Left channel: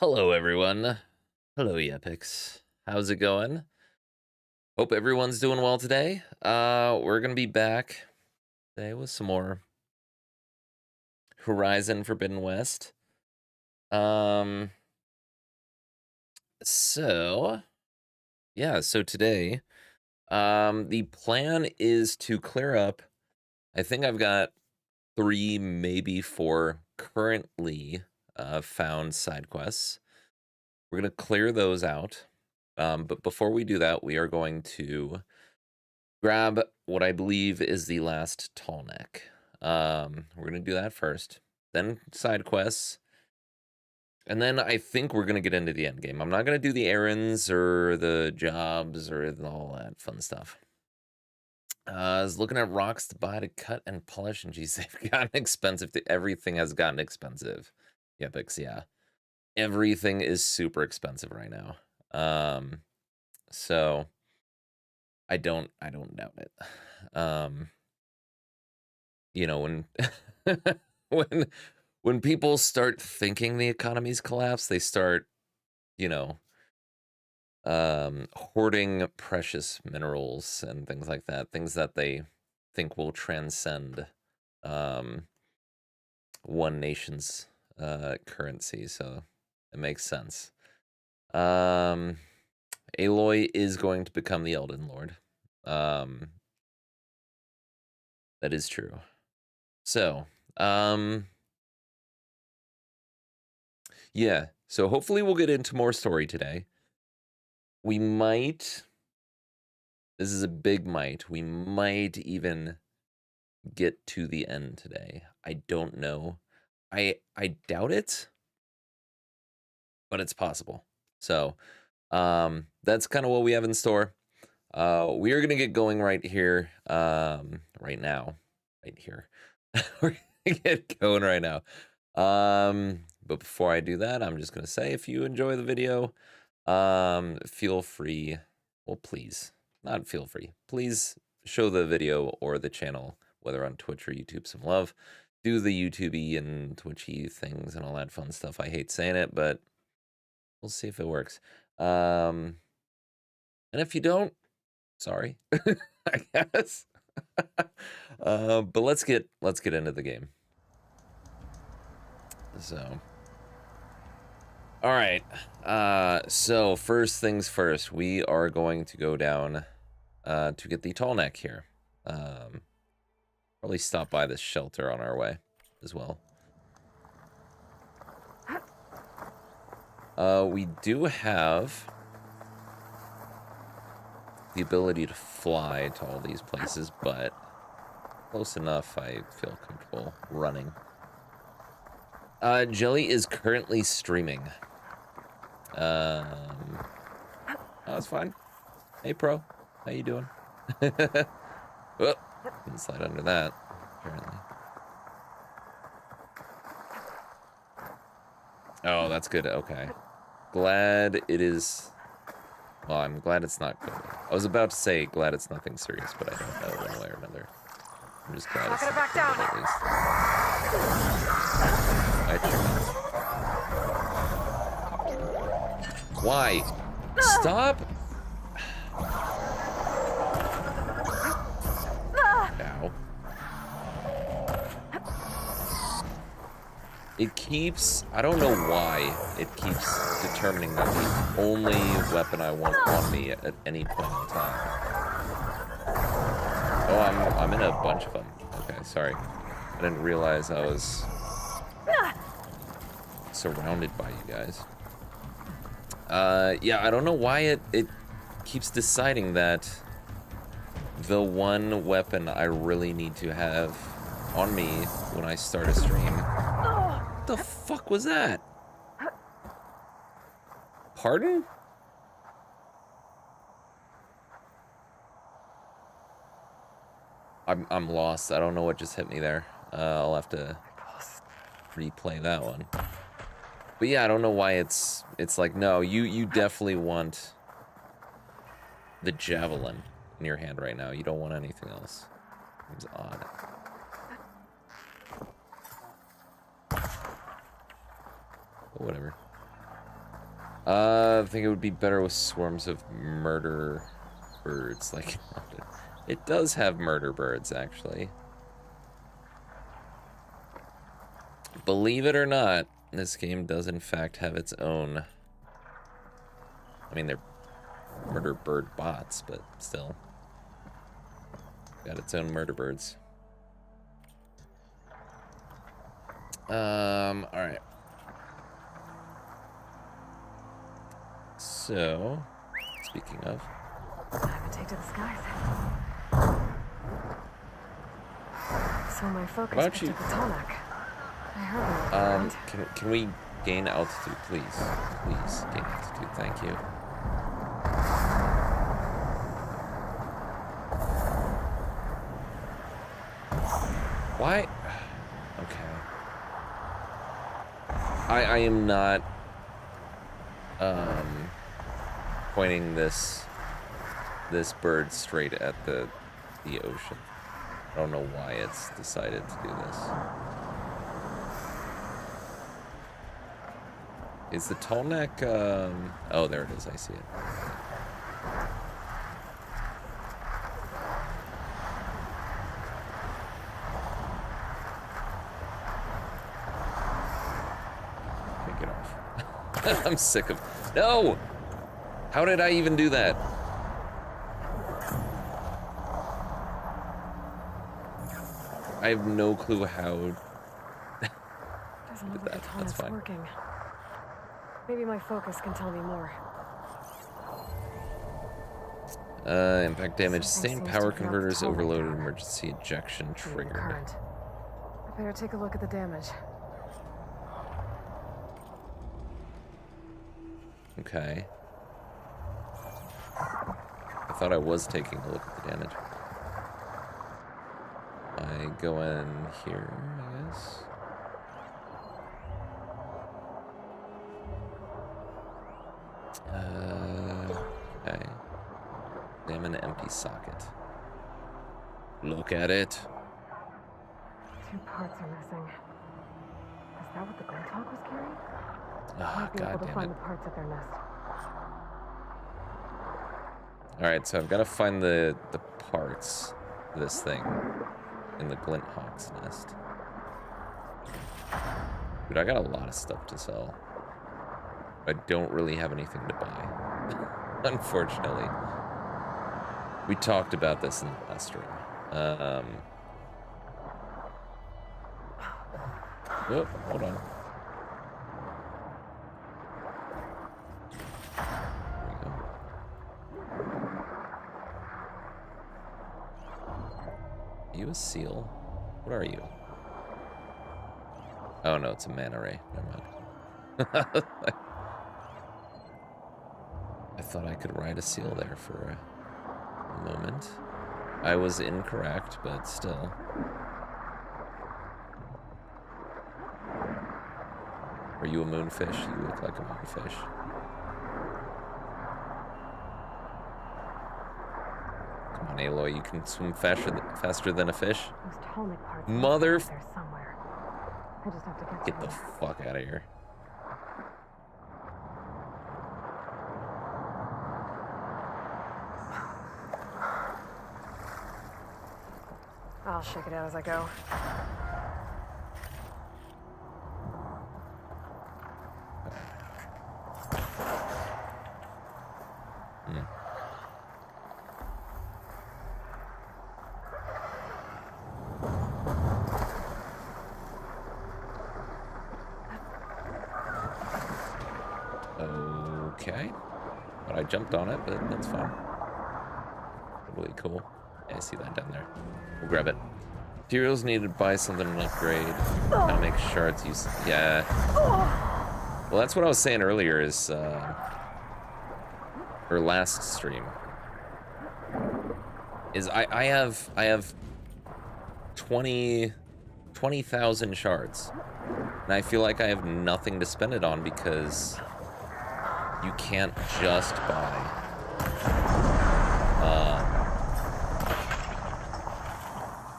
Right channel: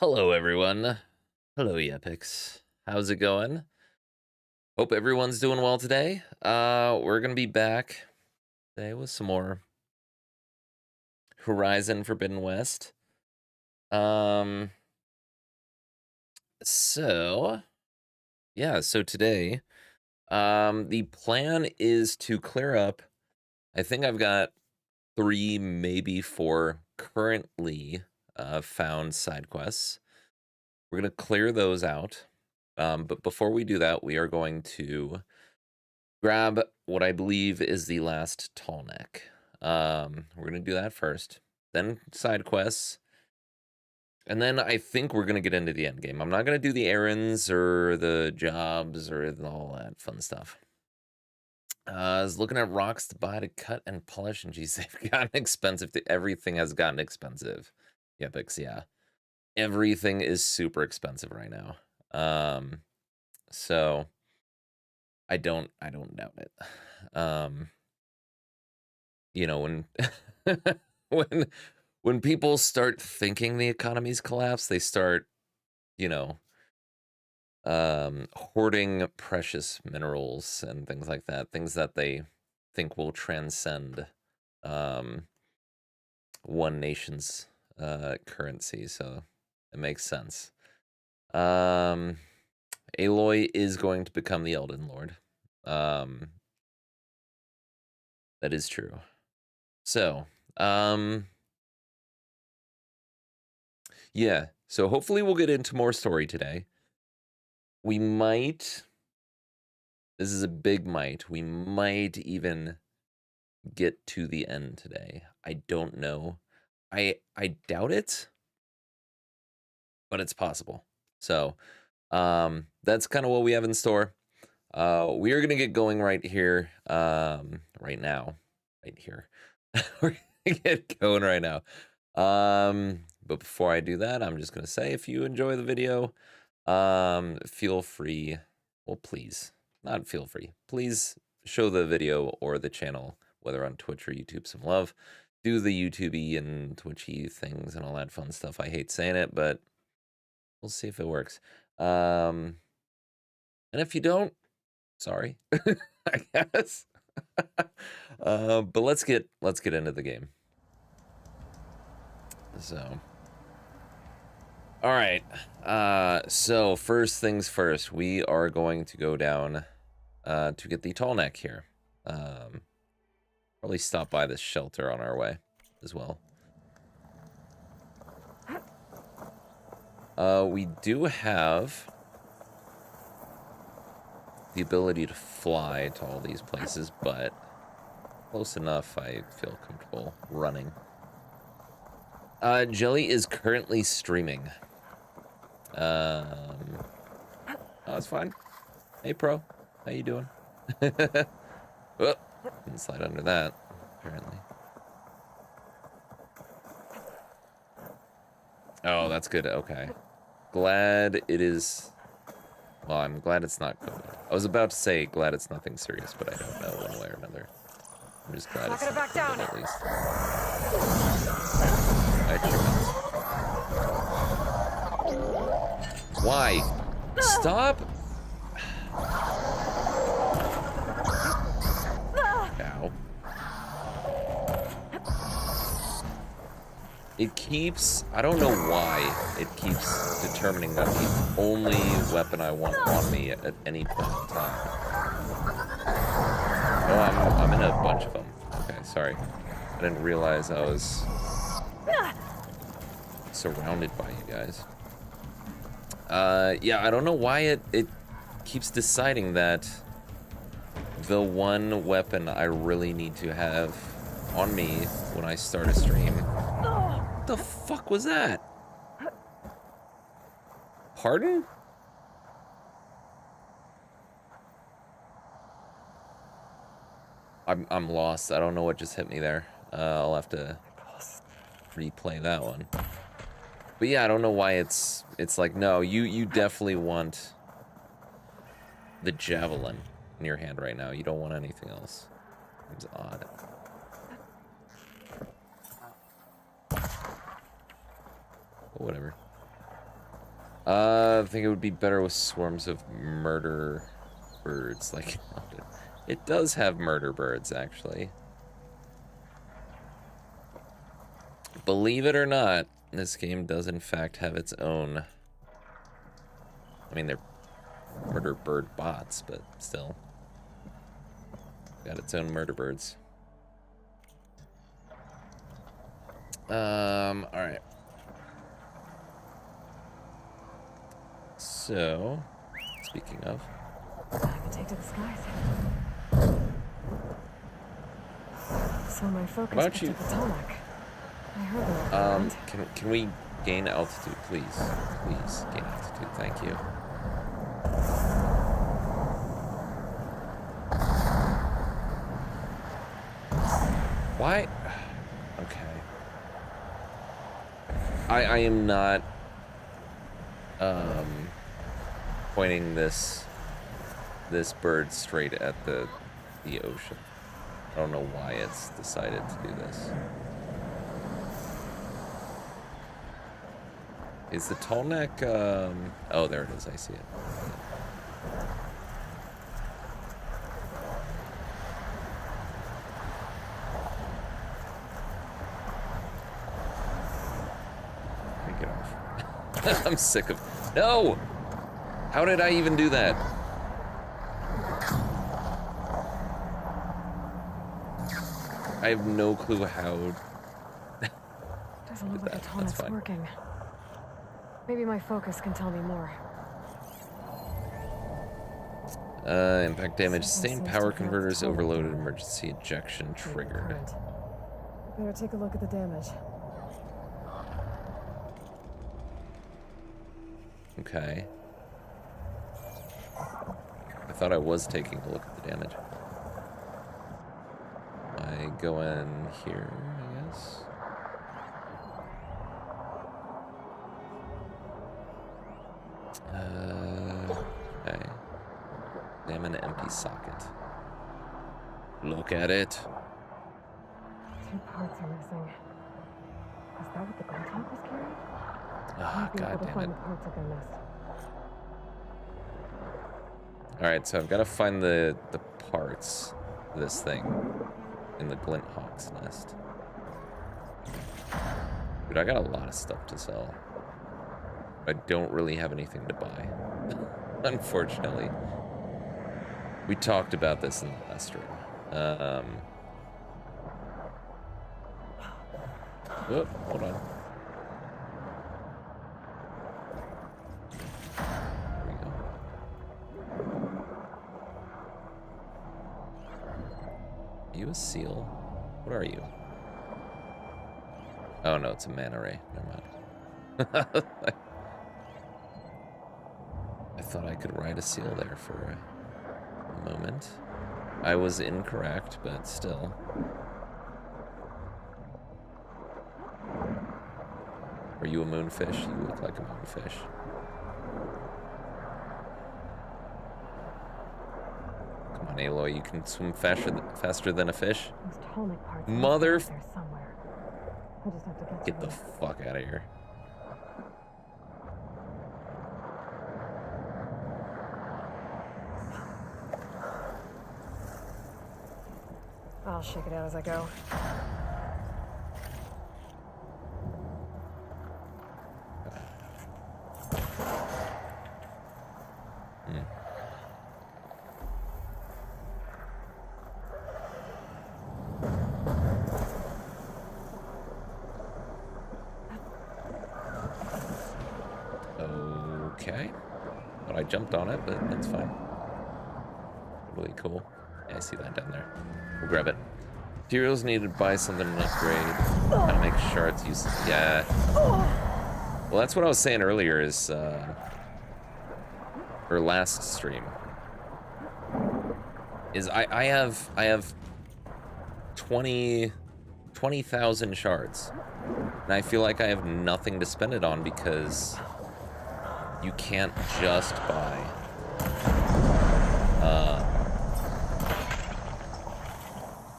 Hello, everyone. Hello, Epics. How's it going? Hope everyone's doing well today. We're gonna be back today with some more Horizon Forbidden West. Um, so yeah, so today, the plan is to clear up. I think I've got 3, maybe 4 currently found side quests. We're gonna clear those out. But before we do that, we are going to grab what I believe is the last tall neck. We're gonna do that first, then side quests, and then I think we're gonna get into the end game. I'm not gonna do the errands or the jobs or all that fun stuff. I was looking at rocks to buy to cut and polish, and geez, they've gotten expensive. Everything has gotten expensive. Epics, yeah. Everything is super expensive right now. So I don't doubt it. You know, when when when people start thinking the economy's collapsed, they start, you know, hoarding precious minerals and things like that, things that they think will transcend um, one nation's currency. So it makes sense. Aloy is going to become the Elden Lord. That is true. So, yeah. So hopefully we'll get into more story today. We might, this is a big might, we might even get to the end today. I don't know. I doubt it, but it's possible. So, that's kind of what we have in store. We are going to get going right here, right now, right here. We're going to get going right now. But before I do that, I'm just going to say, if you enjoy the video, feel free, well, please, not feel free, please show the video or the channel, whether on Twitch or YouTube, some love. Do the YouTube-y and Twitchy things and all that fun stuff. I hate saying it, but we'll see if it works. And if you don't, sorry, I guess. But let's get into the game. So, all right. So first things first, we are going to go down to get the tall neck here. Probably stop by this shelter on our way as well. We do have the ability to fly to all these places, but close enough I feel comfortable running. Jelly is currently streaming. Oh, that's fine. Hey, Pro. How you doing? Oh, didn't slide under that, apparently. Oh, that's good. Okay. Glad it is... Well, I'm glad it's not COVID. I was about to say glad it's nothing serious, but I don't know one way or another. I'm just glad it's not COVID at least. Watch your mouth. Why? Stop! Ow. It keeps, I don't know why, it keeps determining that the only weapon I want on me at any point in time. Oh, I'm in a bunch of them. Okay, sorry. I didn't realize I was surrounded by you guys. Yeah, I don't know why it keeps deciding that the one weapon I really need to have on me when I start a stream. What the fuck was that? Pardon? I'm lost. I don't know what just hit me there. I'll have to replay that one. But yeah, I don't know why it's like, no, you definitely want the javelin in your hand right now. You don't want anything else. Seems odd. But whatever. I think it would be better with swarms of murder birds. Like, it does have murder birds, actually. Believe it or not, this game does in fact have its own... I mean, they're murder bird bots, but still. Got its own murder birds. Alright. So, speaking of... Take to the skies. So my focus. How about you? I heard can we gain altitude, please? Please, gain altitude, thank you. Why? Okay. I am not pointing this bird straight at the ocean. I don't know why it's decided to do this. Is the tall neck oh, there it is, I see it. Okay, get off. I'm sick of... No! How did I even do that? I have no clue how I did that. That's fine. Working. Maybe my focus can tell me more. Impact damage. Sustained power converters overloaded. Emergency ejection triggered. I better take a look at the damage. Okay. I thought I was taking a look at the damage. I go in here, I guess. Okay. Examine empty socket. Look at it. 2 parts are missing. Is that what the Goldhawk was carrying? Ah, god damn it. Parts of their nest. Alright, so I've got to find the parts of this thing in the Glinthawk's nest. Dude, I got a lot of stuff to sell. I don't really have anything to buy. Unfortunately. We talked about this in the last stream. Oh, hold on. There we go. Are you a seal? What are you? Oh no, it's a manta ray. Never mind. I thought I could ride a seal there for a moment. I was incorrect, but still. Are you a moonfish? You look like a moonfish. Come on, Aloy, you can swim faster than a fish. Mother... I just have to Get the fuck out of here. I'll check it out as I go. Okay. But I jumped on it, but that's fine. Totally cool. Yeah, I see that down there. We'll grab it. Materials needed to buy something and upgrade. Gotta make shards use. Yeah. Well, that's what I was saying earlier is, or last stream. Is I have 20,000 shards. And I feel like I have nothing to spend it on because you can't just buy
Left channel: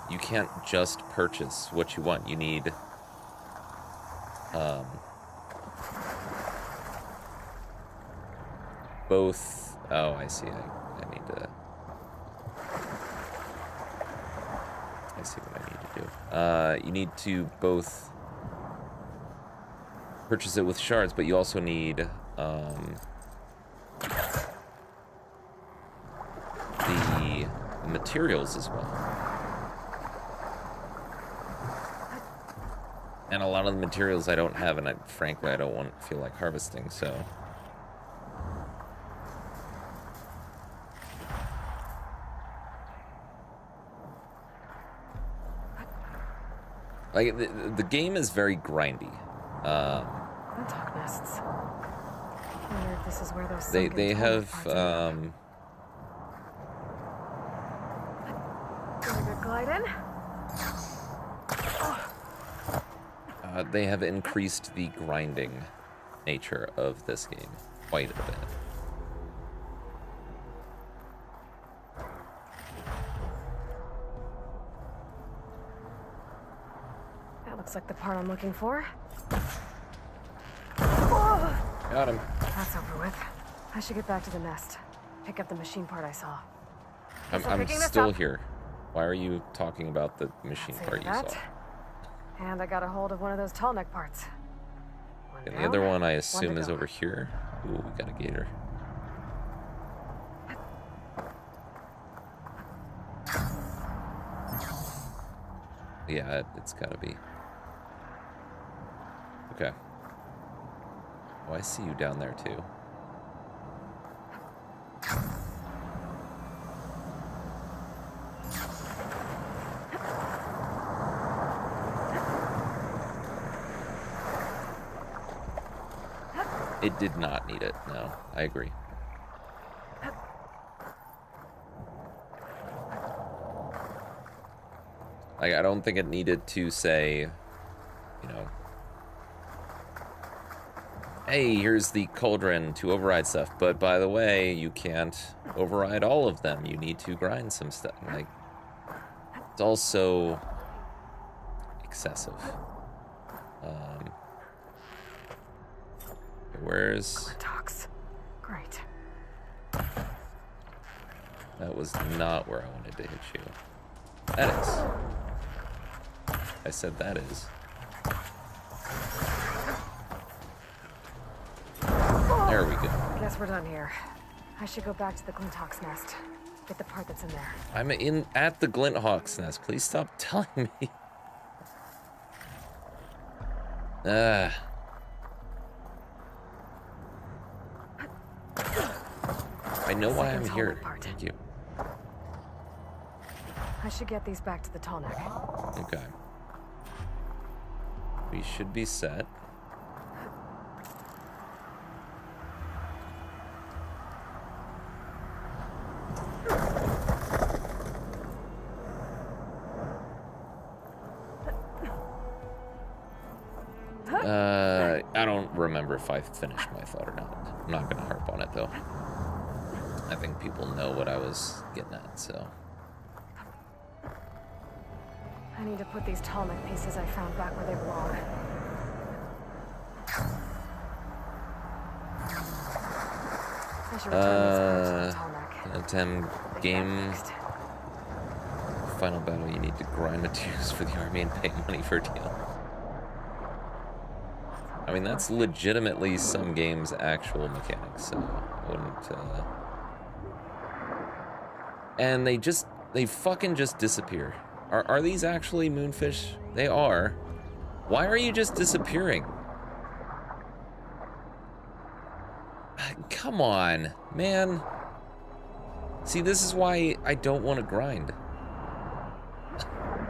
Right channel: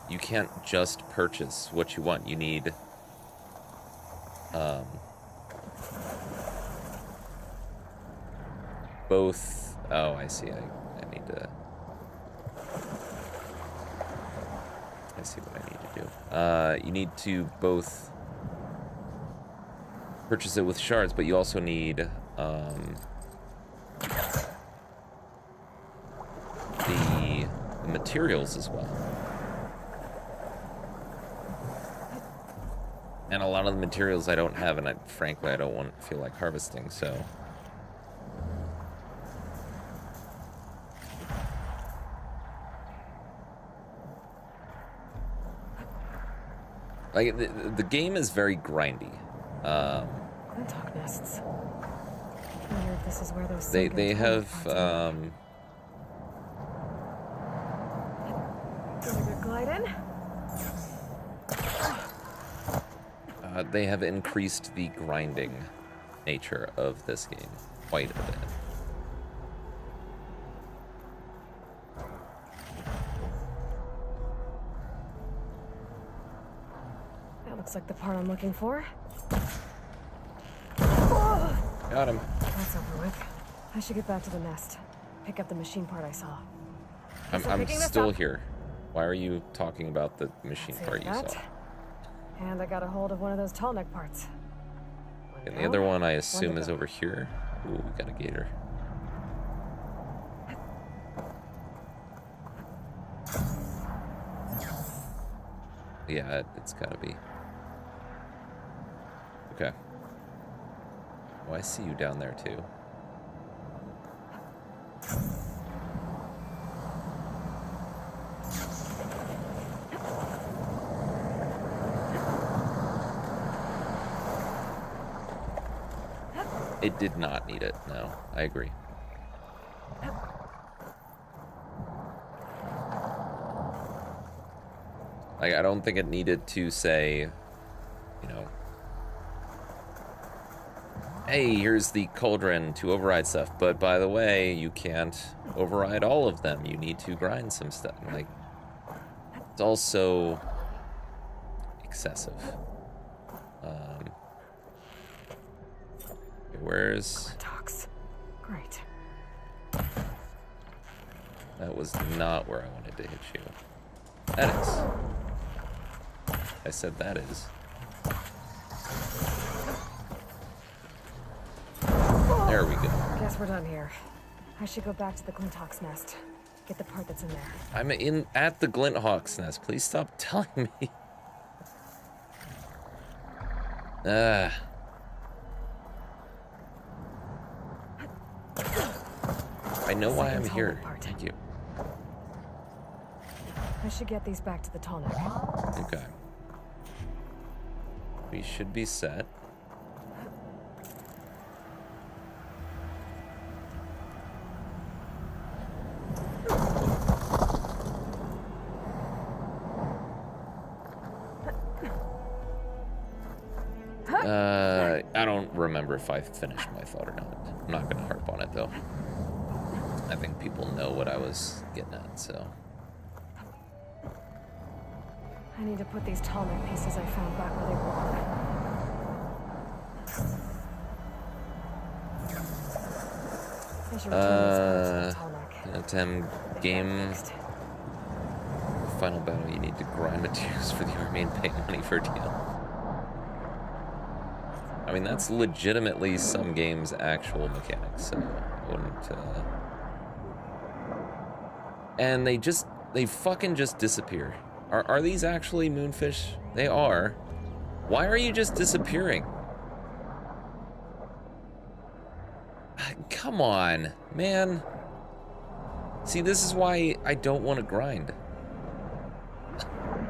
you can't just purchase what you want. You need both... Oh, I see. I need to... I see what I need to do. You need to both purchase it with shards, but you also need the materials as well. And a lot of the materials I don't have, and frankly I don't feel like harvesting, so... Like, the game is very grindy. Glinthawk nests. I wonder if this is where those They have, glide in? they have increased the grinding nature of this game quite a bit. That looks like the part I'm looking for. Got him. That's over with. I should get back to the nest. Pick up the machine part I saw. I'm still here. Why are you talking about the machine part you saw? And I got a hold of one of those tall neck parts. And the other one I assume is over here. Ooh, we got a gator. Yeah, it's gotta be. Okay. Oh, I see you down there too. It did not need it, no. I agree. Like, I don't think it needed to say, you know, hey, here's the cauldron to override stuff, but by the way, you can't override all of them. You need to grind some stuff. Like, it's also excessive. Where's... Great. That was not where I wanted to hit you. That is. I said that is. There we go. Guess we're done here. I should go back to the Glinthawk's nest. Get the part that's in there. I'm at the Glinthawk's nest. Please stop telling me. I know why I'm here. Thank you. I should get these back to the tall neck. Okay. We should be set. I don't remember if I finished my thought or not. I'm not gonna harp on it though. I think people know what I was getting at, so. I need to put these tall neck pieces I found back where they belong. Attempt game. Final battle, you need to grind materials for the army and pay money for a deal. I mean, that's legitimately some game's actual mechanics, so I wouldn't, And they fucking just disappear. Are these actually moonfish? They are. Why are you just disappearing? Come on, man. See, this is why I don't want to grind.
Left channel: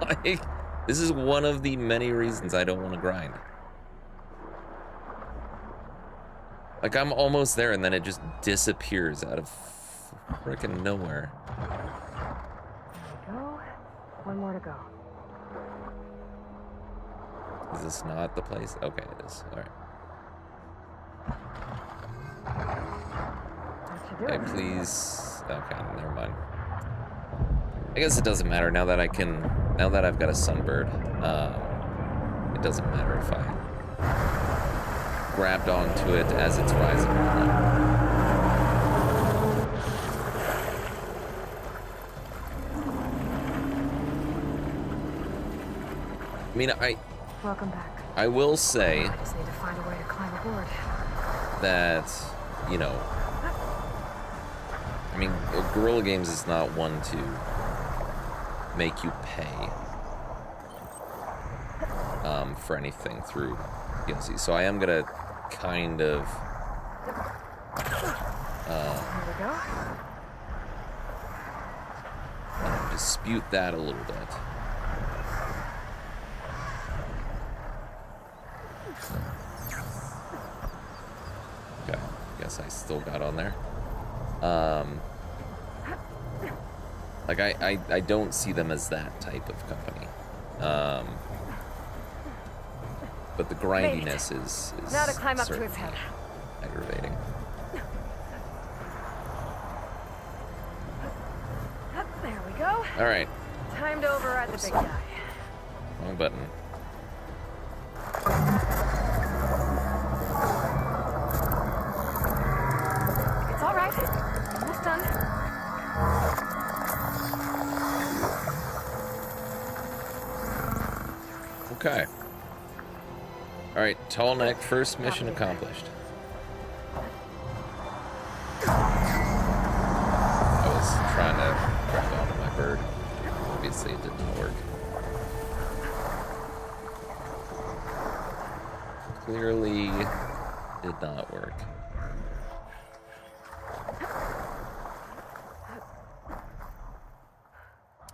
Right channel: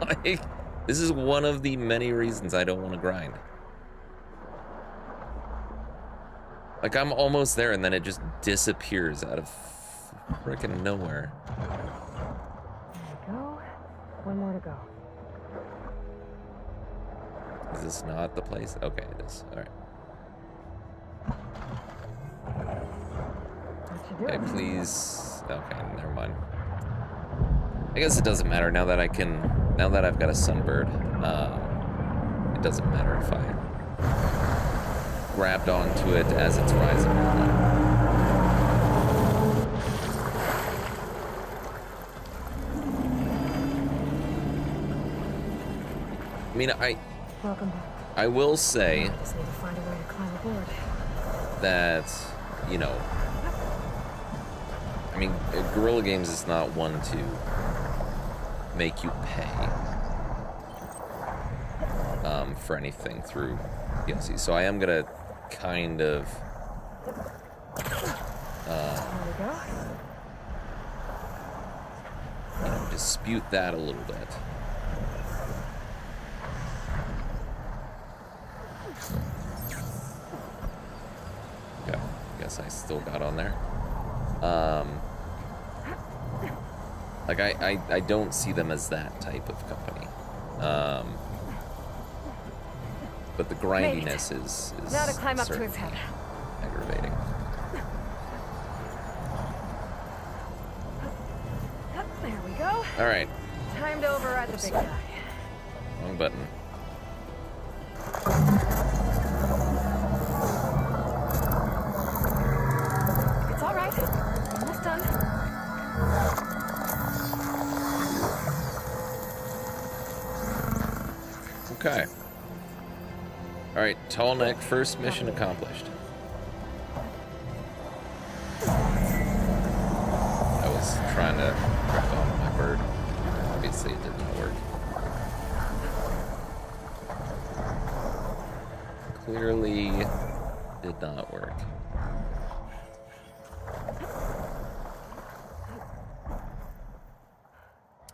Like, this is one of the many reasons I don't want to grind. Like, I'm almost there and then it just disappears out of frickin' nowhere. There we go. One more to go. Is this not the place? Okay, it is. All right. Okay, please. Okay, never mind. I guess it doesn't matter now that now that I've got a sunbird. It doesn't matter if I grabbed onto it as it's rising or not. mean, Welcome back. I will say I just need to find a way to climb aboard. that, you know, I mean, Guerrilla Games is not one to make you pay for anything through DLC. So I am gonna kind of you know, dispute that a little bit. Okay, I guess I still got on there. Like I don't see them as that type of company. But the grindiness is Now to climb up to his certainly head. aggravating. There we go. All right, Time to override Oops. the big guy. wrong button. It's all right. Almost done. Okay. All right, tall neck, first mission accomplished. I was trying to grab onto my bird. Obviously, it did not work. Clearly, did not work.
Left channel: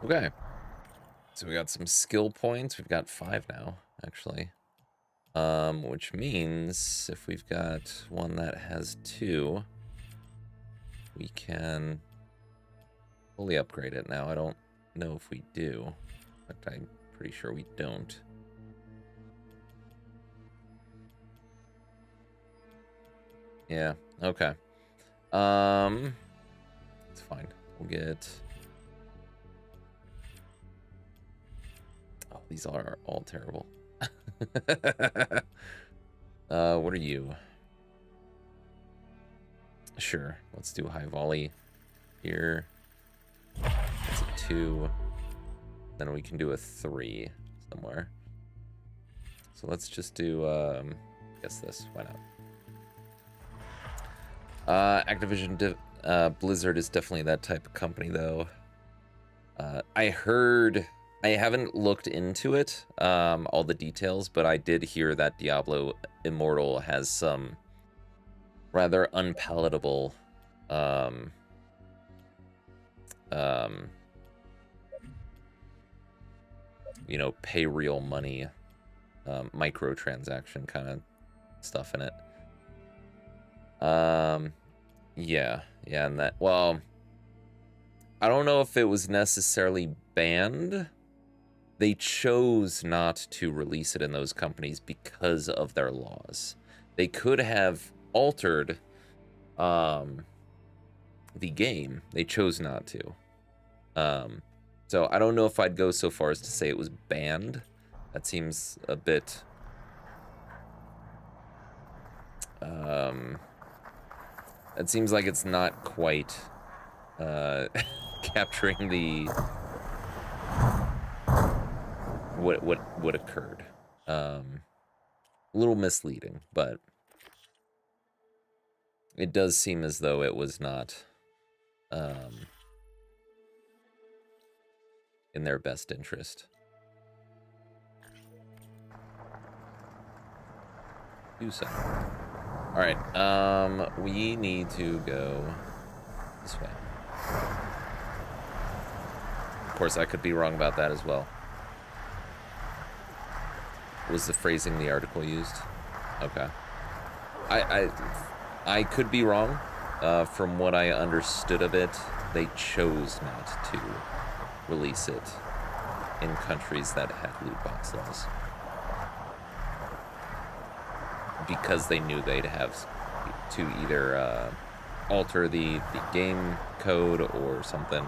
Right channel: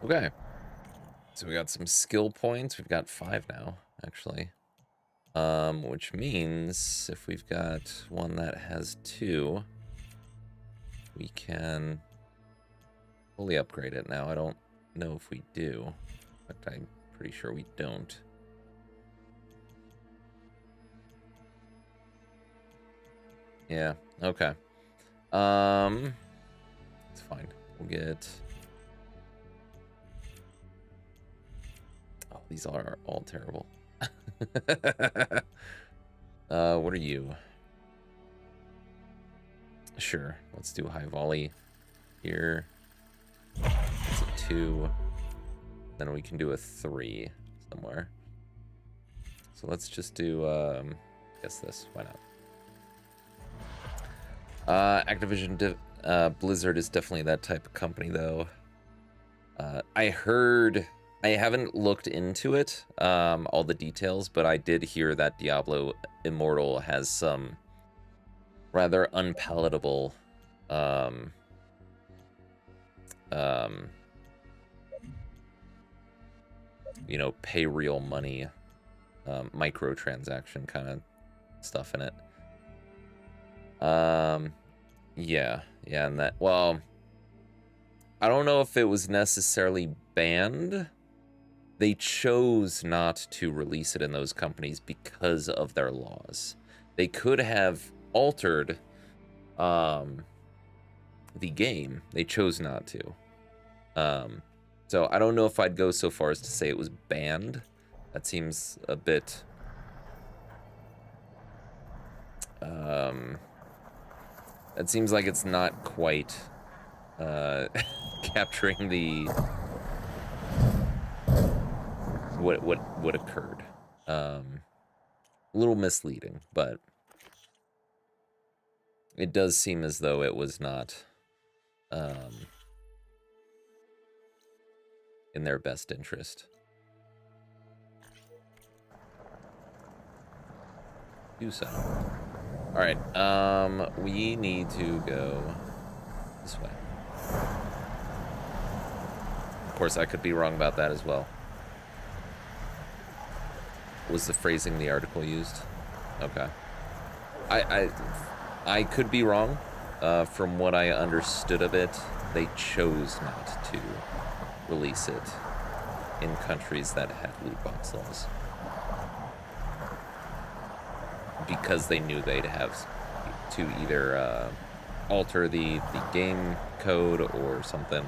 Okay. So we got some skill points. We've got 5 now, actually. Which means if we've got one that has 2, we can fully upgrade it now. I don't know if we do. In fact, I'm pretty sure we don't. Yeah, okay. It's fine. We'll get... Oh, these are all terrible. What are you? Sure, let's do high volley here. That's a 2. Then we can do a 3 somewhere. So let's just do, guess this. Why not? Activision Blizzard is definitely that type of company, though. I heard... I haven't looked into it, all the details, but I did hear that Diablo Immortal has some rather unpalatable, you know, pay real money, microtransaction kind of stuff in it. Yeah, and that, well, I don't know if it was necessarily banned. They chose not to release it in those companies because of their laws. They could have altered the game. They chose not to. So I don't know if I'd go so far as to say it was banned. That seems a bit... it seems like it's not quite capturing the... what occurred. A little misleading, but it does seem as though it was not in their best interest. Do so. All right, we need to go this way. Of course, I could be wrong about that as well. Was the phrasing the article used? Okay. I could be wrong. From what I understood of it, they chose not to release it in countries that had loot box laws. Because they knew they'd have to either alter the game code or something.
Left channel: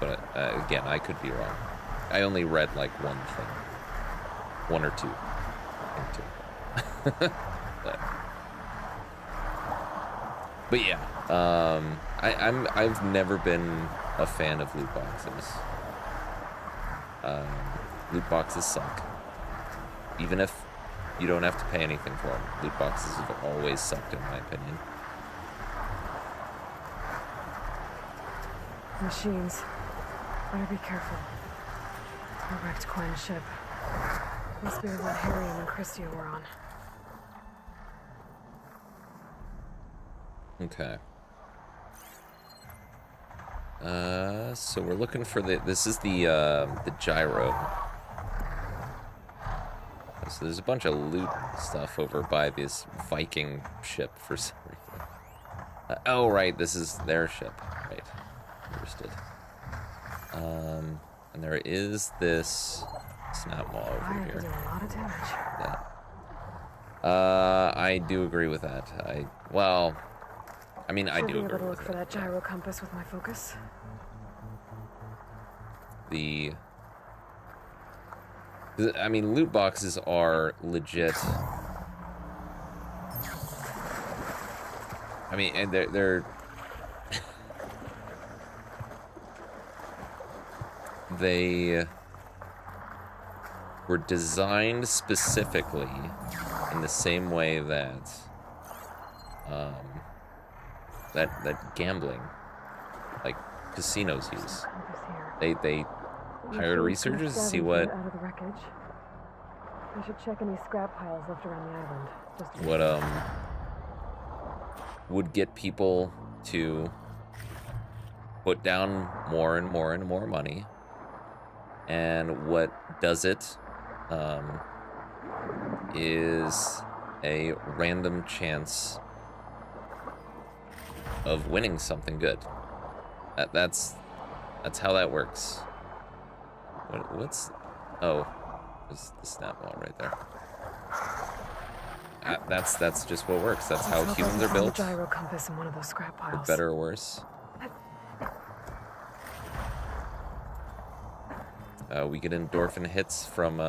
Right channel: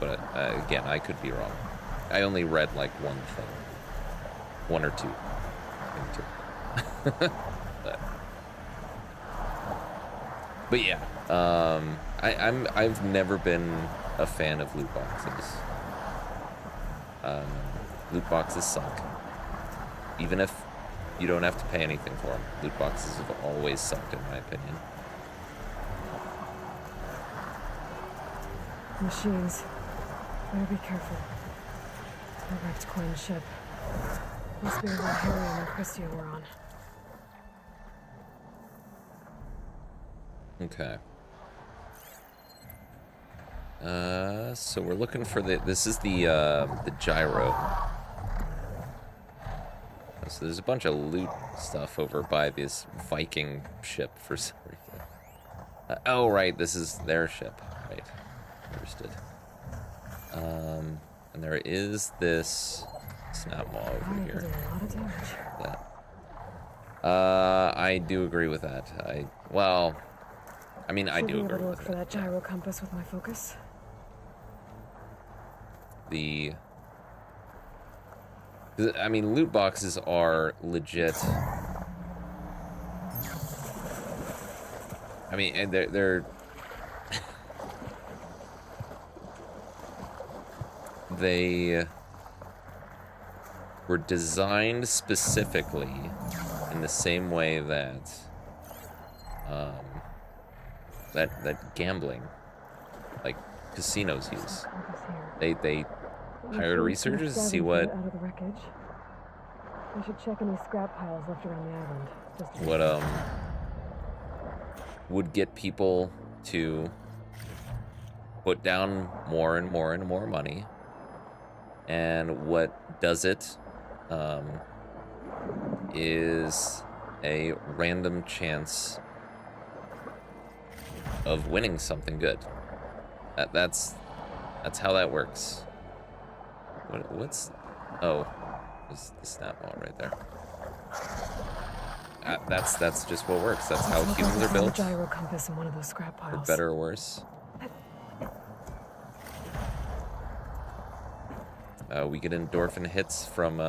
But again, I could be wrong. I only read like one thing. 1 or 2. I think 2. but yeah, I've never been a fan of loot boxes. Loot boxes suck. Even if you don't have to pay anything for them, loot boxes have always sucked, in my opinion. Machines. Better be careful. A wrecked Quinn ship. Must be what Harry and Christy were on. Okay. So we're looking for this is the gyro. So there's a bunch of loot stuff over by this Viking ship for some reason. Oh, right, this is their ship. Right. Understood. And there is this snap maw over here. A lot of damage. Yeah. I do agree with that. I mean, I do Have you agree ever with looked for that. that gyro compass with my focus? I mean, loot boxes are legit. I mean, and they're they were designed specifically in the same way that that gambling, like casinos use. They hired researchers to see what Out of the wreckage. We should check any scrap piles left around the island. Just to be safe. would get people to put down more and more and more money, and what does it is a random chance of winning something good. That's how that works. What's oh, there's the snap ball right there. That's just what works. That's how humans are built, Gyro compass in one of those scrap for piles. better or worse. We get endorphin hits from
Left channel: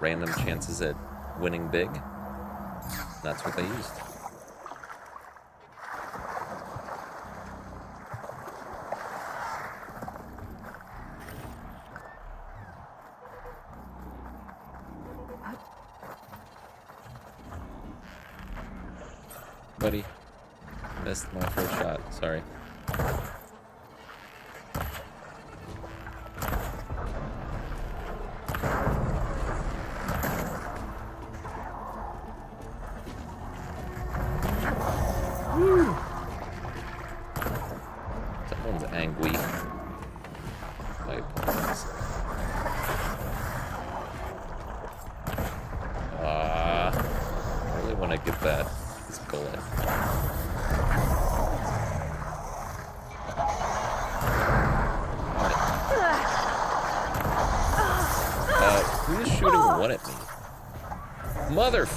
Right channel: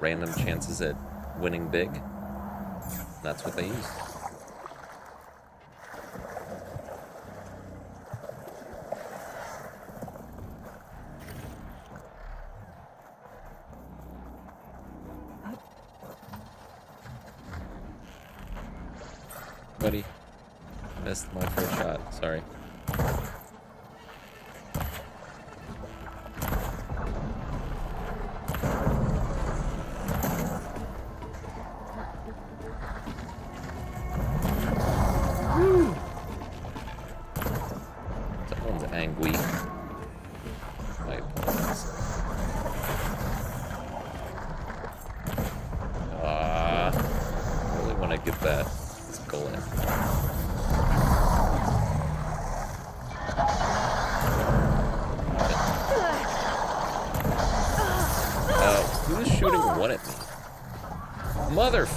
random chances at winning big. That's what they used. Buddy, missed my first shot. Sorry. Woo! Someone's angry. I apologize. I really want to get that. This gullet. Who is shooting one at me? Mother.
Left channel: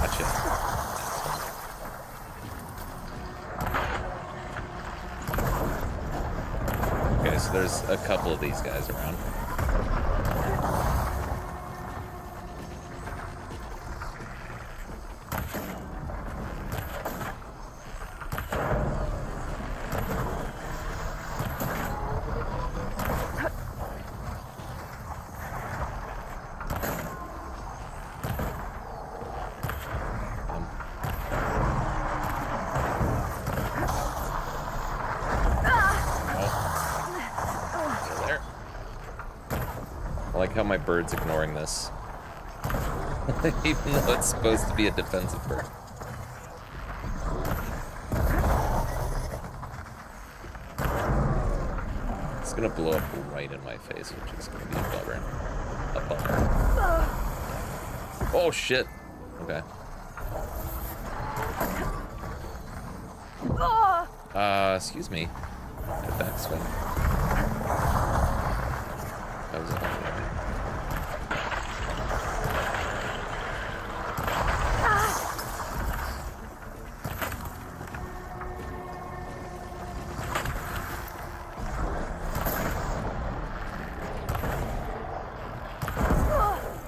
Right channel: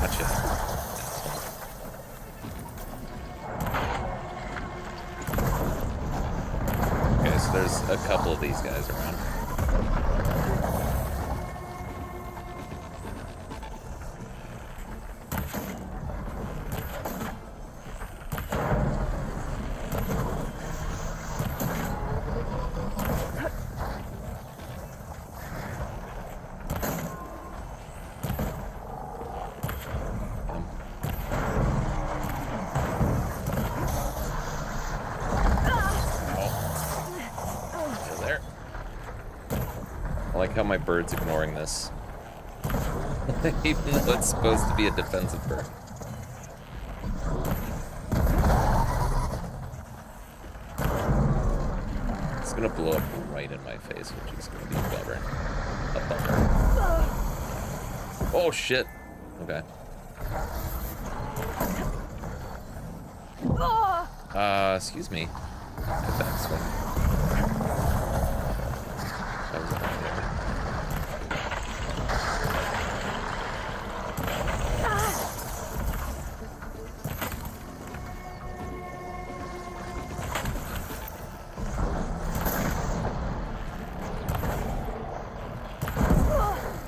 Gotcha, asshole. Okay, so there's a couple of these guys around. I like how my bird's ignoring this. Even though it's supposed to be a defensive bird. It's gonna blow up right in my face, which is gonna be a bummer. A bummer. Yeah. Oh shit! Okay. Excuse me. A backswing. That was everywhere.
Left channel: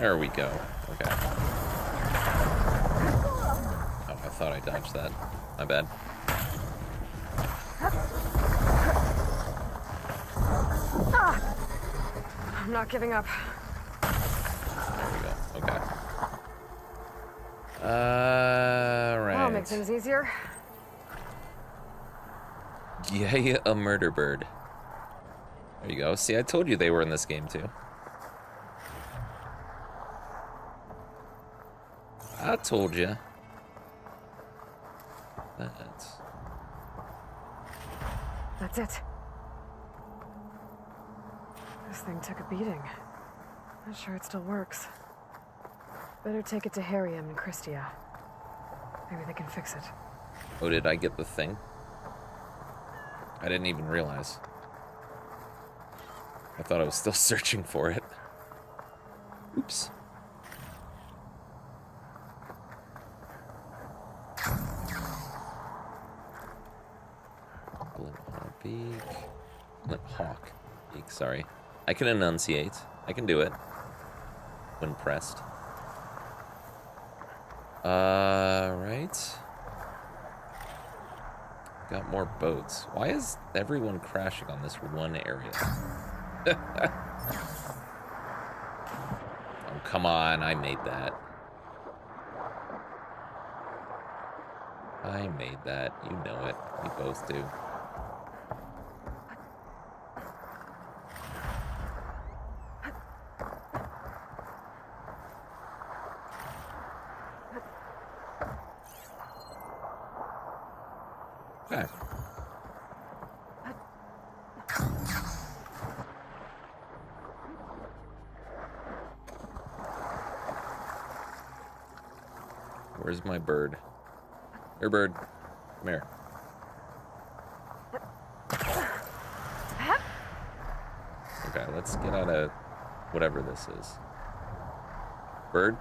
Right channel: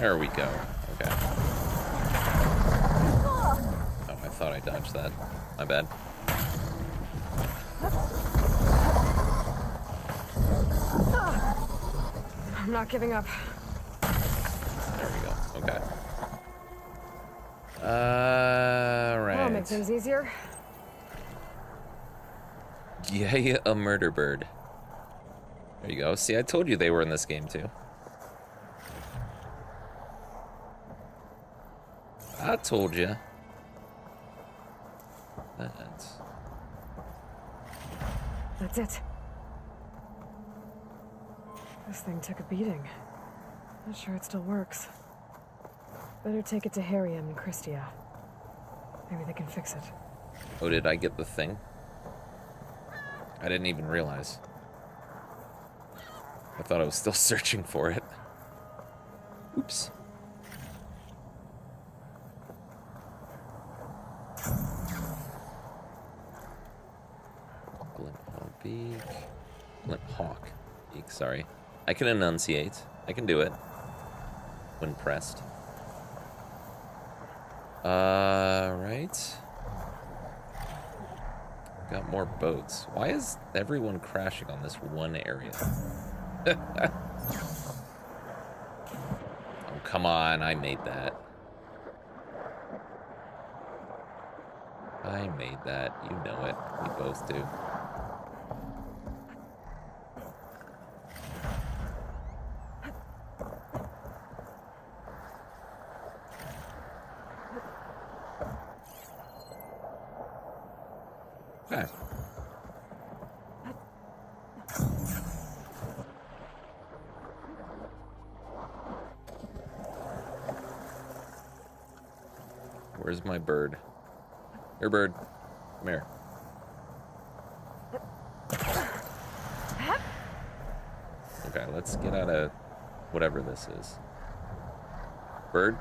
There we go. Okay. Oh, I thought I dodged that. My bad. I'm not giving up. There we go. Okay. Right. That'll make things easier. Yay, a murder bird. There you go. See, I told you they were in this game too. I told you. That's it. This thing took a beating. Not sure it still works. Better take it to Harriam and Christia. Maybe they can fix it. Oh, did I get the thing? I didn't even realize. I thought I was still searching for it. Oops. Glinthawk Beak, sorry. I can enunciate. I can do it. When pressed. Right. Got more boats. Why is everyone crashing on this one area? Oh, come on. I made that. I made that. You know it. We both do. Okay. Where's my bird? Here, bird. Come here. Okay, let's get out of whatever this is. Bird?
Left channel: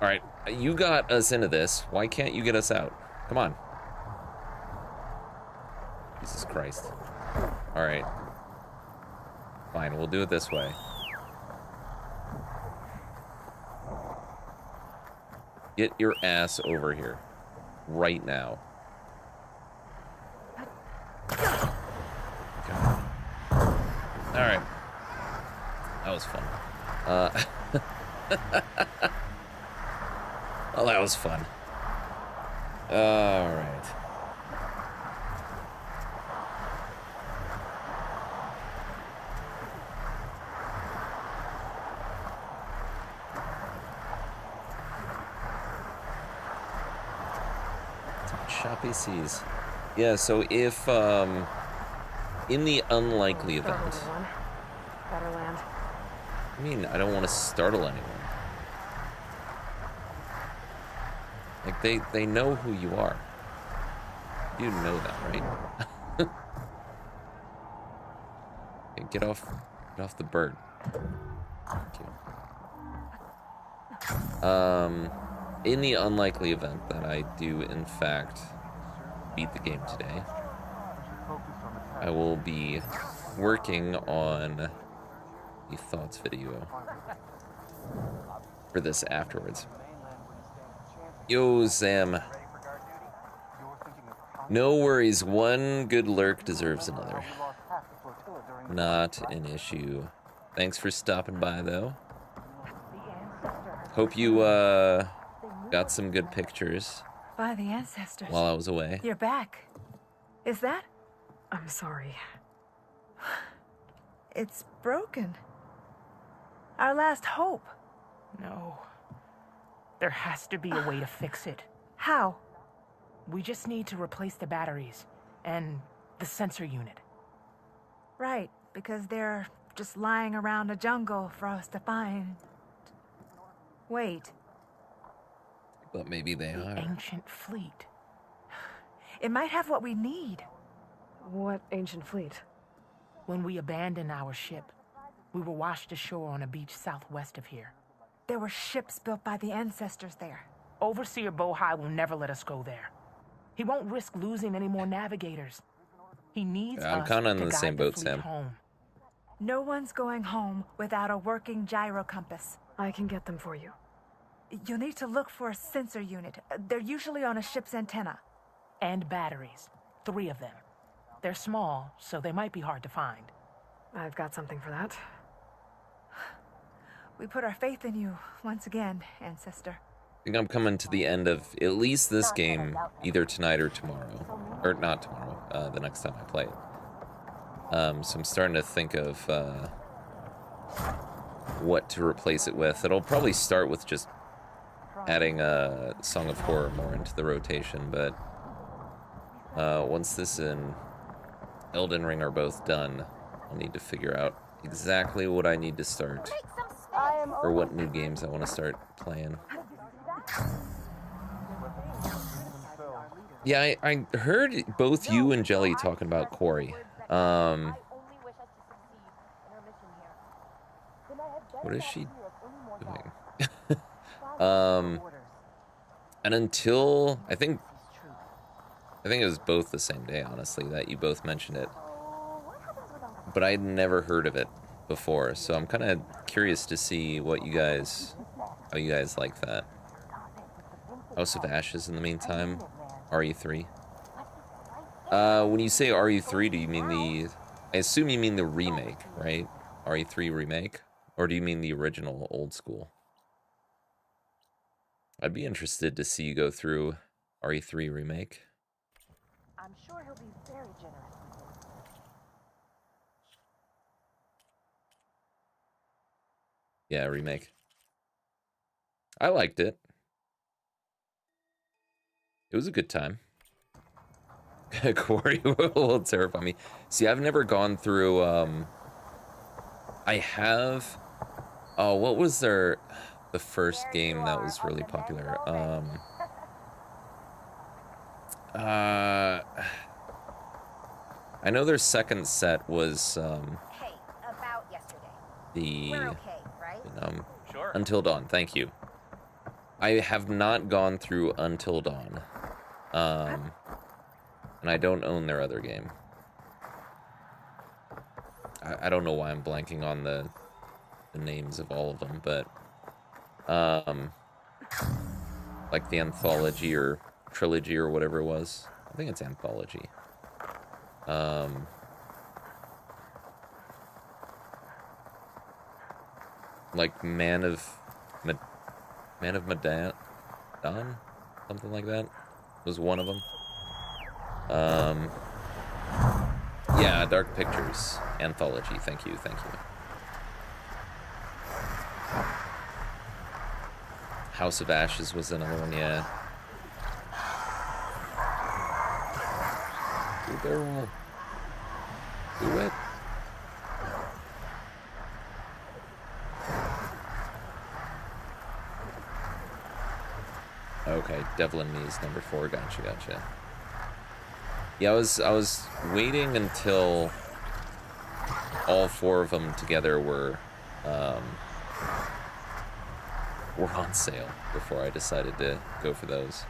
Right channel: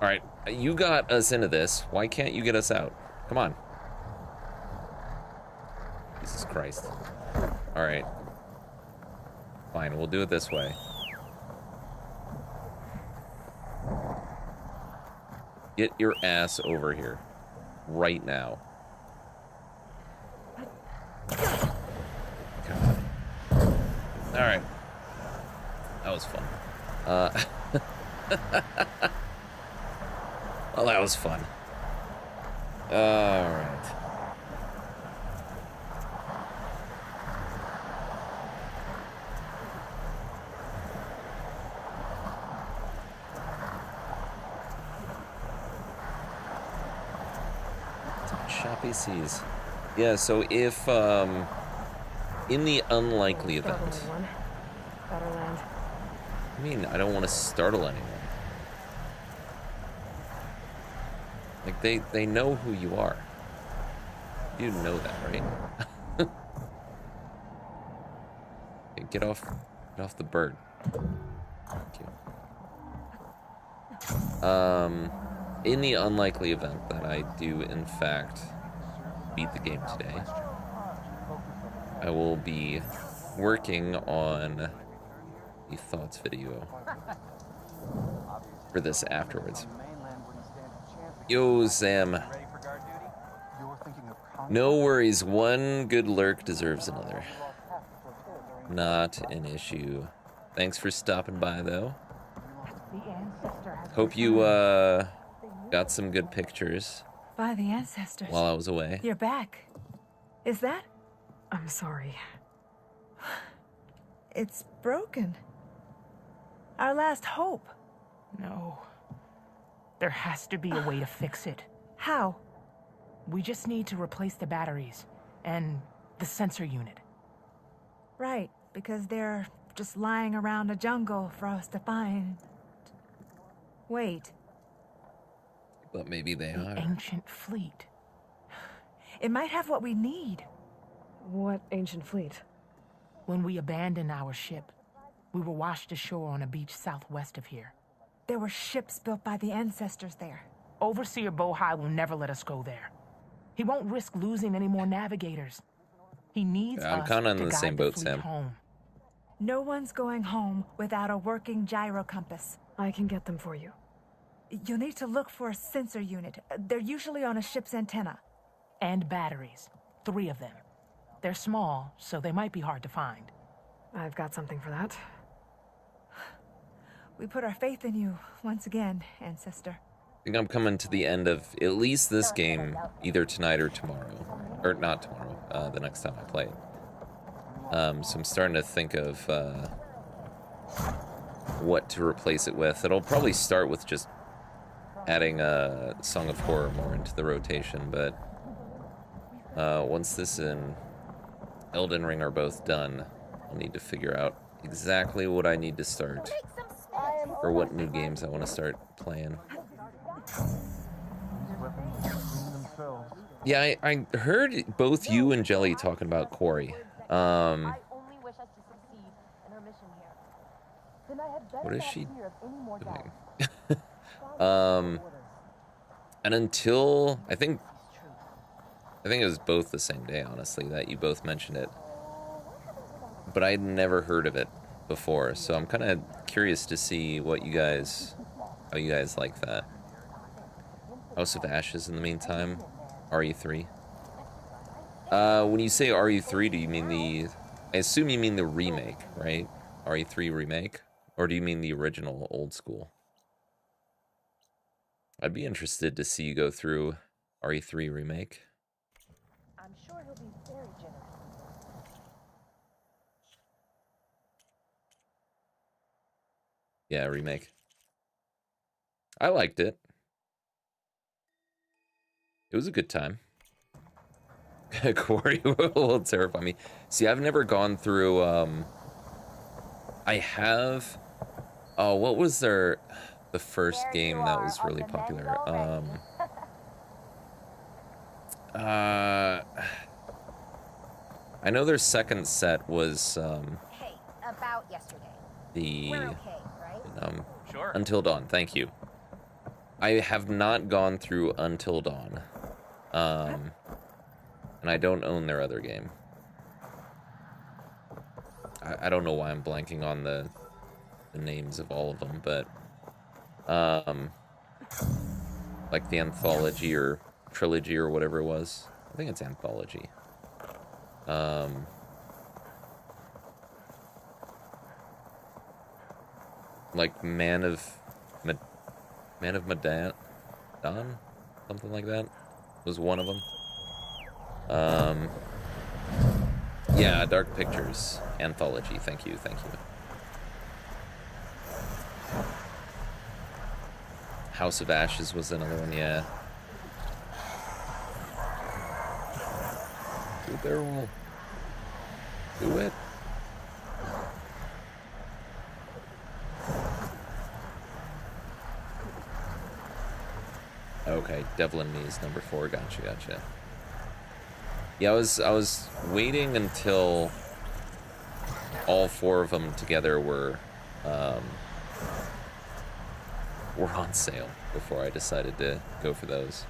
Alright, you got us into this. Why can't you get us out? Come on. Jesus Christ. Alright. Fine, we'll do it this way. Get your ass over here. Right now. God. Alright. That was fun. Well, that was fun. Alright. Choppy seas. Yeah, so if, in the unlikely event... I mean, I don't want to startle anyone. Like, they know who you are. You know that, right? Okay, get off the bird. Thank you. In the unlikely event that I do, in fact, beat the game today, I will be working on the thoughts video for this afterwards. Yo, Sam. No worries, one good lurk deserves another. Not an issue. Thanks for stopping by, though. Hope you, got some good pictures By the ancestors. while I was away. You're back. Is that? I'm sorry. It's broken. Our last hope. No. There has to be a way to fix it. How? We just need to replace the batteries and the sensor unit. Right, because they're just lying around a jungle for us to find. Wait. But maybe they are. Ancient fleet. It might have what we need. What ancient fleet? When we abandoned our ship, we were washed ashore on a beach southwest of here. There were ships built by the ancestors there. Overseer Bohai will never let us go there. He won't risk losing any more navigators. He needs I'm us kinda in to the guide same boat, fleet Sam. home. No one's going home without a working gyro compass. I can get them for you. You'll need to look for a sensor unit. They're usually on a ship's antenna. And batteries. 3 of them. They're small, so they might be hard to find. I've got something for that. We put our faith in you once again, Ancestor. I think I'm coming to the end of at least this game, either tonight or tomorrow. Or not tomorrow, the next time I play it. So I'm starting to think of what to replace it with. It'll probably start with just adding a Song of Horror more into the rotation, but once this and Elden Ring are both done, I'll need to figure out exactly what I need to start, or what new games I want to start playing. Yeah, I heard both you and Jelly talking about Quarry. What is she doing? And until I think it was both the same day, honestly, that you both mentioned it. But I'd never heard of it before, so I'm kind of curious to see how you guys like that. House of Ashes in the meantime, RE3. When you say RE3, do you mean I assume you mean the remake, right? RE3 remake? Or do you mean the original old school? I'd be interested to see you go through RE3 remake. I'm sure he'll be very generous. Yeah, remake. I liked it. It was a good time. Quarry will terrify me. See, I've never gone through, I have... Oh, what was the first game that was really popular? I know their second set was, Hey, about yesterday. the... We're okay, right? Sure. Until Dawn, thank you. I have not gone through Until Dawn. And I don't own their other game. I don't know why I'm blanking on the names of all of them, but like the anthology or trilogy or whatever it was. I think it's anthology. Like Man of Medan, something like that was one of them. Yeah, Dark Pictures anthology. Thank you. House of Ashes was another one. Yeah. Do a barrel roll. Do it. Okay, Devil in Me is number 4. Gotcha. Yeah, I was waiting until all 4 of them together were on sale before I decided to go for those.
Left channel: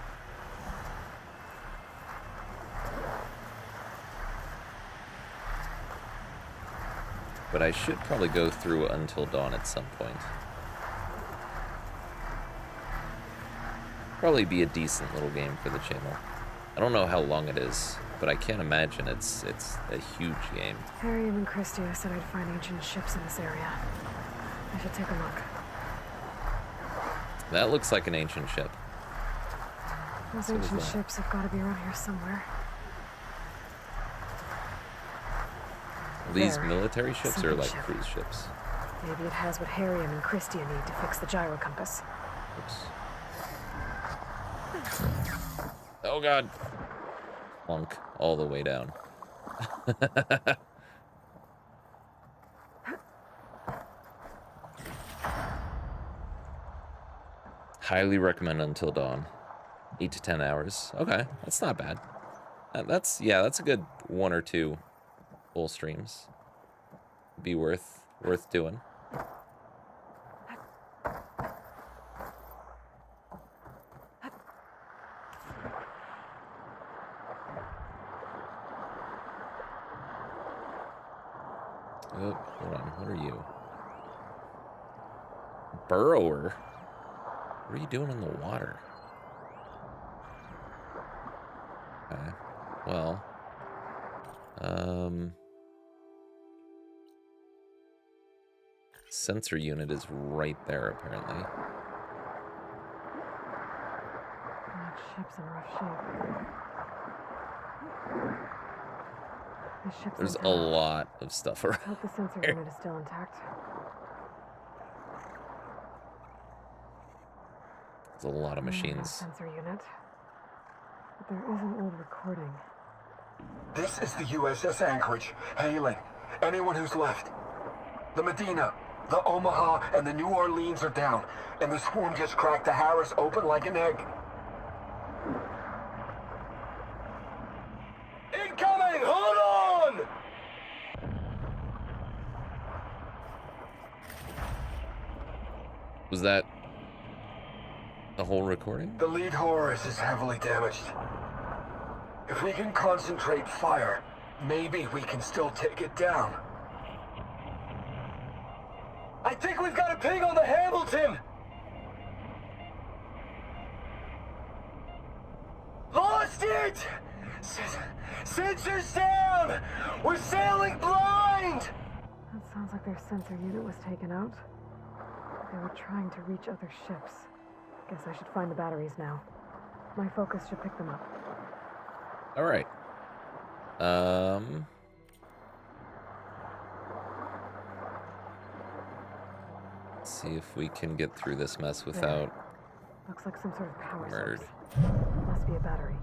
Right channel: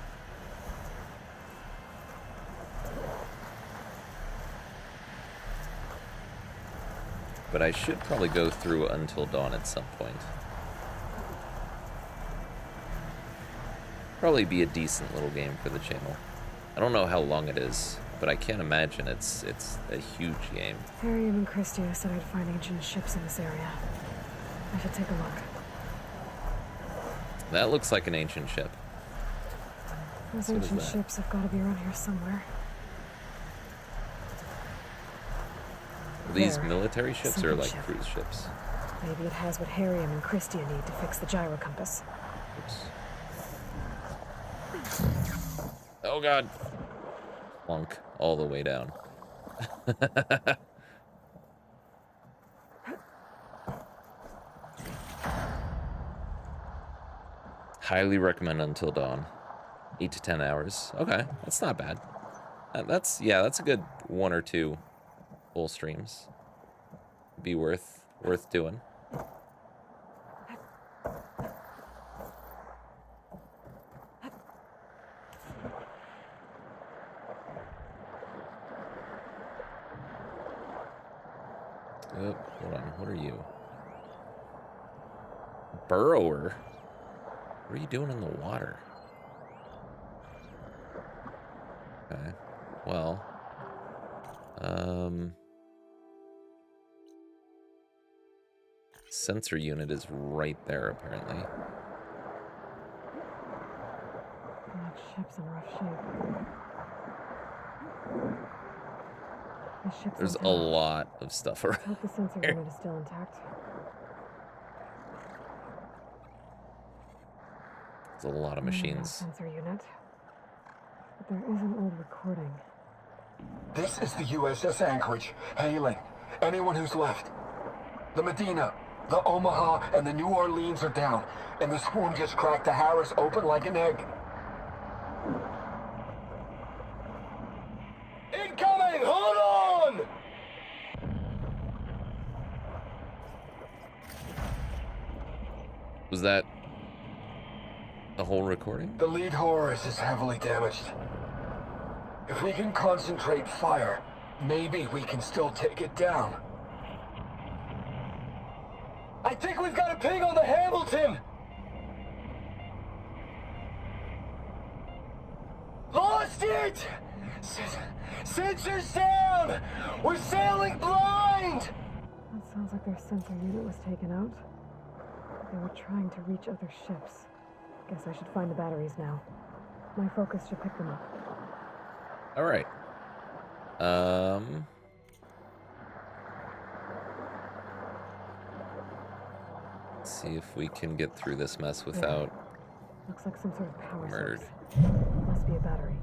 But I should probably go through Until Dawn at some point. Probably be a decent little game for the channel. I don't know how long it is, but I can't imagine it's a huge game. Harium and Christia said I'd find ancient ships in this area. I should take a look. That looks like an ancient ship. Those So does ancient that. ships have got to be around here somewhere. Are these There. military ships or Sinking like ship. cruise ships? Maybe it has what Harium and Christia need to fix the gyro compass. Oops. Oh god. Plunk all the way down. Highly recommend Until Dawn. 8 to 10 hours. Okay, that's not bad. That's a good 1 or 2 full streams. Be worth doing. Oh, hold on. What are you? Burrower? What are you doing in the water? Okay. Well. Sensor unit is right there, apparently. That ship's in rough shape. The ship's There's a intact. lot of stuff around. I hope the sensor here. unit is still intact. There's a lot of machines. Sensor unit. But there is an old recording. This is the USS Anchorage. Hailing anyone who's left. The Medina, the Omaha, and the New Orleans are down, and the spoon just cracked the Harris open like an egg. Incoming! Hold on! Was that the whole recording? The lead Horus is heavily damaged. If we can concentrate fire, maybe we can still take it down. I think we've got a ping on the Hamilton! Lost it! Sensors down! We're sailing blind! That sounds like their sensor unit was taken out. They were trying to reach other ships. Guess I should find the batteries now. My focus should pick them up. All right. Let's see if we can get through this mess without Looks like some sort of power murdered. source. Must be a battery.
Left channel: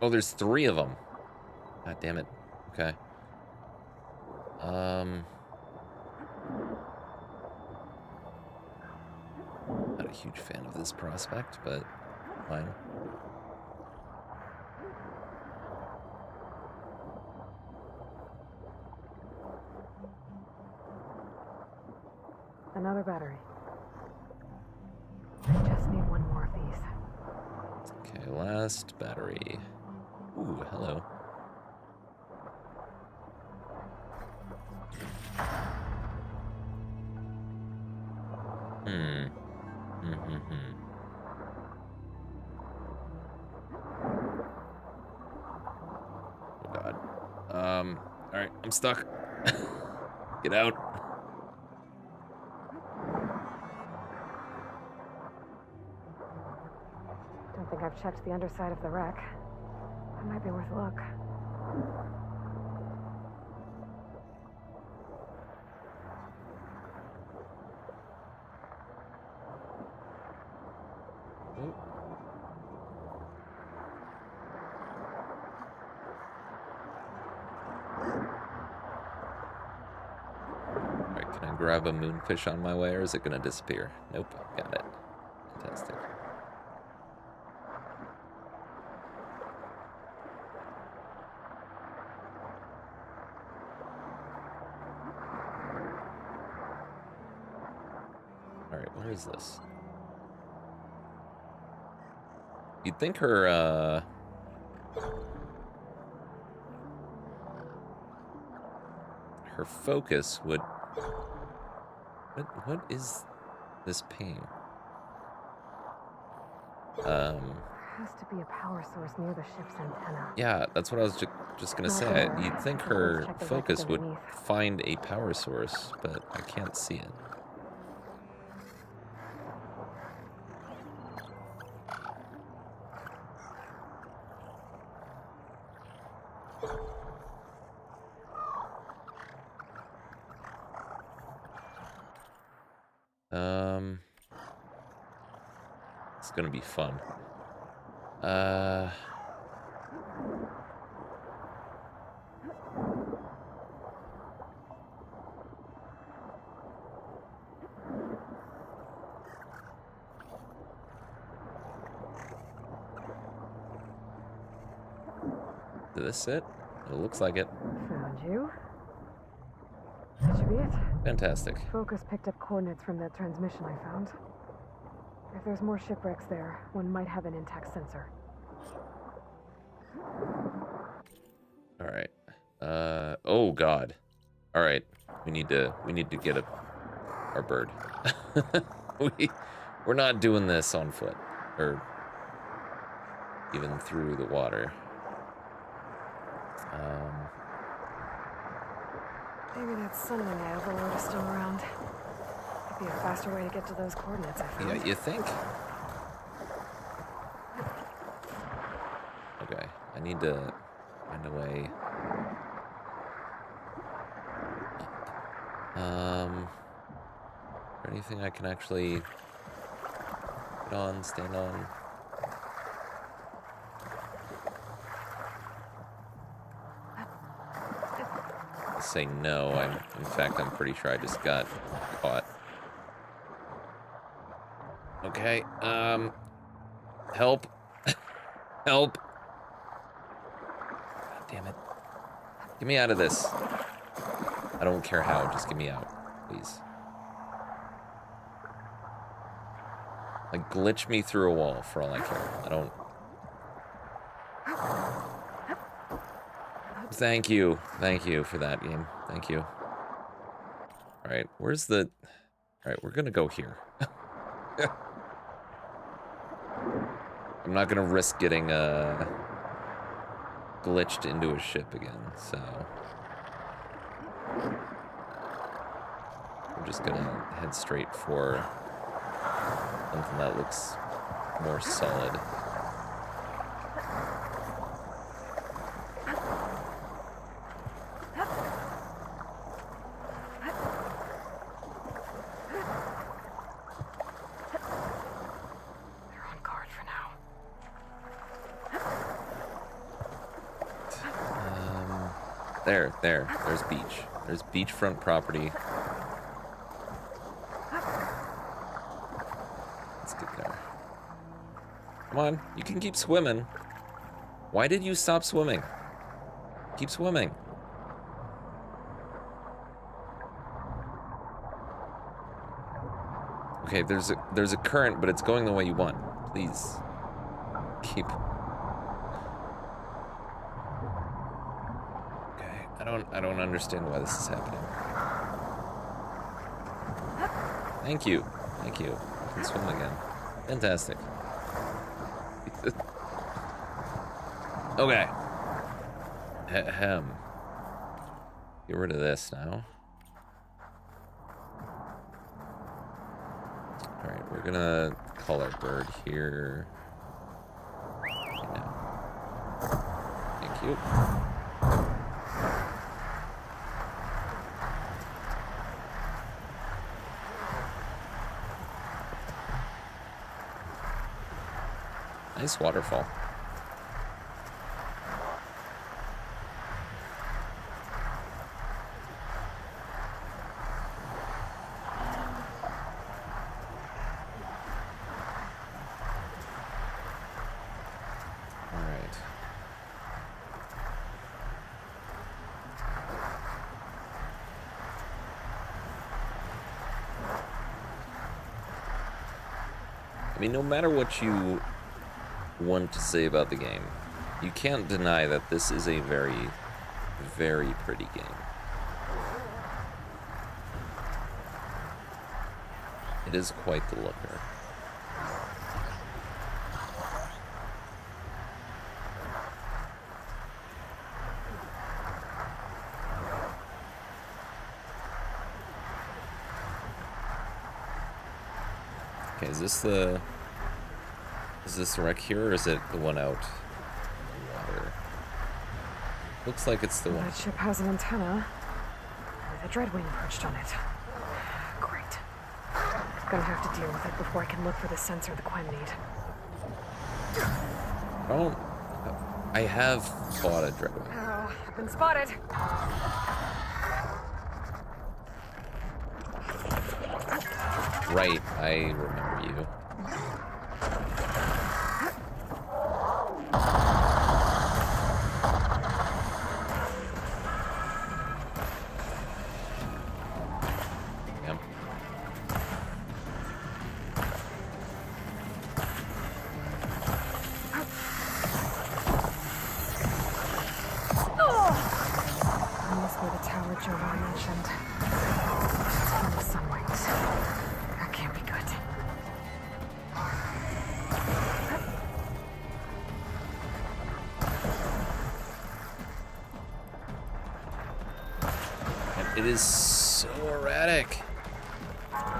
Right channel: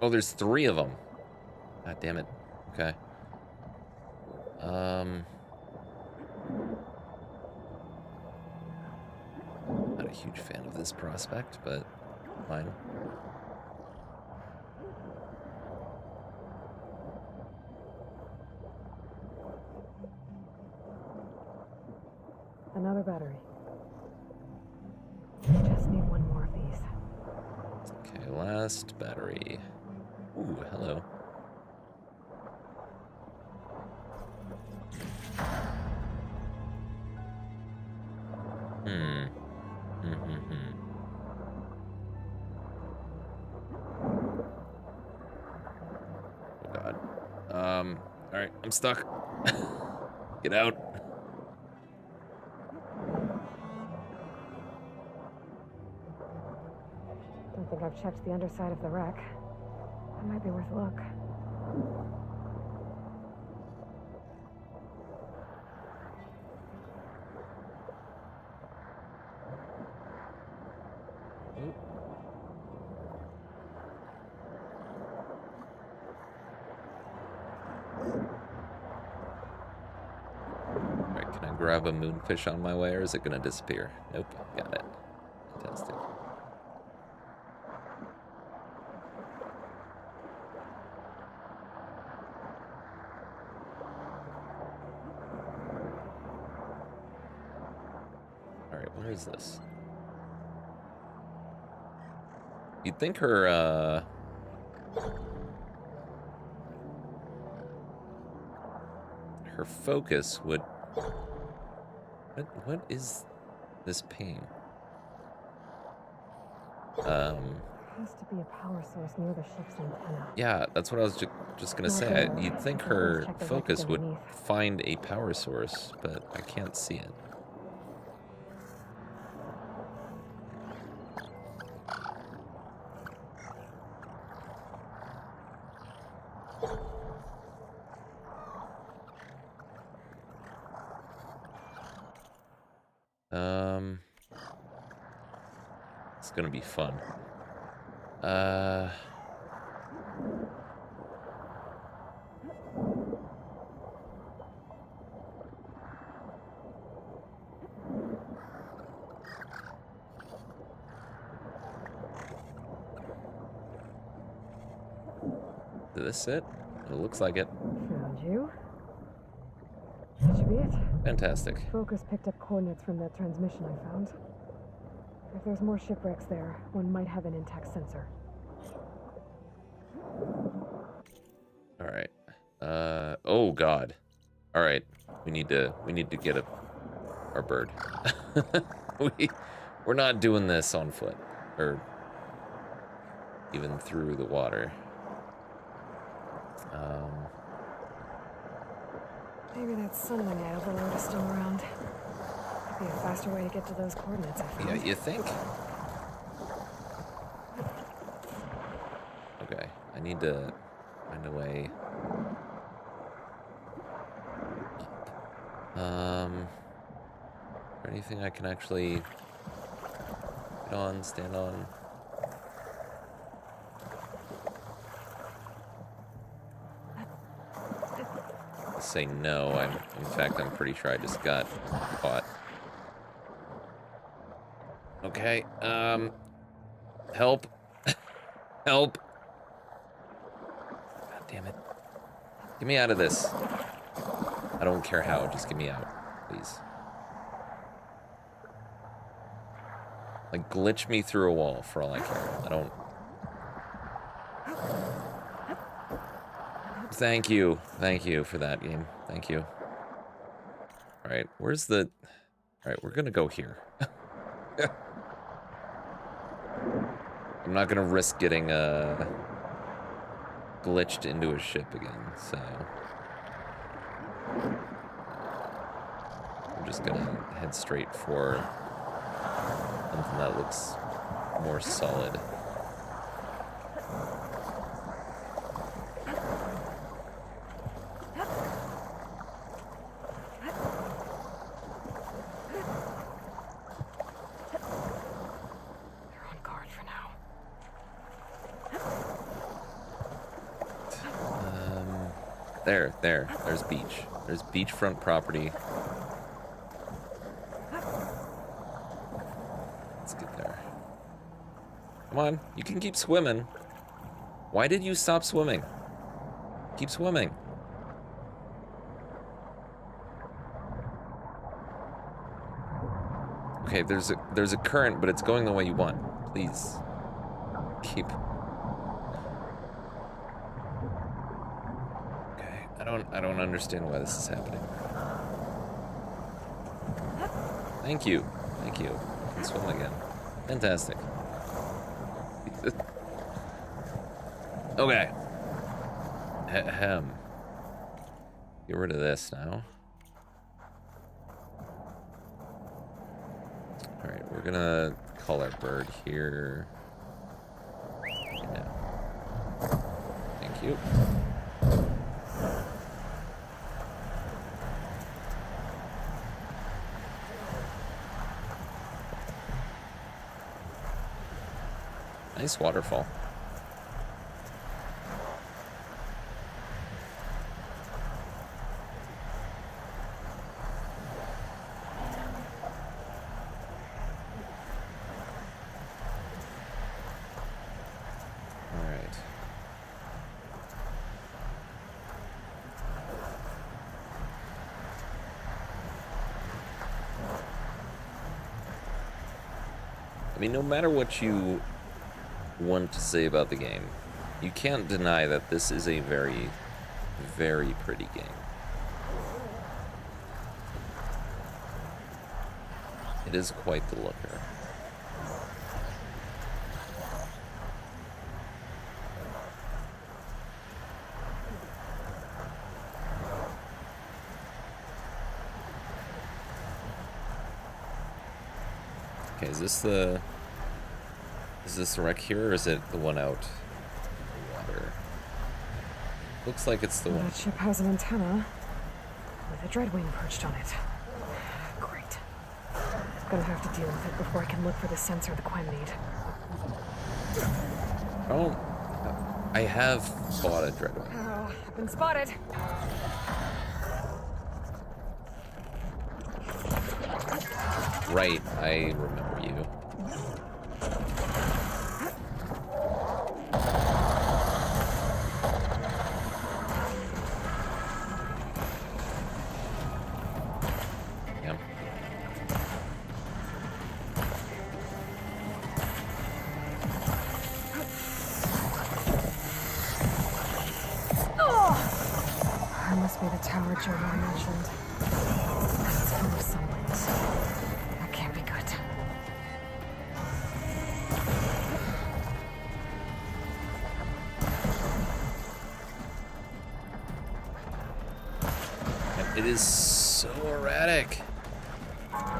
Oh, there's 3 of them. God damn it. Okay. Not a huge fan of this prospect, but fine. Another battery. I just need one more of these. Okay, last battery. Ooh, hello. Oh god. Alright, I'm stuck. Get out. Don't think I've checked the underside of the wreck. That might be worth a look. Ooh. Alright, can I grab a moonfish on my way, or is it gonna disappear? Nope, got it. Fantastic. Alright, where is this? You'd think her focus would... What is this ping? There has to be a power source near the ship's antenna. Yeah, that's what I was just gonna say. You'd think her focus would find a power source, but I can't see it. It's gonna be fun. Did this it? It looks like it. Found you. That should be it. Fantastic. Focus picked up coordinates from that transmission I found. If there's more shipwrecks there, one might have an intact sensor. All right. Oh god. All right, we need to get our bird. We're not doing this on foot or even through the water. Maybe that sun when they overload is still around. Could be a faster way to get to those coordinates. I found. Yeah, you think? Okay, I need to find a way. Is there anything I can actually get on, stand on? I say no. In fact, I'm pretty sure I just got caught. Okay, help. Help. God damn it. Get me out of this. I don't care how, just get me out, please. Like, glitch me through a wall for all I care. I don't... Thank you. Thank you for that game. Thank you. Alright, where's the... Alright, we're gonna go here. I'm not gonna risk getting, glitched into a ship again, so... We're just gonna head straight for something that looks more solid. You're on guard for now. There's beach. There's beachfront property. Let's get there. Come on, you can keep swimming. Why did you stop swimming? Keep swimming. Okay, there's a current, but it's going the way you want. Please. Keep. Okay, I don't understand why this is happening. Thank you. Thank you. I can swim again. Fantastic. Okay. Ahem. Get rid of this now. Alright, we're gonna call our bird here. Right now. Thank you. Nice waterfall. All right. I mean, no matter what you want to say about the game, you can't deny that this is a very, very pretty game. It is quite the looker. Okay, is this the wreck here, or is it the one out in the water? Looks like it's the one That here. ship has an antenna with a dreadwing perched on it. Great. Gonna have to deal with it before I can look for the sensor the Quen need. I have bought a Dreadwing. I've been spotted. Right, I remember you. Yep. That must be the tower Johanna mentioned. It is so erratic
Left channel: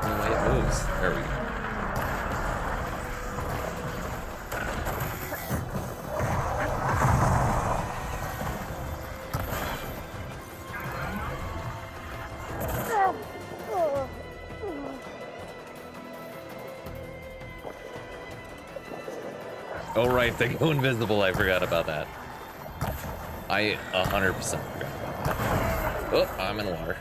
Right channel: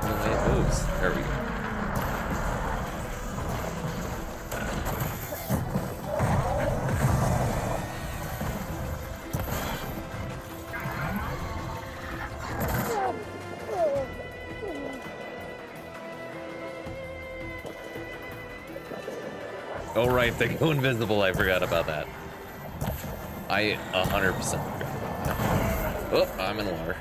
in the way it moves. There we go. Oh right, they go invisible. I forgot about that. I 100% forgot about that. Oh, I'm in water.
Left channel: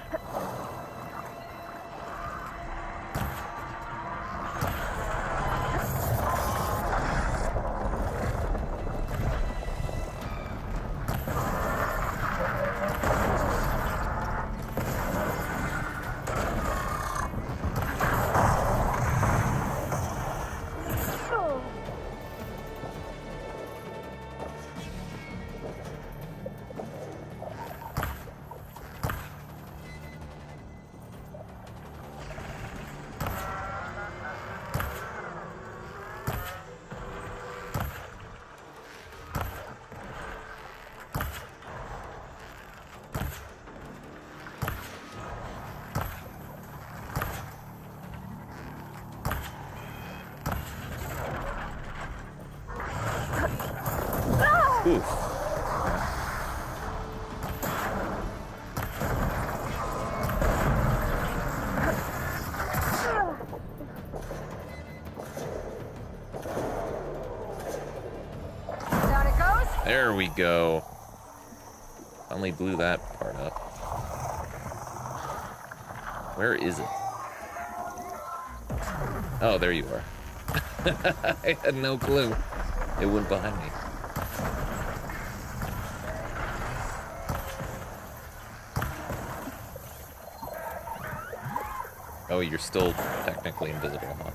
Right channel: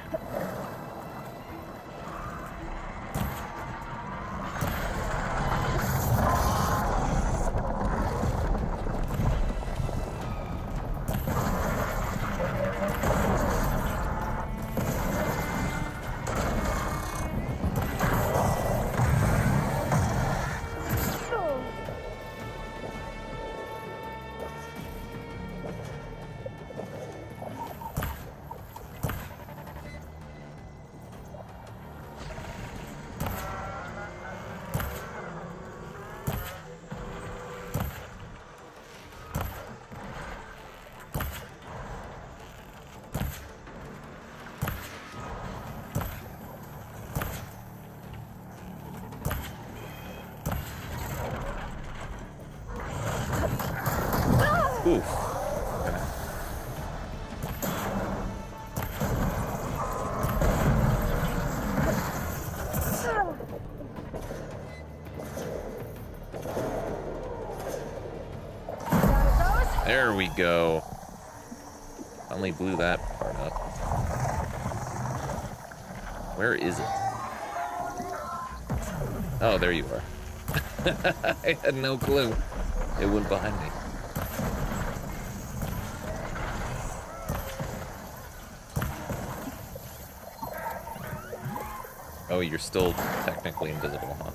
Oof. Okay. There we go. Finally blew that part up. Where is it? Oh, there you are. I had no clue. It went behind me. Oh, you're still technically invisible, huh?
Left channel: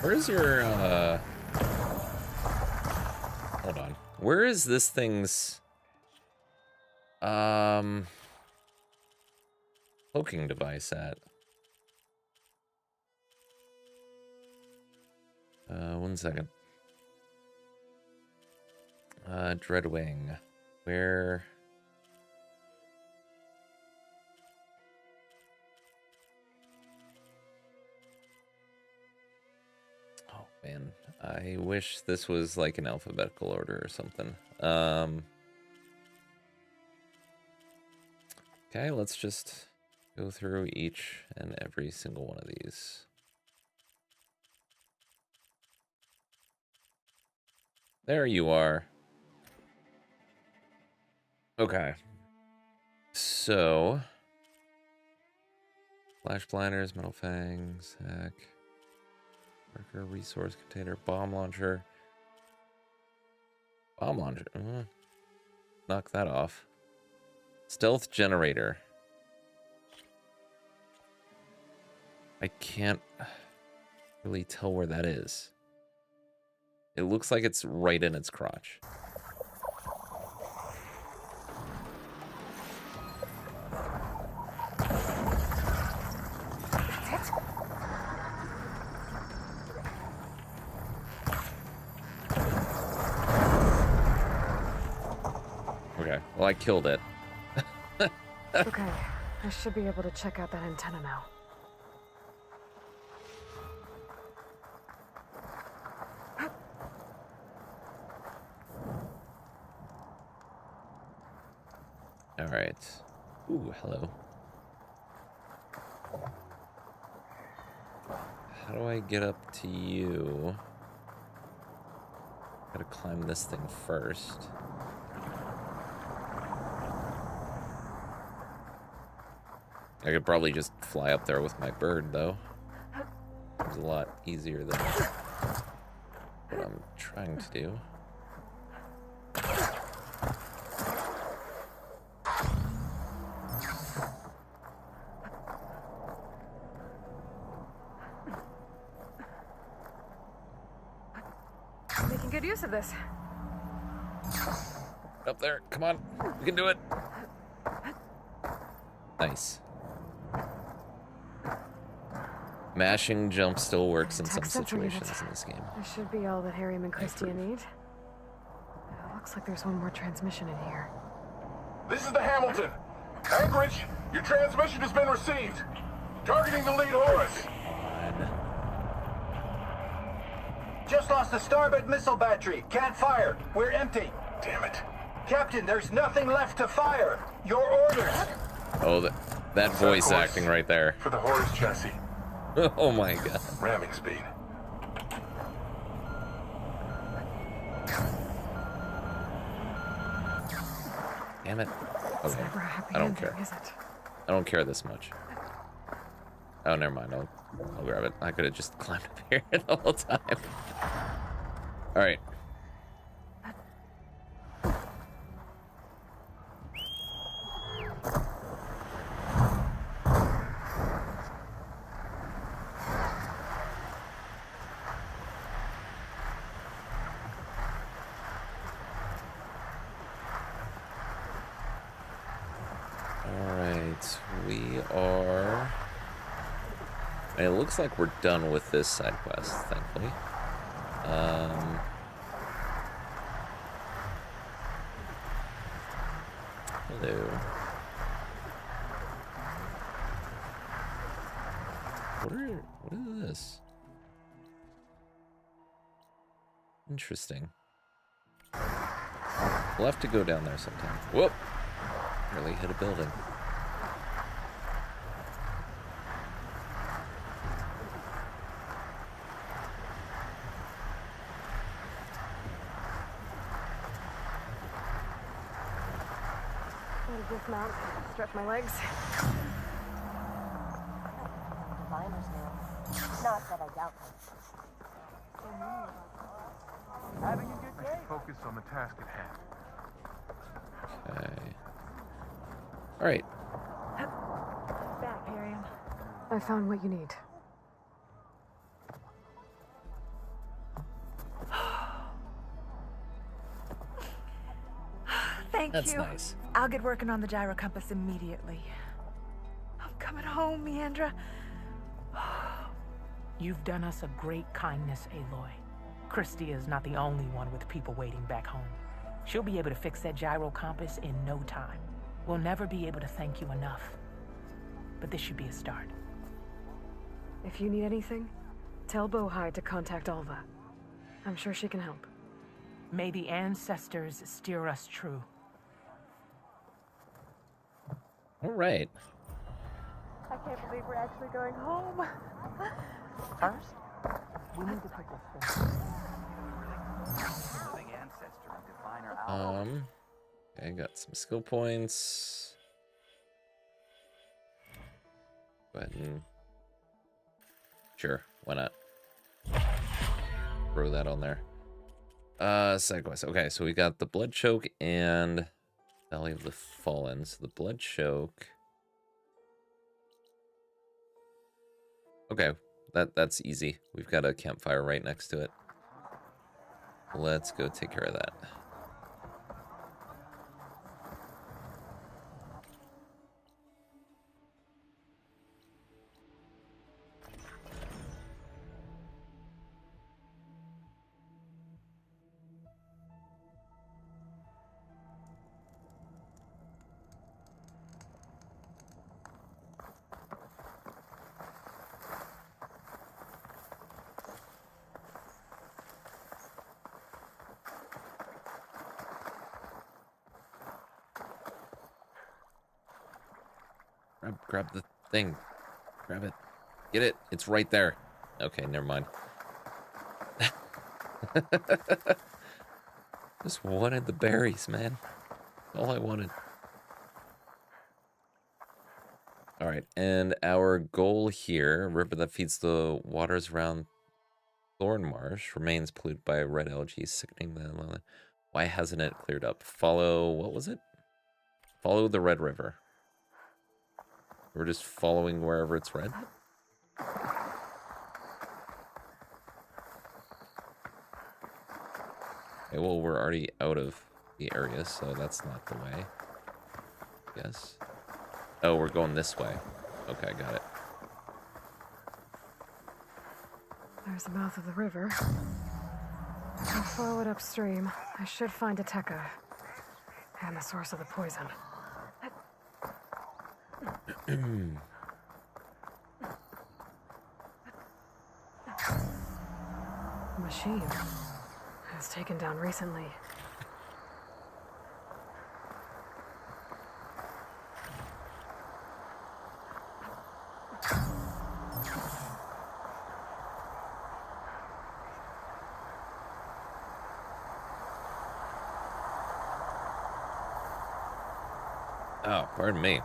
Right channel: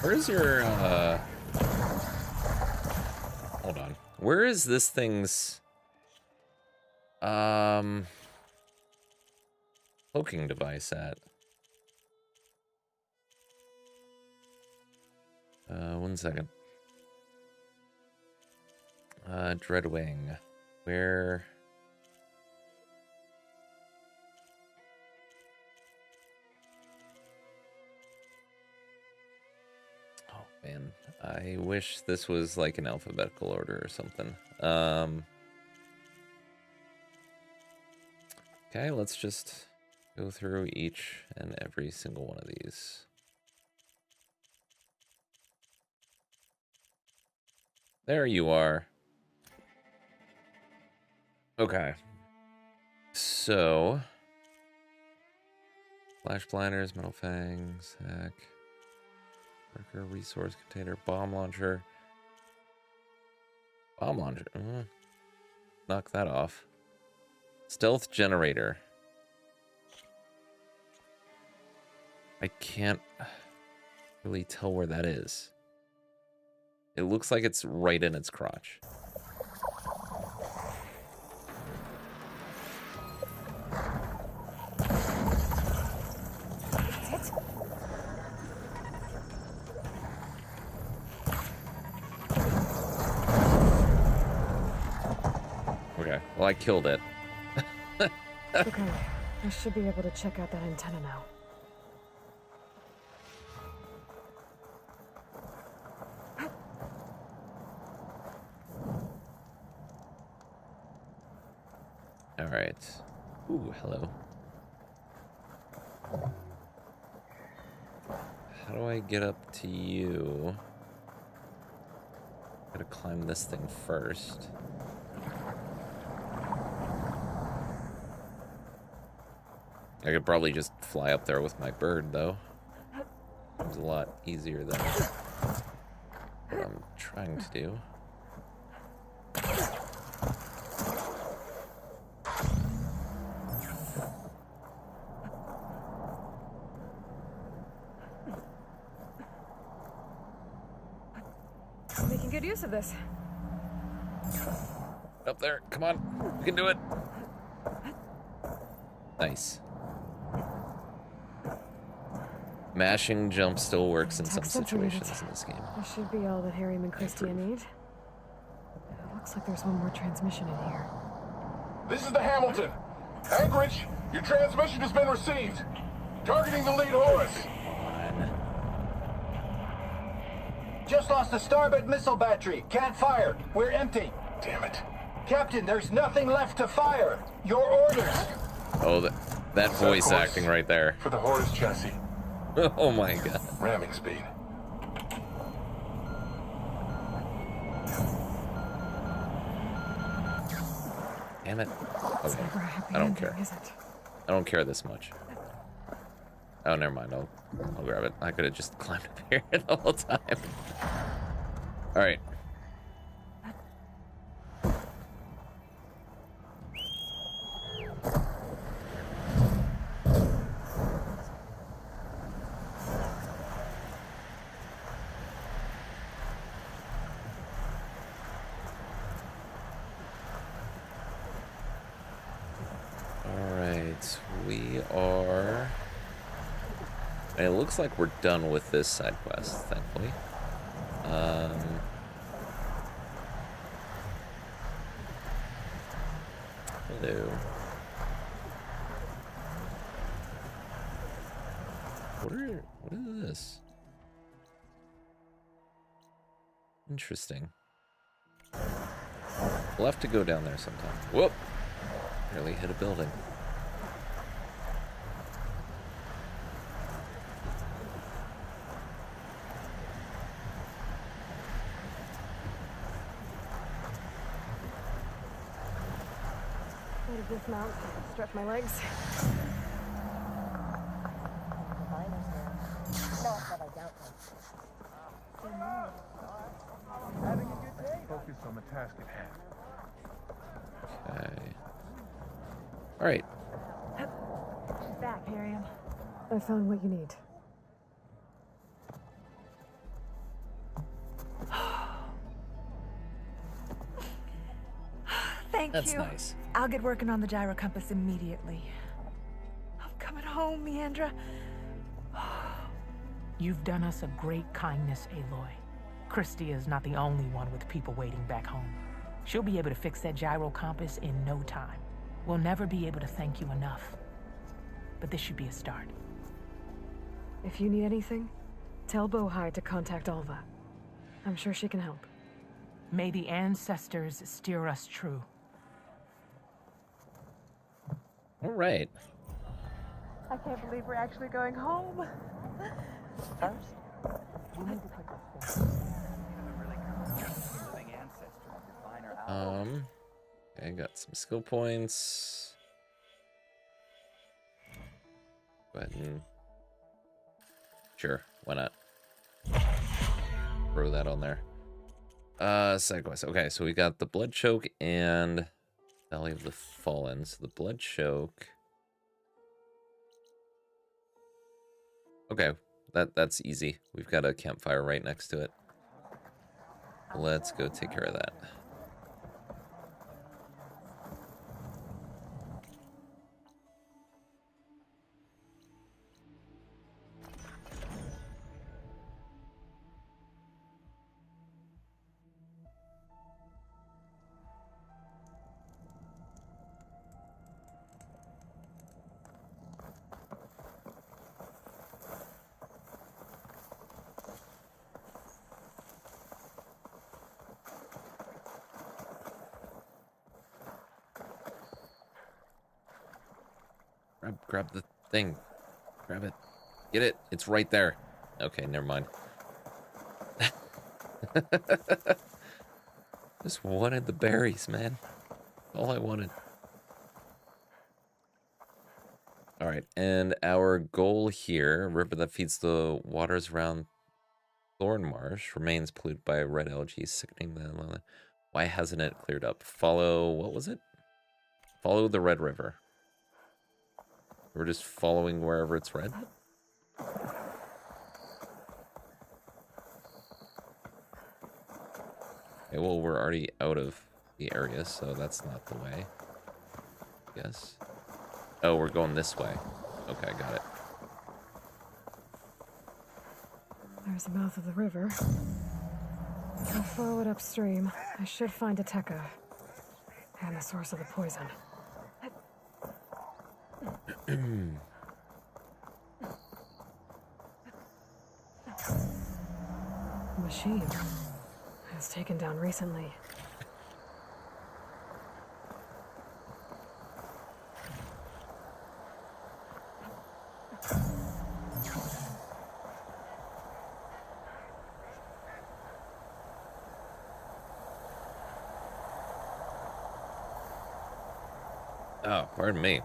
Where's your, hold on. Where is this thing's, cloaking device at? 1 second. Dreadwing. Where? Oh, man. I wish this was like an alphabetical order or something. Okay, let's just go through each and every single one of these. There you are. Okay. So, flash blinders, metal fangs, hack, worker, resource container, bomb launcher. Bomb launcher. Knock that off. Stealth generator. I can't really tell where that is. It looks like it's right in its crotch. Okay, well, I killed it. Okay, I should be able to check out that antenna now. All right. Ooh, hello. How do I get up to you? Gotta climb this thing first. I could probably just fly up there with my bird, though. Seems a lot easier than what I'm trying to do. rest of this? Up there. Come on. We can do it. Nice. Mashing jump still works in some Detect sensor situations units. in this game. This should be all that Harriman and Christia approve. need. Looks like there's one more transmission in here. This is the Hamilton. Anchorage, your transmission has been received. Targeting the lead Horus. On. Just lost the starboard missile battery. Can't fire. We're empty. Damn it. Captain, there's nothing left to fire. Your orders. Oh, that voice Horus. acting right there. For the Horus chassis. Oh my god. Ramming speed. Damn it. Okay. Never a happy I don't ending, care. is it? I don't care this much. Oh, never mind. I'll grab it. I could have just climbed up here the whole time. All right. All right. We are. And it looks like we're done with this side quest, thankfully. Hello. What is this? Interesting. We'll have to go down there sometime. Whoop! Nearly hit a building. I'm gonna dismount, stretch my legs. Not that I doubt that. Focus on the task at hand. Okay. All right. Back, Harriman. I found what you need. Thank That's you. nice. I'll get working on the gyro compass immediately. I'm coming home, Meandra. You've done us a great kindness, Aloy. Christia is not the only one with people waiting back home. She'll be able to fix that gyro compass in no time. We'll never be able to thank you enough. But this should be a start. If you need anything, tell Bohai to contact Alva. I'm sure she can help. May the ancestors steer us true. All right. I can't believe we're actually going home. First, we need to put this through. Okay, got some skill points. Go ahead and sure, why not? Throw that on there. Side quest. Okay, so we got the blood choke and Valley of the Fallen. So the blood choke. Okay, that's easy. We've got a campfire right next to it. Let's go take care of that. Grab the thing. Grab it. Get it. It's right there. Okay, never mind. Just wanted the berries, man. All I wanted. All right, and our goal here, a river that feeds the waters around Thorn Marsh, remains polluted by red algae, sickening the... Why hasn't it cleared up? Follow... What was it? Follow the Red River. We're just following wherever it's red. Okay, well, we're already out of the area, so that's not the way. Yes. Oh, we're going this way. Okay, got it. There's the mouth of the river. I'll follow it upstream. I should find a Tekka. And the source of the poison. Machine. It was taken down recently. Oh, pardon me.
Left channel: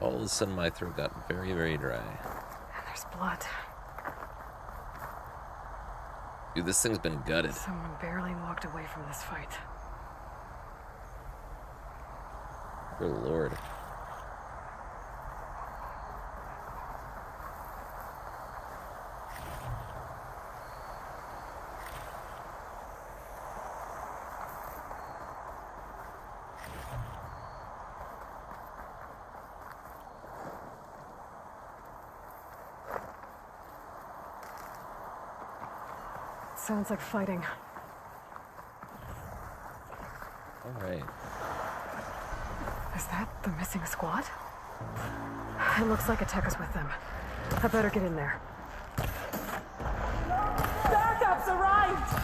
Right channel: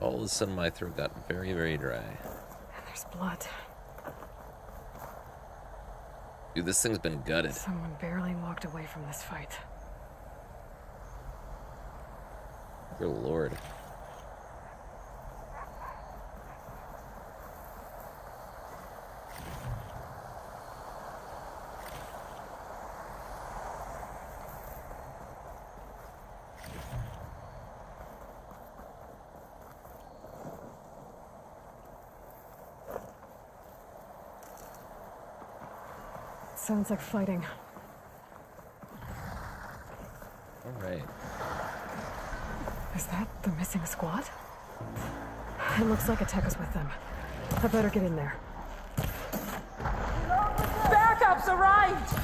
All of a sudden, my throat got very, very dry. And there's blood. Dude, this thing's been gutted. Someone barely walked away from this fight. Good lord. Sounds like fighting. All right. Is that the missing squad? It looks like a Tekka's with them. I better get in there. Backups arrived!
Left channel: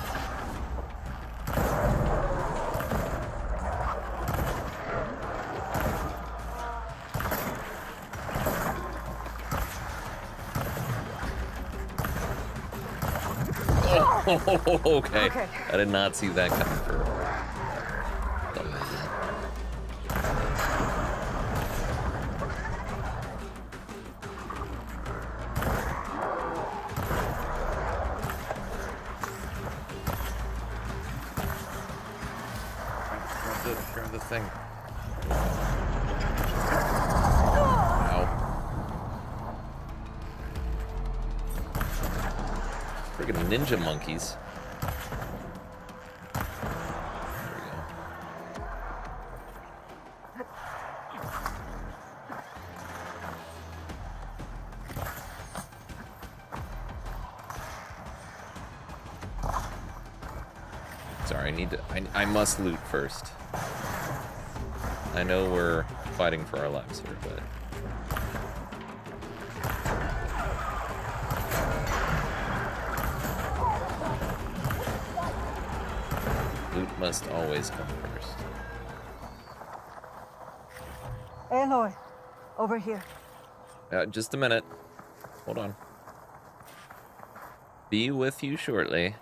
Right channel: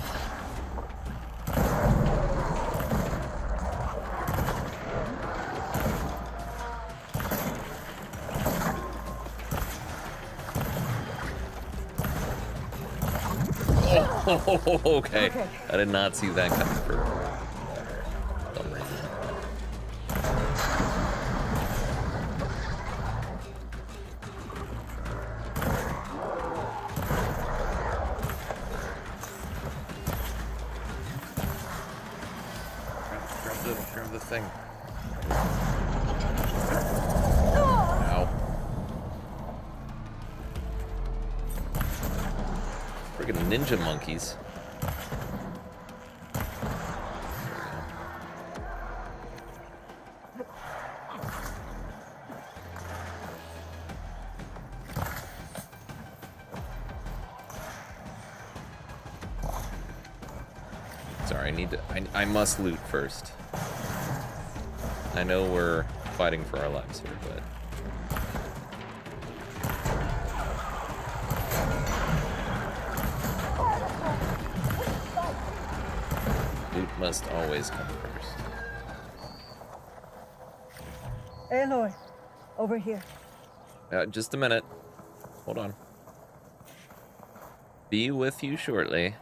Oh, okay. I did not see that coming for some reason. Grab the thing. Ow. Friggin' ninja monkeys. There we go. Sorry, I must loot first. I know we're fighting for our lives here, but loot must always come first. Aloy, over here. Just a minute. Hold on. Be with you shortly.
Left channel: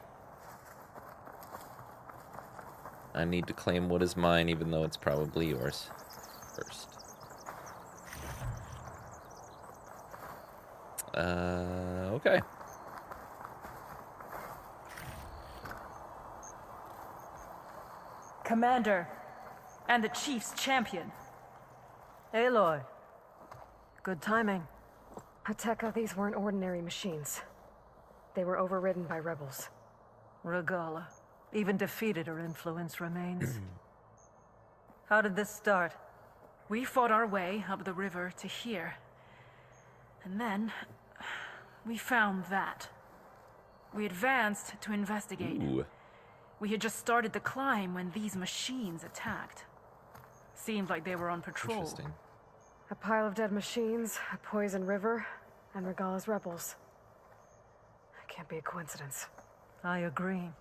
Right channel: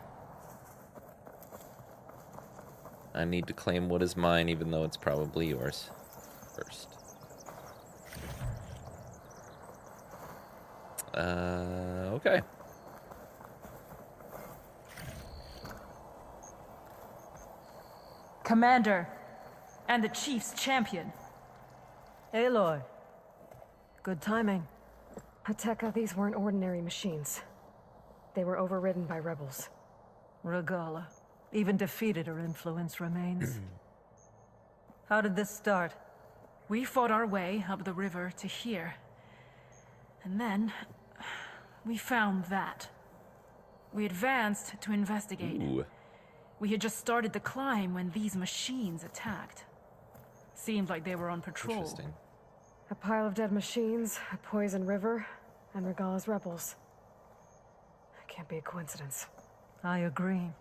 I need to claim what is mine, even though it's probably yours first. Okay. Commander, and the Chief's champion. Aloy. Good timing. Tekka, these weren't ordinary machines. They were overridden by rebels. Regala. Even defeated, her influence remains. How did this start? We fought our way up the river to here. And then, we found that. We advanced to investigate. Ooh. We had just started the climb when these machines attacked. Seemed like they were on patrol. Interesting. A pile of dead machines, a poison river, and Regala's rebels. It can't be a coincidence. I agree.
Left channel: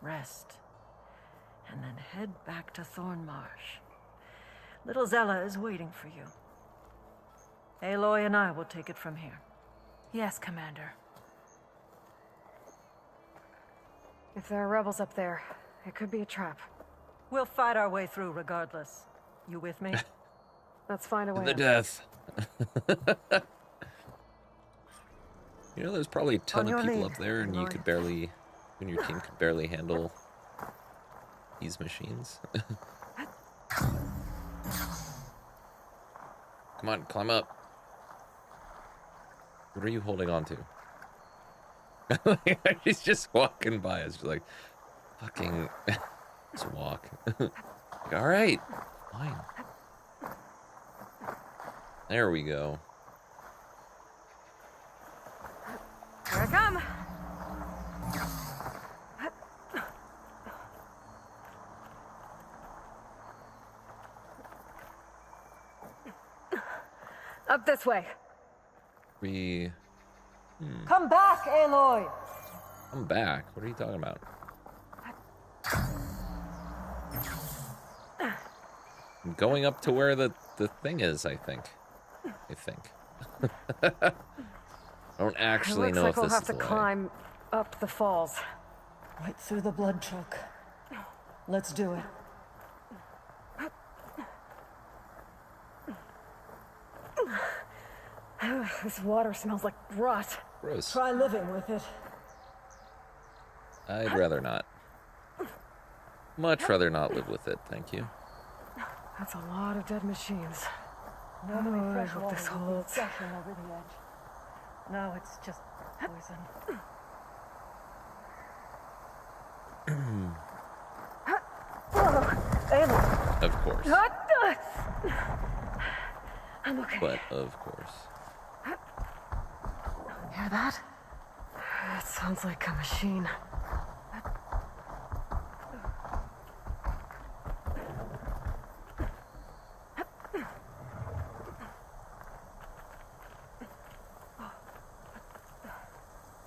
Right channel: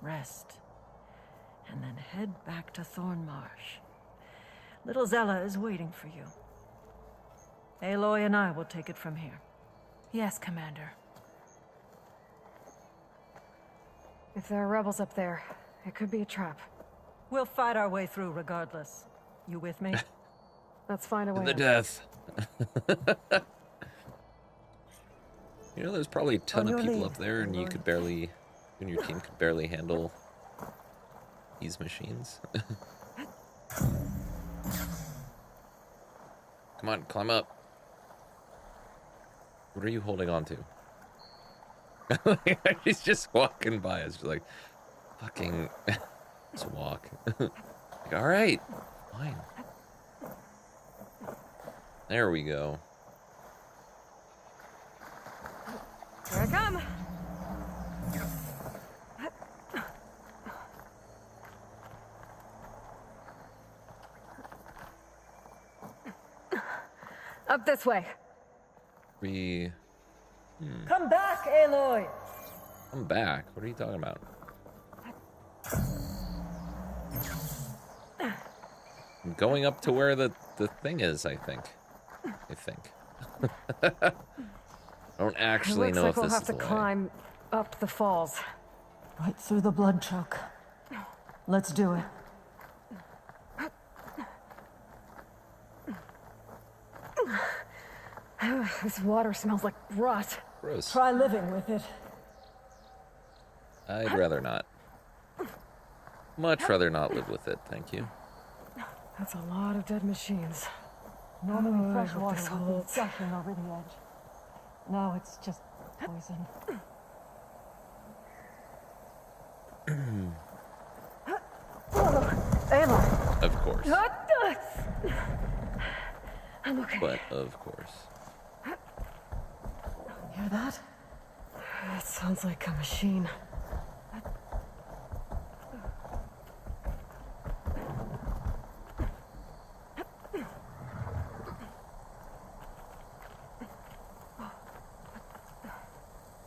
Rest. And then head back to Thornmarsh. Little Zella is waiting for you. Aloy and I will take it from here. Yes, Commander. If there are rebels up there, it could be a trap. We'll fight our way through regardless. You with me? Let's find a way. The death. You know, there's probably a ton On of your people lead, up there, and you could barely, and your team could barely handle these machines. Come on, climb up. What are you holding on to? She's just walking by us. She's like, fucking, just walk. Like, all right, fine. There we go. Here I come. Up this way. Come back, Aloy! I'm back. What are you talking about? I'm going up to where the thing is, I think. I don't actually know if this is the way. We'll have to climb up the falls. Right through the blood choke. Let's do it. This water smells like rot. Gross. Try living with it. I'd rather not. Much rather not live with it, thank you. That's a lot of dead machines. Normally I fresh hope water this would be holds. gushing over the edge. Now it's just poison. Aloy! Of course. I'm okay. But of course. Hear that? That sounds like a machine.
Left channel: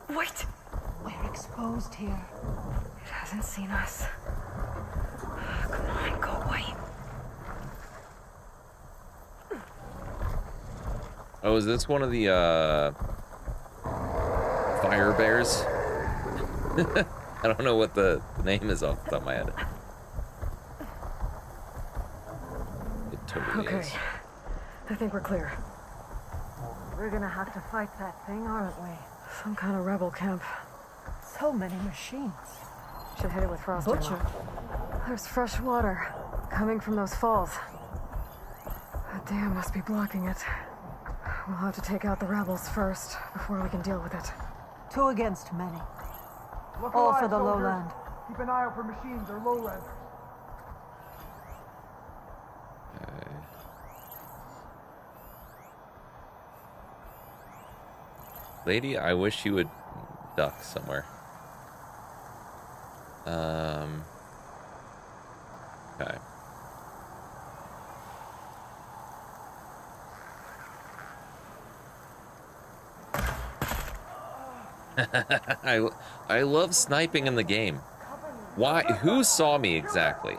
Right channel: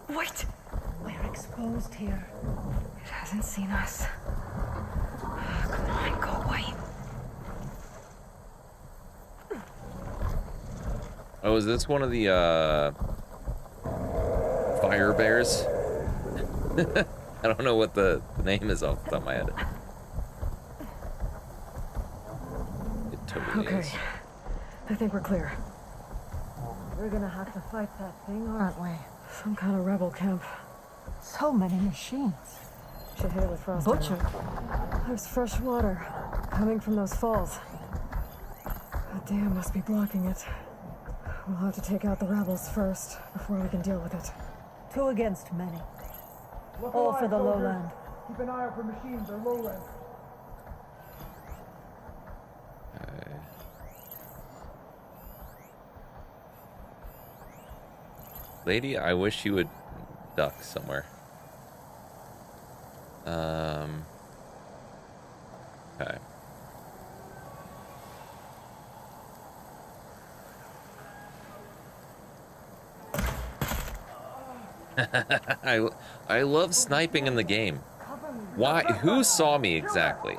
Wait! We're exposed here. It hasn't seen us. Come on, go away. Oh, is this one of the fire bears? I don't know what the name is off the top of my head. It totally Okay. is. I think we're clear. We're gonna have to fight that thing, aren't we? Some kind of rebel camp. So many machines. Should hit it with frost. Butcher. There's fresh water coming from those falls. That dam must be blocking it. We'll have to take out the rebels first before we can deal with it. 2 against many. Look All for alive, the soldier. lowland. Keep an eye out for machines or lowland. Okay. Lady, I wish you would duck somewhere. Okay. I love sniping in the game. Why? Who saw me exactly?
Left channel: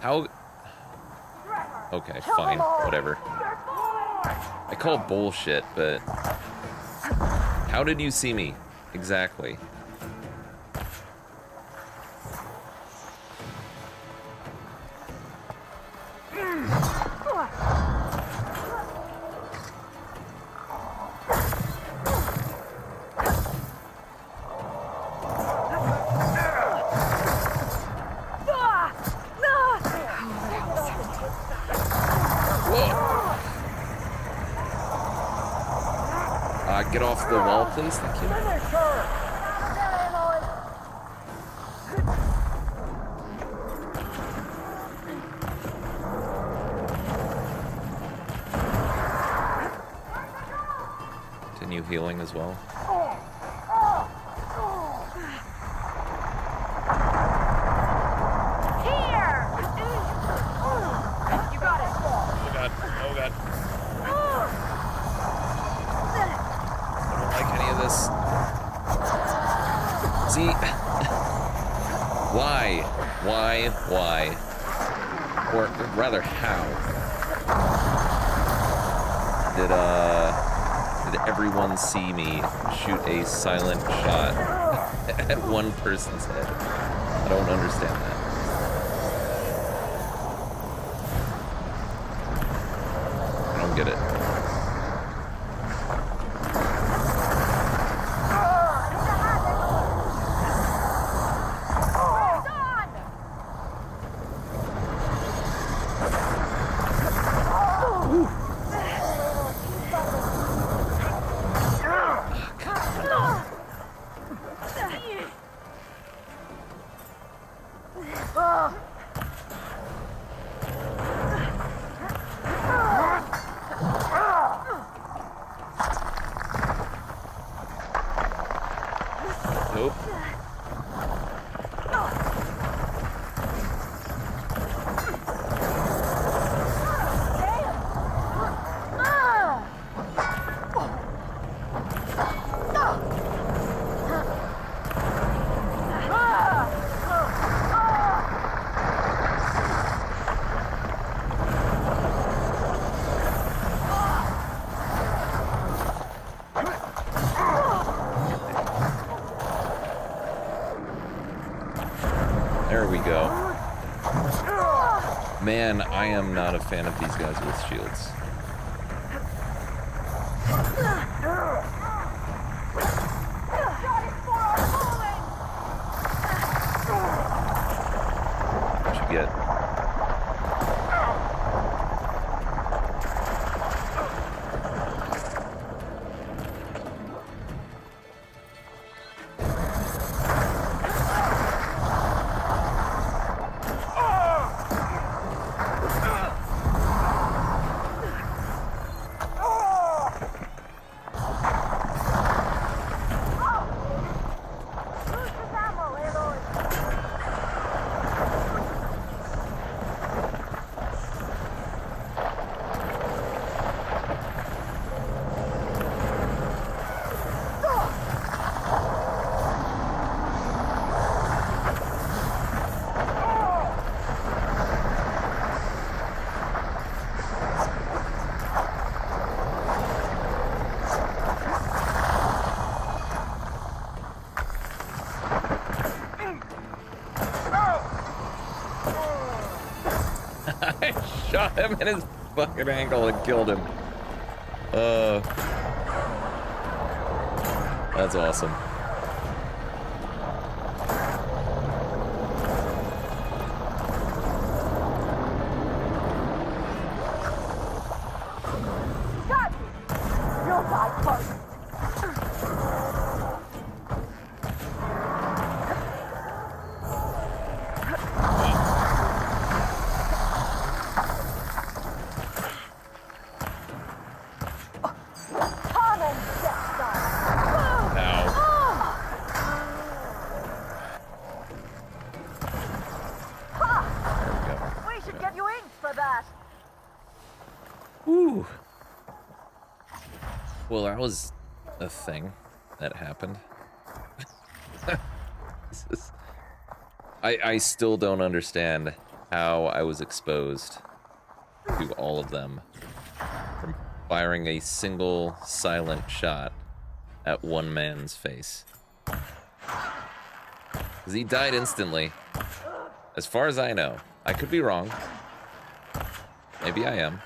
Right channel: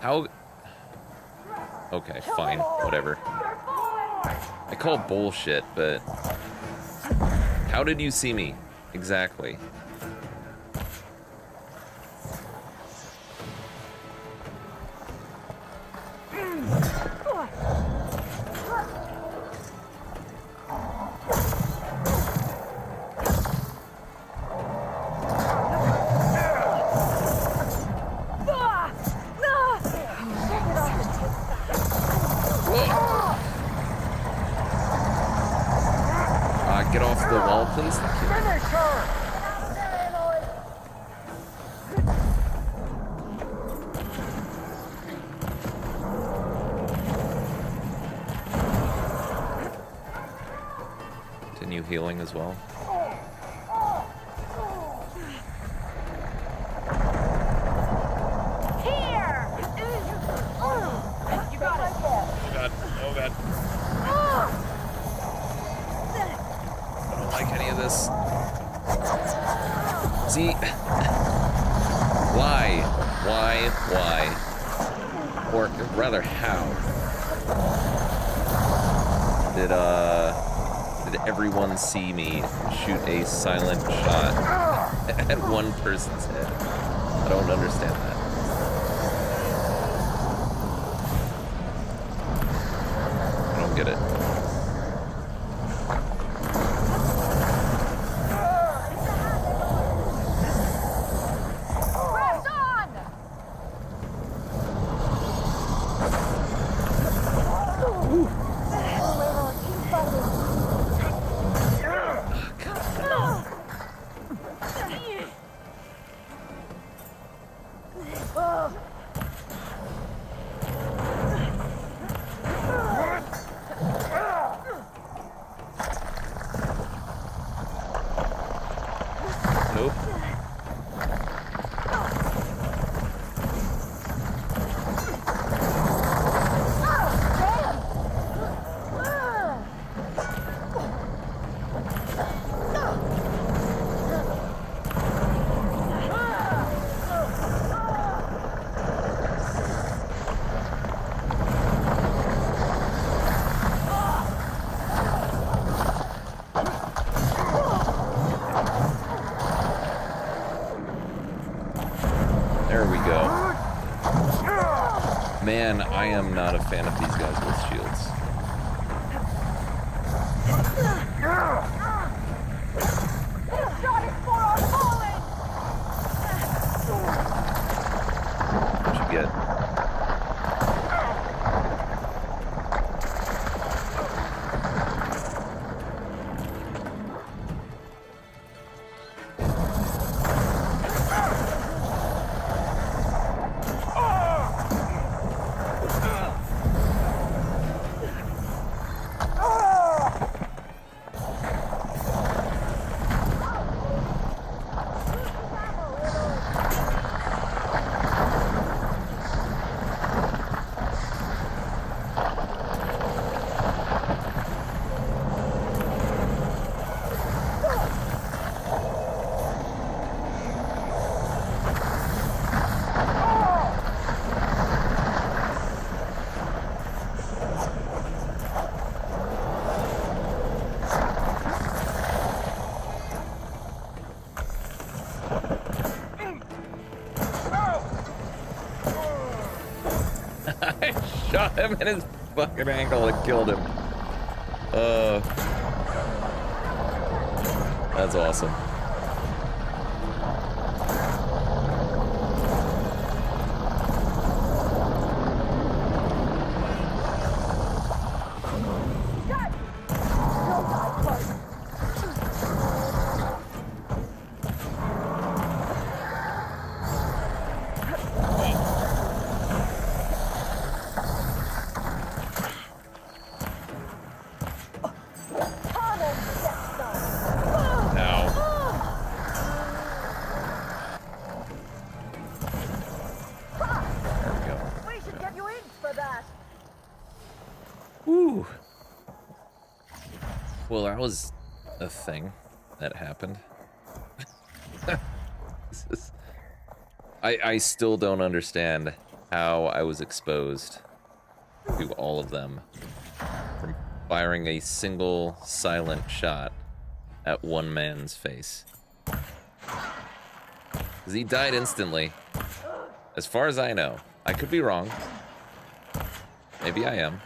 How? Okay, fine, whatever. I call bullshit, but how did you see me exactly? Get off the wall, please. Thank you. Continue healing as well. Here! You got it. Oh god. Oh god. I don't like any of this. See? Why? Or rather, how? Did everyone see me shoot a silent shot at one person's head? I don't understand that. I don't get it. There we go. Man, I am not a fan of these guys with shields. What you get? I shot him in his fucking ankle and killed him. That's awesome. Well, that was a thing that happened. I still don't understand how I was exposed to all of them from firing a single silent shot at one man's face. Because he died instantly. As far as I know. I could be wrong. Maybe I am.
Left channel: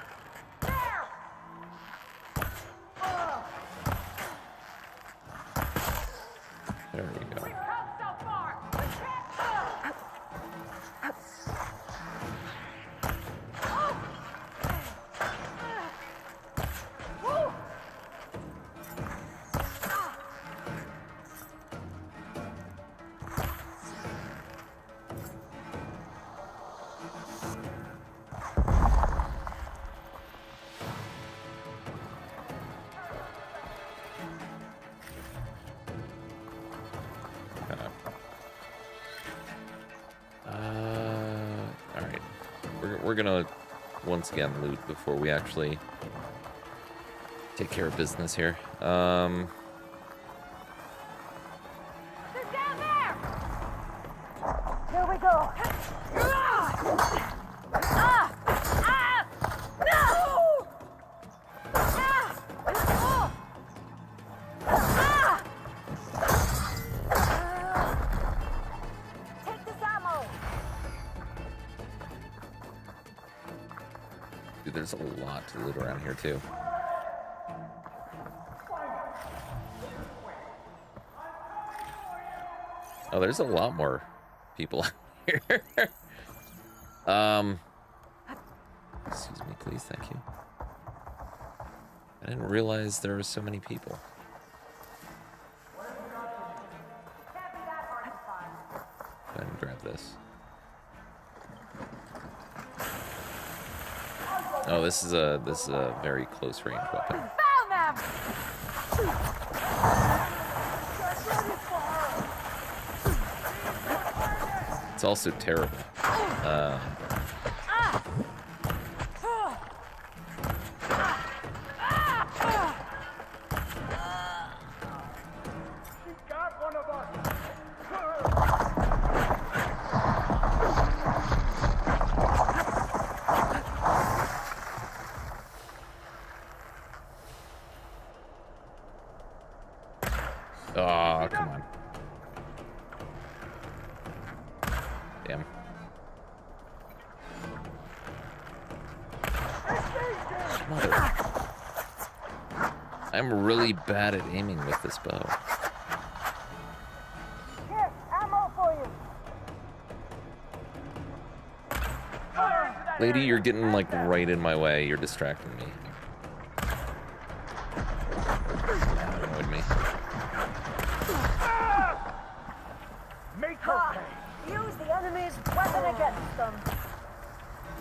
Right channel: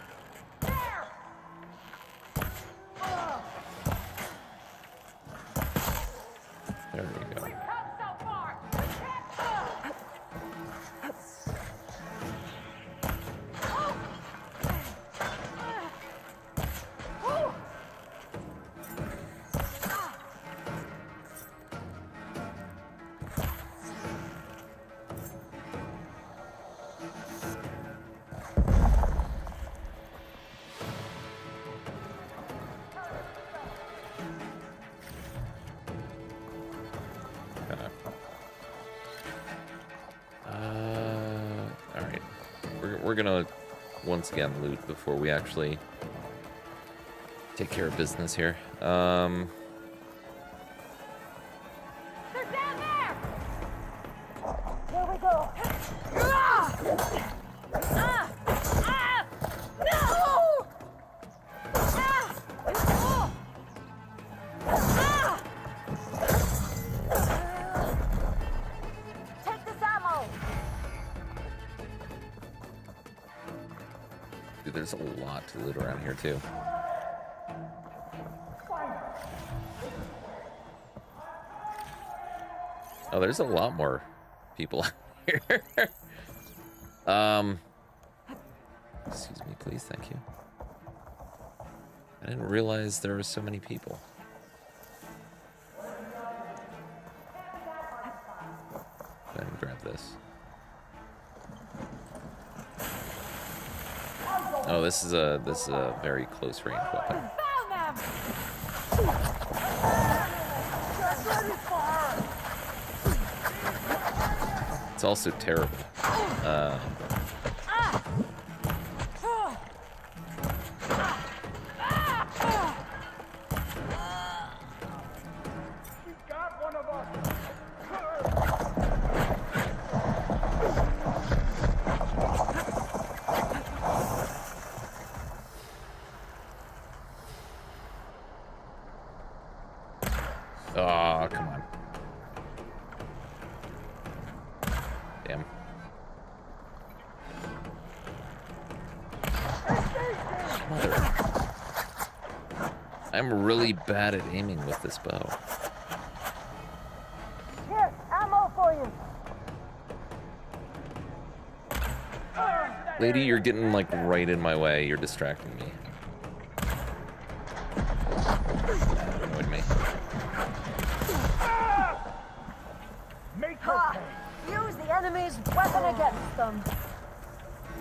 There we go. Alright. We're gonna once again loot before we actually take care of business here. Here we go. Dude, there's a lot to loot around here too. Oh, there's a lot more people out here. Excuse me, please, thank you. I didn't realize there were so many people. Go ahead and grab this. Oh, this is a very close range weapon. It's also terrible. Oh, come on. Damn. Mother. I'm really bad at aiming with this bow. Here, ammo for you. Lady, you're getting like right in my way. You're distracting me. That annoyed me. Use the enemy's weapon against them.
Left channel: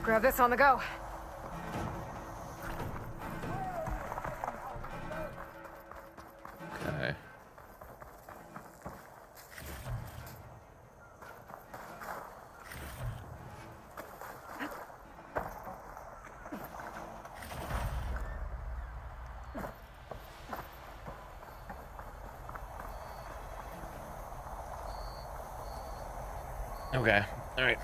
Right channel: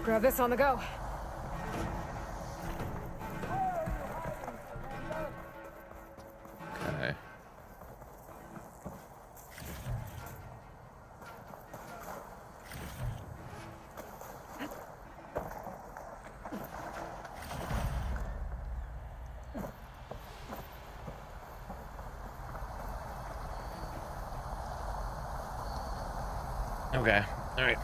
Grab this on the go. Okay. Okay. All right.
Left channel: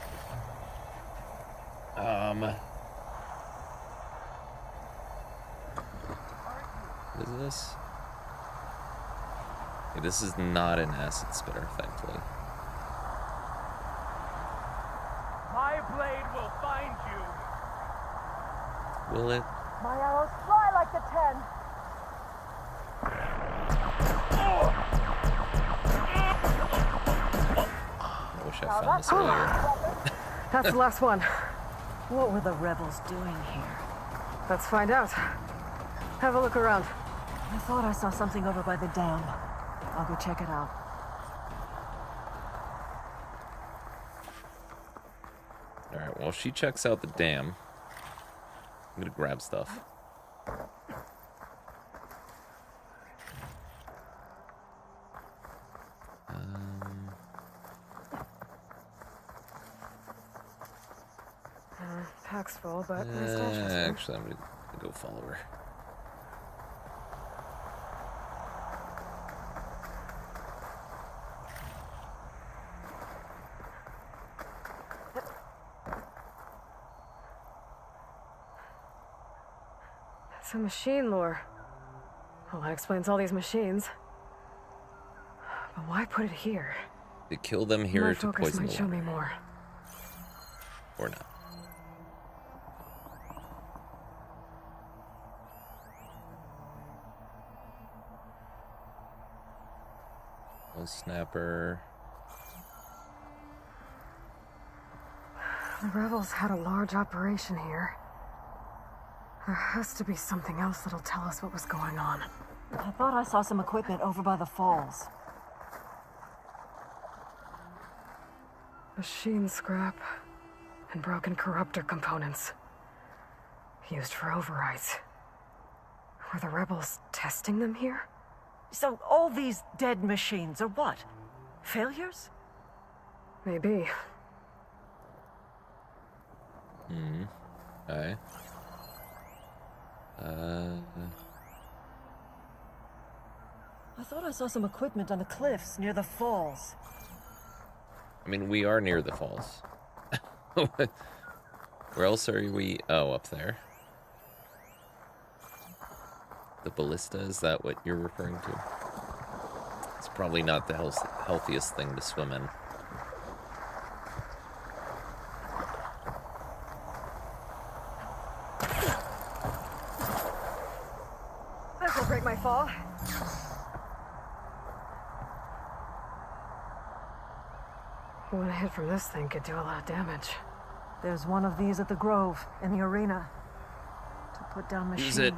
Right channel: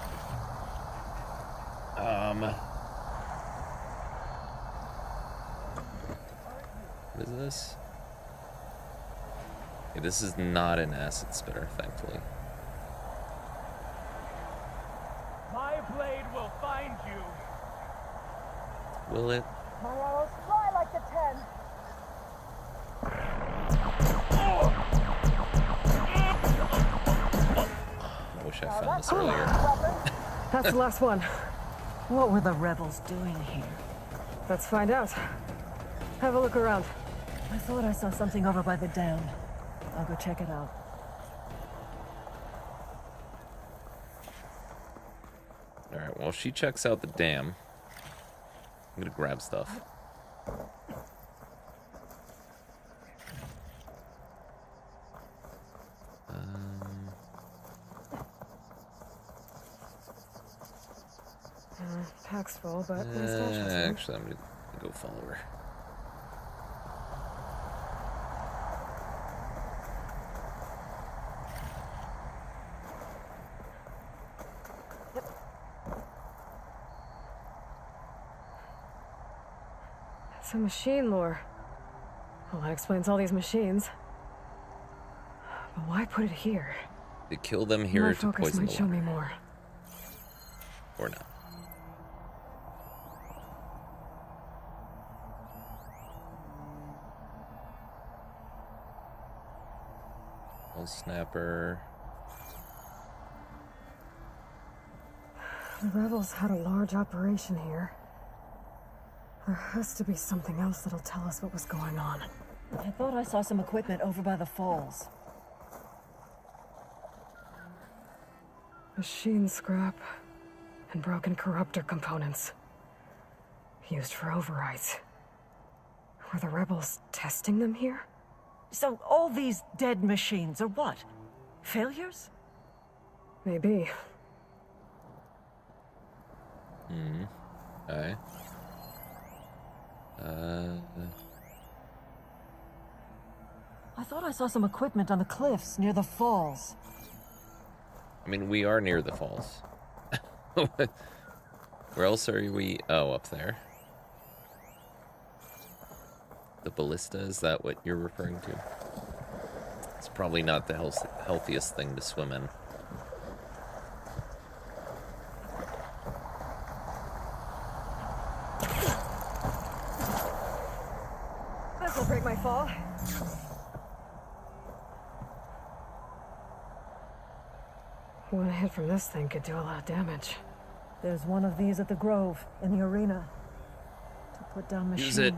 What is this? Okay, this is not an acid spitter, thankfully. My blade will find you. Will it? My arrows fly like the 10. I wish I found this earlier. That's the last one. What were the rebels doing here? Let's find out. Have a look around. I thought I saw something over by the dam. I'll go check it out. Alright, well, she checks out the dam. I'm gonna grab stuff. Pack's full, but my stash is full. Actually, I'm gonna go follow her. Some machine lore. Well, that explains all these machines. But why put it here? To kill them here More to focus poison the might show me water. more. Or not. Well, snapper. The rebels had a large operation here. There has to be something else that'll tell us what was going on. I thought I saw some equipment over by the falls. Machine scrap and broken corruptor components. Used for overrides. Were the rebels testing them here? So all these dead machines are what? Failures? Maybe. Okay. I thought I saw some equipment on the cliffs near the falls. I mean, we are near the falls. Where else are we? Oh, up there. The ballista, is that what you're referring to? It's probably not the healthiest thing to swim in. This'll break my fall. One hit from this thing could do a lot of damage. There's one of these at the Grove, in the arena. To put down machines. Use it.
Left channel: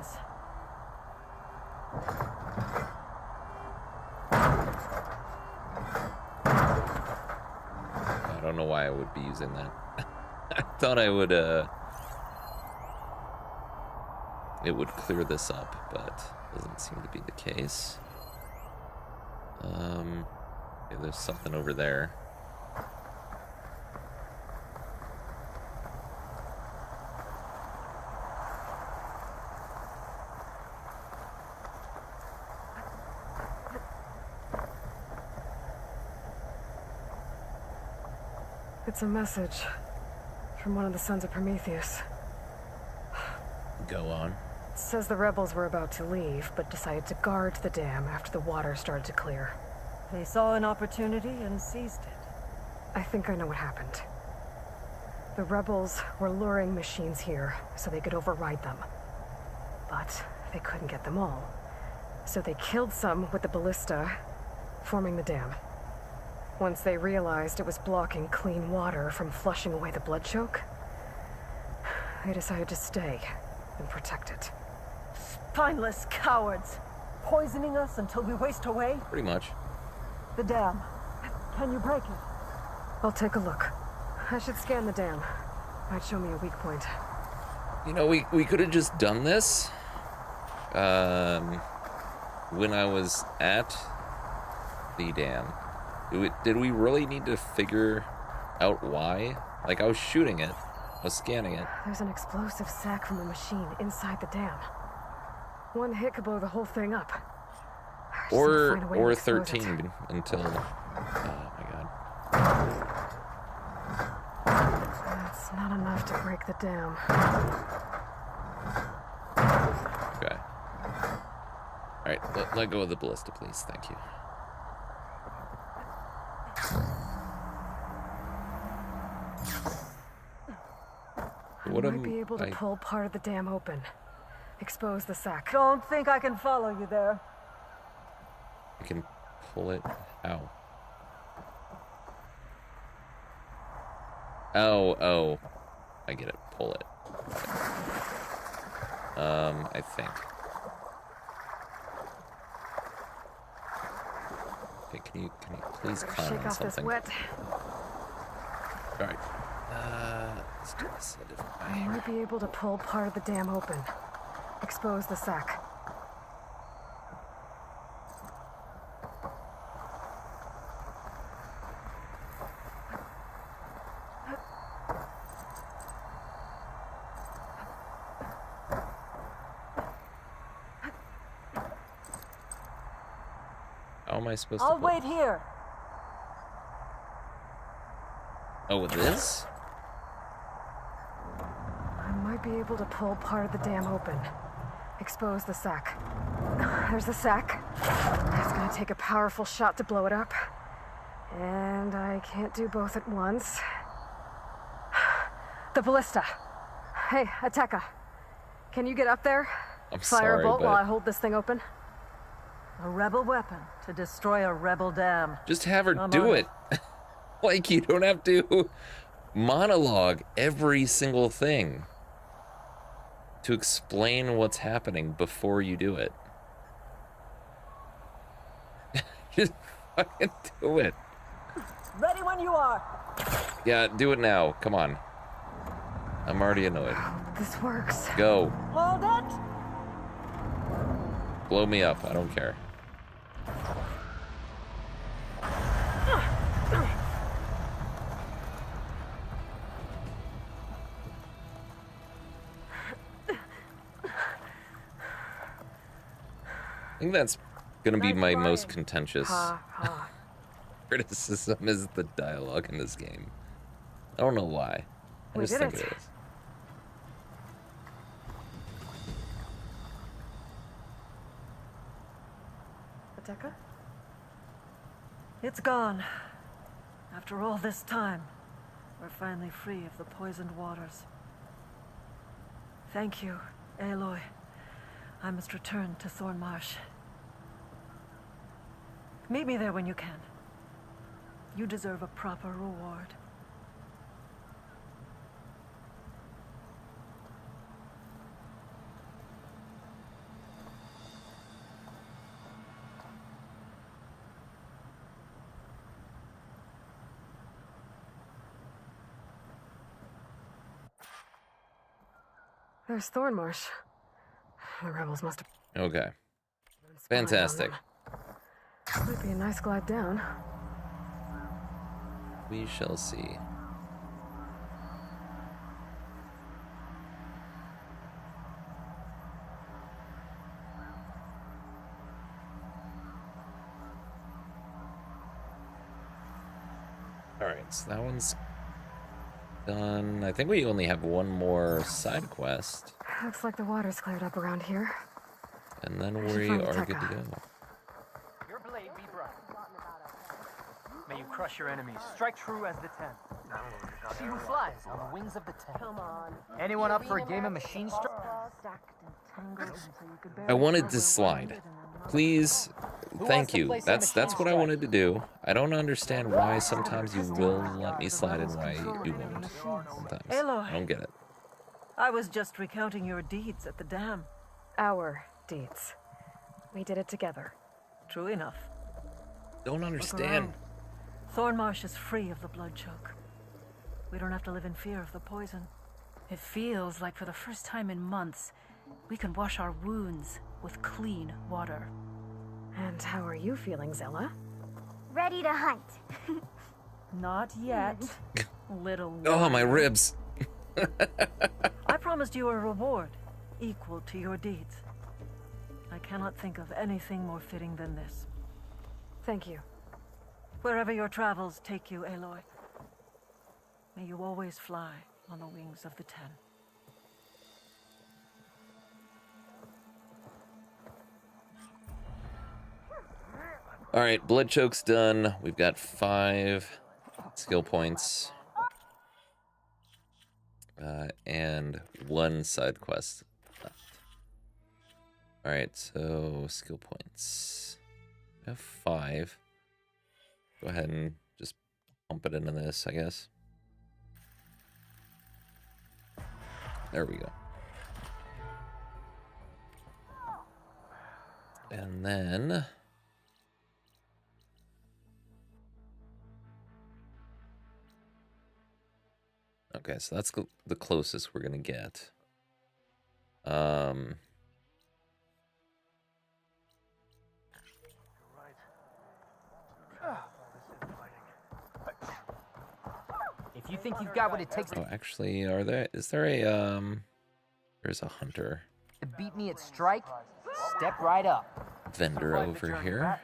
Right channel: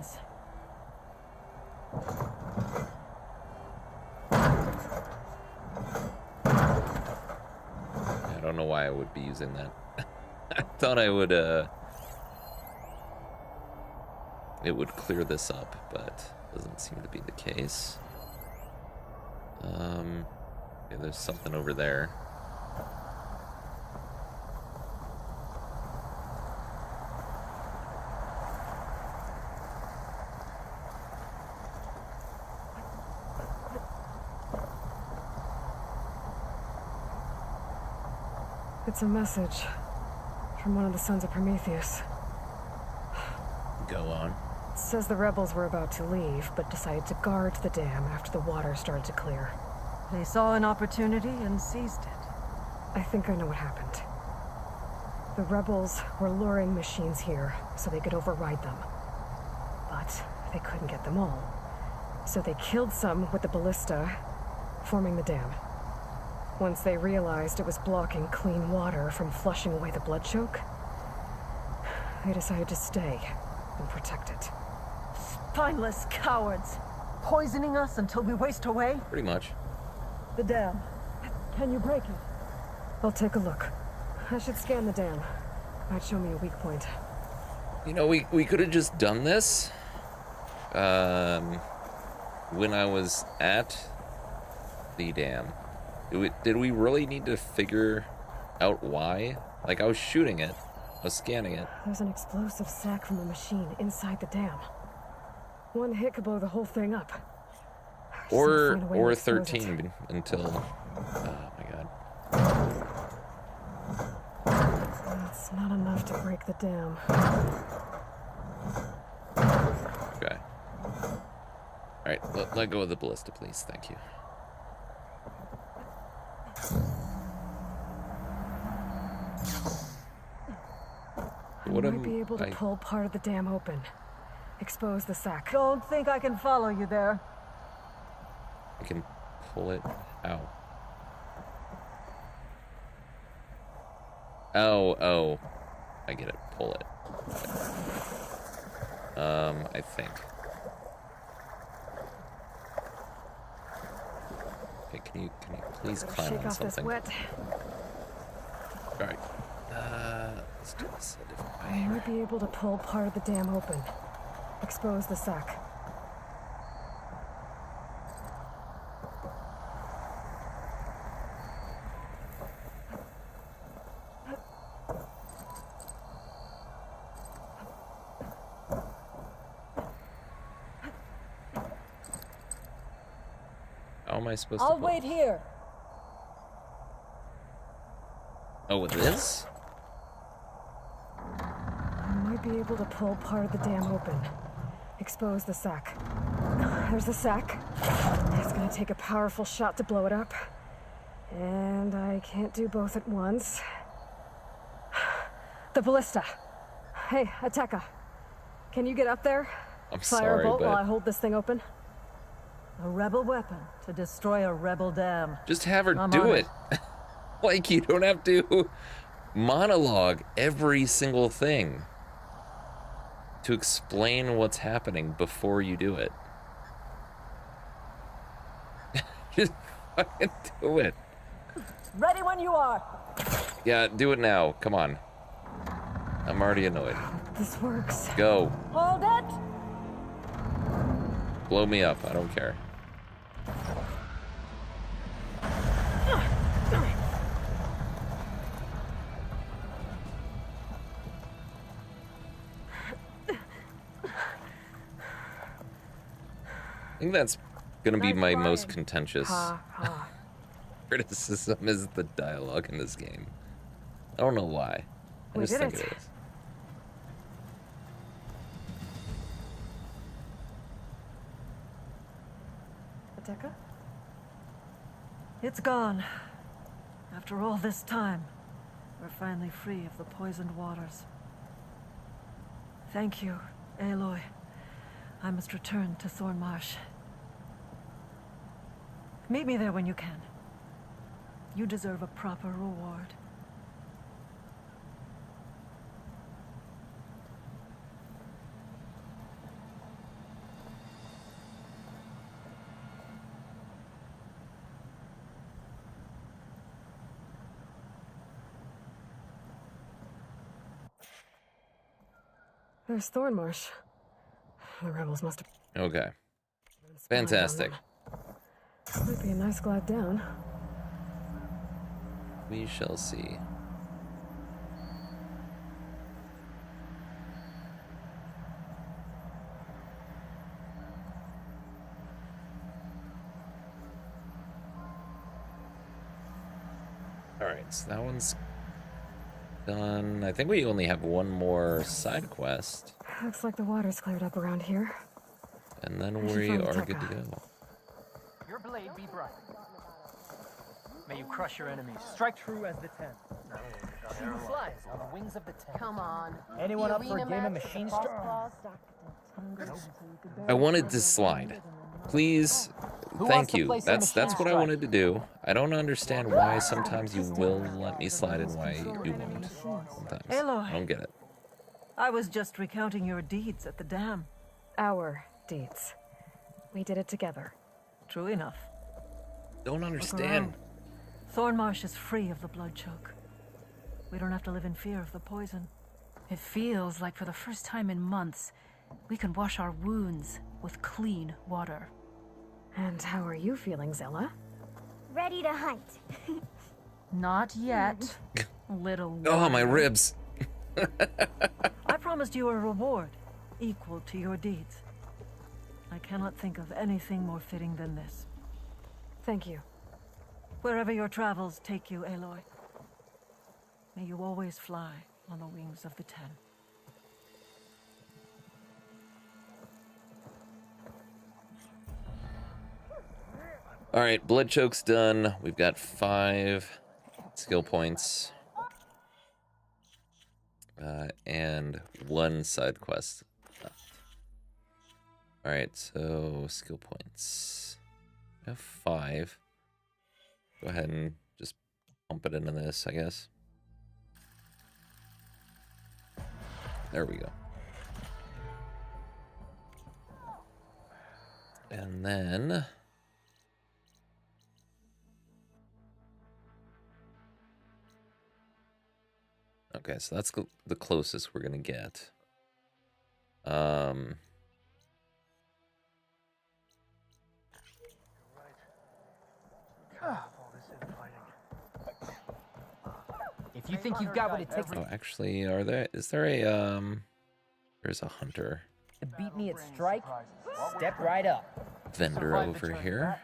I don't know why I would be using that. I thought I would, it would clear this up, but doesn't seem to be the case. Yeah, there's something over there. It's a message from one of the sons of Prometheus. Go on. It says the rebels were about to leave, but decided to guard the dam after the water started to clear. They saw an opportunity and seized it. I think I know what happened. The rebels were luring machines here so they could override them. But they couldn't get them all. So they killed some with the ballista, forming the dam. Once they realized it was blocking clean water from flushing away the blood choke, they decided to stay and protect it. Spineless cowards. Poisoning us until we waste away? Pretty much. The dam. Can you break it? I'll take a look. I should scan the dam. Might show me a weak point. You know, we could have just done this when I was at the dam. Did we really need to figure out why? Like, I was shooting it. I was scanning it. There's an explosive sack from a machine inside the dam. One hit could blow the whole thing up. I just need to find a way to Or expose 13 it. until... Oh my god. That's not enough to break the dam. Okay. Alright, let go of the ballista, please. Thank you. What I am might be able to I... pull part of the dam open. Expose the sack. Don't think I can follow you there. I can pull it. Ow. Oh. I get it. Pull it. Got it. I think. Okay, can you please climb Shake on off this something? wet. Alright. Let's do this a different way I here. might be able to pull part of the dam open. Expose the sack. How am I supposed to I'll pull? wait here. Oh, with this? I might be able to pull part of the dam open. Expose the sack. There's the sack. It's gonna take a powerful shot to blow it up. And I can't do both at once. The ballista. Hey, Ateka. Can you get up there? I'm Fire a sorry, bolt while I but hold this thing open. A rebel weapon to destroy a rebel dam. just have her I'm do on it. Like, you don't have to monologue every single thing to explain what's happening before you do it. Just fucking do it. Ready when you are. Yeah, do it now. Come on. I'm already annoyed. This works. Go. Hold it. Blow me up. I don't care. I think that's gonna be my most contentious criticism is the dialogue in this game. I don't know why. I We just did think it. it is. Ateka? It's gone. After all this time, we're finally free of the poisoned waters. Thank you, Aloy. I must return to Thornmarsh. Meet me there when you can. You deserve a proper reward. There's Thornmarsh. The rebels must have Okay. been spying on Fantastic. them. Might be a nice glide down. We shall see. Alright, so that one's done. I think we only have one more side quest, Looks like the water's cleared up around here. and then should we find are Tekka. good to go. Your blade be bright. May you crush your enemies. Strike true as the ten. who flies on the wings of the ten. Come on. Anyone up for a game of machine strike? I wanted to slide. Please, thank you. That's what I wanted to do. I don't understand why sometimes you will let me slide and why you won't. Sometimes. I don't get it. I was just recounting your deeds at the dam. Our deeds. We did it together. True enough. Don't understand. Thornmarsh is free of the blood choke. We don't have to live in fear of the poison. It feels like for the first time in months, we can wash our wounds with clean water. And how are you feeling, Zella? Ready to hunt. Not yet, little Oh, my ribs. I promised you a reward equal to your deeds. I cannot think of anything more fitting than this. Thank you. Wherever your travels take you, Aloy, may you always fly on the wings of the ten. All right, blood choke's done. We've got 5 skill points. And 1 side quest left. All right, so skill points. We have 5. Go ahead and just pump it into this, I guess. There we go. And then... Okay, so that's the closest we're gonna get. If you think you've got what it takes Oh, actually, is there a there's a hunter to beat me at strike, step right up. vendor over here.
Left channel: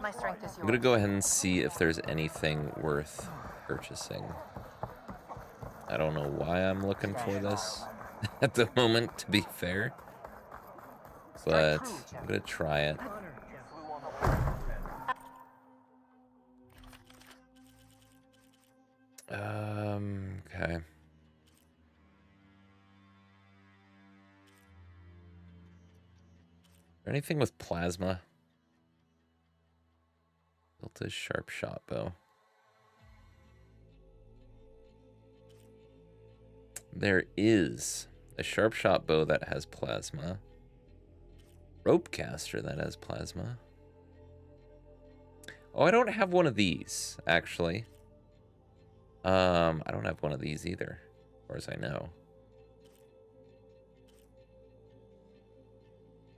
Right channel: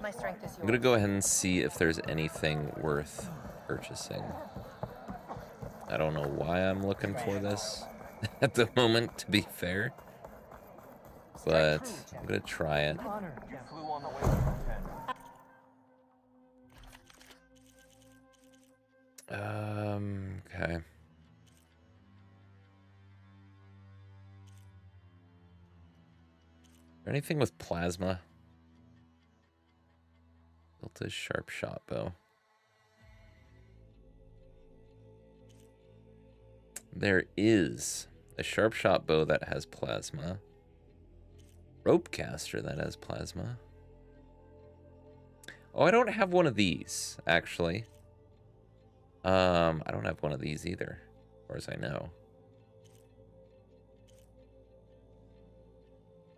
My strength is I'm gonna go ahead and see if there's anything worth purchasing. I don't know why I'm looking for this at the moment, to be fair, but I'm gonna try it. Okay. Anything with plasma? Built a sharp shot bow. There is a sharp shot bow that has plasma. Rope caster that has plasma. Oh, I don't have one of these, actually. I don't have one of these either, as far as I know.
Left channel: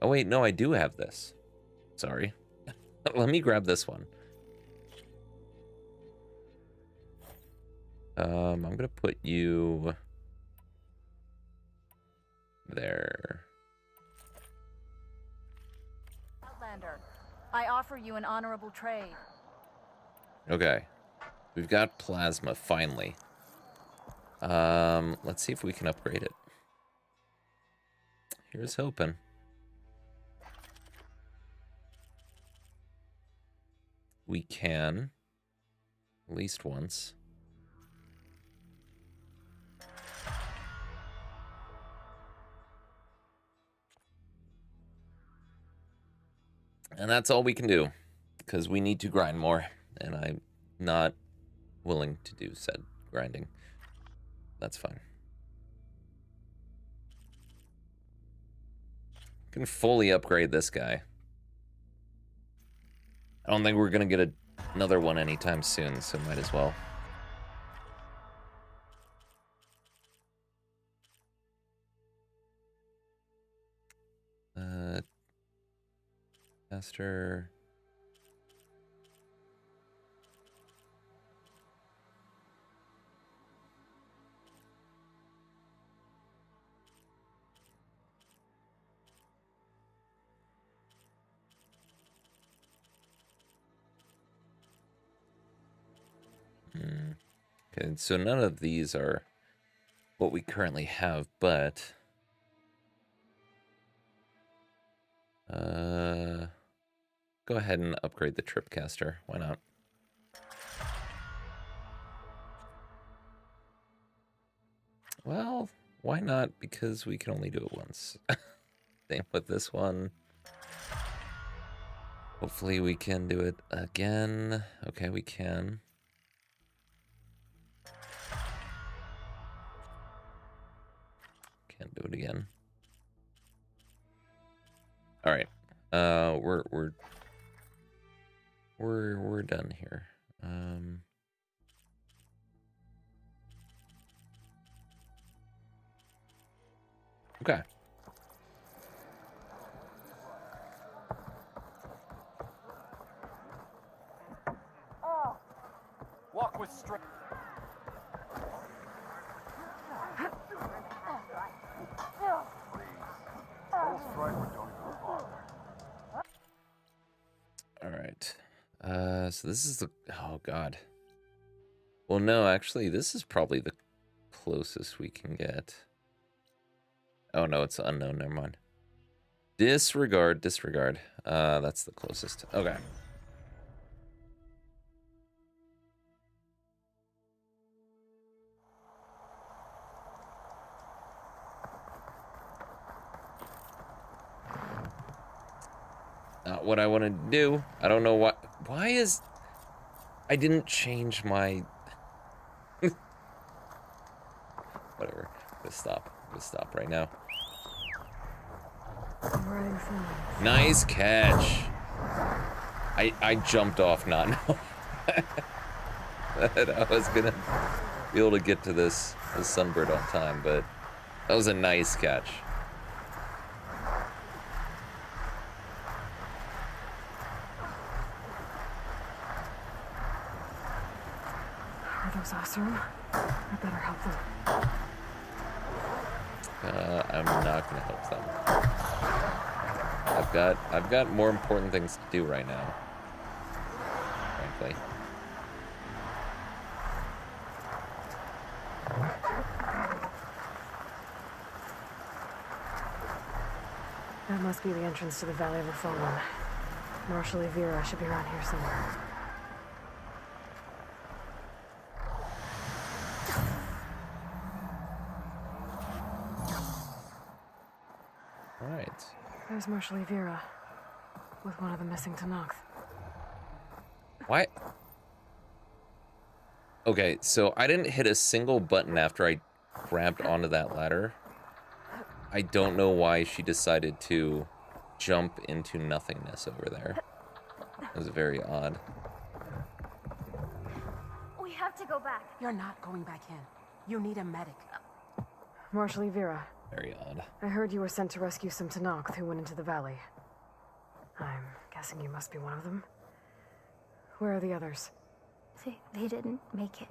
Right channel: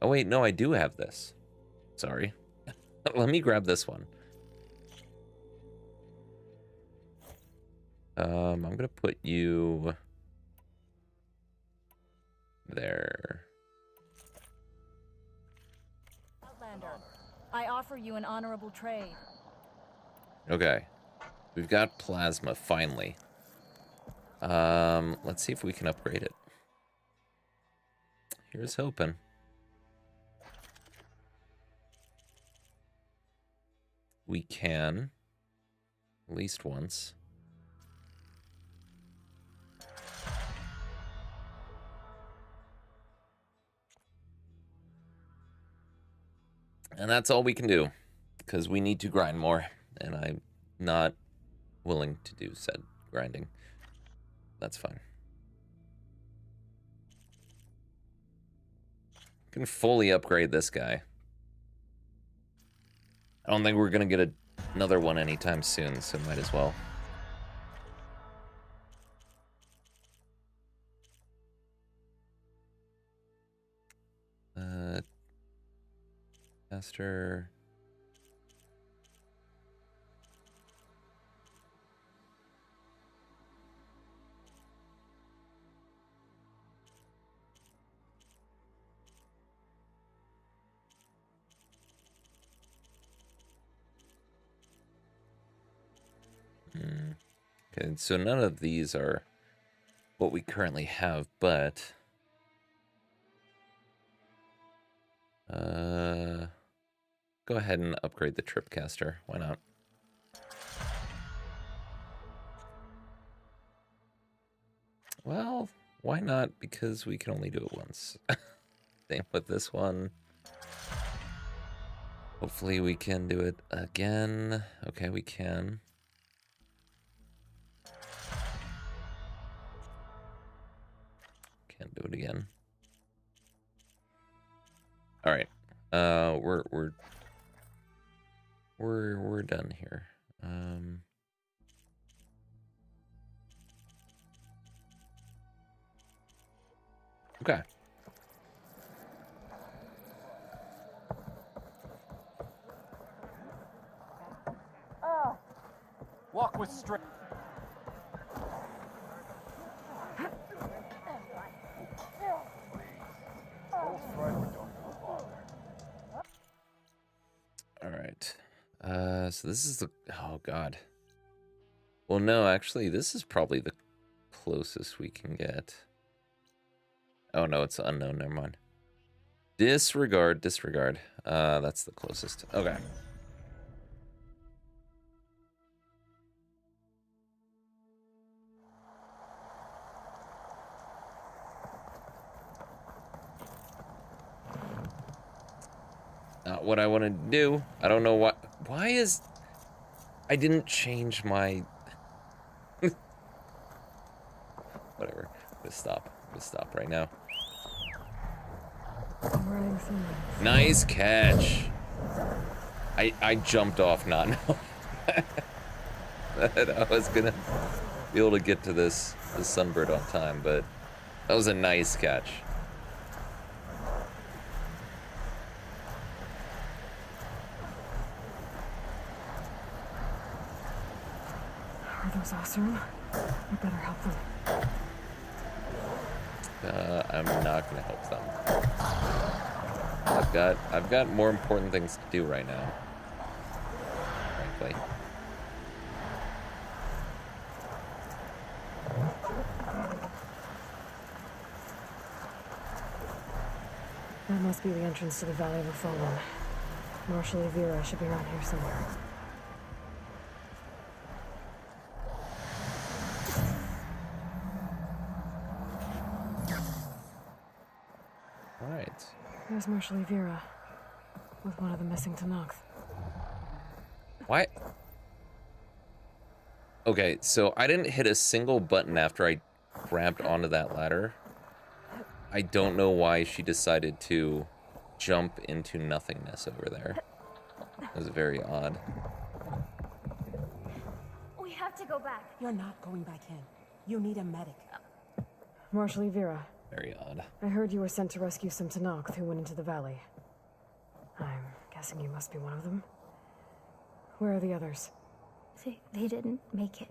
Oh wait, no, I do have this. Sorry. Let me grab this one. I'm gonna put you there. Outlander, I offer you an honorable trade. Okay. We've got plasma, finally. Let's see if we can upgrade it. Here's hoping. We can. At least once. And that's all we can do, because we need to grind more, and I'm not willing to do said grinding. That's fine. Can fully upgrade this guy. I don't think we're gonna get another one anytime soon, so might as well. Caster. Okay, so none of these are what we currently have, but go ahead and upgrade the Tripcaster. Why not? Well, why not? Because we can only do it once. Same with this one. Hopefully we can do it again. Okay, we can. Can't do it again. All right. We're done here. Okay. Walk with strength. All right. So this is the, oh God. Well, no, actually, this is probably the closest we can get. Oh no, it's unknown, never mind. Disregard. That's the closest. Okay. Not what I want to do. I don't know what. Why is... I didn't change my... Whatever. Let's stop. Let's stop right now. Nice catch. I jumped off not knowing that I was gonna be able to get to this sunbird on time, but that was a nice catch. Are those Oseram? I better help them. I'm not gonna help them. I've got more important things to do right now, frankly. That must be the entrance to the Valley of the Fallen. Marshal Evira should be around here somewhere. All right. There's Marshal Evira, with one of the missing Tenakth. Why? Okay, so I didn't hit a single button after I grabbed onto that ladder. I don't know why she decided to jump into nothingness over there. It was very odd. We have to go back. You're not going back in. You need a medic. Marshal Evira, Very odd. I heard you were sent to rescue some Tenakth who went into the valley. I'm guessing you must be one of them. Where are the others? They didn't make it.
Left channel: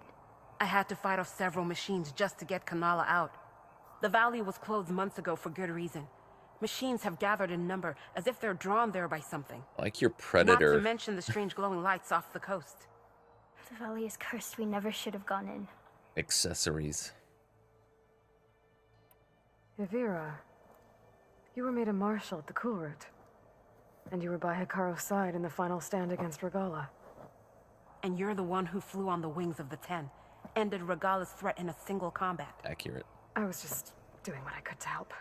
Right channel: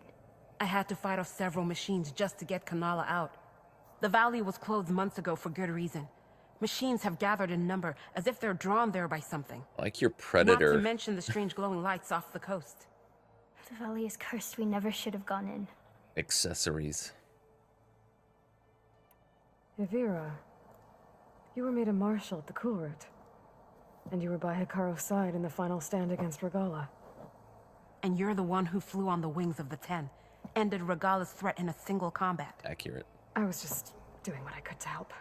I had to fight off several machines just to get Kanala out. The valley was closed months ago for good reason. Machines have gathered in number as if they're drawn there by something. Like your Not predator. to mention the strange glowing lights off the coast. The valley is cursed. We never should have gone in. Accessories. Evira, you were made a marshal at the Kulrut. And you were by Hikaru's side in the final stand against Regala. And you're the one who flew on the wings of the Ten, ended Regala's threat in a single combat. Accurate. I was just doing what I could to help.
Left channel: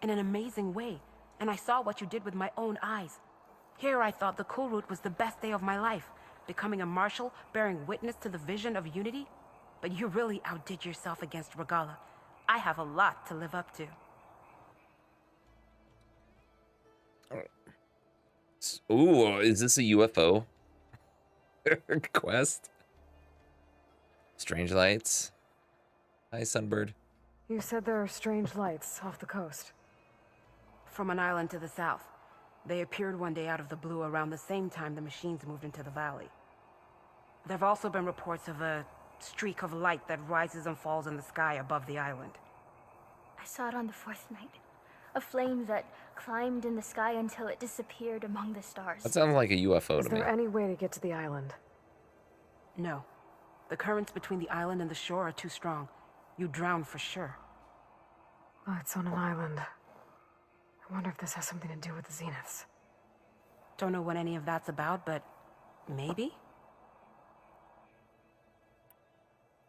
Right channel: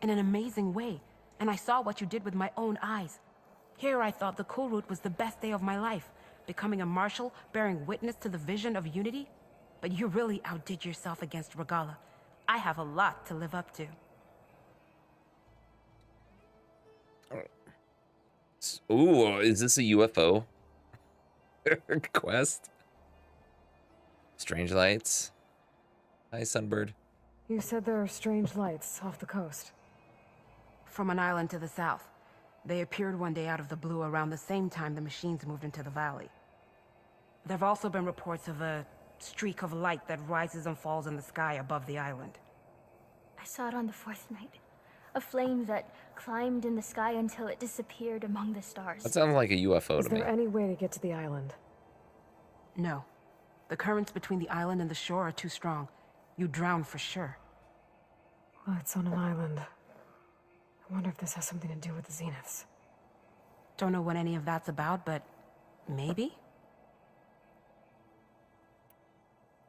In an amazing way, and I saw what you did with my own eyes. Here I thought the Kulrut was the best day of my life, becoming a marshal, bearing witness to the vision of unity. But you really outdid yourself against Regala. I have a lot to live up to. Ooh, is this a UFO quest? Strange lights. Hi, Sunbird. You said there are strange lights off the coast. From an island to the south. They appeared one day out of the blue around the same time the machines moved into the valley. There have also been reports of a streak of light that rises and falls in the sky above the island. I saw it on the fourth night. A flame that climbed in the sky until it disappeared among the stars. That sounds like a UFO Is to me. there any way to get to the island? No. The currents between the island and the shore are too strong. You drown for sure. Oh, it's on an island. I wonder if this has something to do with the Zeniths. Don't know what any of that's about, but maybe?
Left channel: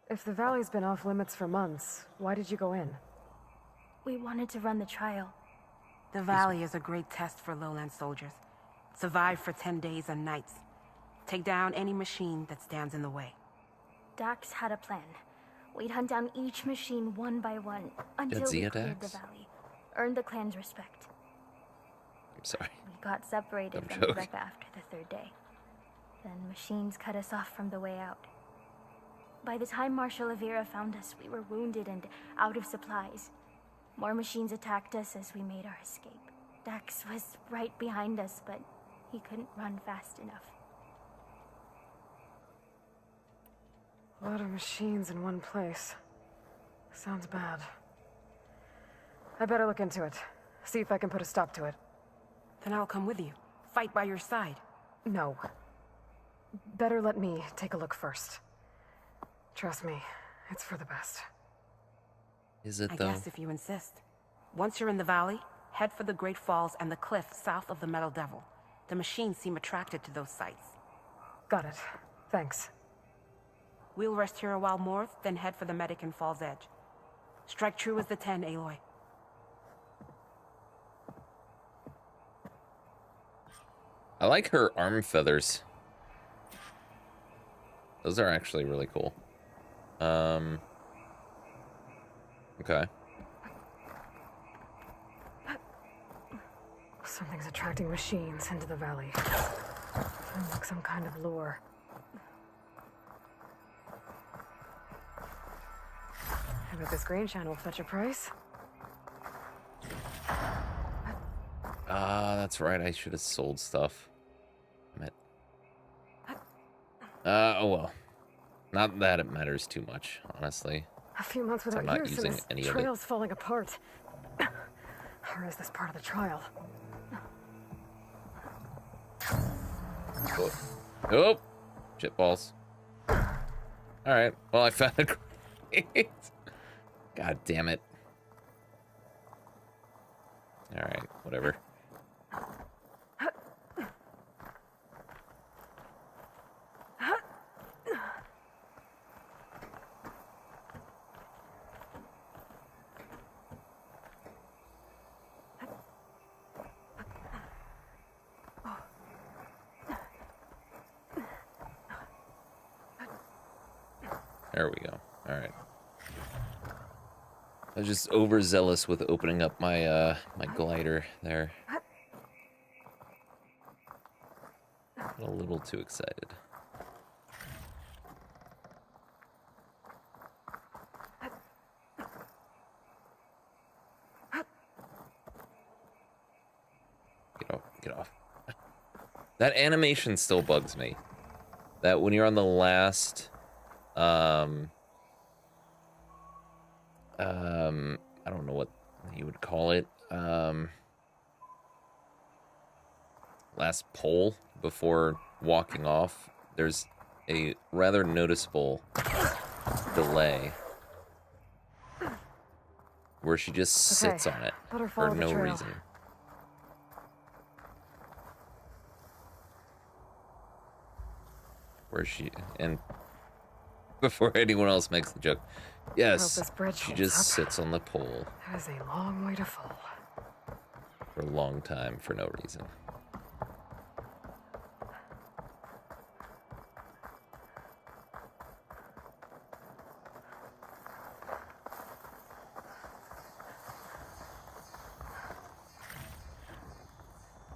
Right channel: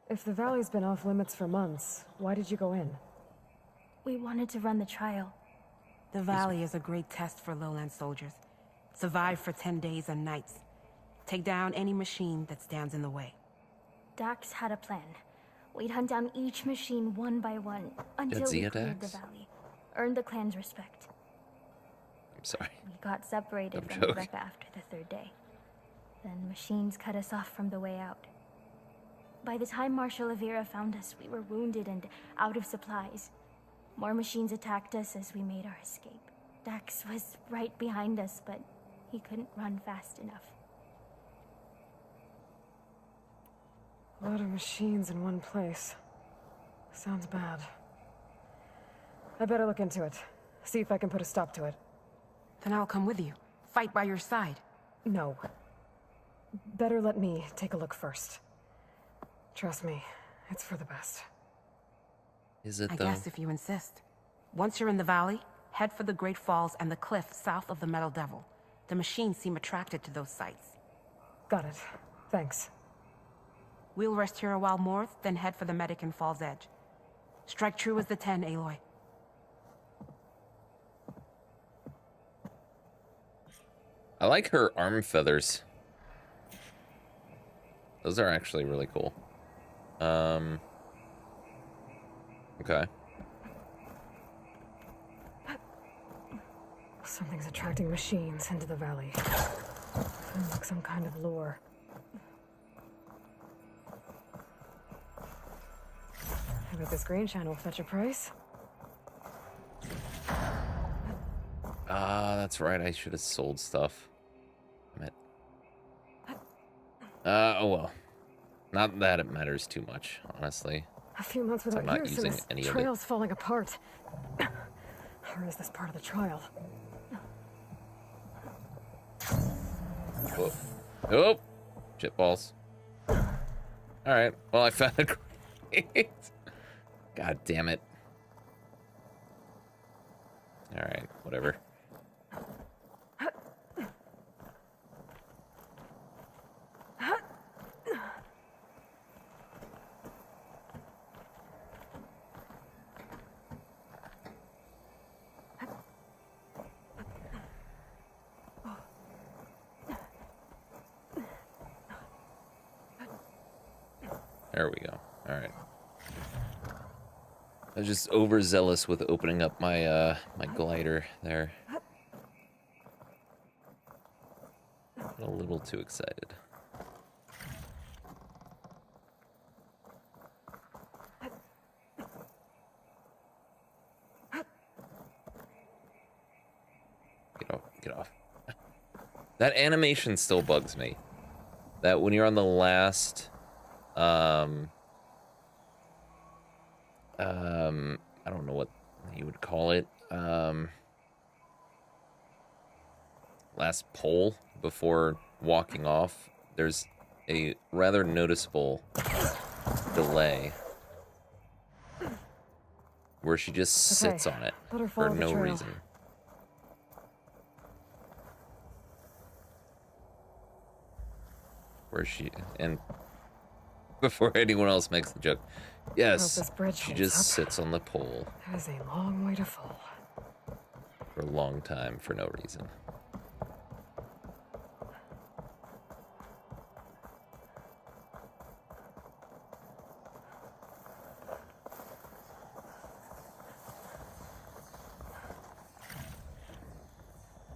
If the valley's been off limits for months, why did you go in? We wanted to run the trial. The valley is a great test for lowland soldiers. Survive for 10 days and nights. Take down any machine that stands in the way. Dax had a plan. We'd hunt down each machine one by one until we Jadzia cleared the Dax? valley. Earned the clan's respect. I'm sorry. We got separated Dumb from the joke. group after the third day. Then machines cut us off from the way out. By the time Marshal Avira found us, we were wounded and out of supplies. More machines attacked us as we made our escape. Dax was right behind us, but he couldn't run fast enough. A lot of machines in one place. Sounds bad. I better look into it. See if I can put a stop to it. Then I'll come with you. Fight by your side. No. Better let me take a look first. Trust me, it's for the best. Is it I though? guess if you insist. Once you're in the valley, head for the Great Falls and the cliff south of the Metal Devil. The machines seem attracted to those sites. Got it. Thanks. We'll rest here a while more, then head for the medic in Falls Edge. Strike true as the 10, Aloy. I like her arm feathers. Those are actually really cool. Okay. Something's attracting machines into the valley. Seems like some kind of lure. I bet this grain channel will fetch a price. Ah, that's right. I should have sold stuff. Damn it. Oh well. Not that it matters too much, honestly. A few months So without I'm not use, using and this any of it. trail's falling apart. Or is this part of the trial? Oh, oh. Shit balls. All right. Well, I found a crate. God damn it. All right. Whatever. There we go. All right. I was just overzealous with opening up my my glider there. Got a little too excited. Get off, get off. That animation still bugs me. That when you're on the last I don't know what you would call it. Last pole before walking off, there's a rather noticeable delay where she just sits on it let her for follow the no trail. reason. Where she, and before anyone else makes the joke, yes, this bridge she holds just up. sits on the pole That is a long way to fall. for a long time for no reason.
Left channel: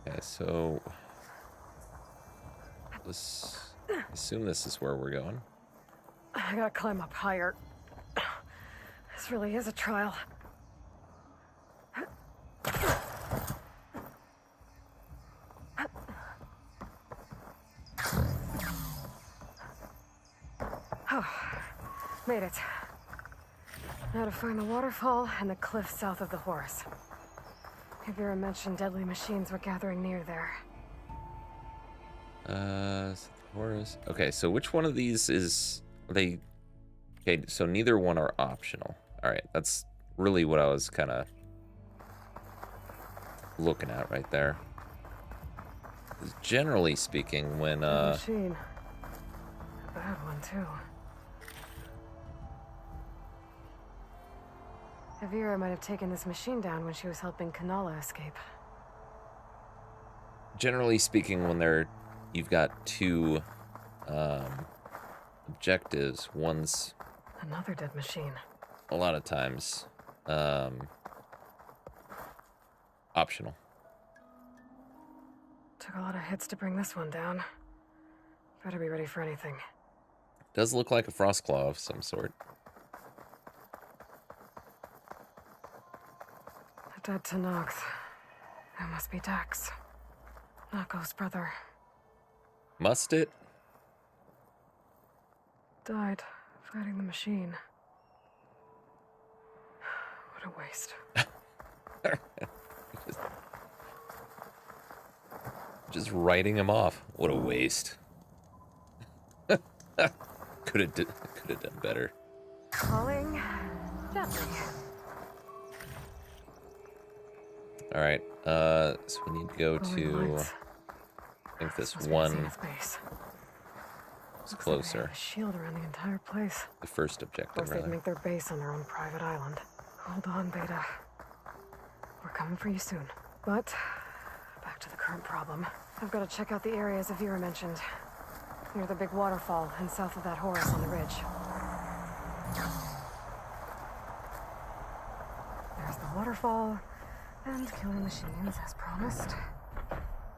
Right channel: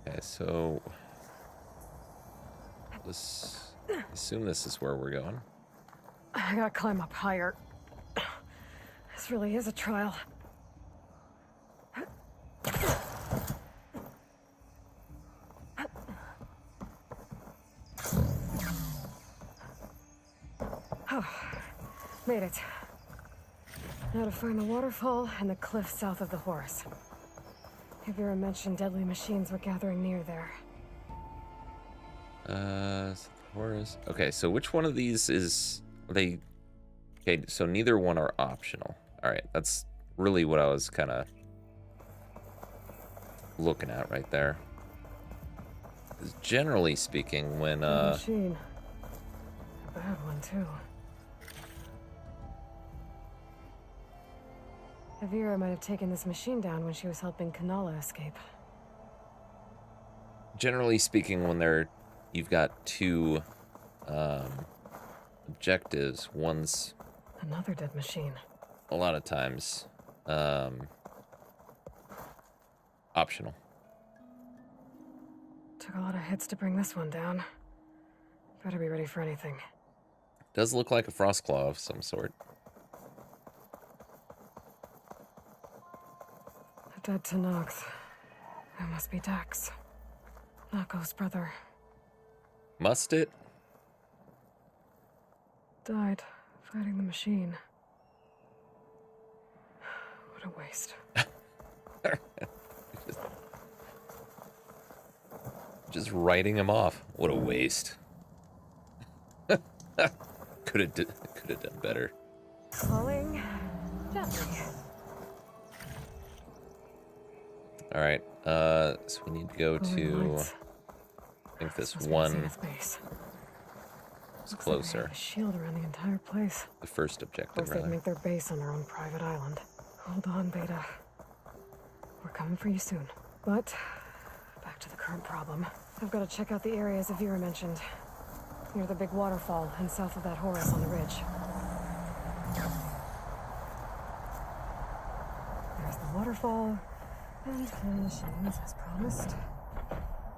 Okay, so this, I assume this is where we're going. I gotta climb up higher. This really is a trial. Oh, made it. Now to find the waterfall and the cliff south of the horse. Avira mentioned deadly machines were gathering near there. So the horse. Okay, so which one of these is they? Okay, so neither one are optional. All right, that's really what I was kind of looking at right there. 'Cause generally speaking, when Machine. A bad one too. Avira might have taken this machine down when she was helping Kanala escape. Generally speaking, when you've got two objectives, one's Another dead machine. a lot of times optional. Took a lot of hits to bring this one down. Better be ready for anything. Does look like a frost claw of some sort. A dead Tanox. That must be Dax. Nako's brother. Must it? Died fighting the machine. What a waste. just writing him off. What a waste. Could have done better. Calling gently. All right. So we need to go to. I think this one is closer. A shield around the entire place. The first objective, They'd rather. make their base on their own private island. Hold on, Beta. We're coming for you soon. But back to the current problem. I've got to check out the areas Avira mentioned. Near the big waterfall and south of that Horus on the ridge. There's the waterfall. And killing machines as promised.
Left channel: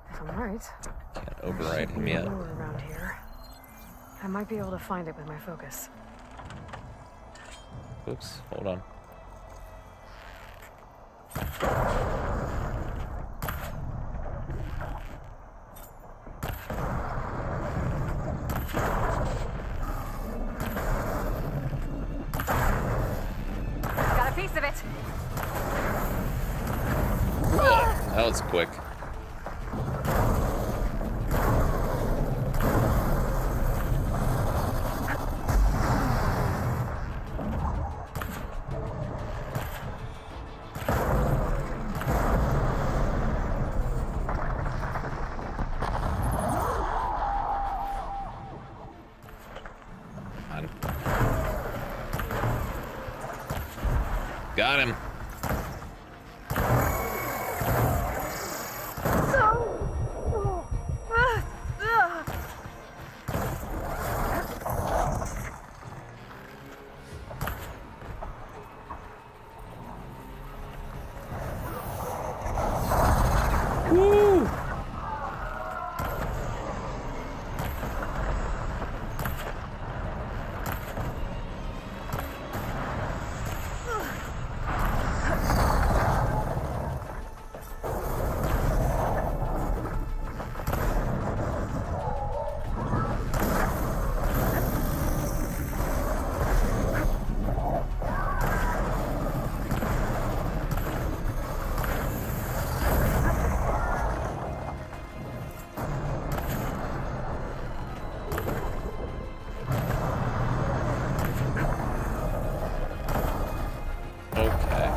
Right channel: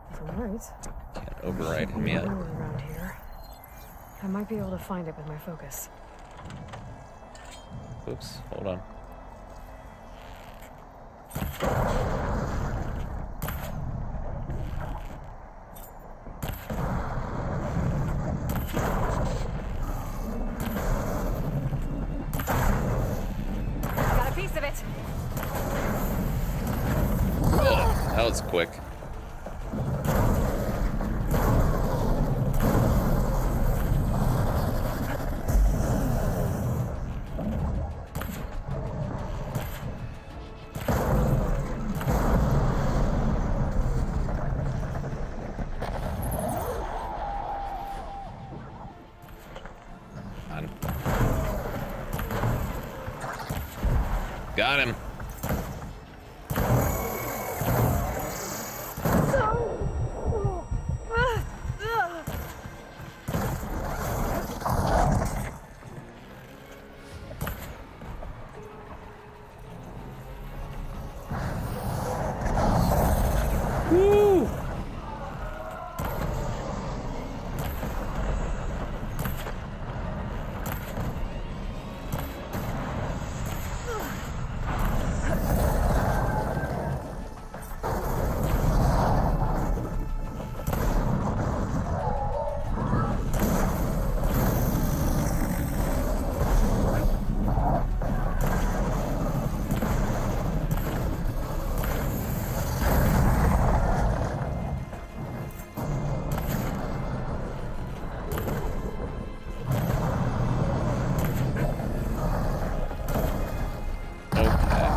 If I'm right. Can't override him yet. Around here. I might be able to find it with my focus. Oops, hold on. Got a piece of it. Whoa, that was quick. Got him. Woo! Okay.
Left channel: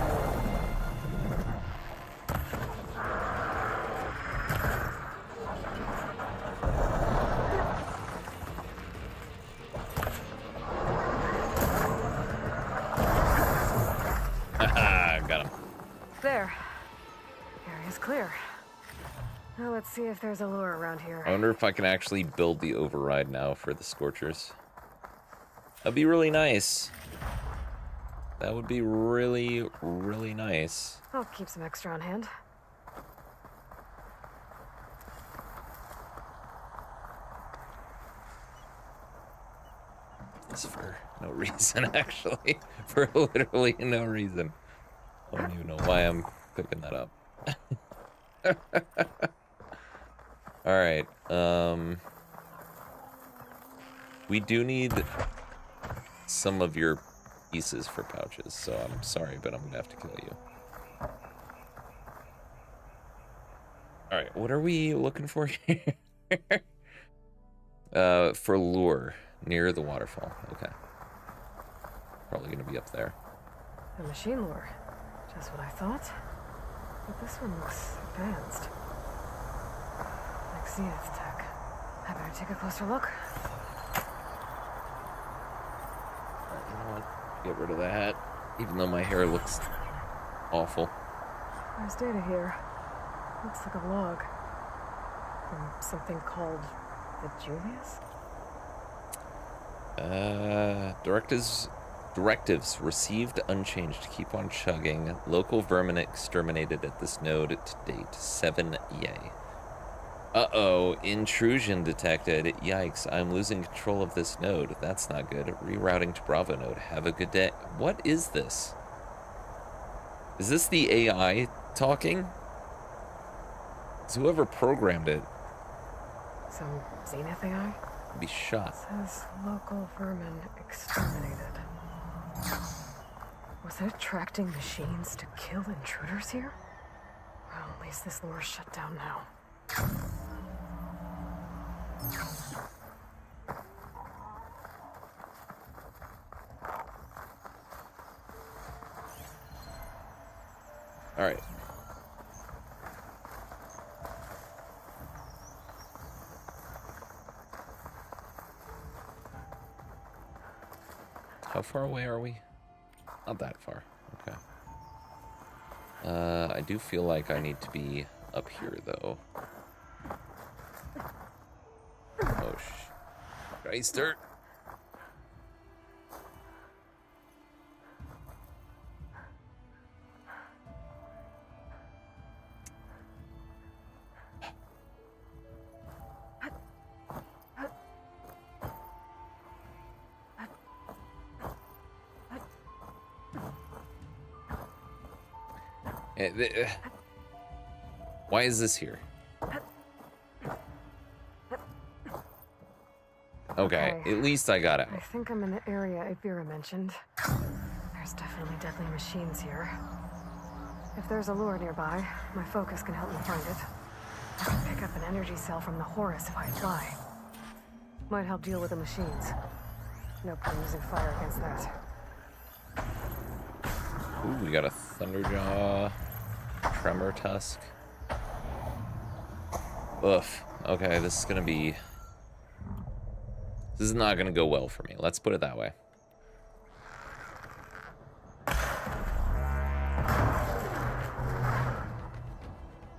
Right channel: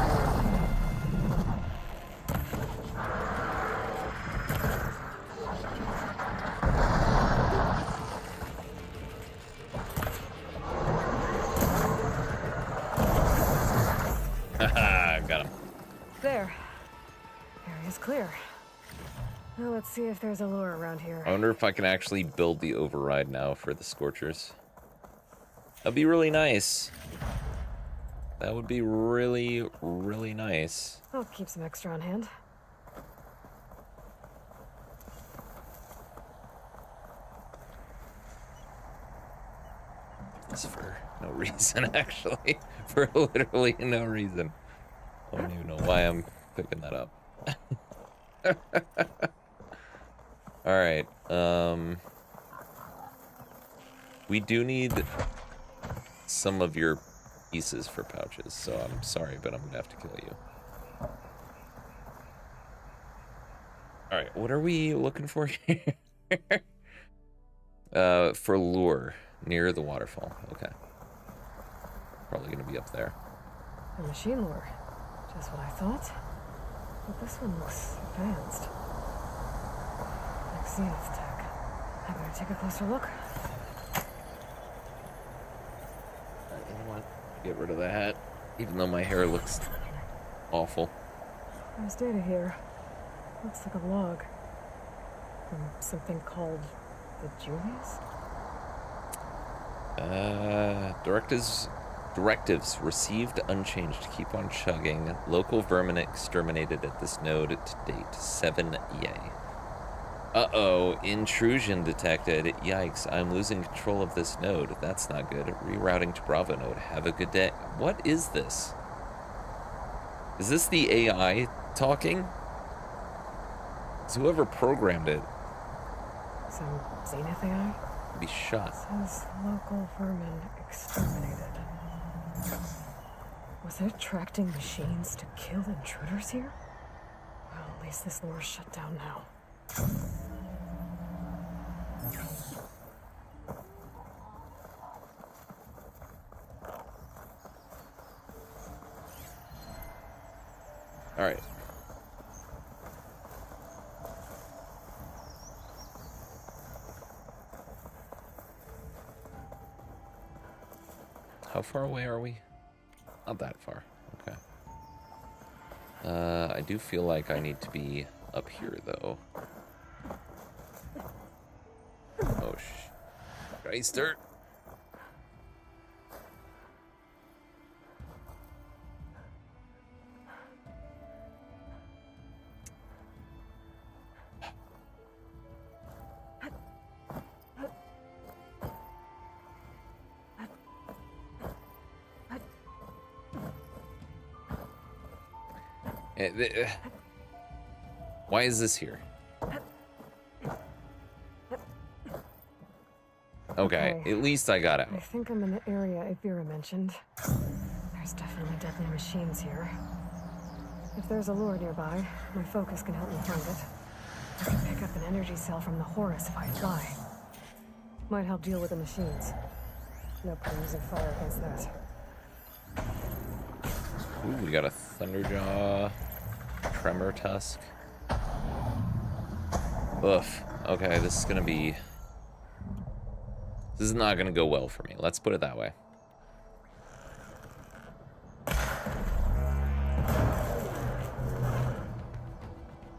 Haha, got him. There. Area's clear. Now let's see if there's a lure around here. I wonder if I can actually build the override now for the Scorchers. That'd be really nice. That would be really, really nice. I'll keep some extra on hand. This for no reason, actually. For literally no reason. I don't even know why I'm picking that up. Alright, we do need some of your pieces for pouches, so I'm sorry, but I'm gonna have to kill you. Alright, what are we looking for here? For lure, near the waterfall. Okay. Probably gonna be up there. The machine lure. Just what I thought. But this one looks advanced. Like Xeoth tech. I better take a closer look. You know what? Get rid of that. Even though my hair looks awful. There's data here. Looks like a log. From something called the Julius? Directives received unchanged. Keep on chugging. Local vermin exterminated at this node to date. 7 yay. Uh-oh, intrusion detected. Yikes, I'm losing control of this node. That's not good. Rerouting to Bravo node. Have a good day. What is this? Is this the AI talking? Is whoever programmed it Some Zenith AI? be shot? Says local vermin exterminated. Was it attracting machines to kill intruders here? Well, at least this lore's shut down now. All right. How far away are we? Not that far. Okay. I do feel like I need to be up here, though. Oh, Geister. Why is this here? Okay, at least I got out. I think I'm in the area Avira mentioned. There's definitely deadly machines here. If there's a lure nearby, my focus can help me find it. I can pick up an energy cell from the Horus if I try. Might help deal with the machines. No point using fire against that. Ooh, we got a Thunderjaw, Tremor Tusk. Oof. Okay, this is gonna be... This is not gonna go well for me. Let's put it that way.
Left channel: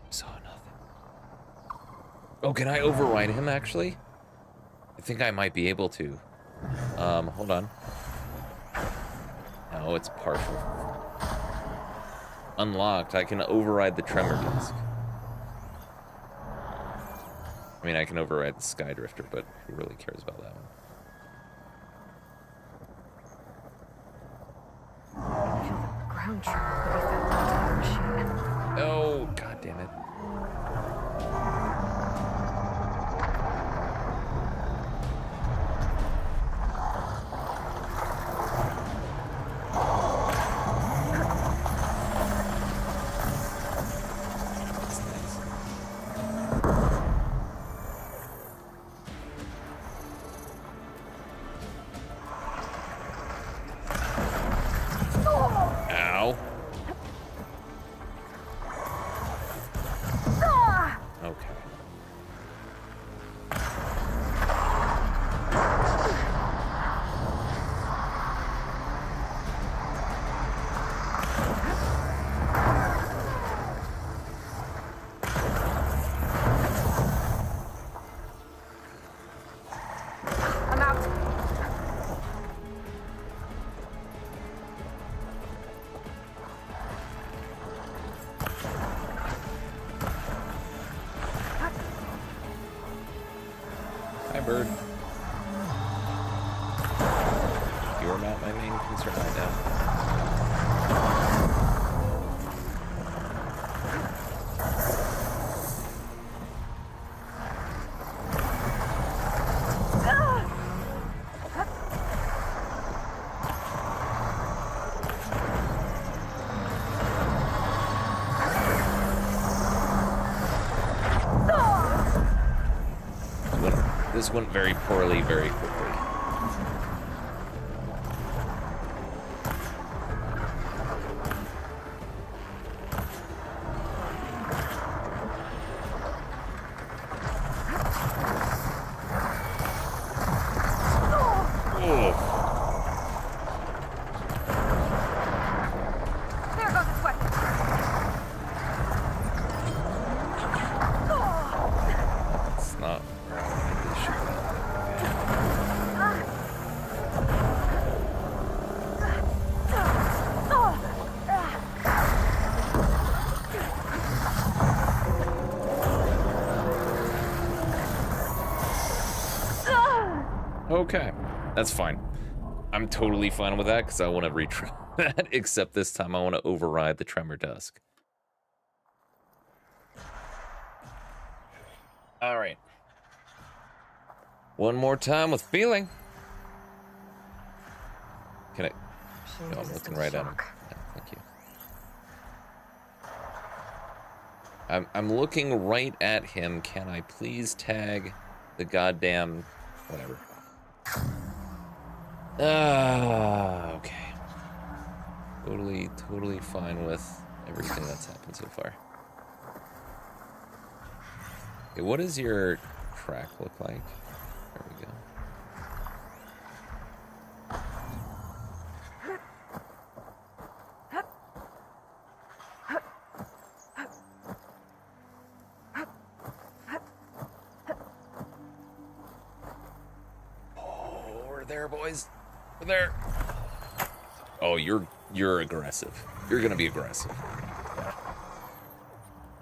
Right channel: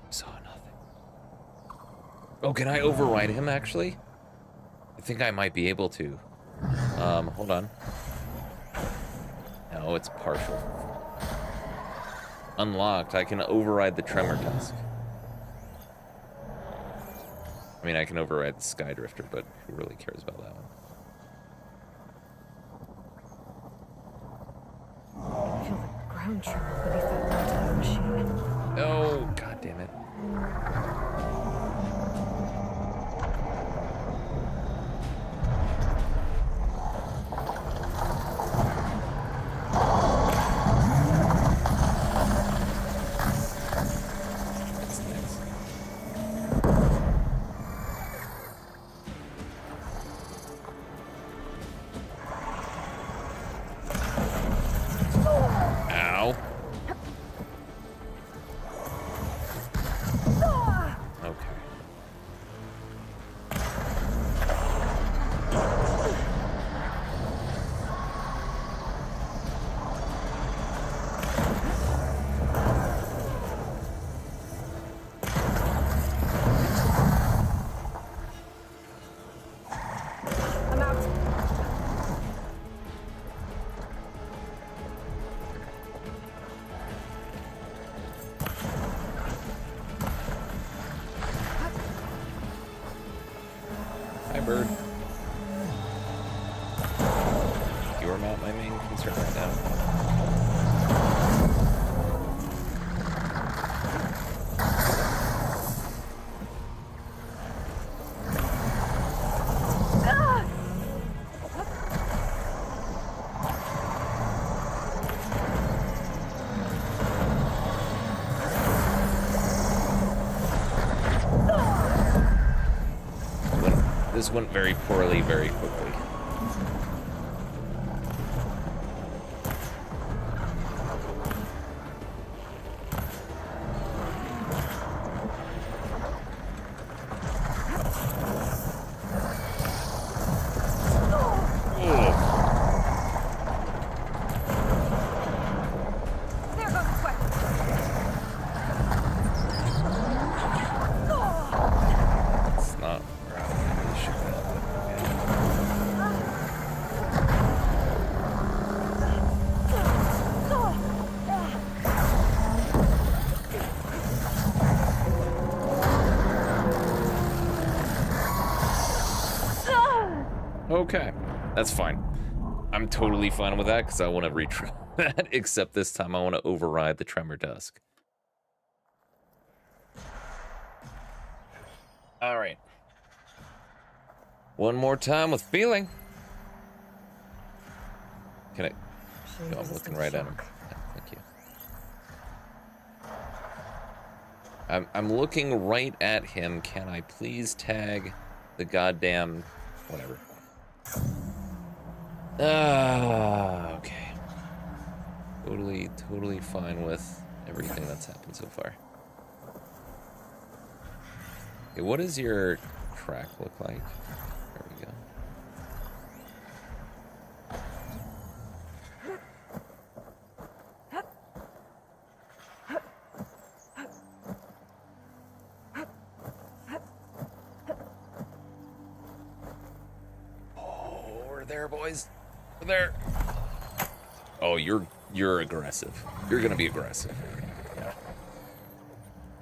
Saw nothing. Oh, can I override him, actually? I think I might be able to. Hold on. No, it's partial. Unlocked. I can override the Tremor Tusk. I mean, I can override the Skydrifter, but who really cares about that one? I feel the ground tremor beneath that machine. Oh, god damn it. It's nice. Ow. Okay. I'm out. Hi, bird. You are not my main concern right now. This went very poorly, very quickly. Ugh. Okay, that's fine. I'm totally fine with that because I want to retry that, except this time I want to override the Tremor Tusk. All right. One more time with feeling. Can I? No, I'm looking right at him. Yeah, thank you. I'm looking right at him. Can I please tag the goddamn whatever? Okay. Totally fine with everything that's happened so far. Okay, what does your track look like? There we go. Oh, we're there, boys. We're there. Oh, you're aggressive. You're gonna be aggressive. Yeah.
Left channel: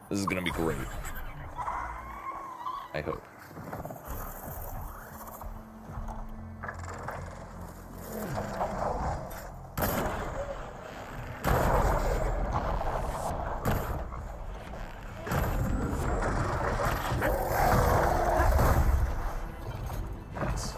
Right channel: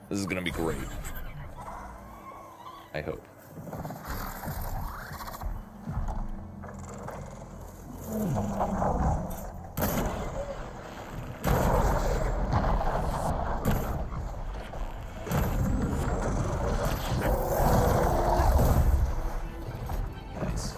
This is gonna be great. I hope. Nice.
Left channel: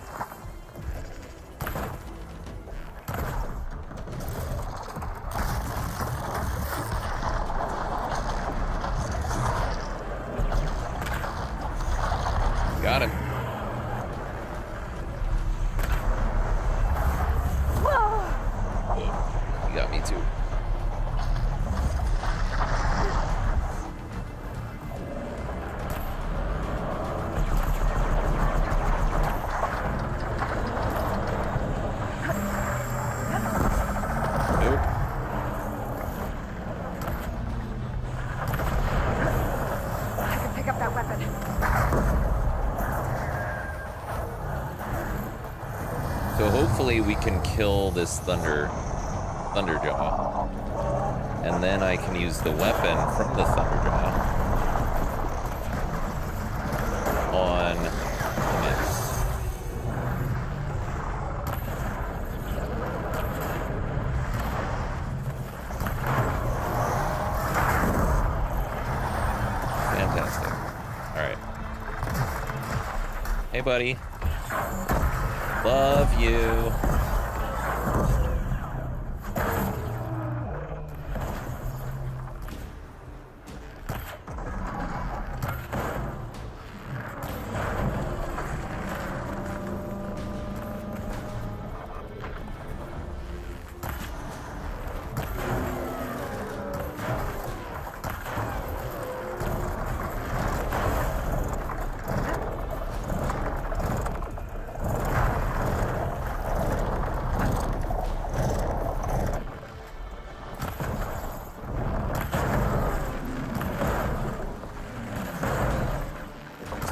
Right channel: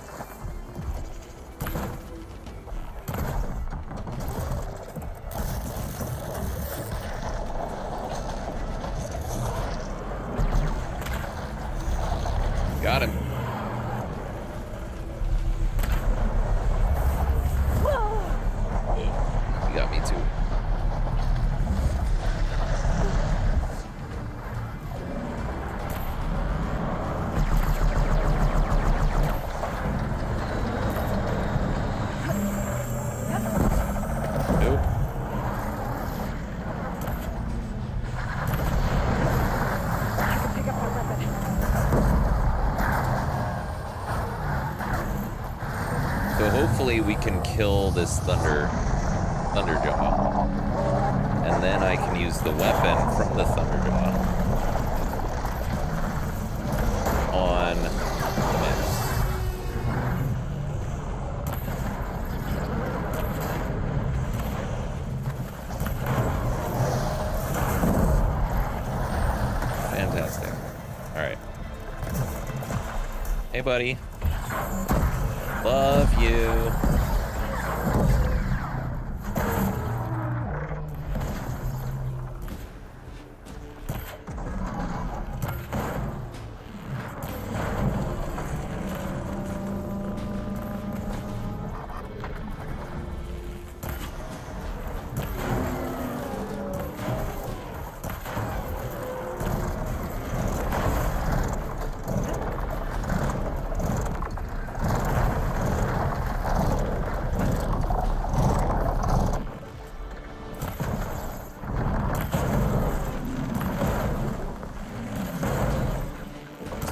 Got him. He got me too. Nope. Pick up that weapon. So hopefully we can kill this Thunderjaw. And then I can use the weapon from the Thunderjaw on the map. Fantastic. All right. Hey, buddy. Love you.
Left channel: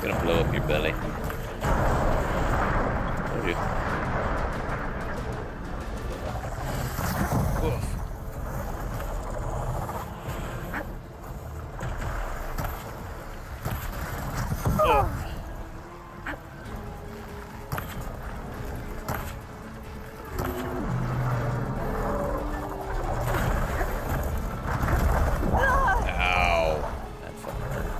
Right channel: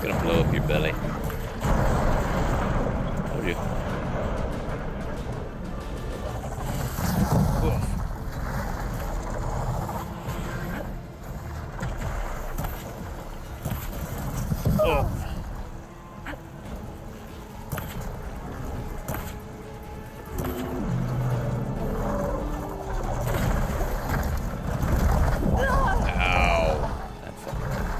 Gonna blow up your belly. Told you. Oof. Oh. Ow. That fucking hurt.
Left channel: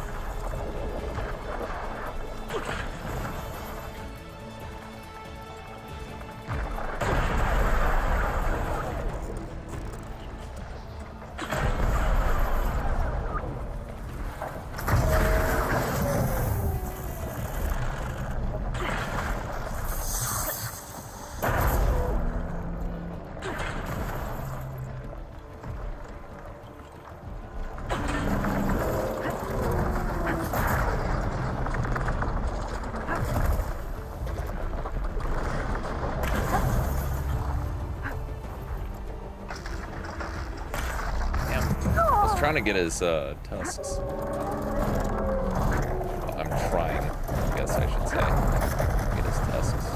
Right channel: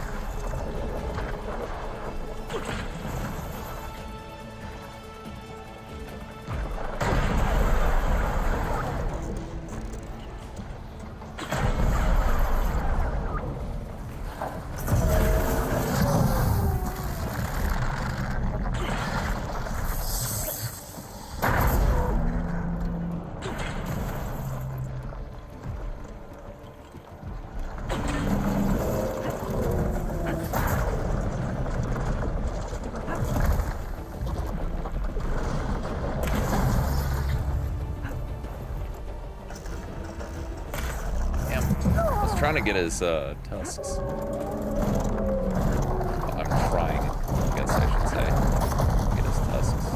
Trying to get his tusks. Well, I'm trying, I guess I should say, get his tusks.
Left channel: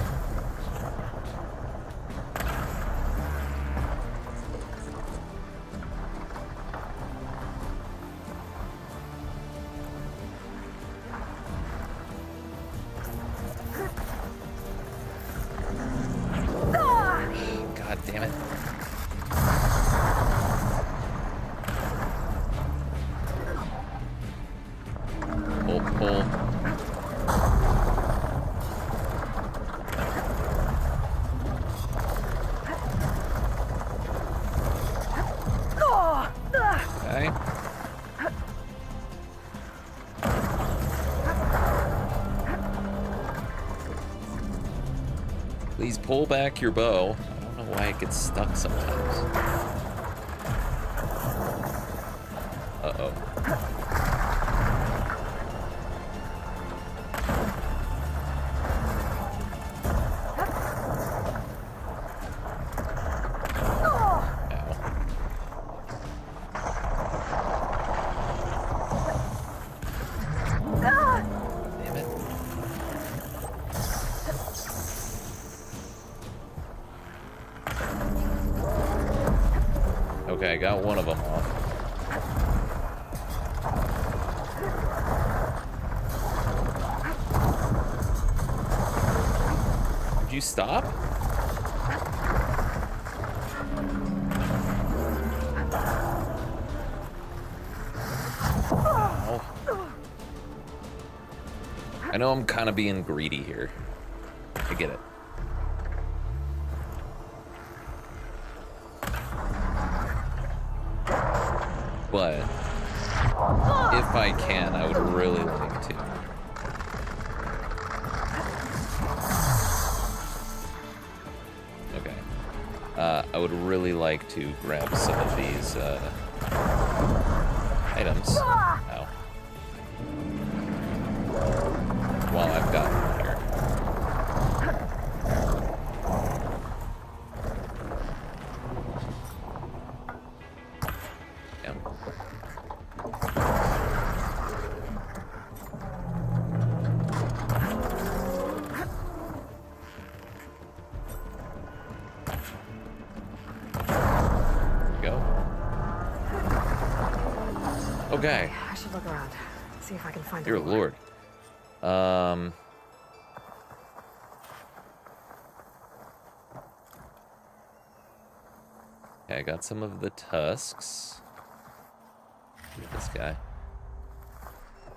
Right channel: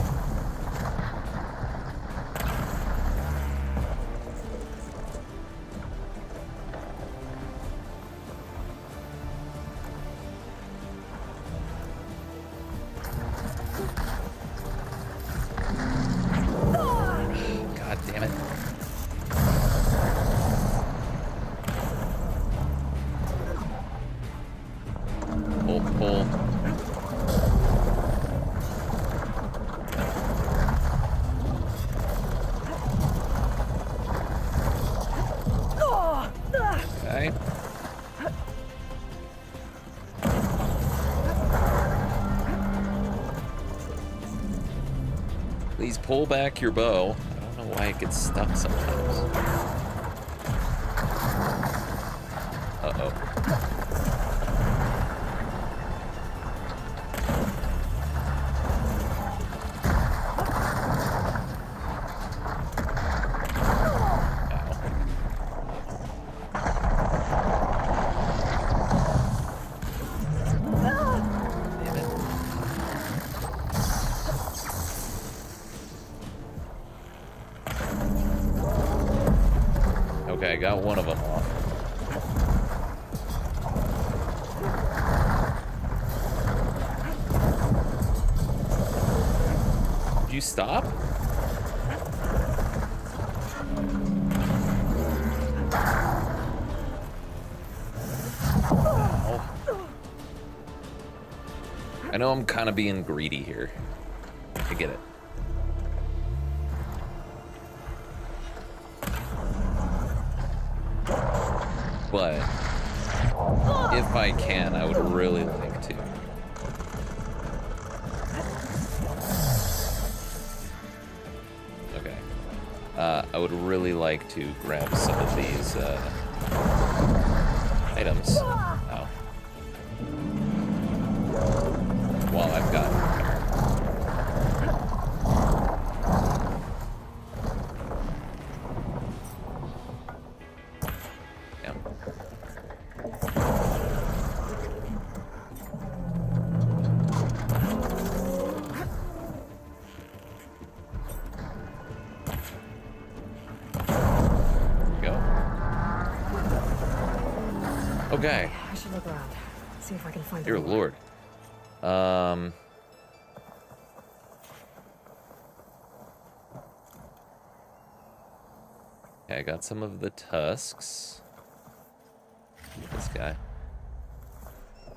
pull. Okay. Please pull back your bow. I don't know why it gets stuck sometimes. Uh-oh. Okay, I got one of them off. Would you stop? Ow. I know I'm kind of being greedy here. I get it. But if I can, I would really like to. Okay. I would really like to grab some of these items. Ow. While I've got them here. Okay. I should look around. See if I can find Dear Lord. Okay, I got some of the tusks. Keep this guy.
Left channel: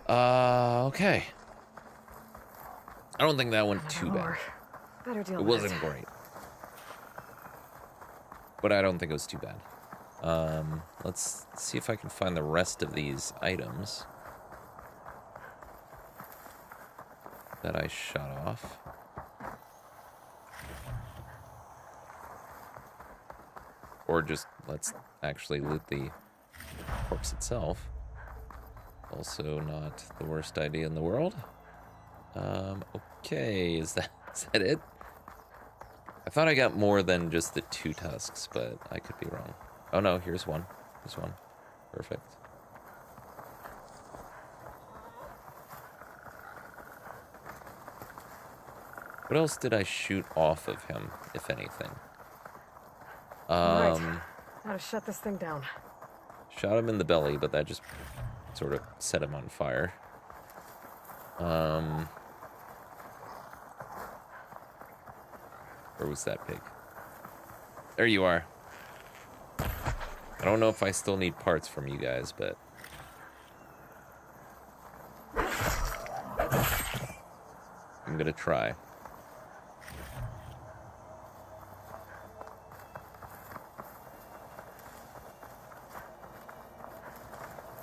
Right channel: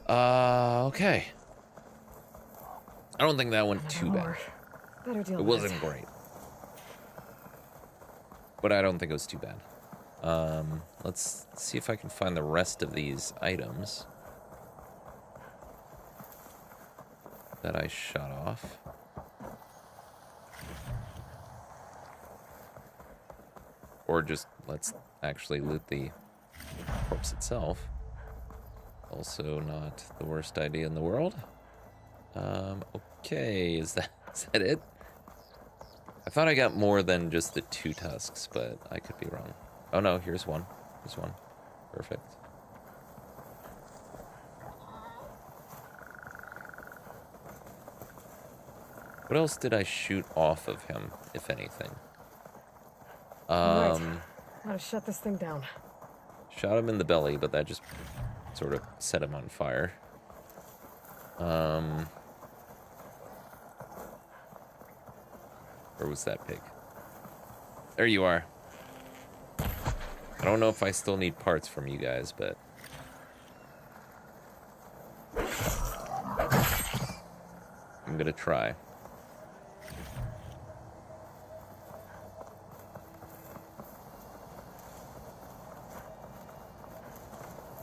Okay. I don't think that went too bad. It wasn't great. But I don't think it was too bad. Let's see if I can find the rest of these items that I shot off. Or just let's actually loot the corpse itself. Also not the worst idea in the world. Okay, is that it? I thought I got more than just the 2 tusks, but I could be wrong. Oh no, here's one. Here's one. Perfect. What else did I shoot off of him, if anything? Right. How to shut this thing down. Shot him in the belly, but that just sort of set him on fire. Where was that pig? There you are. I don't know if I still need parts from you guys, but... I'm gonna try.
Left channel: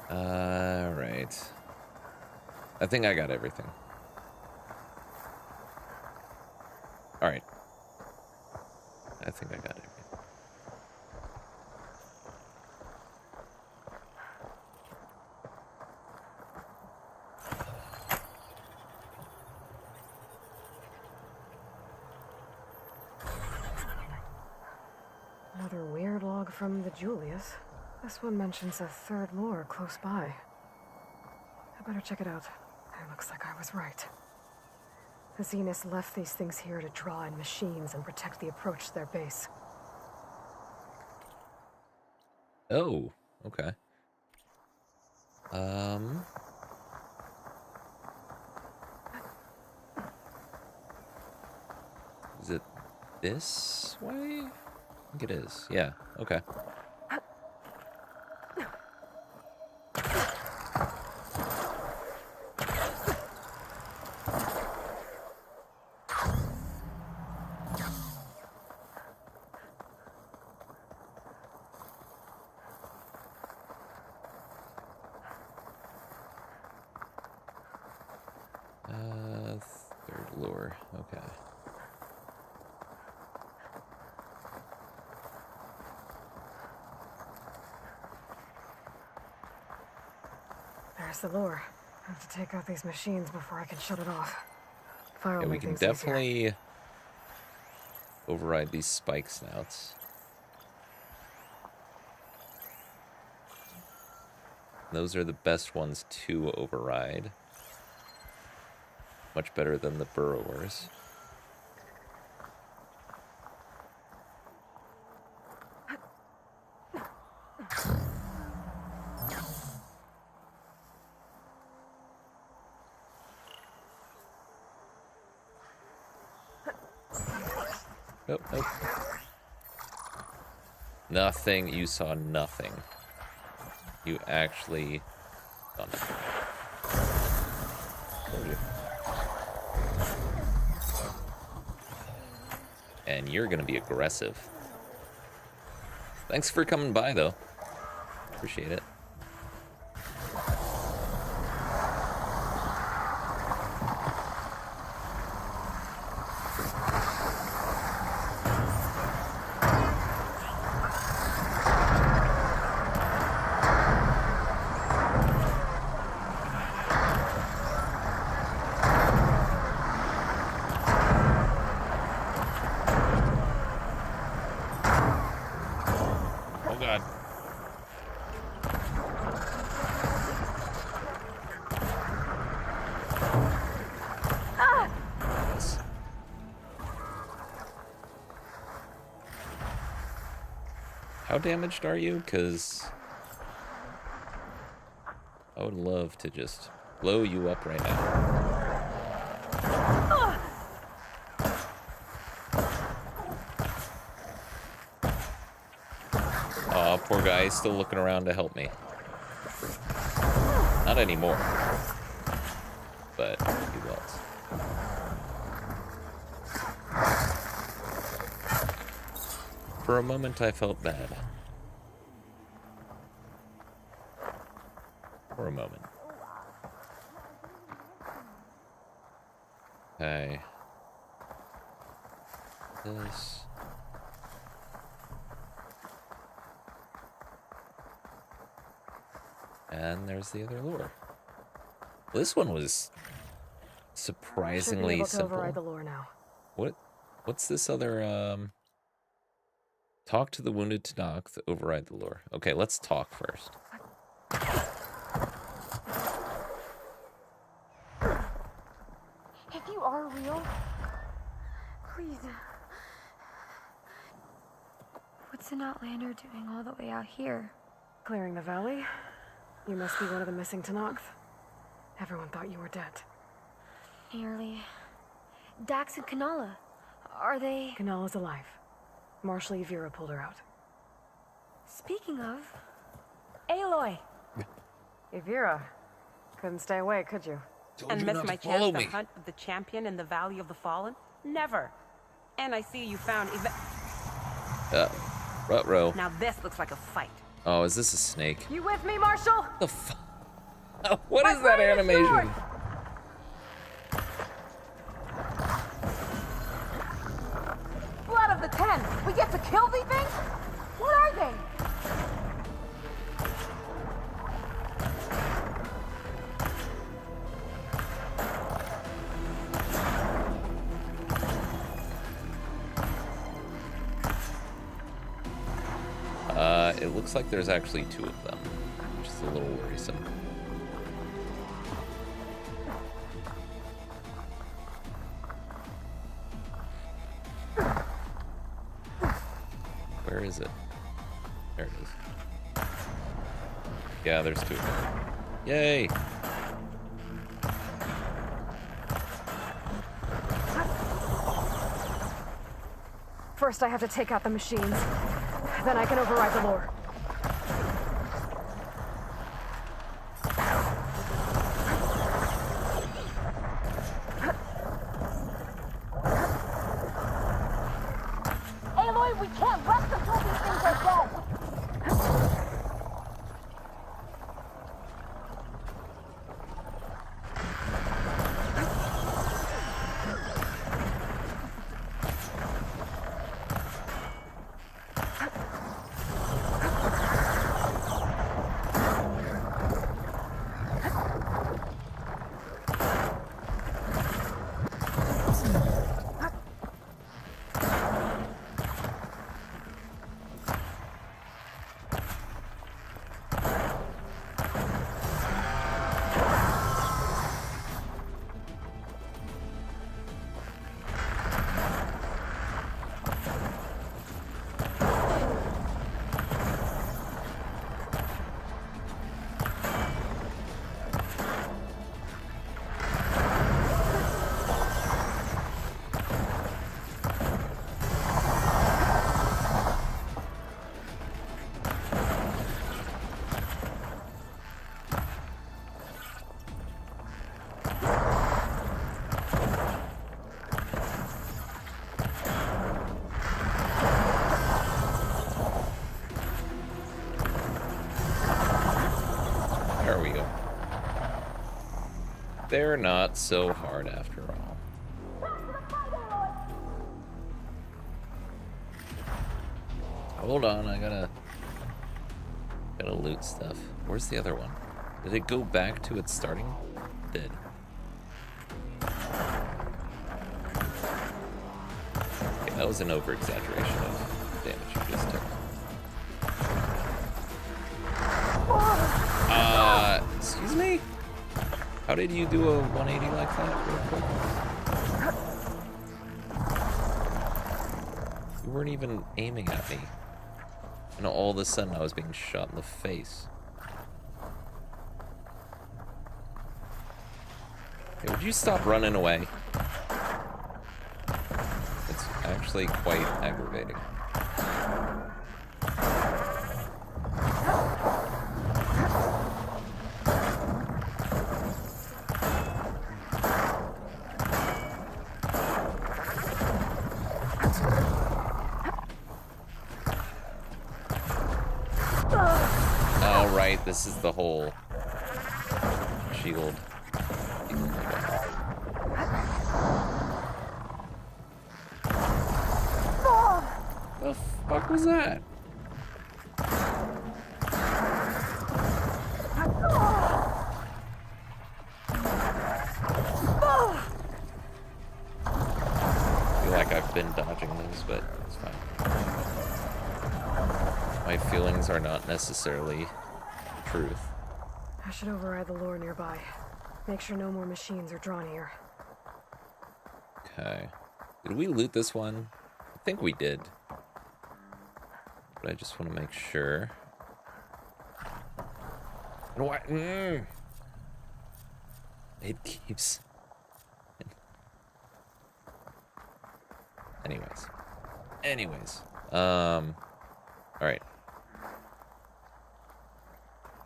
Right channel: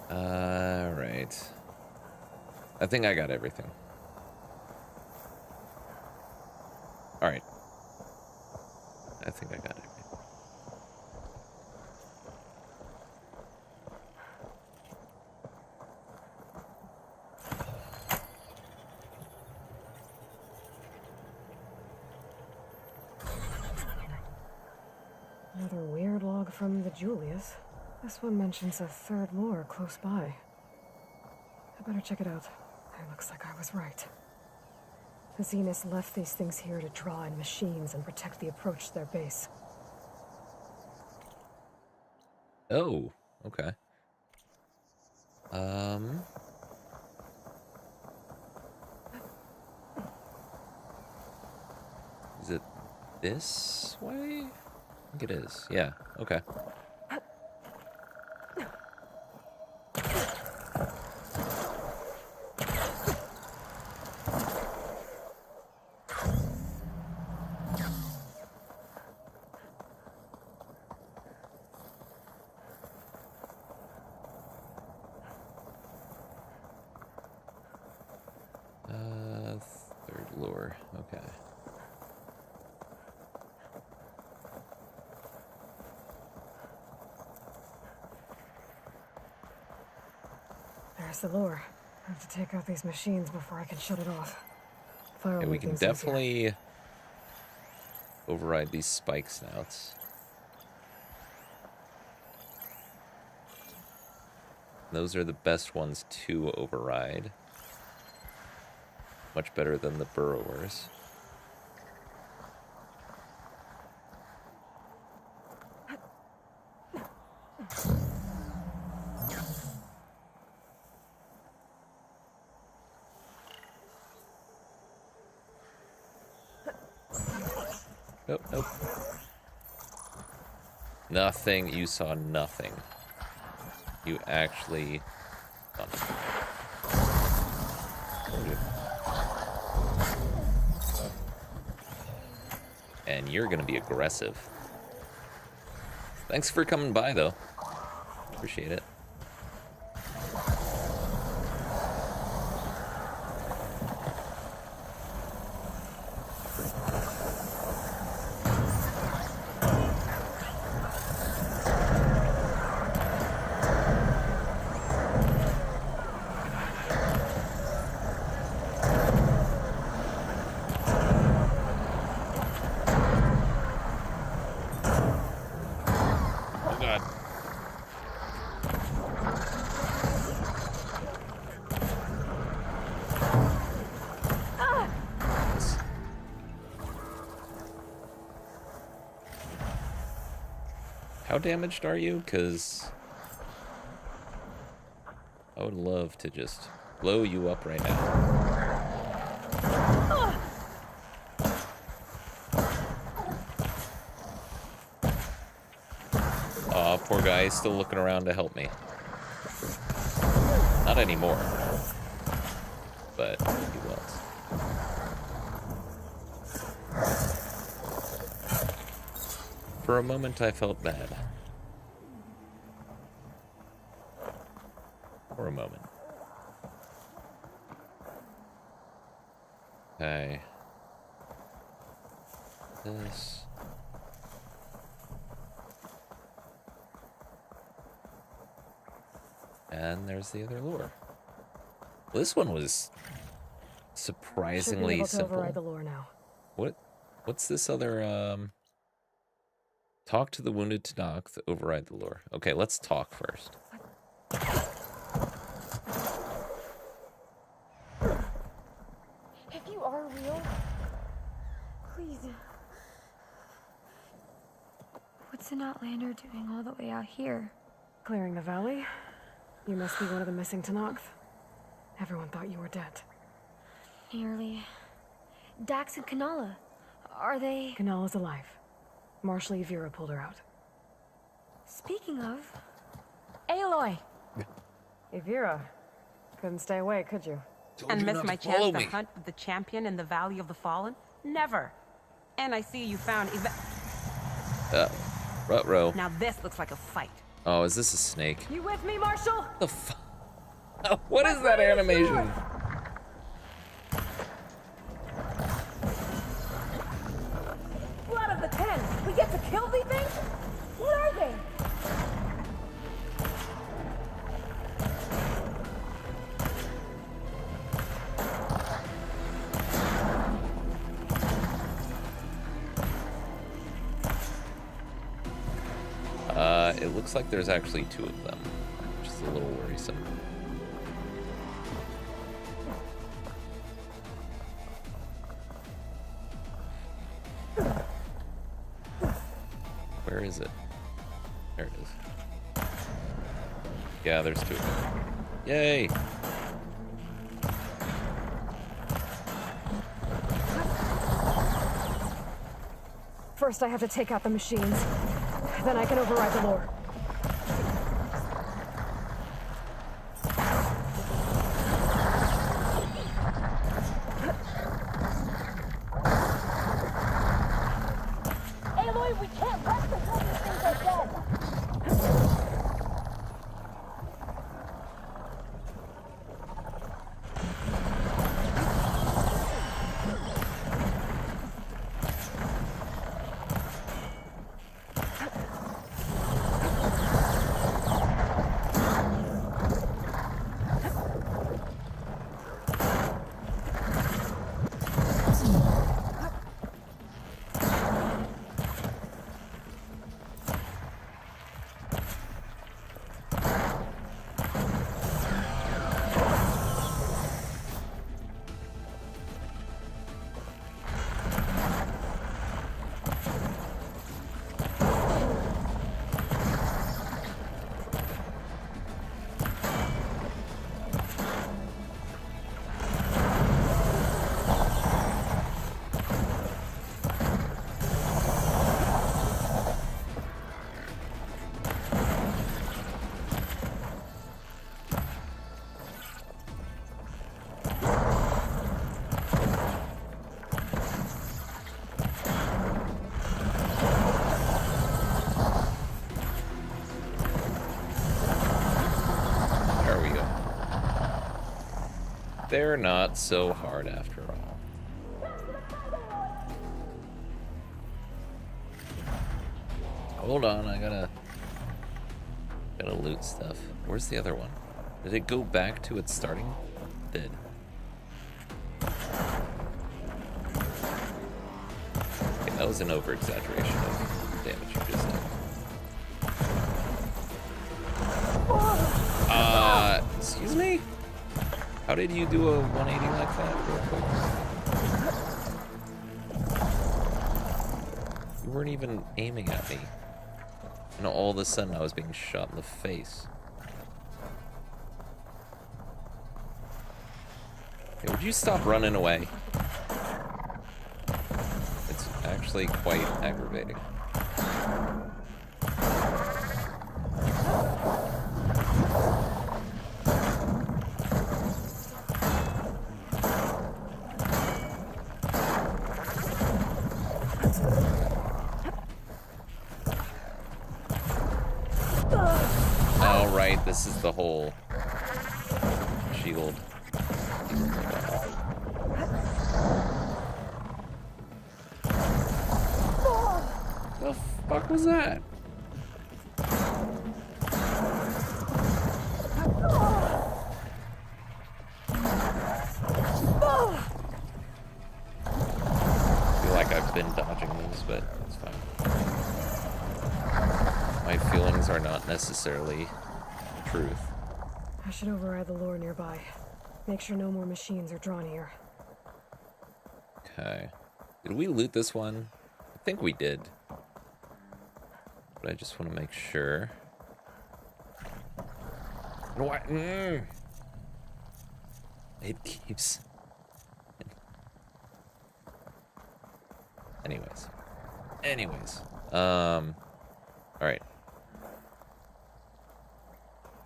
Alright. I think I got everything. Alright. I think I got everything. Another weird log from the Julius. This one mentions a third lore close by. I better check it out. It looks like I was right. The Zeniths left these things here to draw in machines and protect the approach to their base. Oh, okay. Is it this way? I think it is. Yeah, okay. There's the lure. I have to take out these machines before I can shut it off. Fire Yeah, we can definitely override these spike snouts. Those are the best ones to override. Much better than the burrowers. Nope, nope. Nothing. You saw nothing. You actually saw nothing. Told you. And you're gonna be aggressive. Thanks for coming by, though. Appreciate it. Oh god. Yes. How damaged are you? 'Cause I would love to just blow you up right now. Aw, poor guy, he's still looking around to help me. Not anymore. But he was. For a moment, I felt bad. For a moment. Okay. This. And there's the other lure. Well, this one was surprisingly simple. The lure now. What's this other talk to the wounded Tenakth to override the lure. Okay, let's talk first. If you are real, please. What's an Outlander doing all the way out here? Clearing the valley? You must be one of the missing Tenakth. Everyone thought you were dead. Nearly. Dax and Kanala. Are they... Kanala's alive. Marshal Yvira pulled her out. Speaking of... Aloy! Yvira. Couldn't stay away, could you? And miss my chance to hunt with the champion in the Valley of the Fallen? Never. And I see you found... Ruh-roh. Now this looks like a fight. Oh, is this a snake? You with me, Marshal? The fuck? What is that animation? Blood of the Ten! We get to kill these things? What are they? It looks like there's actually two of them, which is a little worrisome. Where is it? There it is. Yeah, there's two of them. Yay! First, I have to take out the machines. Then I can override the lure. Aloy, we can't rest until these things are dead! are we going? They're not so hard after all. Hold on, I gotta loot stuff. Where's the other one? Did it go back to its starting? It did. Okay, that was an over-exaggeration of the damage you just took. Excuse me? How did you do a 180 like that real quick? You weren't even aiming at me. And all of a sudden I was being shot in the face. Hey, would you stop running away? It's actually quite aggravating. Oh, right, this is the whole shield. The fuck was that? I feel like I've been dodging those, but it's fine. My feelings are not necessarily truth. I should override the lure nearby. Make sure no more machines are drawn here. Okay. Did we loot this one? I think we did. But I just want to make sure. And why? It keeps. Anyways. All right.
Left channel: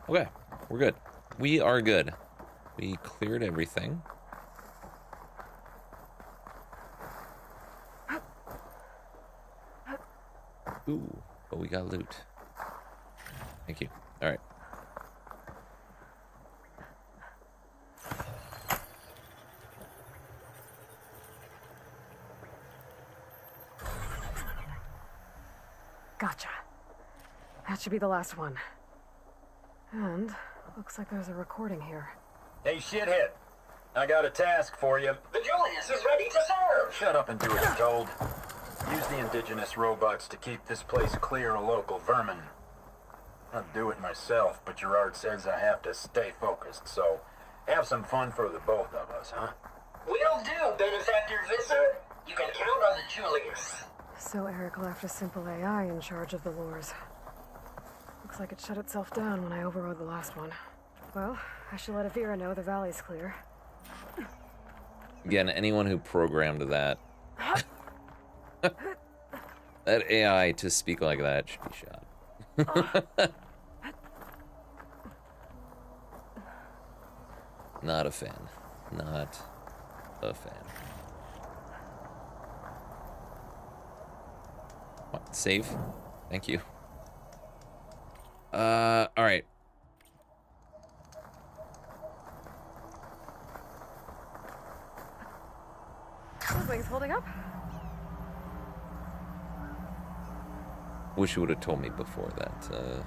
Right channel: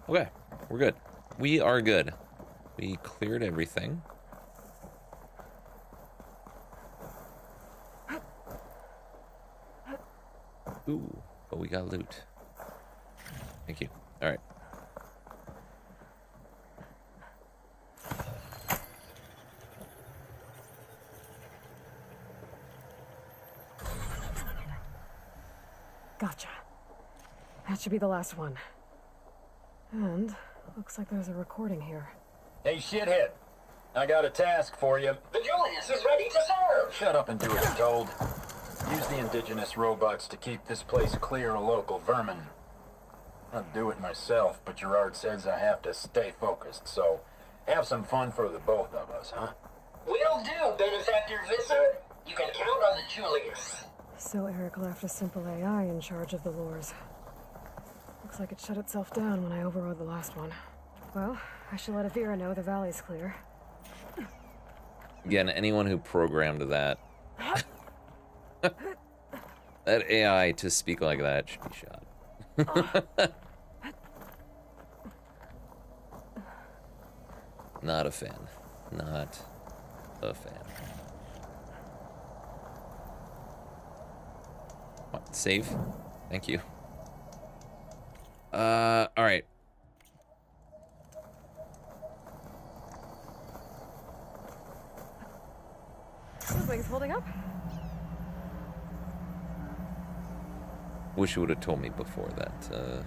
Okay, we're good. We are good. We cleared everything. Ooh, but we got loot. Thank you. All right. Gotcha. That should be the last one. And looks like there's a recording here. Hey, shithead. I got a task for you. The Julius is ready to serve. Shut up and do as told. Use the indigenous robots to keep this place clear of local vermin. I'd do it myself, but Gerard says I have to stay focused, so have some fun for the both of us, huh? Will do, Benefactor Visser. You can count on the Julius. So Eric left a simple AI in charge of the lures. Looks like it shut itself down when I overrode the last one. Well, I should let Avira know the valley's clear. Again, anyone who programmed that that AI to speak like that should be shot. Not a fan. Not a fan. What, save? Thank you. All right. Wings holding up? Wish you would have told me before that.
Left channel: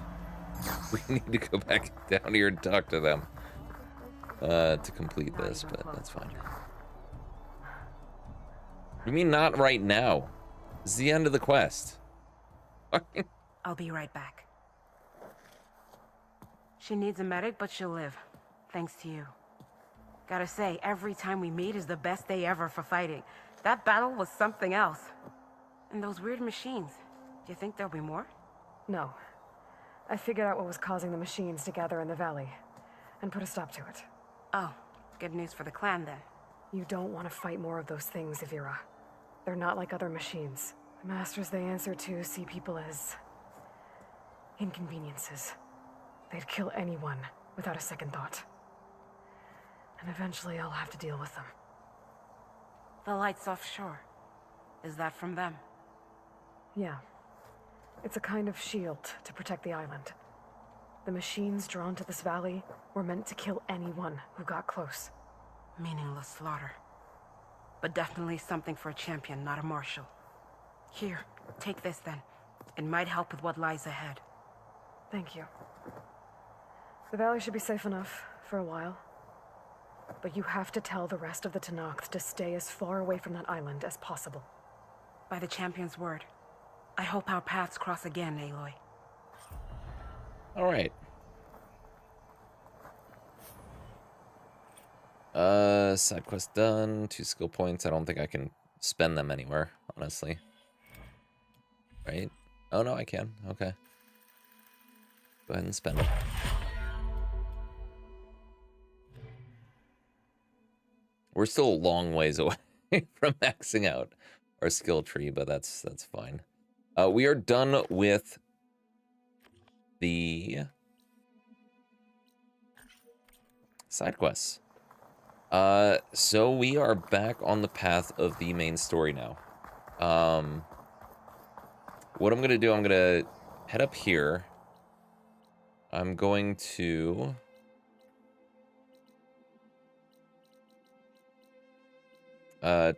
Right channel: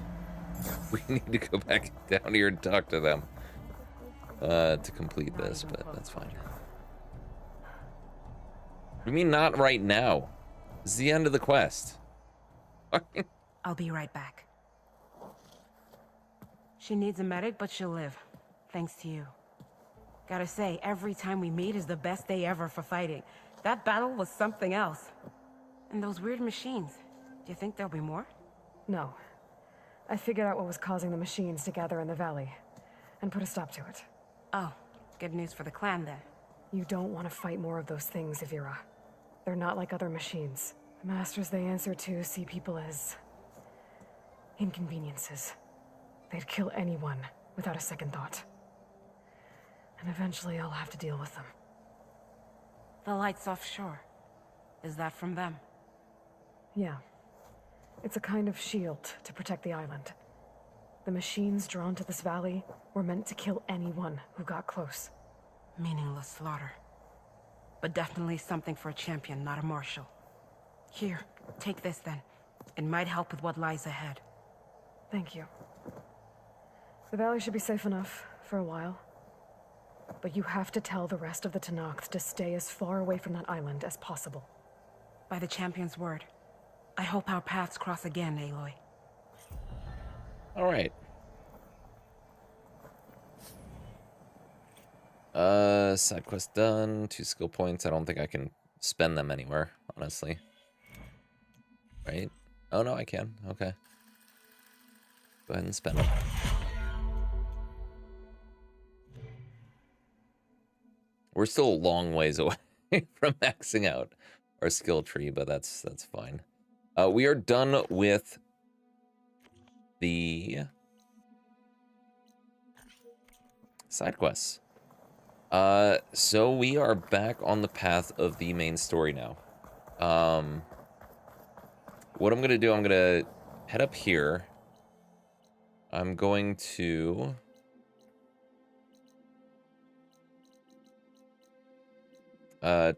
We need to go back down here and talk to them to complete this, but that's fine. You mean not right now? It's the end of the quest. I'll be right back. She needs a medic, but she'll live. Thanks to you. Gotta say, every time we meet is the best day ever for fighting. That battle was something else. And those weird machines. Do you think there'll be more? No. I figured out what was causing the machines to gather in the valley and put a stop to it. Oh, good news for the clan then. You don't want to fight more of those things, Avira. They're not like other machines. The masters they answer to see people as inconveniences. They'd kill anyone without a second thought. And eventually I'll have to deal with them. The lights offshore. Is that from them? Yeah. It's a kind of shield to protect the island. The machines drawn to this valley were meant to kill anyone who got close. Meaningless slaughter. But definitely something for a champion, not a marshal. Here, take this then. It might help with what lies ahead. Thank you. The valley should be safe enough for a while. But you have to tell the rest of the Tenakth to stay as far away from that island as possible. By the champion's word. I hope our paths cross again, Aloy. All right. Side quest done. 2 skill points. I don't think I can spend them anywhere, honestly. Right? Oh, no, I can. Okay. Go ahead and spend them. We're still a long ways away from maxing out our skill tree, but that's fine. We are done with the side quests. So we are back on the path of the main story now. What I'm gonna do, I'm gonna head up here. I'm going to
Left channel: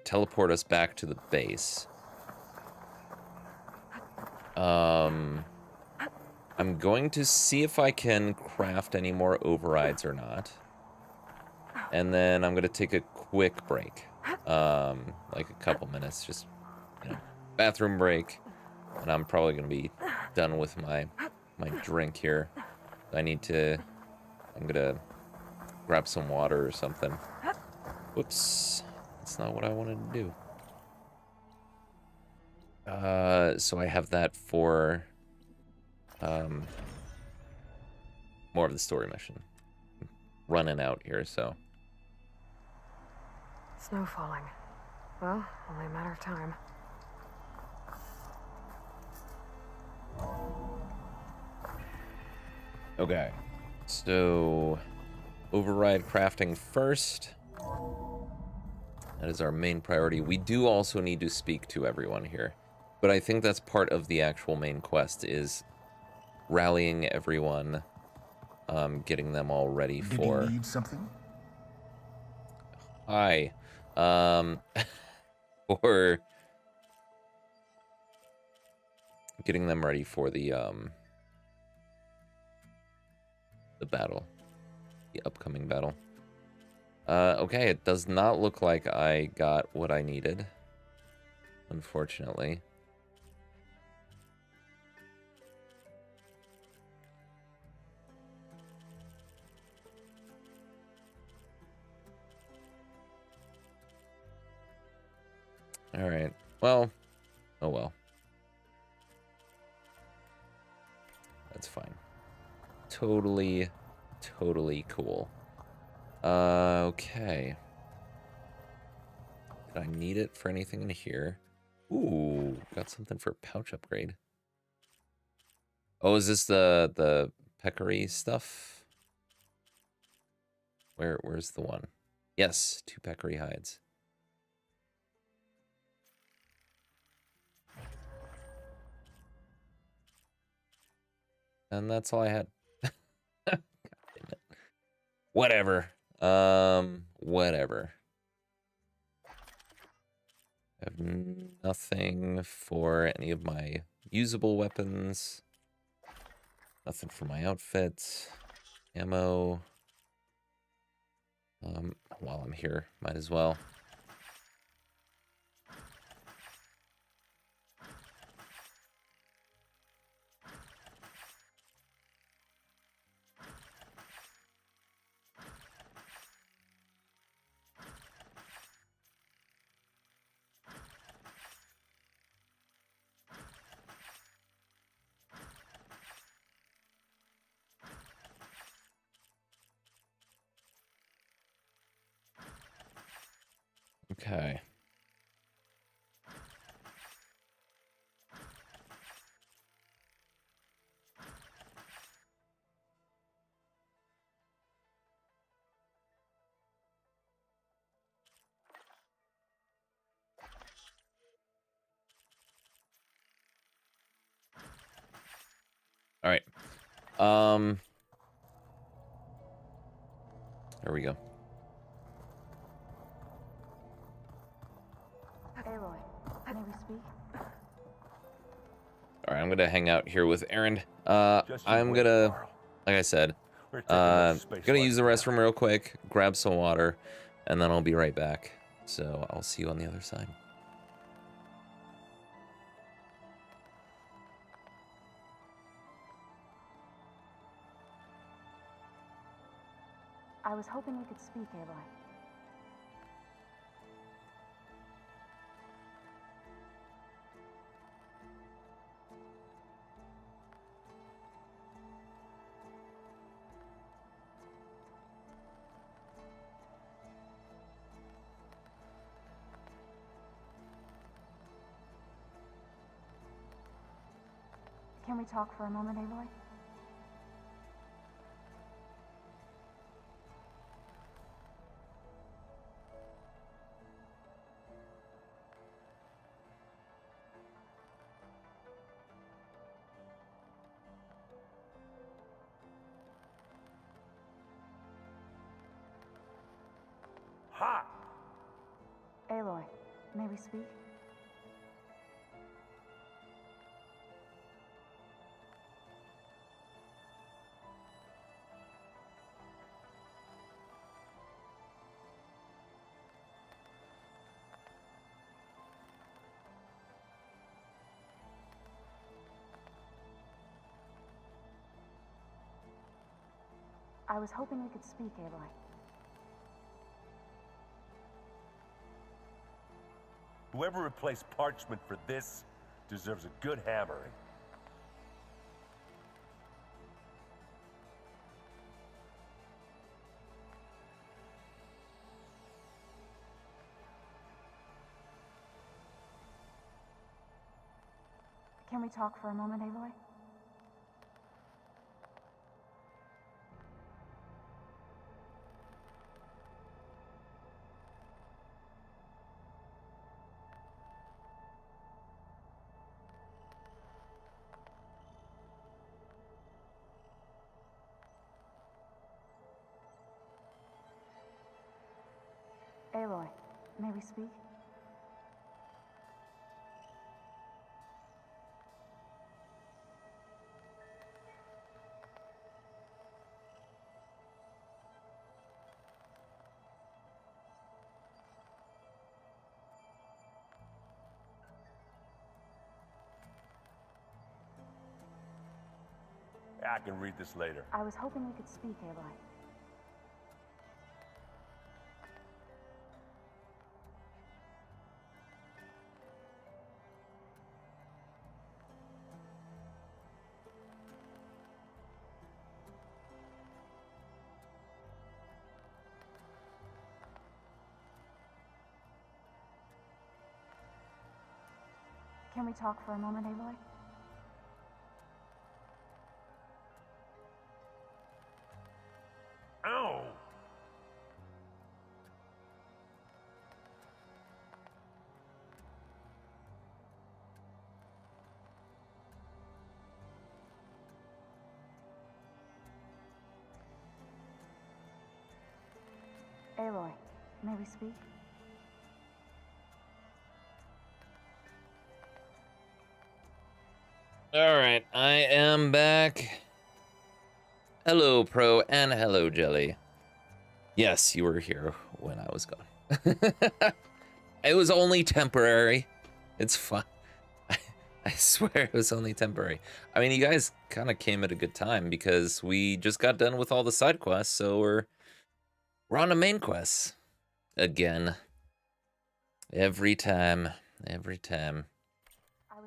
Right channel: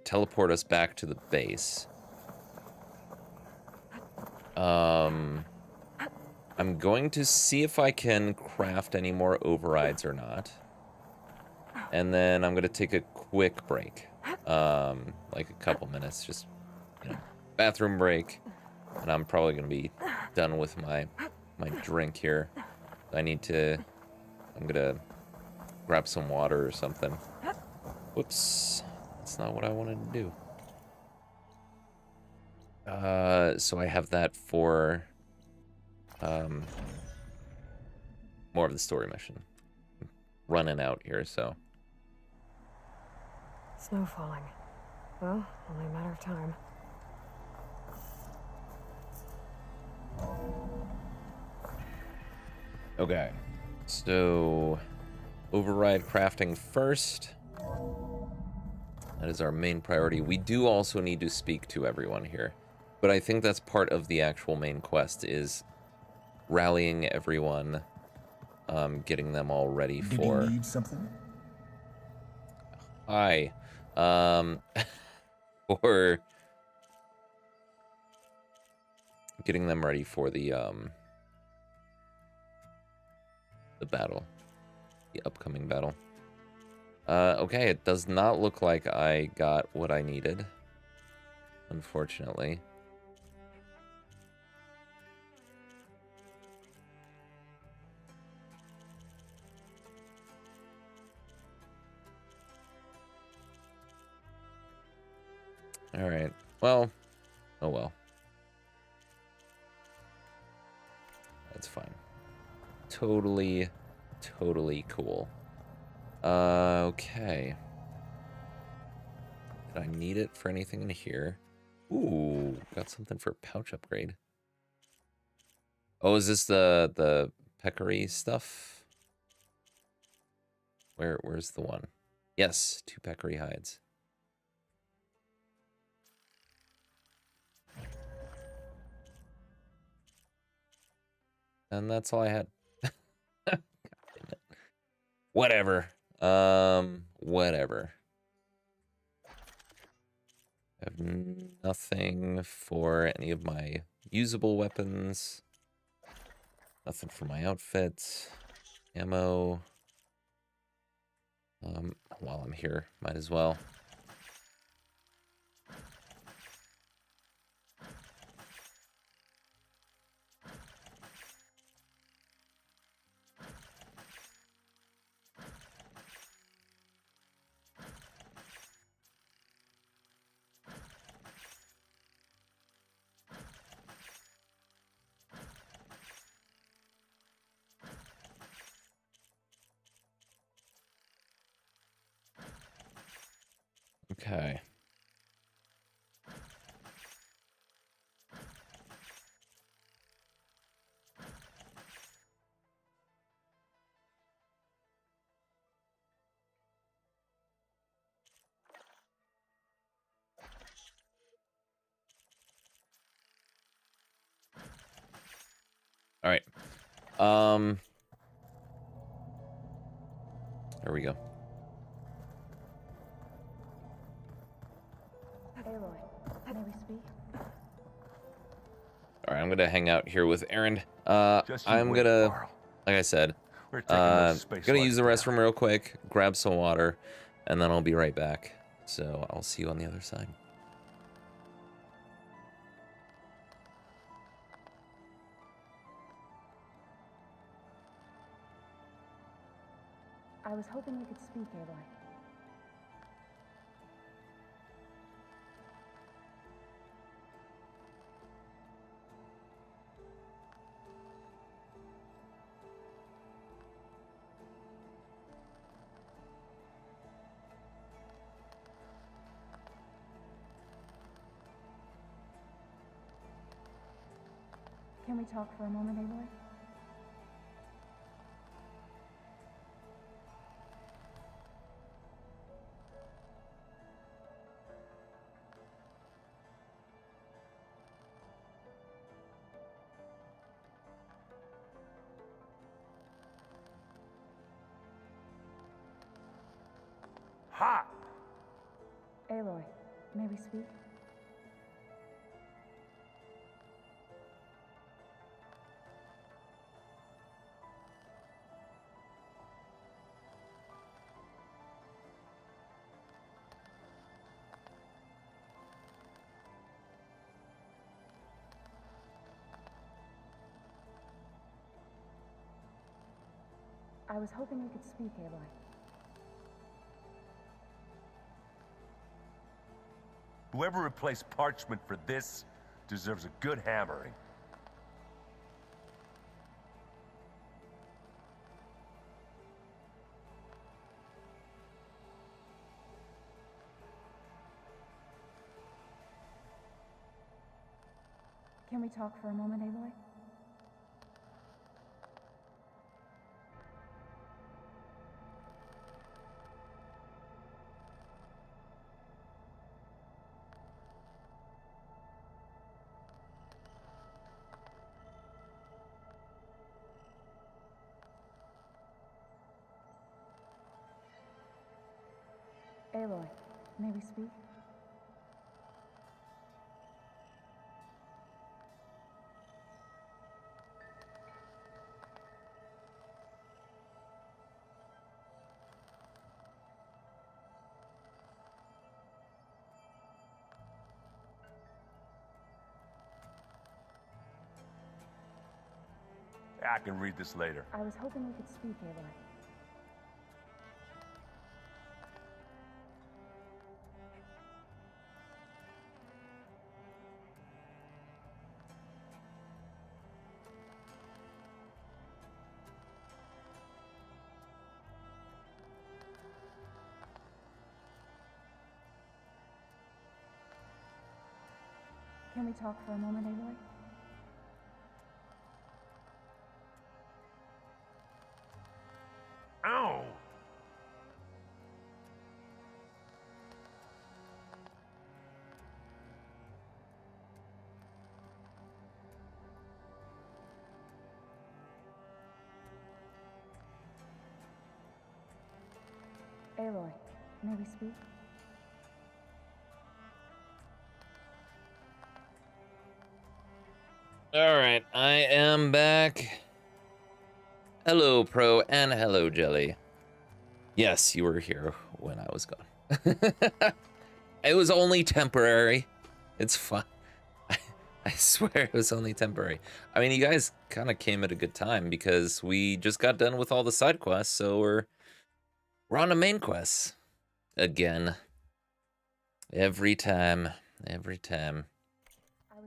teleport us back to the base. I'm going to see if I can craft any more overrides or not. And then I'm going to take a quick break. Like a couple minutes, just, you know, bathroom break. And I'm probably going to be done with my drink here. I'm going to grab some water or something. Whoops. That's not what I wanted to do. So I have that for more of the story mission. Running out here, so. Snow falling. Well, only a matter of time. Okay. So, override crafting first. That is our main priority. We do also need to speak to everyone here. But I think that's part of the actual main quest, is rallying everyone, getting them all ready for... Do you need something? Hi. For getting them ready for the battle. The upcoming battle. Okay, it does not look like I got what I needed, unfortunately. All right. Well, oh well. That's fine. Totally cool. Okay. Did I need it for anything in here? Ooh, got something for pouch upgrade. Oh, is this the peccary stuff? Where's the one? Yes, 2 peccary hides. And that's all I had. God damn it. Whatever. Whatever. I have nothing for any of my usable weapons. Nothing for my outfit. Ammo. While I'm here, might as well. Okay. All right. There we go. All right, I'm gonna hang out here with Aaron. I'm gonna, like I said, gonna use the restroom real quick, grab some water, and then I'll be right back. So I'll see you on the other side. I was hoping you could speak, Aloy. Can we talk for a moment, Aloy? Ha! Aloy, may we speak? I was hoping you could speak, Aloy. Whoever replaced parchment for this deserves a good hammering. Can we talk for a moment, Aloy? Aloy, may we speak? I can read this later. I was hoping you could speak, Aloy. Can we talk for a moment, Aloy? Ow! Aloy, may we speak? All right, I am back. Hello, Pro, and hello, Jelly. Yes, you were here when I was gone. It was only temporary. It's fine. I swear it was only temporary. I mean, you guys kind of came at a good time because we just got done with all the side quests, so we're on the main quest again. Every time. I was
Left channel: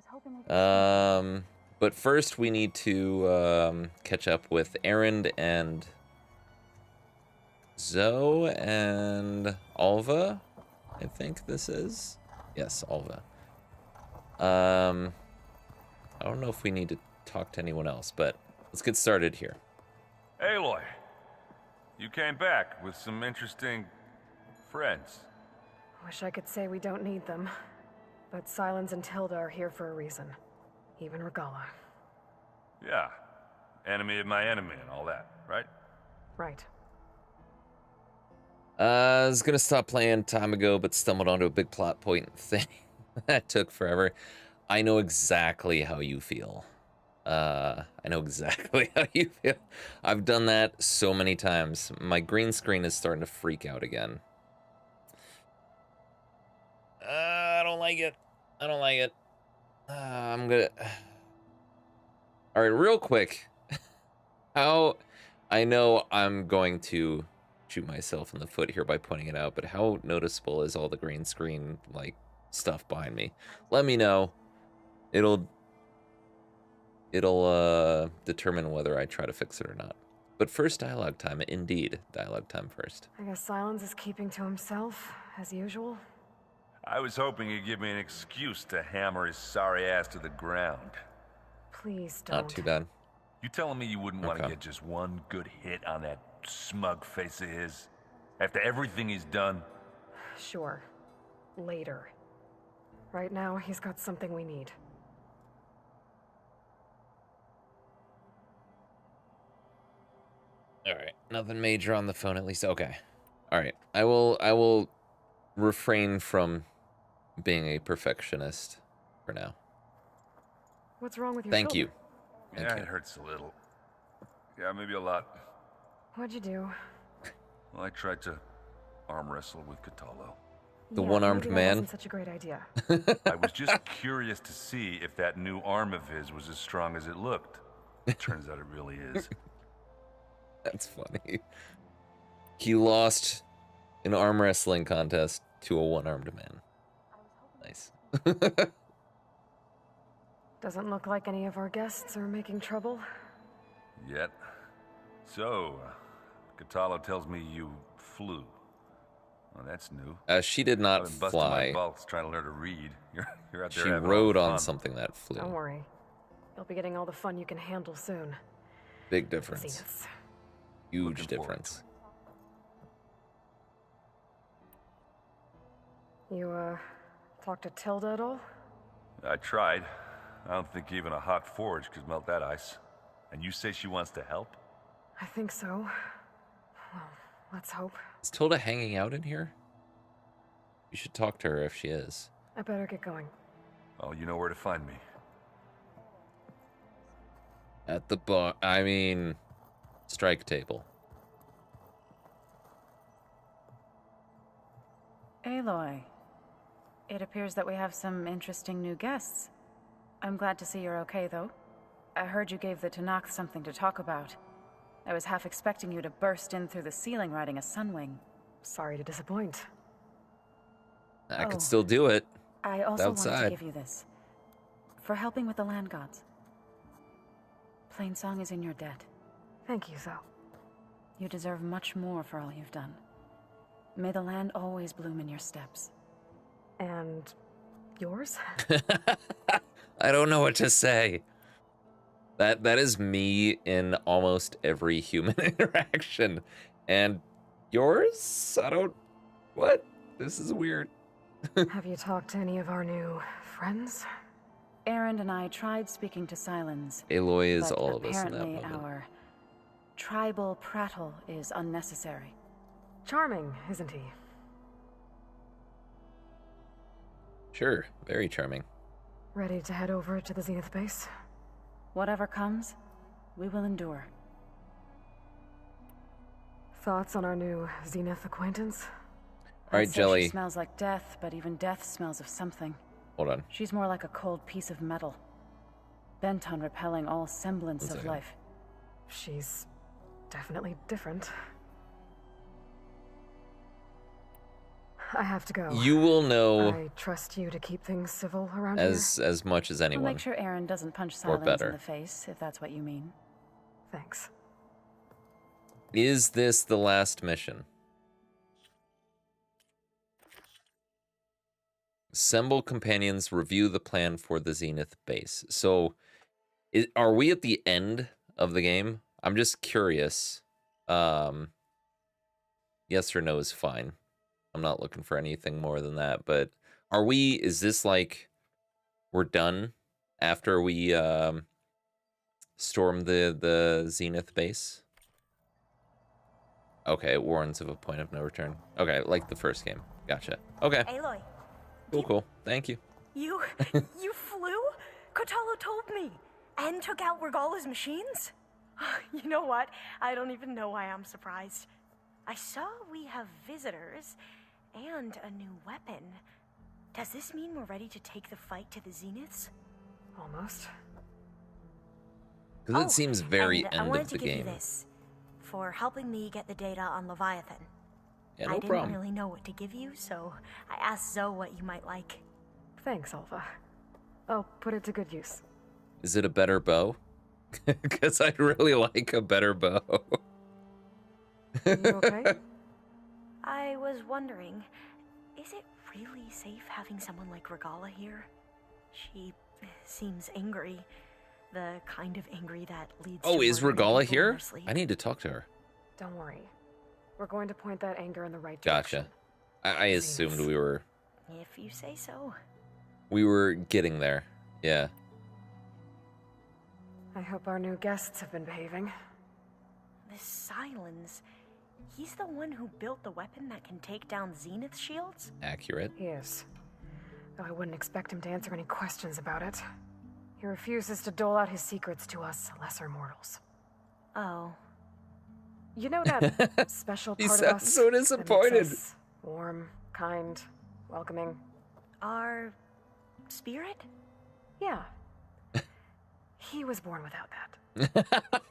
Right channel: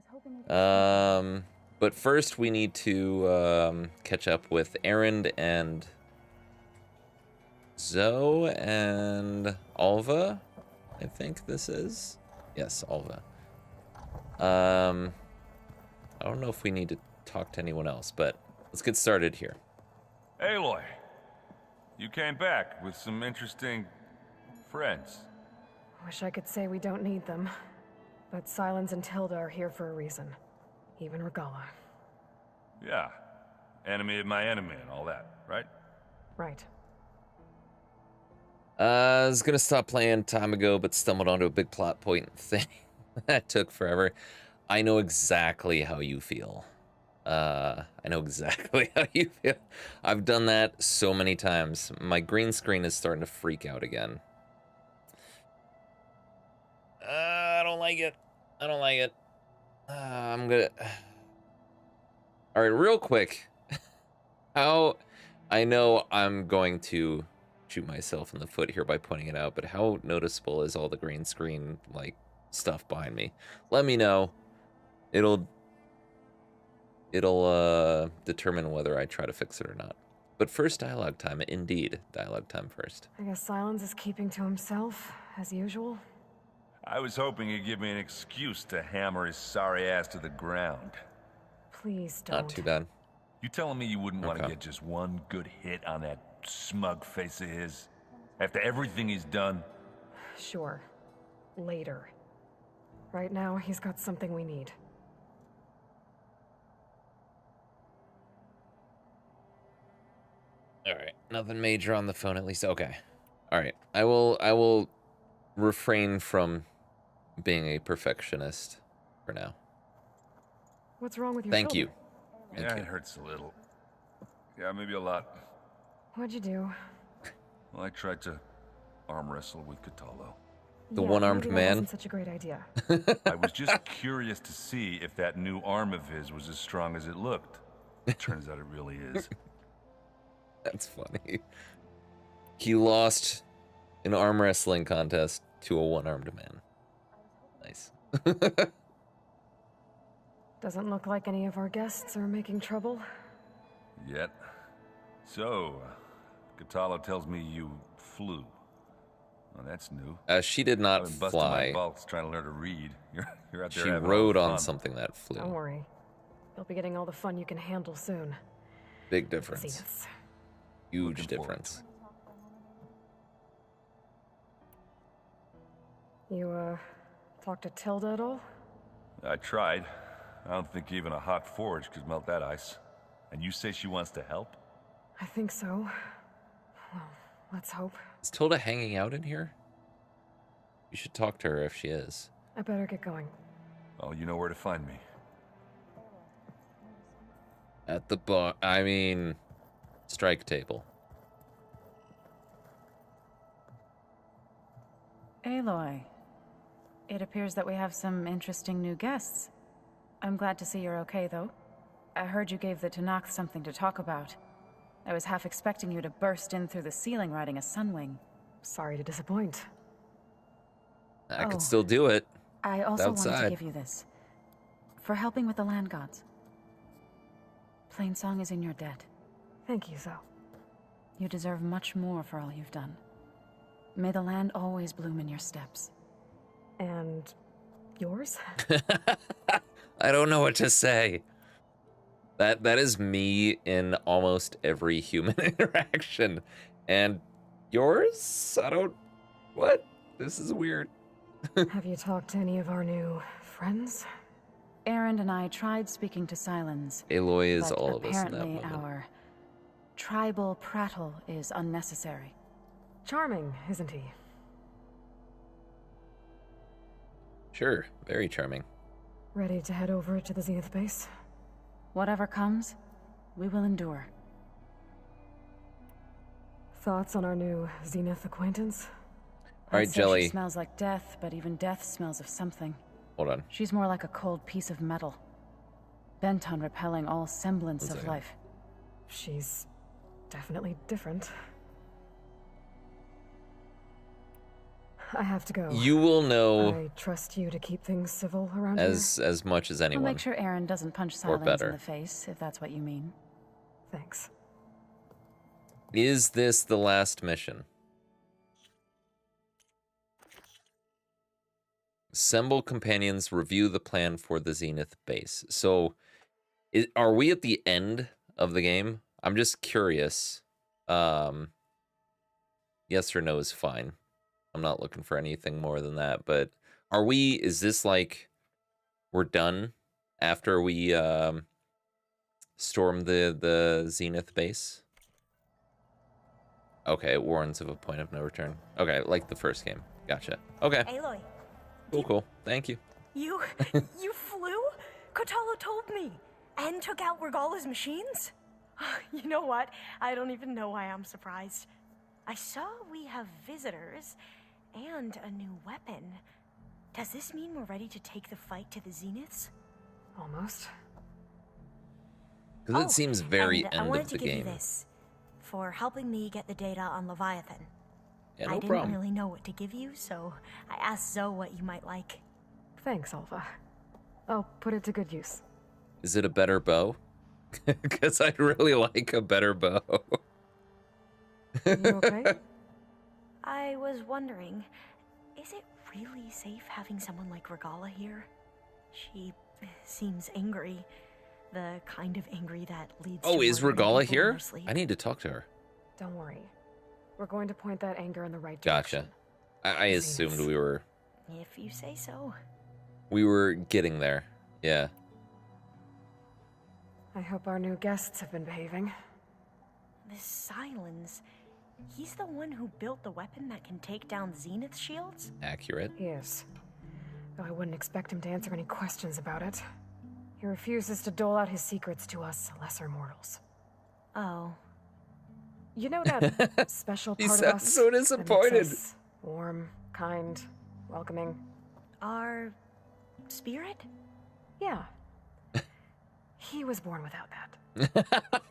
hoping you could But first we need to catch up with Aaron and Zoe and Alva. I think this is. Yes, Alva. I don't know if we need to talk to anyone else, but let's get started here. Aloy, you came back with some interesting friends. Wish I could say we don't need them. But Sylens and Tilda are here for a reason. Even Regala. Yeah, enemy of my enemy and all that, right? Right. I was gonna stop playing time ago, but stumbled onto a big plot point thing that took forever. I know exactly how you feel. I know exactly how you feel. I've done that so many times. My green screen is starting to freak out again. I don't like it. I don't like it. I'm gonna... All right, real quick. How... I know I'm going to shoot myself in the foot here by pointing it out, but how noticeable is all the green screen, like, stuff behind me? Let me know. It'll determine whether I try to fix it or not. But first, dialogue time. Indeed, dialogue time first. I guess Silence is keeping to himself, as usual. I was hoping he'd give me an excuse to hammer his sorry ass to the ground. Please don't. Not too bad. You telling me you wouldn't want to Okay. get just one good hit on that smug face of his? After everything he's done? Sure. Later. Right now, he's got something we need. All right, nothing major on the phone at least. Okay. All right, I will refrain from being a perfectionist for now. What's wrong with your Thank shoulder? you. Thank Yeah, you. it hurts a little. Yeah, maybe a lot. What'd you do? Well, I tried to arm wrestle with Catalo. The Yeah, one-armed maybe that man. wasn't such a great idea. I was just curious to see if that new arm of his was as strong as it looked. Turns out it really is. That's funny. He lost an arm wrestling contest to a one-armed man. Nice. Doesn't look like any of our guests are making trouble. Yet. So, Catalo tells me you flew. Well, that's new. She did not I've been busting my fly. balls trying to learn to read. You're out there She having rode all the on fun. something that flew. Don't worry. You'll be getting all the fun you can handle soon. Big difference. Zeniths. Huge Looking forward difference. You, talked to Tilda at all? I tried. I don't think even a hot forge could melt that ice. And you say she wants to help? I think so. Well, let's hope. Is Tilda hanging out in here? You should talk to her if she is. I better get going. Well, you know where to find me. At the bar. I mean, strike table. Aloy, it appears that we have some interesting new guests. I'm glad to see you're okay, though. I heard you gave the Tanakh something to talk about. I was half expecting you to burst in through the ceiling riding a sunwing. Sorry to disappoint. I Oh. could still do it. I also wanted Outside. to give you this. For helping with the land gods. Plainsong is in your debt. Thank you, Zoe. You deserve much more for all you've done. May the land always bloom in your steps. And yours? I don't know what to say. That is me in almost every human interaction. And yours? I don't... What? This is weird. Have you talked to any of our new friends? Aaron and I tried speaking to Silence. Aloy is but all of us in that apparently moment. Our tribal prattle is unnecessary. Charming, isn't he? Sure, very charming. Ready to head over to the Zenith base? Whatever comes, we will endure. Thoughts on our new Zenith acquaintance? All right, I'd say Jelly. She smells like death, but even death smells of something. Hold on. She's more like a cold piece of metal, bent on repelling all semblance One of second. life. She's definitely different. I have to go. You will know I trust you to keep things civil around as much as We'll anyone. make sure Aaron doesn't punch Or Silence better. in the face, if that's what you mean. here. Thanks. Is this the last mission? Assemble companions, review the plan for the Zenith base. So, are we at the end of the game? I'm just curious. Yes or no is fine. I'm not looking for anything more than that. But are we? Is this like we're done after we storm the Zenith base? Okay, it warns of a point of no return. Okay, like the first game. Gotcha. Okay. Aloy, Cool. Thank you. you flew? Kotallo told me. And took out Regala's machines? You know what? I don't even know why I'm surprised. I saw we have visitors and a new weapon. Does this mean we're ready to take the fight to the Zeniths? Almost. Because it seems very and I end wanted of to the give you game. this for helping me get the data on Leviathan. Yeah, I no didn't problem. really know what to give you, so I asked Zoe what you might like. Thanks, Alpha. I'll put it to good use. Is it a better bow? Because I'd really like a better bow. You okay? I was wondering, is it really safe having someone like Regala here? She seems angry. The kind of angry that leads Oh, to is murdering Regala people in here? her sleep. I need to talk to her. Don't worry. We're going to point that anger in the right direction. Gotcha. I assumed we were If you say so. getting there. Yeah. I hope our new guests have been behaving. This Silence, he's the one who built the weapon that can take down Zenith shields? Accurate. He is. Though I wouldn't expect him to answer any questions about it. He refuses to dole out his secrets to us lesser mortals. Oh. You know that special He part of us sounds so that makes disappointed. us warm, kind, welcoming? Our spirit? Yeah. He was born without that.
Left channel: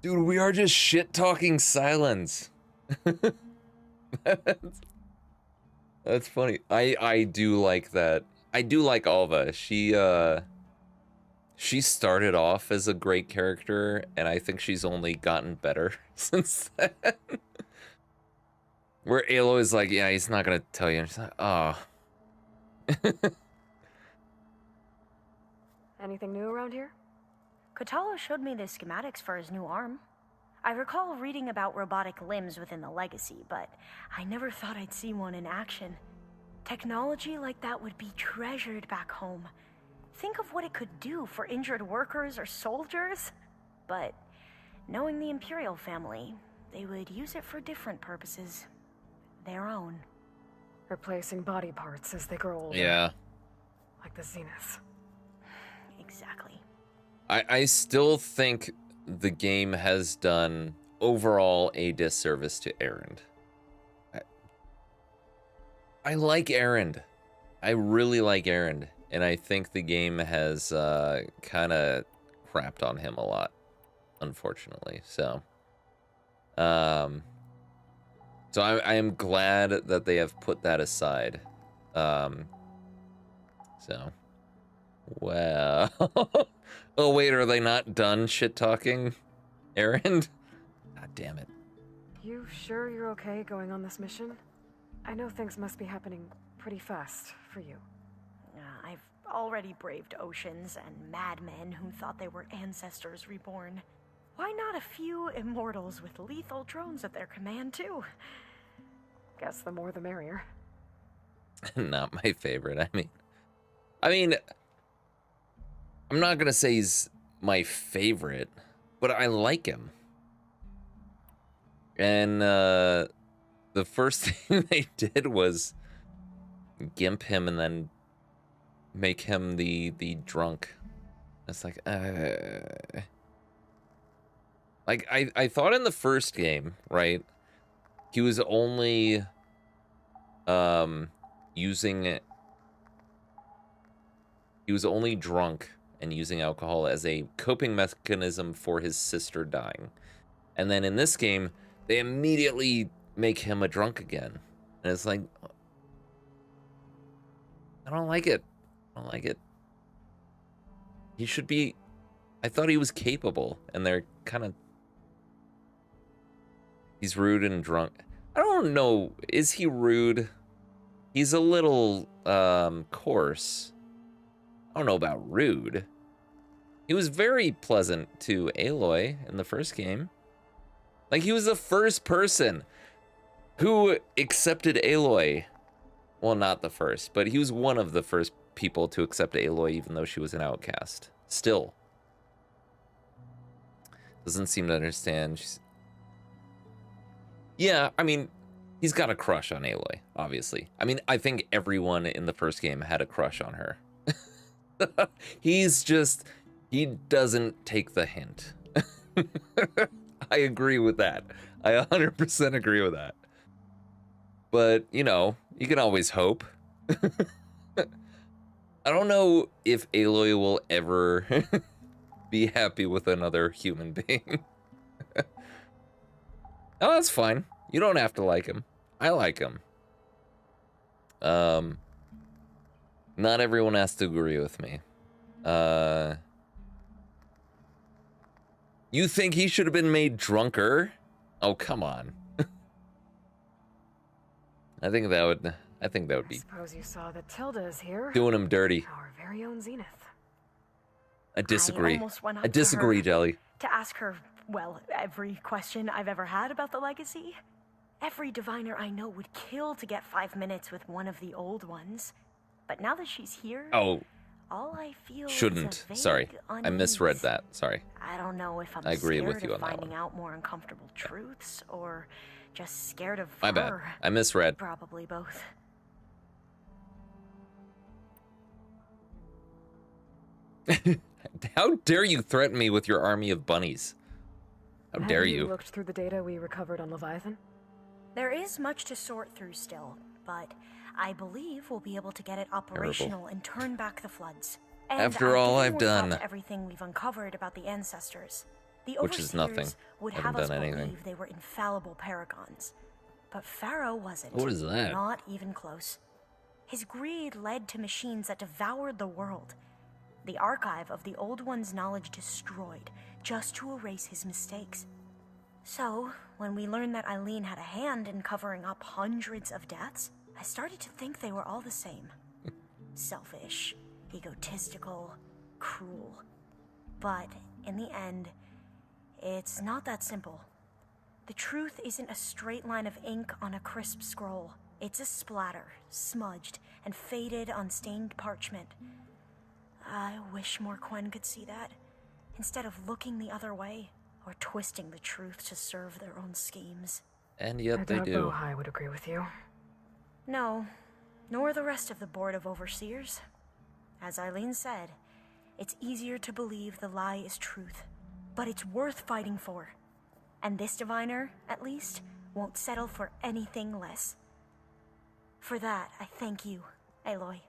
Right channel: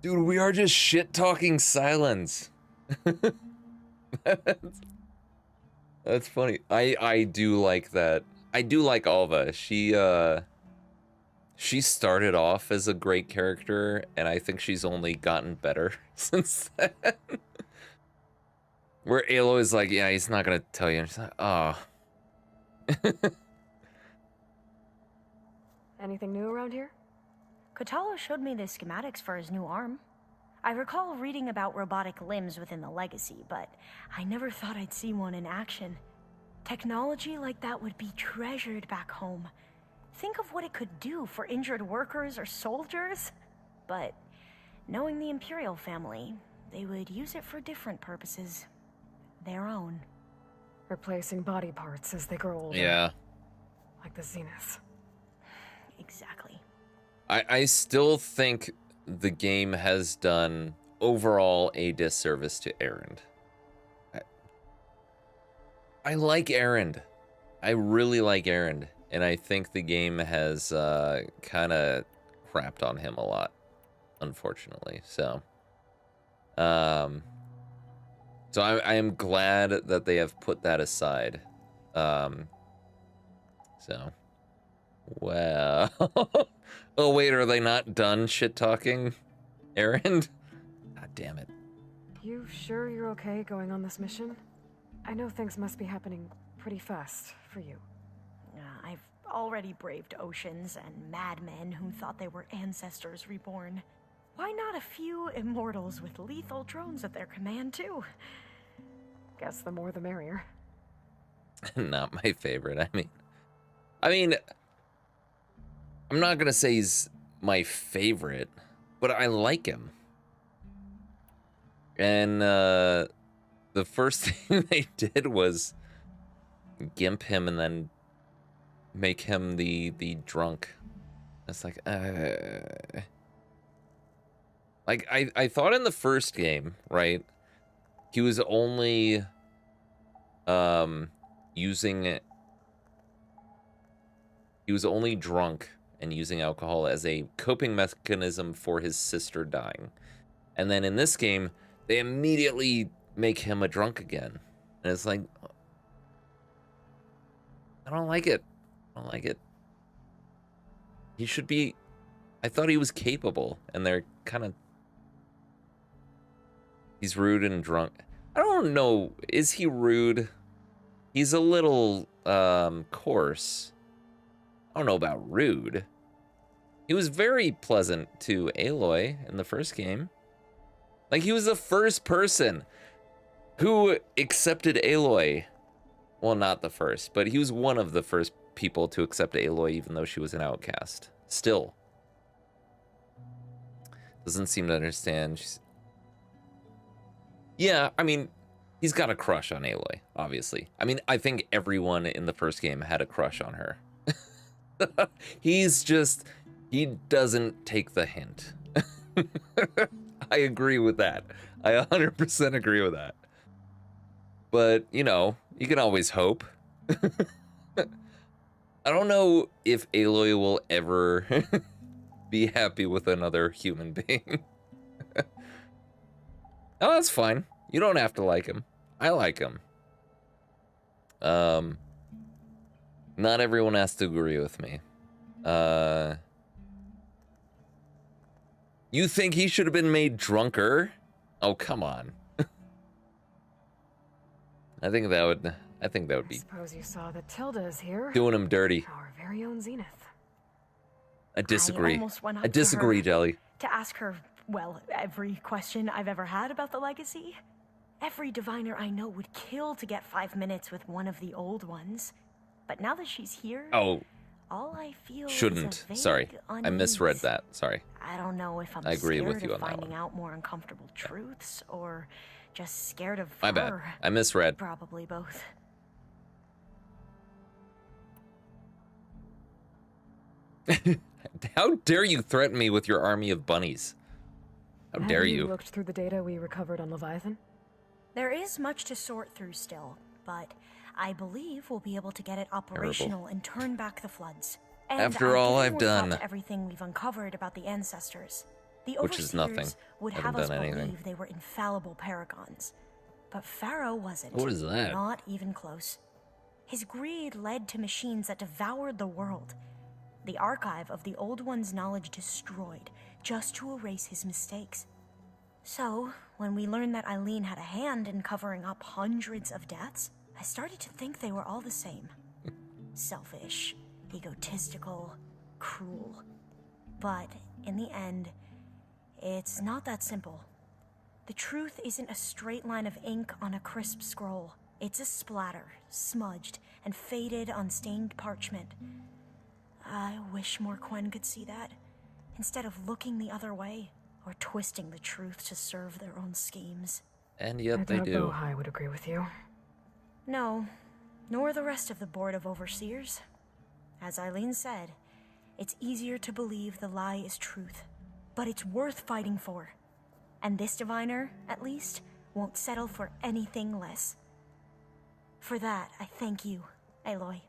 Dude, we are just shit talking Silence. That's funny. I do like that. I do like Alva. She started off as a great character, and I think she's only gotten better since then. Where Aloy is like, yeah, he's not gonna tell you. And she's like, oh. Anything new around here? Kotallo showed me the schematics for his new arm. I recall reading about robotic limbs within the Legacy, but I never thought I'd see one in action. Technology like that would be treasured back home. Think of what it could do for injured workers or soldiers. But knowing the Imperial family, they would use it for different purposes. Their own. Replacing body parts as they grow older. Yeah. Like the Zeniths. Exactly. I still think the game has done overall a disservice to Erend. I like Erend. I really like Erend. And I think the game has kind of crapped on him a lot, unfortunately. So I am glad that they have put that aside. Well. Oh, wait, are they not done shit-talking Erend? God damn it. You sure you're okay going on this mission? I know things must be happening pretty fast for you. I've already braved oceans and madmen who thought they were ancestors reborn. Why not a few immortals with lethal drones at their command, too? Guess the more the merrier. Not my favorite. I mean, I'm not gonna say he's my favorite, but I like him. And the first thing they did was gimp him and then make him the drunk. It's like I thought in the first game, right? He was only he was only drunk and using alcohol as a coping mechanism for his sister dying. And then in this game, they immediately make him a drunk again. And it's like, I don't like it. I don't like it. He should be, I thought he was capable, and they're kind of, he's rude and drunk. I don't know, is he rude? He's a little, coarse. I don't know about rude. He was very pleasant to Aloy in the first game. Like, he was the first person who accepted Aloy. Well, not the first, but he was one of the first people to accept Aloy, even though she was an outcast. Still. Doesn't seem to understand. Yeah, I mean, he's got a crush on Aloy, obviously. I mean, I think everyone in the first game had a crush on her. He doesn't take the hint. I agree with that. I 100% agree with that. But, you know, you can always hope. I don't know if Aloy will ever be happy with another human being. Oh, that's fine. You don't have to like him. I like him. Not everyone has to agree with me. You think he should have been made drunker? Oh, come on. I think that would be Suppose you saw that Tilda is here. doing him dirty. Our very own Zenith. I disagree. almost went up I to disagree, her Jelly. to ask her, well, every question I've ever had about the legacy. Every diviner I know would kill to get 5 minutes with one of the old ones. But now that she's here, Oh, all I feel shouldn't. is a vague Sorry. I misread unease. that. Sorry. I don't know if I'm I agree with scared you of on that finding one. out more uncomfortable truths or just scared of My bad. her. I misread. Probably both. How dare you threaten me with your army of bunnies? How dare Have you? looked through the data we recovered on Leviathan? There is much to sort through still, but I believe we'll be able to get it operational and turn back the floods. And After I all did I've work up done. everything we've uncovered about the ancestors. The Which is Overseers nothing. Would Haven't have us done anything. believe they were infallible paragons, but Pharaoh wasn't. What is that? Not even close. His greed led to machines that devoured the world. The archive of the Old One's knowledge destroyed, just to erase his mistakes. So, when we learned that Eileen had a hand in covering up hundreds of deaths, I started to think they were all the same. Selfish, egotistical, cruel. But, in the end, it's not that simple. The truth isn't a straight line of ink on a crisp scroll. It's a splatter, smudged, and faded on stained parchment. I wish more Quen could see that, instead of looking the other way, or twisting the truth to serve their own schemes. And yet they doubt do. Bohai would agree with you. No, nor the rest of the Board of Overseers. As Eileen said, it's easier to believe the lie is truth, but it's worth fighting for. And this diviner, at least, won't settle for anything less. For that, I thank you, Aloy.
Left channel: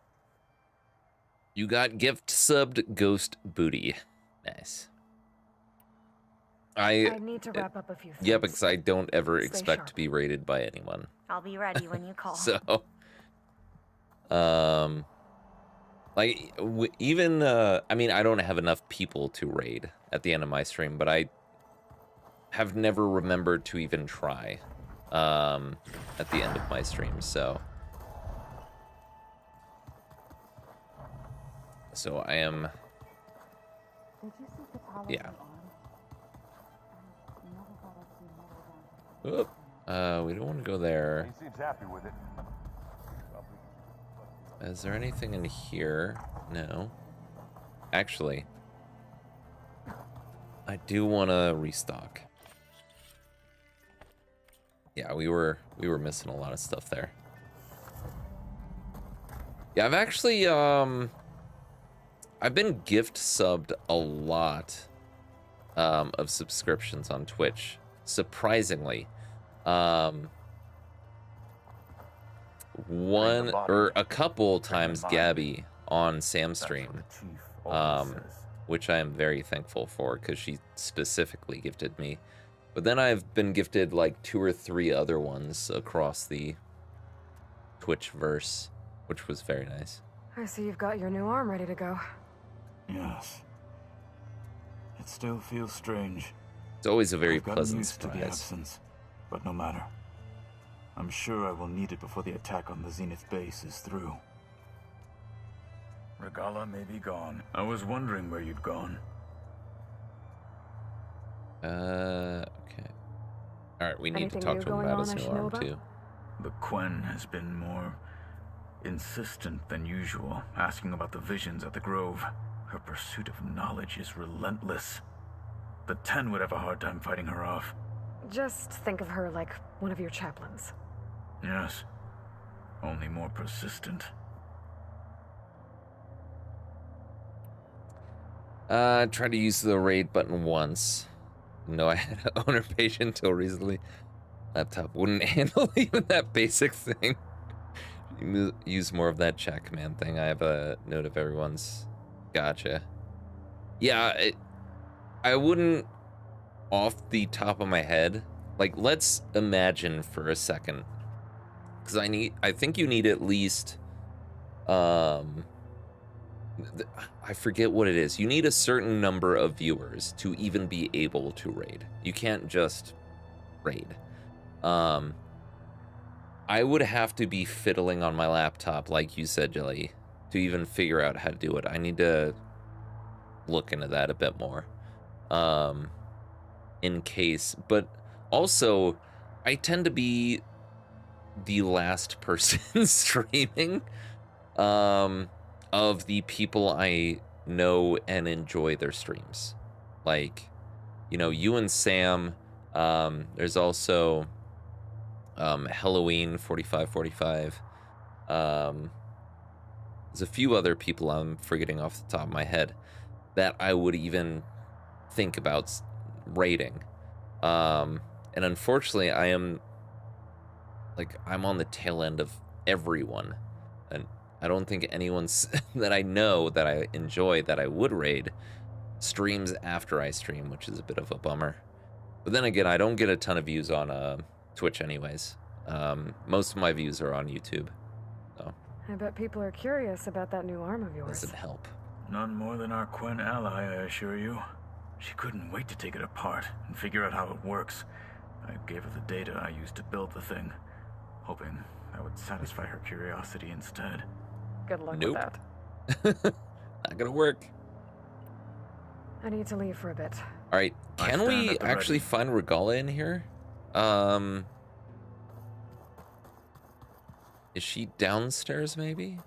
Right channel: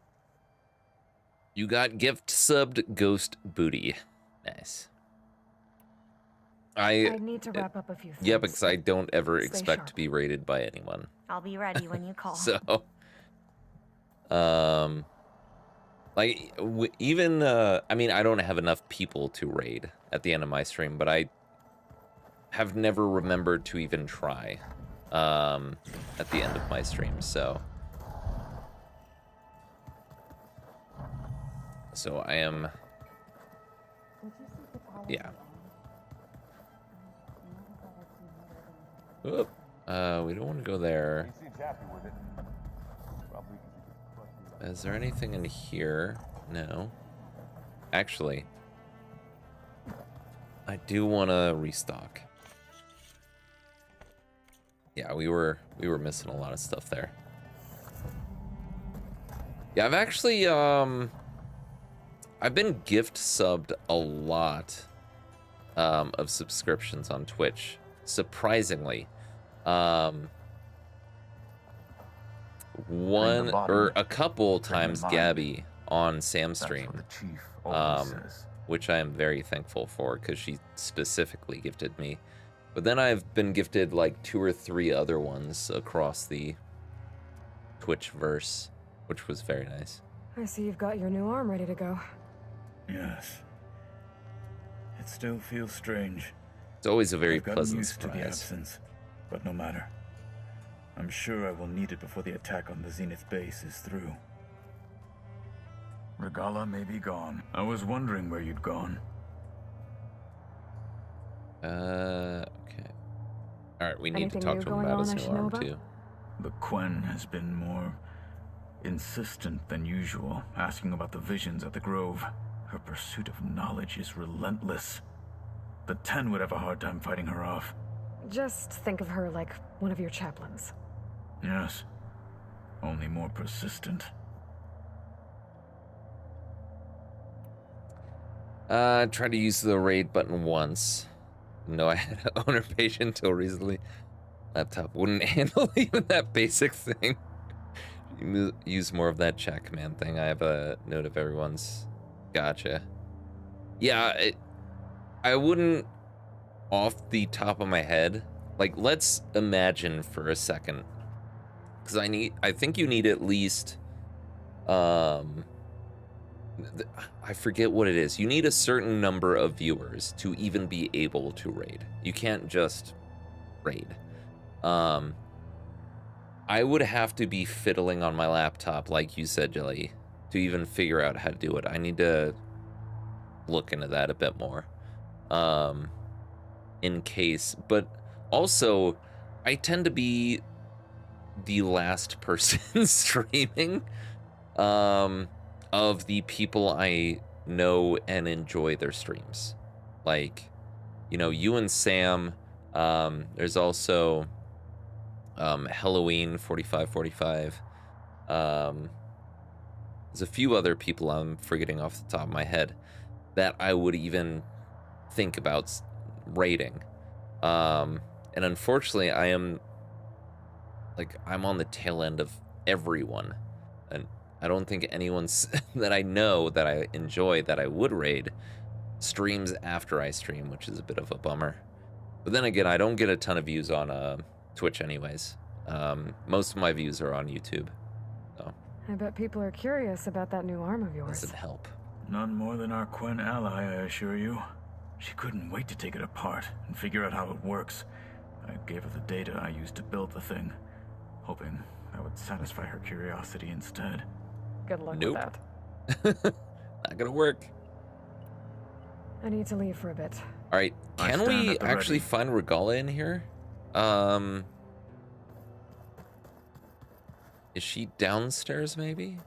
You got gift subbed Ghost Booty. Nice. I need to wrap up a few things. Yeah, because I don't ever Stay expect sharp. to be rated by anyone. I'll be ready when you call. So, like, even, I mean, I don't have enough people to raid at the end of my stream, but I have never remembered to even try, at the end of my stream, so. So I am, yeah. Oop. We don't want to go there. He seems happy with it. Is there anything in here? No. Actually, I do want to restock. Yeah, we were missing a lot of stuff there. Yeah, I've actually I've been gift subbed a lot of subscriptions on Twitch, surprisingly. One or a couple times Gabby on Sam's stream, which I am very thankful for because she specifically gifted me. But then I've been gifted like 2 or 3 other ones across the Twitchverse, which was very nice. I see you've got your new arm ready to go. Yes. It still feels strange. It's always a very I've gotten pleasant used to the surprise. absence, but no matter. I'm sure I will need it before the attack on the Zenith base is through. Regala may be gone. I was wondering where you'd gone. Okay. Alright, we need to Anything talk new to him going about on his I new should know arm, about? too. The Quen has been more insistent than usual, asking about the visions at the Grove. Her pursuit of knowledge is relentless. The 10 would have a hard time fighting her off. Just think of her like one of your chaplains. Yes. Only more persistent. Tried to use the raid button once. No, I had an owner patient until recently. Laptop wouldn't handle even that basic thing. Use more of that chat command thing. I have a note of everyone's. Gotcha. Yeah, I wouldn't, off the top of my head, like, let's imagine for a second, because I think you need at least, I forget what it is. You need a certain number of viewers to even be able to raid. You can't just raid. I would have to be fiddling on my laptop, like you said, Jelly, to even figure out how to do it. I need to look into that a bit more. In case, but also I tend to be the last person streaming of the people I know and enjoy their streams. Like, you know, you and Sam, there's also Halloween 4545. There's a few other people I'm forgetting off the top of my head that I would even think about rating. And unfortunately, I'm on the tail end of everyone, and I don't think anyone's that I know that I enjoy that I would raid streams after I stream, which is a bit of a bummer. But then again, I don't get a ton of views on Twitch anyways. Most of my views are on YouTube, so I bet people are curious about that new arm of yours. doesn't help. None more than our Quen ally, I assure you. She couldn't wait to take it apart and figure out how it works. I gave her the data I used to build the thing, hoping that would satisfy her curiosity instead. Good luck Nope. with that. Not gonna work. I need to leave for a bit. All right, can stand we at the actually ready. find Regala in here? Is she downstairs maybe?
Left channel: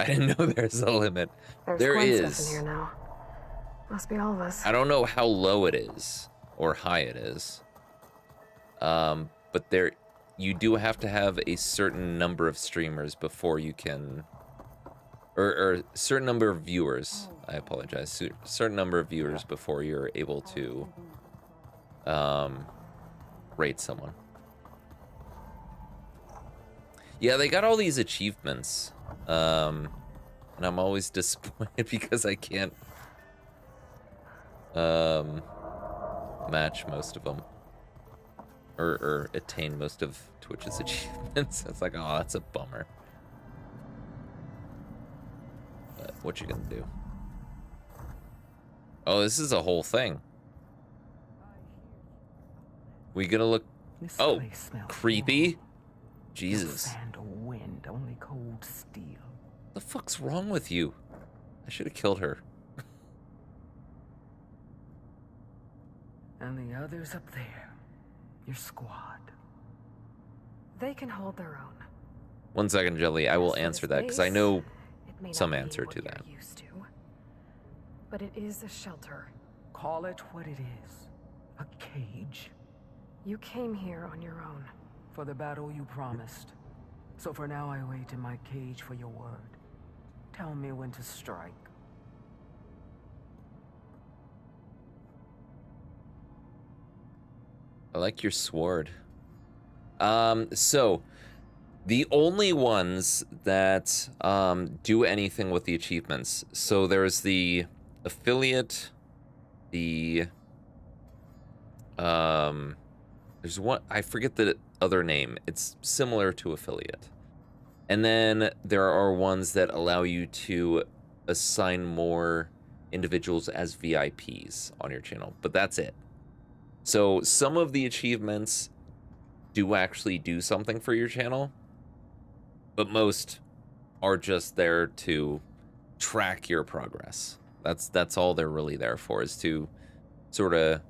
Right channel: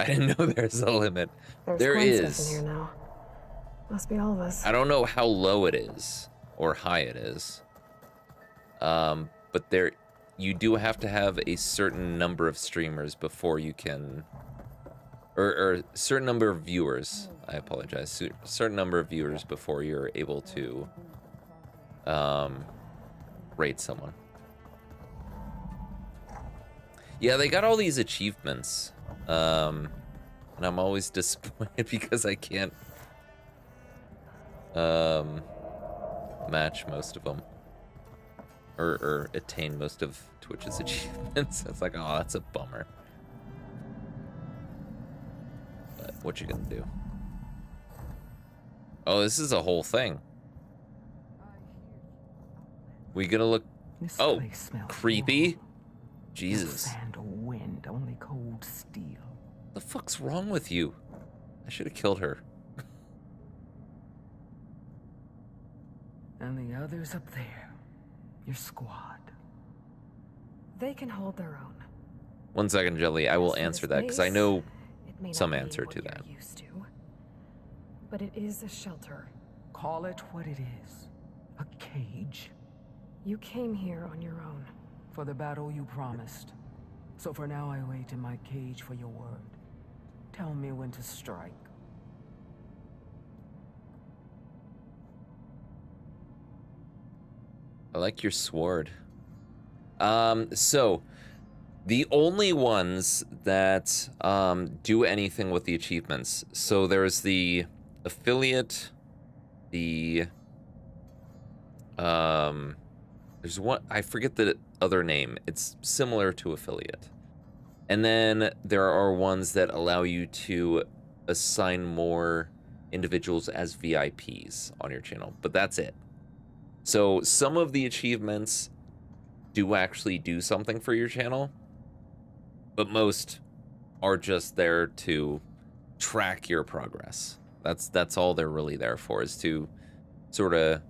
I didn't know there's a limit. There Gwen stuff is. in here now. Must be all of us. I don't know how low it is or high it is. But there, you do have to have a certain number of streamers before you can, or certain number of viewers. I apologize. Certain number of viewers before you're able to rate someone. Yeah, they got all these achievements, and I'm always disappointed because I can't match most of them, or attain most of Twitch's achievements. It's like, oh, that's a bummer. But what you gonna do? Oh, this is a whole thing. We gonna look? Oh, creepy. Jesus. Sand or wind, only cold steel. What the fuck's wrong with you? I should have killed her. And the others up there, your squad. They can hold their own. 1 second, Jelly. I will answer that because I know It may some not be answer what to you're that. used to, but it is a shelter. Call it what it is. A cage. You came here on your own. For the battle you promised. So for now I wait in my cage for your word. Tell me when to strike. I like your sword. So the only ones that do anything with the achievements. So there's the affiliate, the there's one, I forget the other name. It's similar to affiliate. And then there are ones that allow you to assign more individuals as VIPs on your channel, but that's it. So some of the achievements do actually do something for your channel, but most are just there to track your progress. That's all they're really there for, is to sort of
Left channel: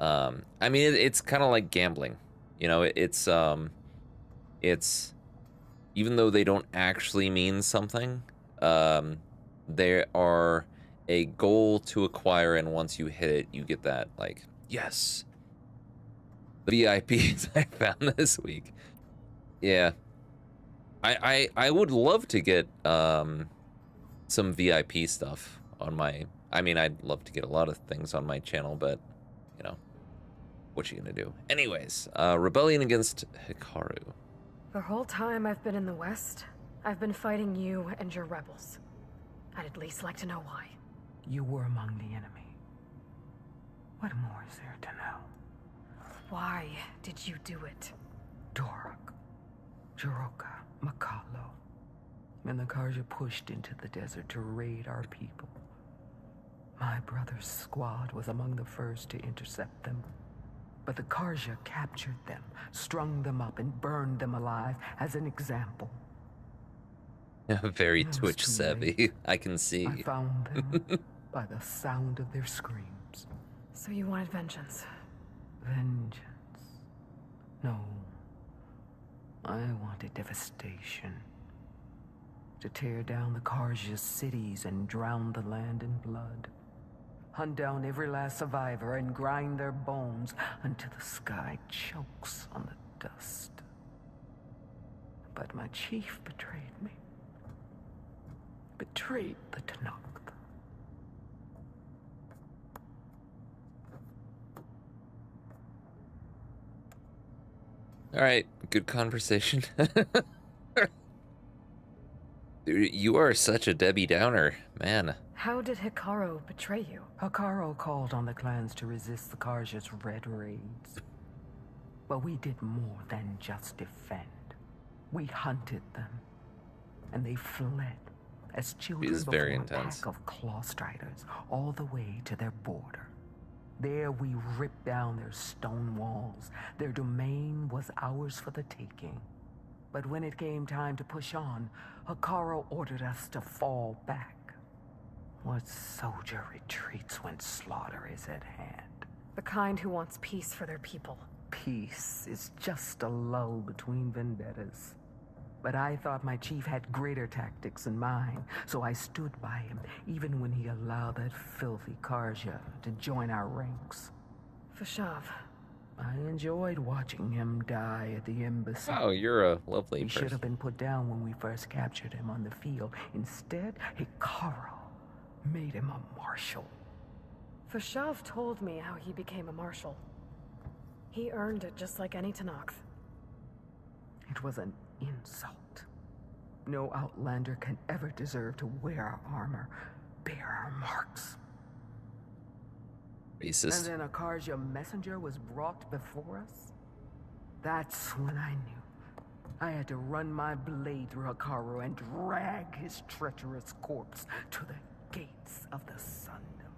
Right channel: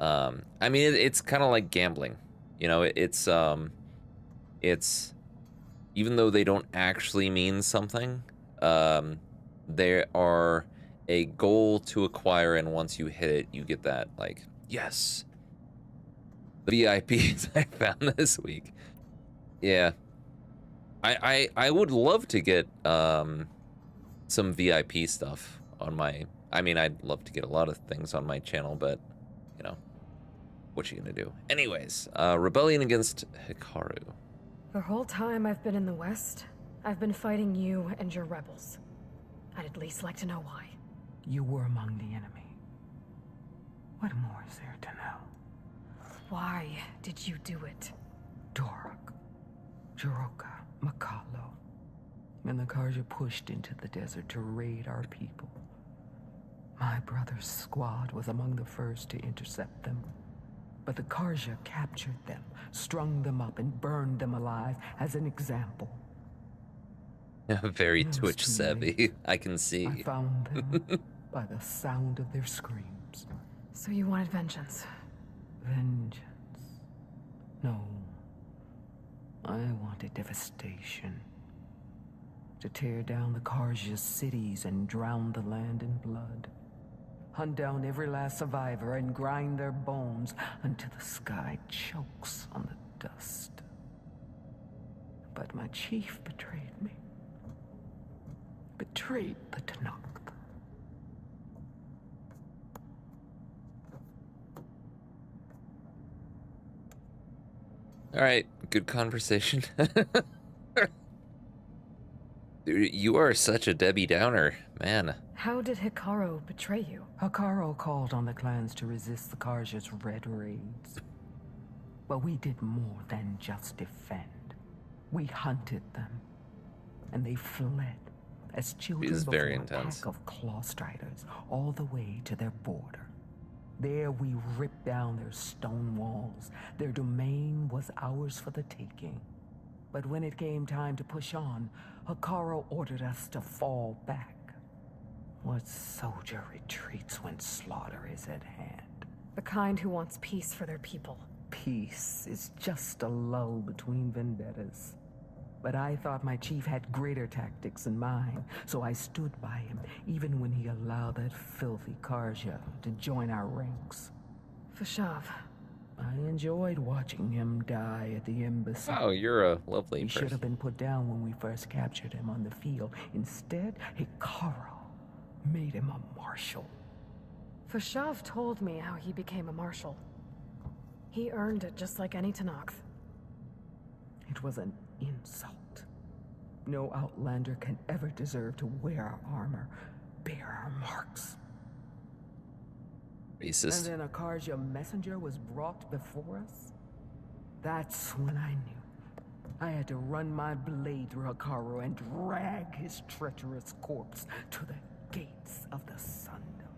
I mean, it's kind of like gambling, you know. It's even though they don't actually mean something, they are a goal to acquire, and once you hit it, you get that, like, yes. The VIPs I found this week. Yeah. I would love to get some VIP stuff on my... I mean, I'd love to get a lot of things on my channel, but, you know, what you gonna do? Anyways, rebellion against Hikaru. The whole time I've been in the West, I've been fighting you and your rebels. I'd at least like to know why. You were among the enemy. What more is there to know? Why did you do it? Dorak, Jiroka, Makalo, and the Karja pushed into the desert to raid our people. My brother's squad was among the first to intercept them. But the Karja captured them, strung them up, and burned them alive as an example. Very Twitch savvy, I can see. I found them by the sound of their screams. So you wanted vengeance? Vengeance? No. I wanted devastation. To tear down the Karja's cities and drown the land in blood. Hunt down every last survivor and grind their bones until the sky chokes on the dust. But my chief betrayed me. Betrayed the Tanakh. All right, good conversation. Dude, you are such a Debbie Downer, man. How did Hikaru betray you? Hikaru called on the clans to resist the Karja's red raids. But we did more than just defend. We hunted them, and they fled as children It is very before a intense. pack of claw striders all the way to their border. There we ripped down their stone walls. Their domain was ours for the taking. But when it came time to push on, Hikaru ordered us to fall back. What soldier retreats when slaughter is at hand? The kind who wants peace for their people. Peace is just a lull between vendettas. But I thought my chief had greater tactics than mine, so I stood by him, even when he allowed that filthy Karja to join our ranks. Fashav. I enjoyed watching him die at the embassy. Oh, you're a lovely He should person. have been put down when we first captured him on the field. Instead, Hikaru made him a marshal. Fashav told me how he became a marshal. He earned it just like any Tanakh. It was an insult. No outlander can ever deserve to wear our armor, bear our marks. Racist. And then a Karja messenger was brought before us? That's when I knew. I had to run my blade through Hikaru and drag his treacherous corpse to the gates of the Sundom.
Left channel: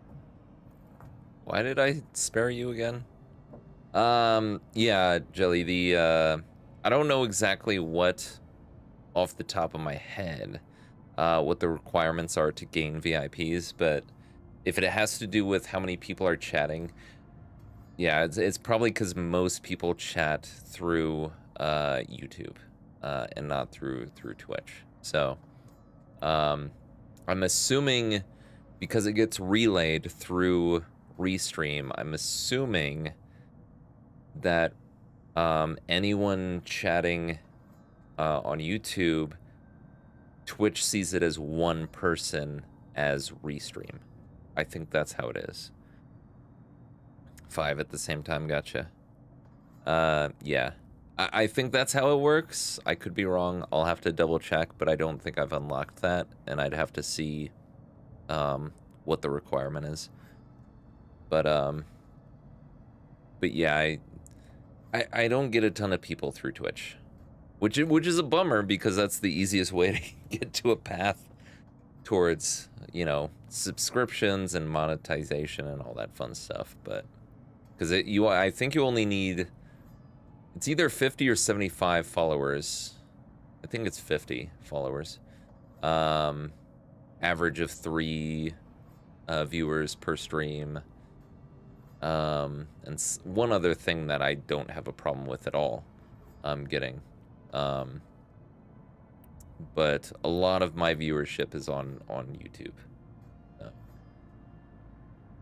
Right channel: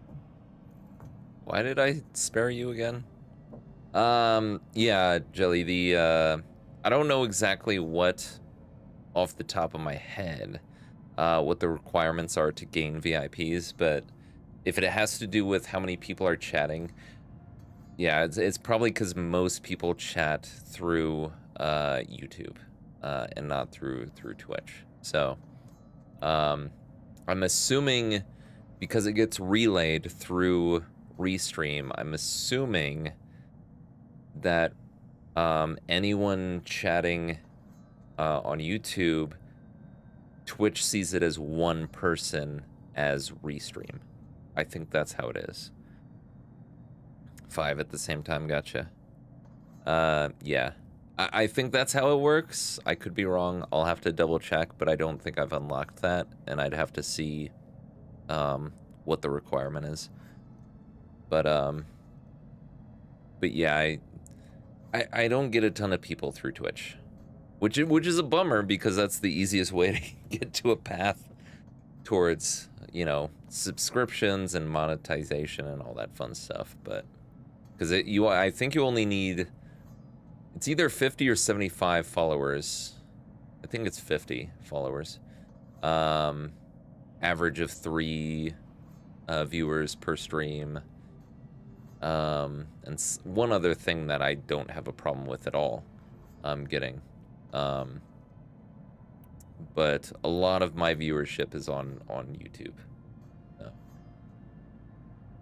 Why did I spare you again? Yeah, Jelly, I don't know exactly what, off the top of my head, what the requirements are to gain VIPs, but if it has to do with how many people are chatting, yeah, it's probably because most people chat through YouTube and not through Twitch. So I'm assuming because it gets relayed through Restream, I'm assuming that anyone chatting on YouTube, Twitch sees it as one person as Restream. I think that's how it is. 5 at the same time, gotcha. Yeah. I think that's how it works. I could be wrong. I'll have to double check, but I don't think I've unlocked that, and I'd have to see what the requirement is. But yeah, I don't get a ton of people through Twitch, which is a bummer because that's the easiest way to get to a path towards, you know, subscriptions and monetization and all that fun stuff. But because I think you only need, it's either 50 or 75 followers. I think it's 50 followers. Average of 3 viewers per stream. And one other thing that I don't have a problem with at all, getting. But a lot of my viewership is on YouTube. So.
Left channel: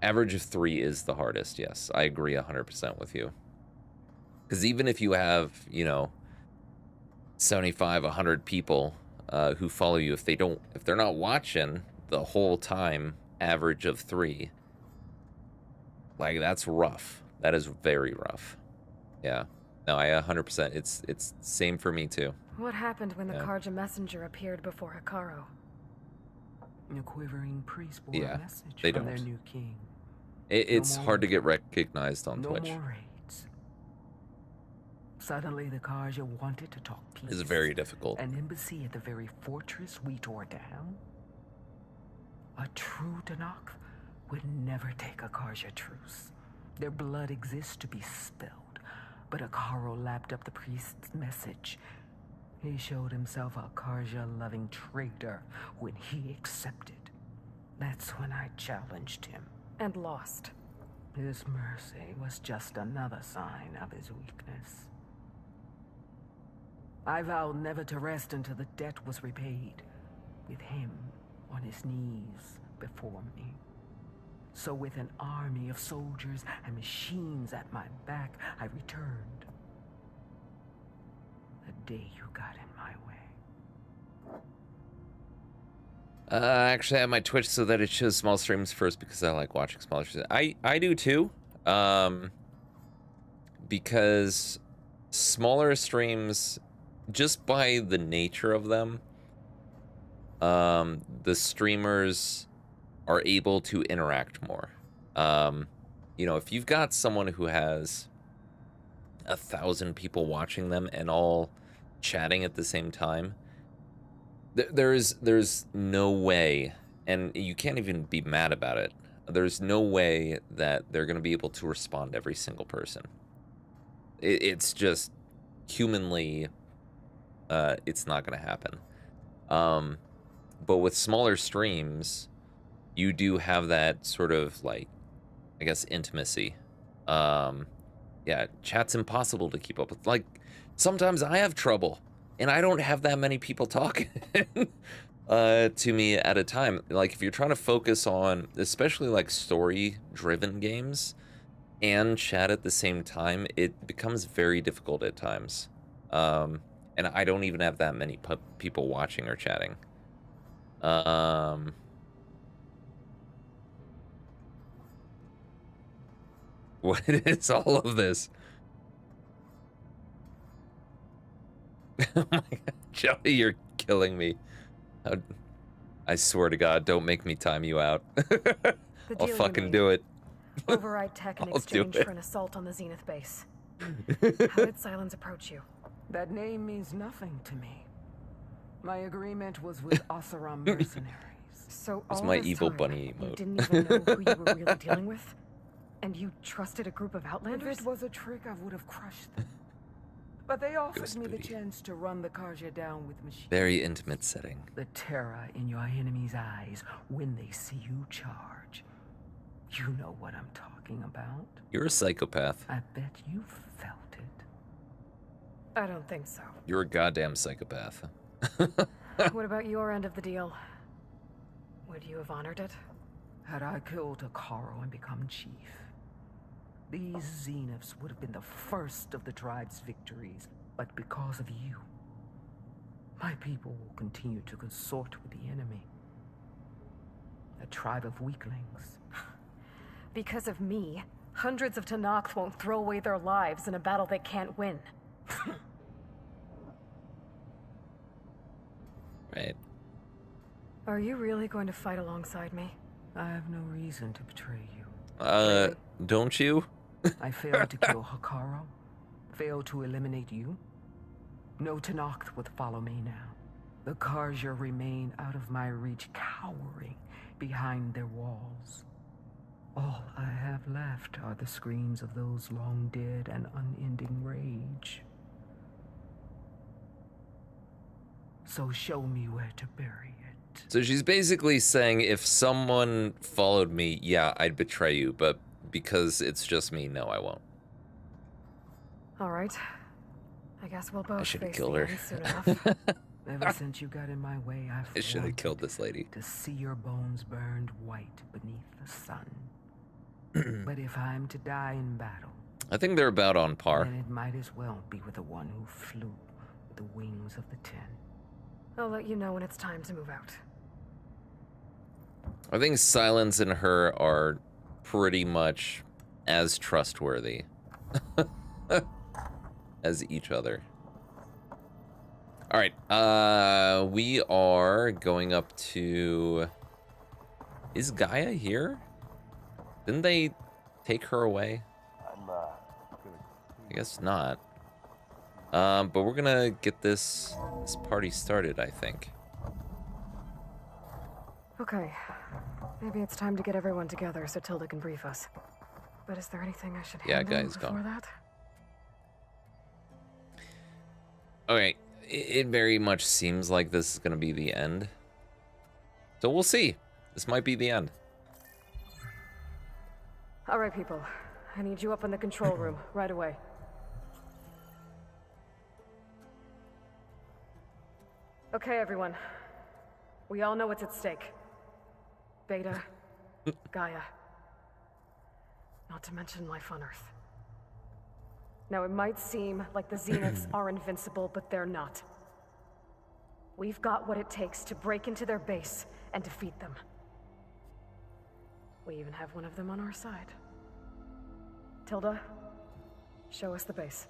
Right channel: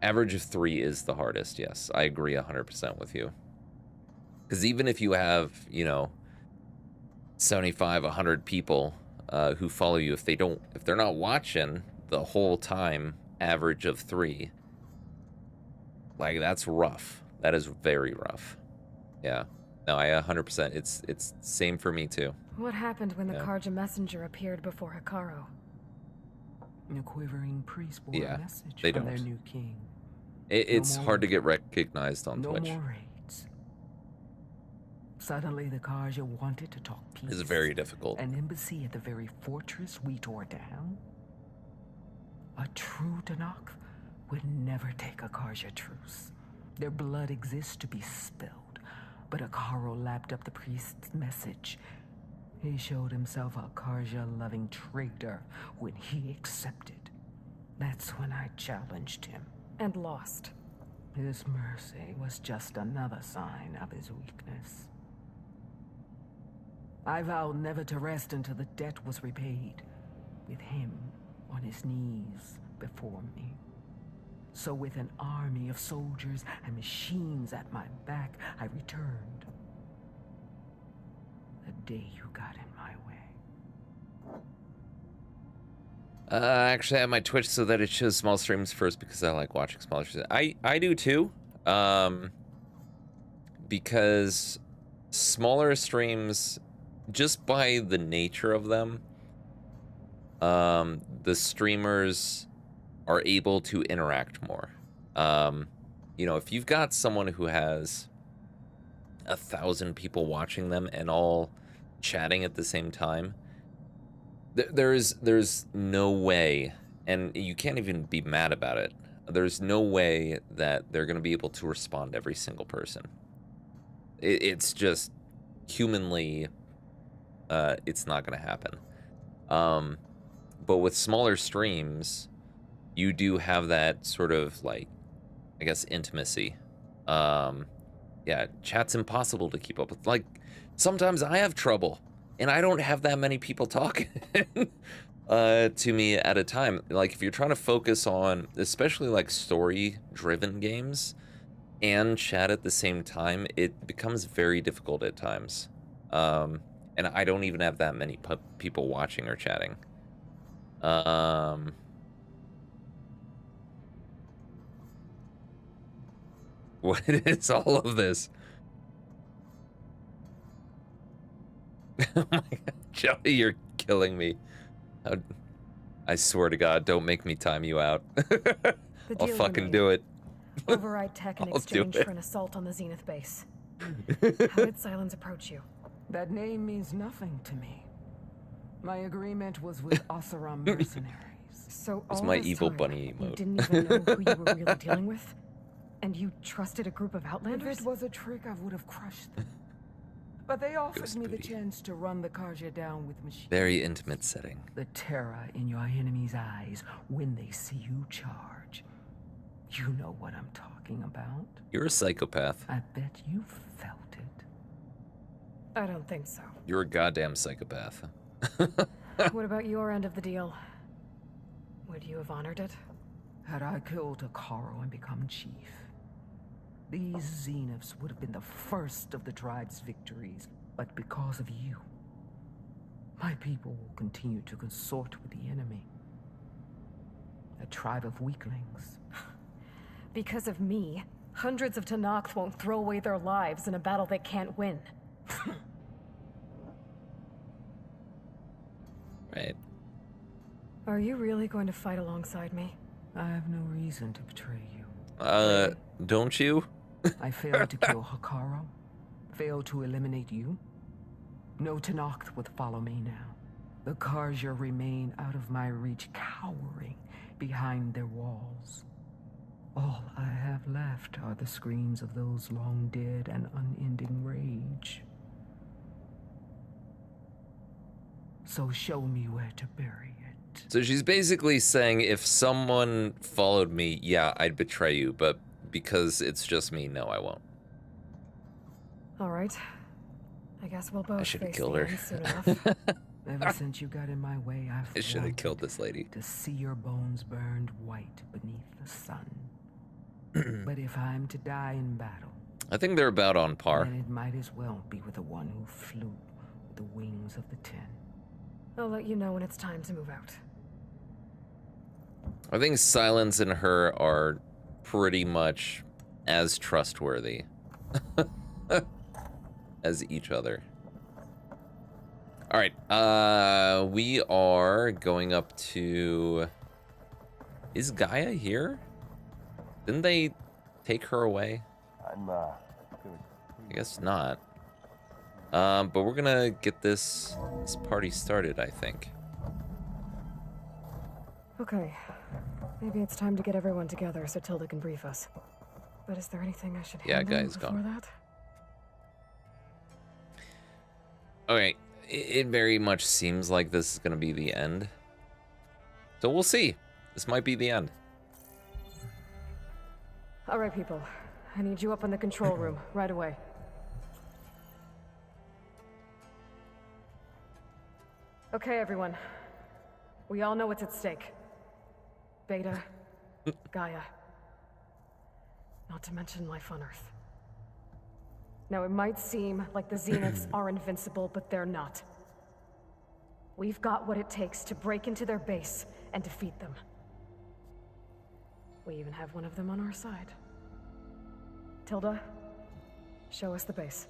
Average of 3 is the hardest, yes. I agree 100% with you. Because even if you have, you know, 75, 100 people who follow you, if they're not watching the whole time, average of 3, like, that's rough. That is very rough. Yeah. No, I 100%. It's same for me too. What happened when the Karja messenger appeared before Hikaru? A quivering priest bore Yeah, a message they from don't. their new king. It's No hard to more- get recognized on no Twitch. more raids. Suddenly, the Karja wanted to talk peace. It's very difficult. An embassy at the very fortress we tore down? A true Tanakh would never take a Karja truce. Their blood exists to be spilled, but Akaro lapped up the priest's message. He showed himself a Karja-loving traitor when he accepted. That's when I challenged him. And lost. His mercy was just another sign of his weakness. I vowed never to rest until the debt was repaid, with him on his knees before me. So with an army of soldiers and machines at my back, I returned. The day you got in my way. Actually, I have my Twitch so that it shows small streams first because I like watching smaller streams. I do too. Because smaller streams, just by the nature of them, the streamers are able to interact more. You know, if you've got someone who has 1,000 people watching them and all chatting at the same time, there's no way, and you can't even be mad about it. There's no way that they're going to be able to respond to every single person. It's just humanly, it's not going to happen. But with smaller streams, you do have that sort of, like, I guess, intimacy. Yeah, chat's impossible to keep up with. Like, sometimes I have trouble, and I don't have that many people talking to me at a time. Like, if you're trying to focus on, especially, like, story-driven games, and chat at the same time, it becomes very difficult at times. And I don't even have that many people watching or chatting. What is all of this? Oh my god, Joey, you're killing me. I swear to God, don't make me time you out. I'll fucking do it. Override tech in I'll do exchange it. for an assault on the Zenith base. How did Silence approach you? That name means nothing to me. My agreement was with Oseram mercenaries. So It's all my this evil time, bunny you emote. didn't even know who you were really dealing with? And you trusted a group of If outlanders? it was a trick, I would have crushed them. But they offered Ghost me the booty. chance to run the Karja down with machines. Very intimate setting. The terror in your enemy's eyes when they see you charge. You know what I'm talking about. You're a psychopath. I bet you felt it. I don't think so. You're a goddamn psychopath. What about your end of the deal? Would you have honored it? Had I killed Akaro and become chief, these Zeniths would have been the first of the tribe's victories. But because of you, my people will continue to consort with the enemy. A tribe of weaklings. Because of me, hundreds of Tanakh won't throw away their lives in a battle they can't win. Right. Are you really going to fight alongside me? I have no reason to betray you. Don't you? I failed to kill Hikaru. Failed to eliminate you. No Tanakh would follow me now. The Karja remain out of my reach, cowering behind their walls. All I have left are the screams of those long dead and unending rage. So show me where to bury it. So she's basically saying if someone followed me, yeah, I'd betray you, but because it's just me, no, I won't. Alright. I guess we'll both I should have face killed the her. end soon enough. Ever since you got in my way, I've I should have wanted killed this lady. to see your bones burned white beneath the sun. But if I'm to die in battle, I think they're about on par. then it might as well be with the one who flew the wings of the 10. I'll let you know when it's time to move out. I think Silence and her are pretty much as trustworthy as each other. All right, we are going up to... Is Gaia here? Didn't they take her away? I guess not. But we're gonna get this party started, I think. Okay. Maybe it's time to get everyone together so Tilda can brief us. But is there anything I should hand in Guy's before gone. that? Okay, it very much seems like this is gonna be the end. So we'll see. This might be the end. All right, people. I need you up in the control room right away. Okay, everyone. We all know what's at stake. Beta, Gaia. Not to mention life on Earth. Now, it might seem like the Zeniths are invincible, but they're not. We've got what it takes to break into their base and defeat them. We even have one of them on our side. Tilda, show us the base.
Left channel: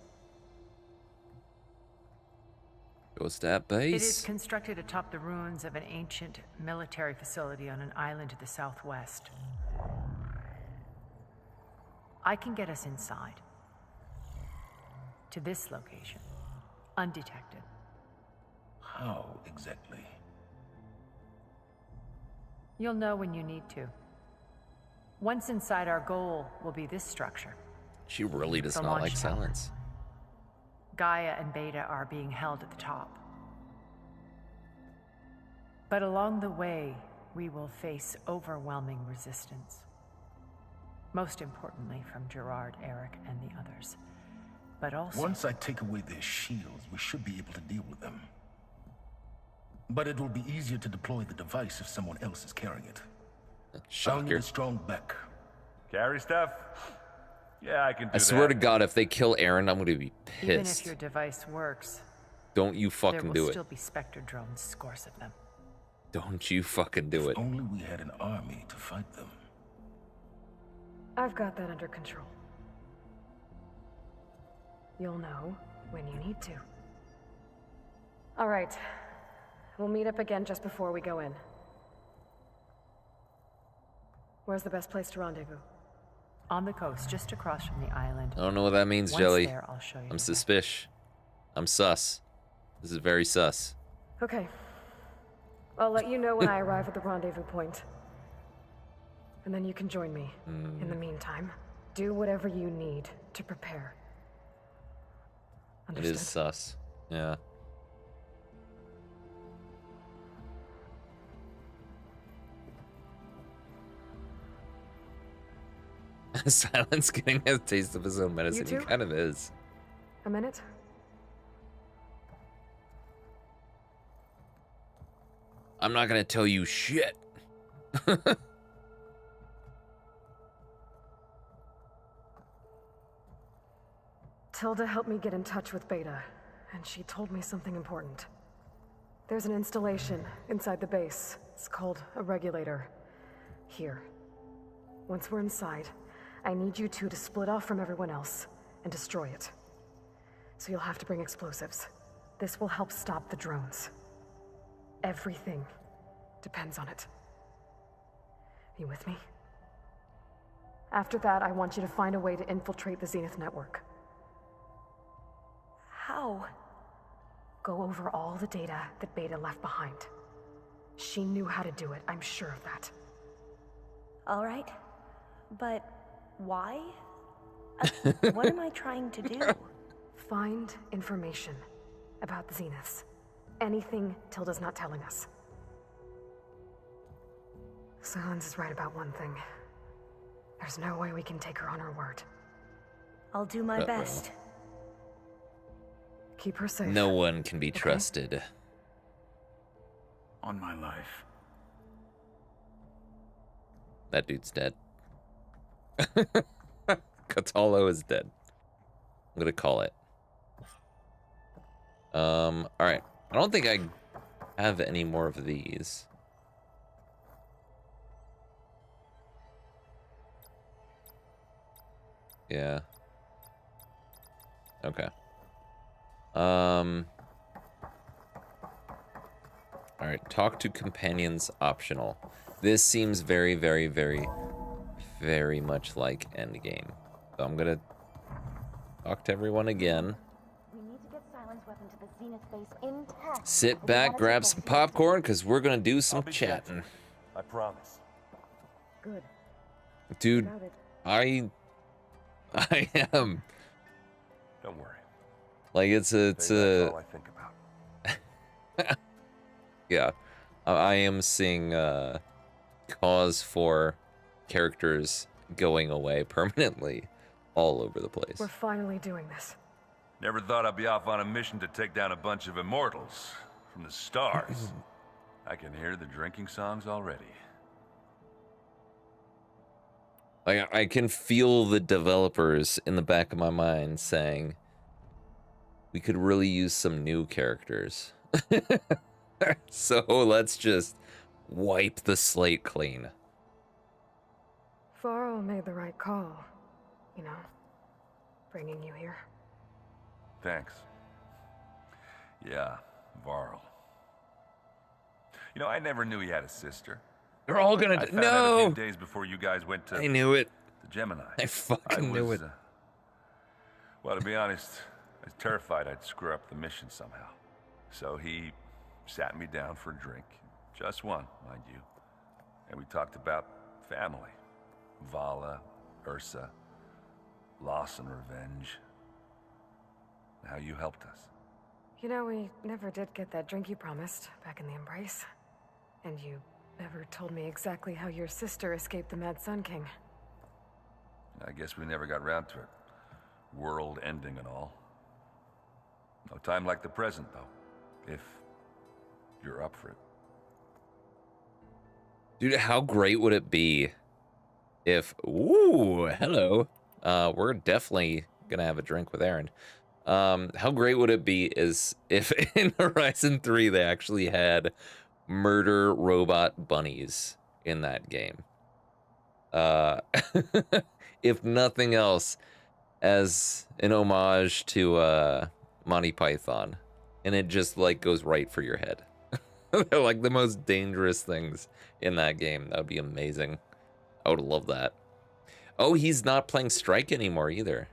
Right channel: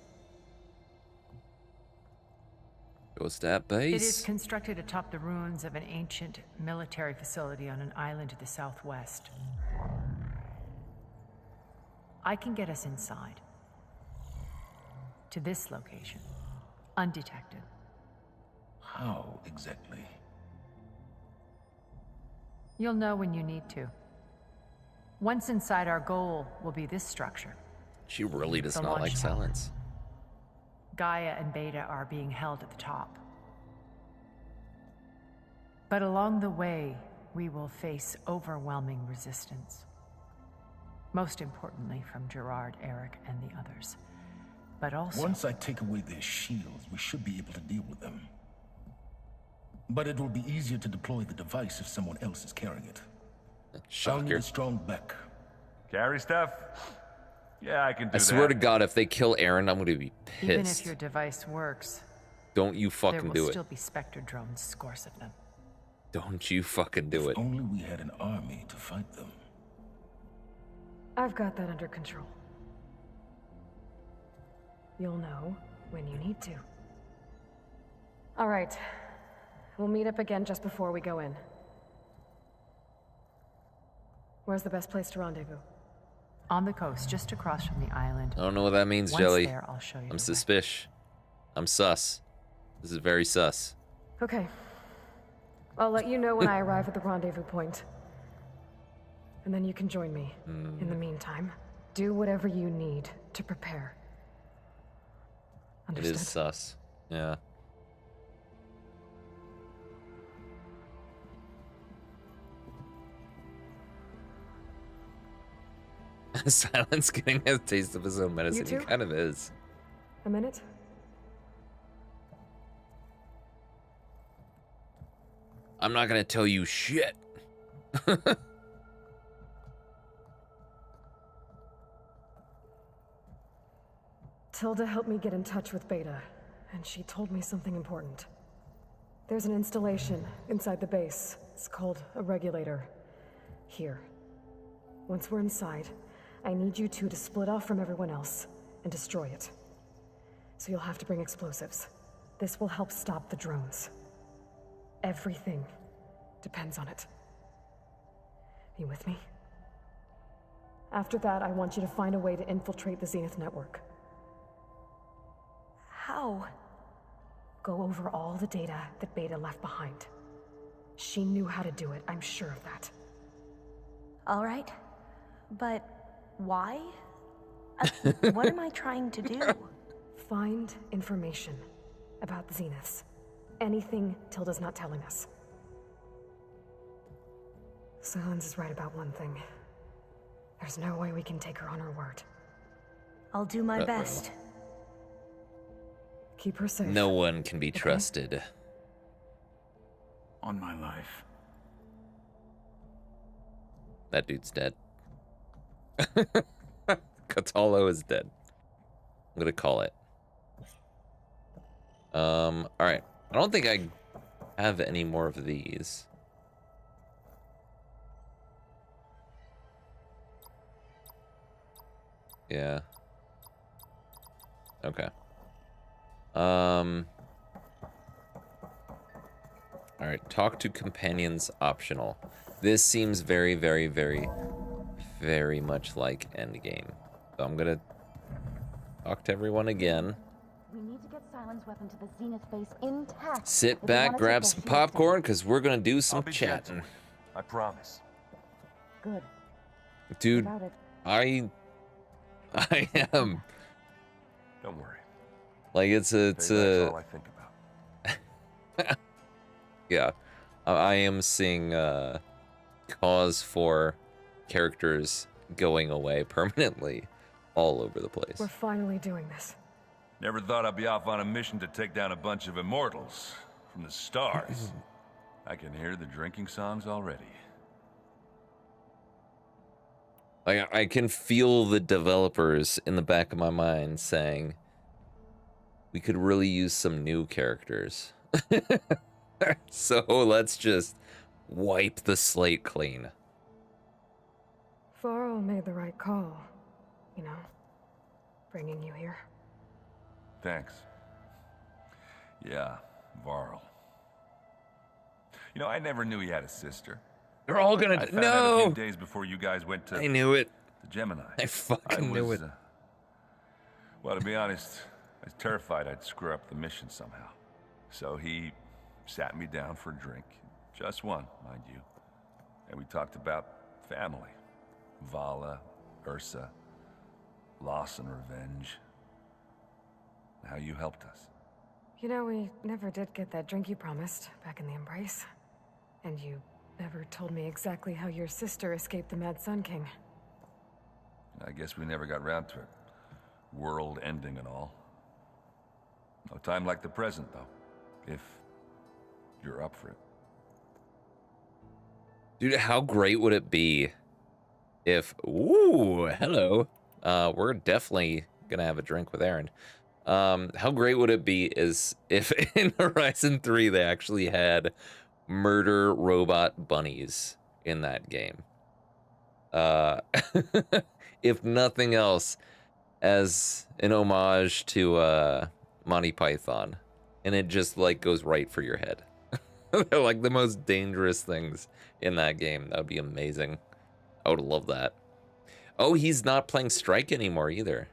Goes to that It is base. constructed atop the ruins of an ancient military facility on an island to the southwest. I can get us inside. To this location. Undetected. How exactly? You'll know when you need to. Once inside, our goal will be this structure. She really does The not like launch pad. Silence. Gaia and Beta are being held at the top. But along the way, we will face overwhelming resistance. Most importantly from Gerard, Eric, and the others. But also... Once I take away their shields, we should be able to deal with them. But it will be easier to deploy the device if someone else is carrying it. I'll need Shocker. a strong back. Carry stuff? Yeah, I can do I swear to that. God, if they kill Aaron, I'm gonna be Even if pissed. your device works, Don't you fucking there do will it. still be Spectre drones, scores of them. Don't you fucking do it. If only we had an army to fight them. I've got that under control. You'll know when you need to. All right. We'll meet up again just before we go in. Where's the best place to rendezvous? On the coast, just across from the island. I don't know what that means, Once Jelly. there, I'll show you I'm the suspicious. I'm sus. This is very sus. Okay. I'll let you know when I arrive at the rendezvous point. And then you can join me. In the meantime, do whatever you need to prepare. It is sus. Yeah. Silence getting a taste of his own medicine. He too? kind of is. A minute? I'm not gonna tell you shit. Tilda helped me get in touch with Beta, and she told me something important. There's an installation inside the base. It's called a regulator. Here. Once we're inside, I need you two to split off from everyone else and destroy it. So you'll have to bring explosives. This will help stop the drones. Everything depends on it. You with me? After that, I want you to find a way to infiltrate the Zenith network. How? Go over all the data that Beta left behind. She knew how to do it, I'm sure of that. All right. But why? What am I trying to do? Find information about the Zeniths. Anything Tilda's not telling us. Silence is right about one thing. There's no way we can take her on her word. I'll do my best. Keep her safe. No one can be trusted. On my life. That dude's dead. Catalo is dead. I'm gonna call it. Alright. I don't think I have any more of these. Yeah. Okay. Alright, talk to companions optional. This seems very, very, very, very much like Endgame. So I'm gonna talk to everyone again. We need to get Silence Weapon to the Zenith base intact. Sit back, grab some popcorn, because we're gonna do some chatting. I promise. Good. Dude, Got it. I am. Don't worry. Like, it's a... That's all I think about. Yeah. I am seeing cause for characters going away permanently all over the place. We're finally doing this. Never thought I'd be off on a mission to take down a bunch of immortals from the stars. I can hear the drinking songs already. Like, I can feel the developers in the back of my mind saying, we could really use some new characters. So let's just wipe the slate clean. Varl made the right call. You know, bringing you here. Thanks. Yeah, Varl. You know, I never knew he had a sister. They're all gonna... I found out a No! few days before you guys went to... I knew it. To Gemini. I fucking knew it. Well, to be honest, I was terrified I'd screw up the mission somehow. So he sat me down for a drink. Just one, mind you. And we talked about family. Vala, Ursa, loss and revenge. How you helped us. You know, we never did get that drink you promised back in the Embrace. And you never told me exactly how your sister escaped the Mad Sun King. I guess we never got around to it. World ending and all. No time like the present, though. If you're up for it. Dude, how great would it be if... Ooh, hello. We're definitely gonna have a drink with Aaron. How great would it be is if in Horizon 3 they actually had murder robot bunnies in that game. If nothing else, as an homage to Monty Python. And it just like goes right for your head. They're like the most dangerous things in that game. That would be amazing. I would love that. Oh, he's not playing Strike anymore either.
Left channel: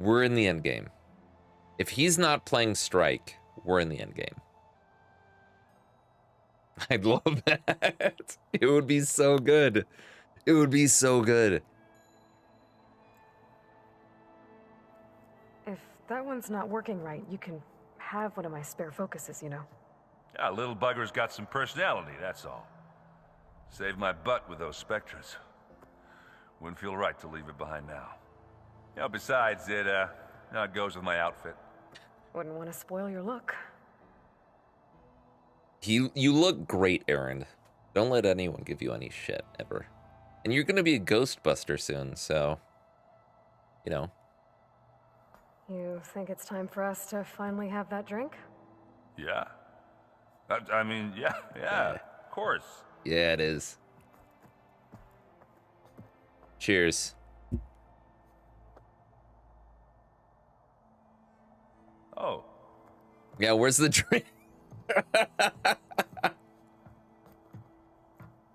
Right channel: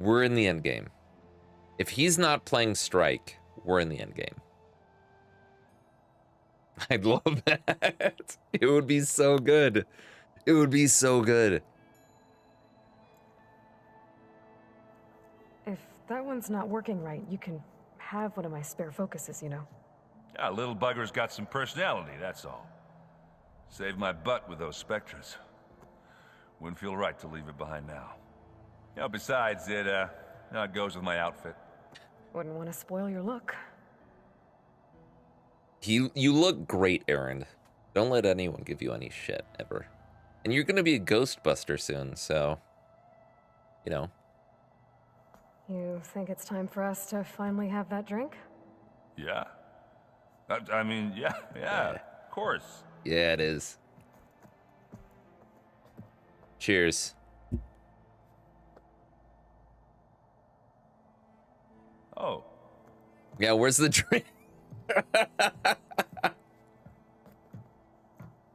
We're in the end game. If he's not playing Strike, we're in the end game. I'd love that. It would be so good. It would be so good. If that one's not working right, you can have one of my spare focuses, you know. Yeah, little bugger's got some personality, that's all. Saved my butt with those Spectres. Wouldn't feel right to leave it behind now. You know, besides, it goes with my outfit. Wouldn't want to spoil your look. You look great, Aaron. Don't let anyone give you any shit, ever. And you're gonna be a Ghostbuster soon, so... You know. You think it's time for us to finally have that drink? Yeah. I mean, yeah, of course. Yeah, it is. Cheers. Oh. Yeah, where's the drink?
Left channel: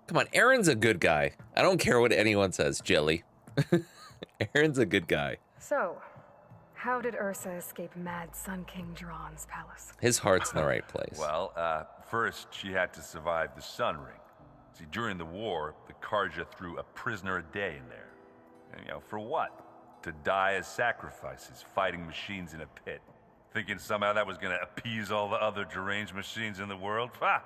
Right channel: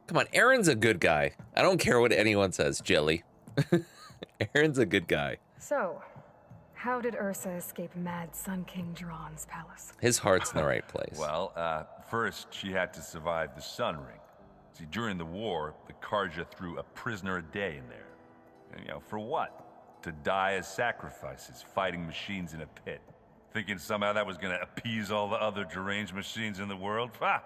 Come on, Aaron's a good guy. I don't care what anyone says, Jelly. Aaron's a good guy. So, how did Ursa escape Mad Sun King Jiran's palace? His heart's in the right place. Well, first she had to survive the Sun Ring. See, during the war, the Karja threw a prisoner a day in there. And, you know, for what? To die as sacrifices, fighting machines in a pit. Thinking somehow that was going to appease all the other deranged machines in the world? Ha!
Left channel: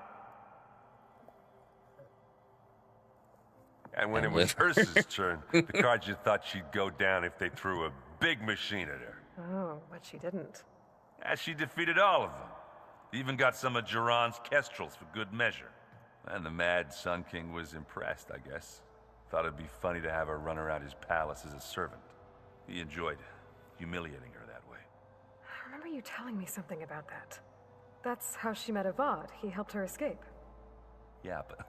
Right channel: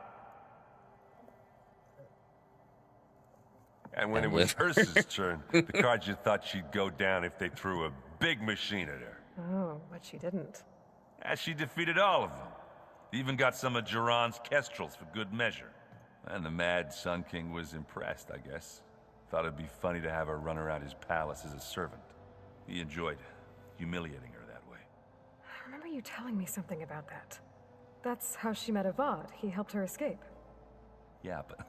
And when it was Ursa's turn, the Karja thought she'd go down if they threw a big machine at her. Oh, but she didn't. And she defeated all of them. Even got some of Jiran's kestrels for good measure. And the Mad Sun King was impressed, I guess. thought it'd be funny to have her run around his palace as a servant. He enjoyed humiliating her that way. I remember you telling me something about that. That's how she met Avad. He helped her escape. Yeah, but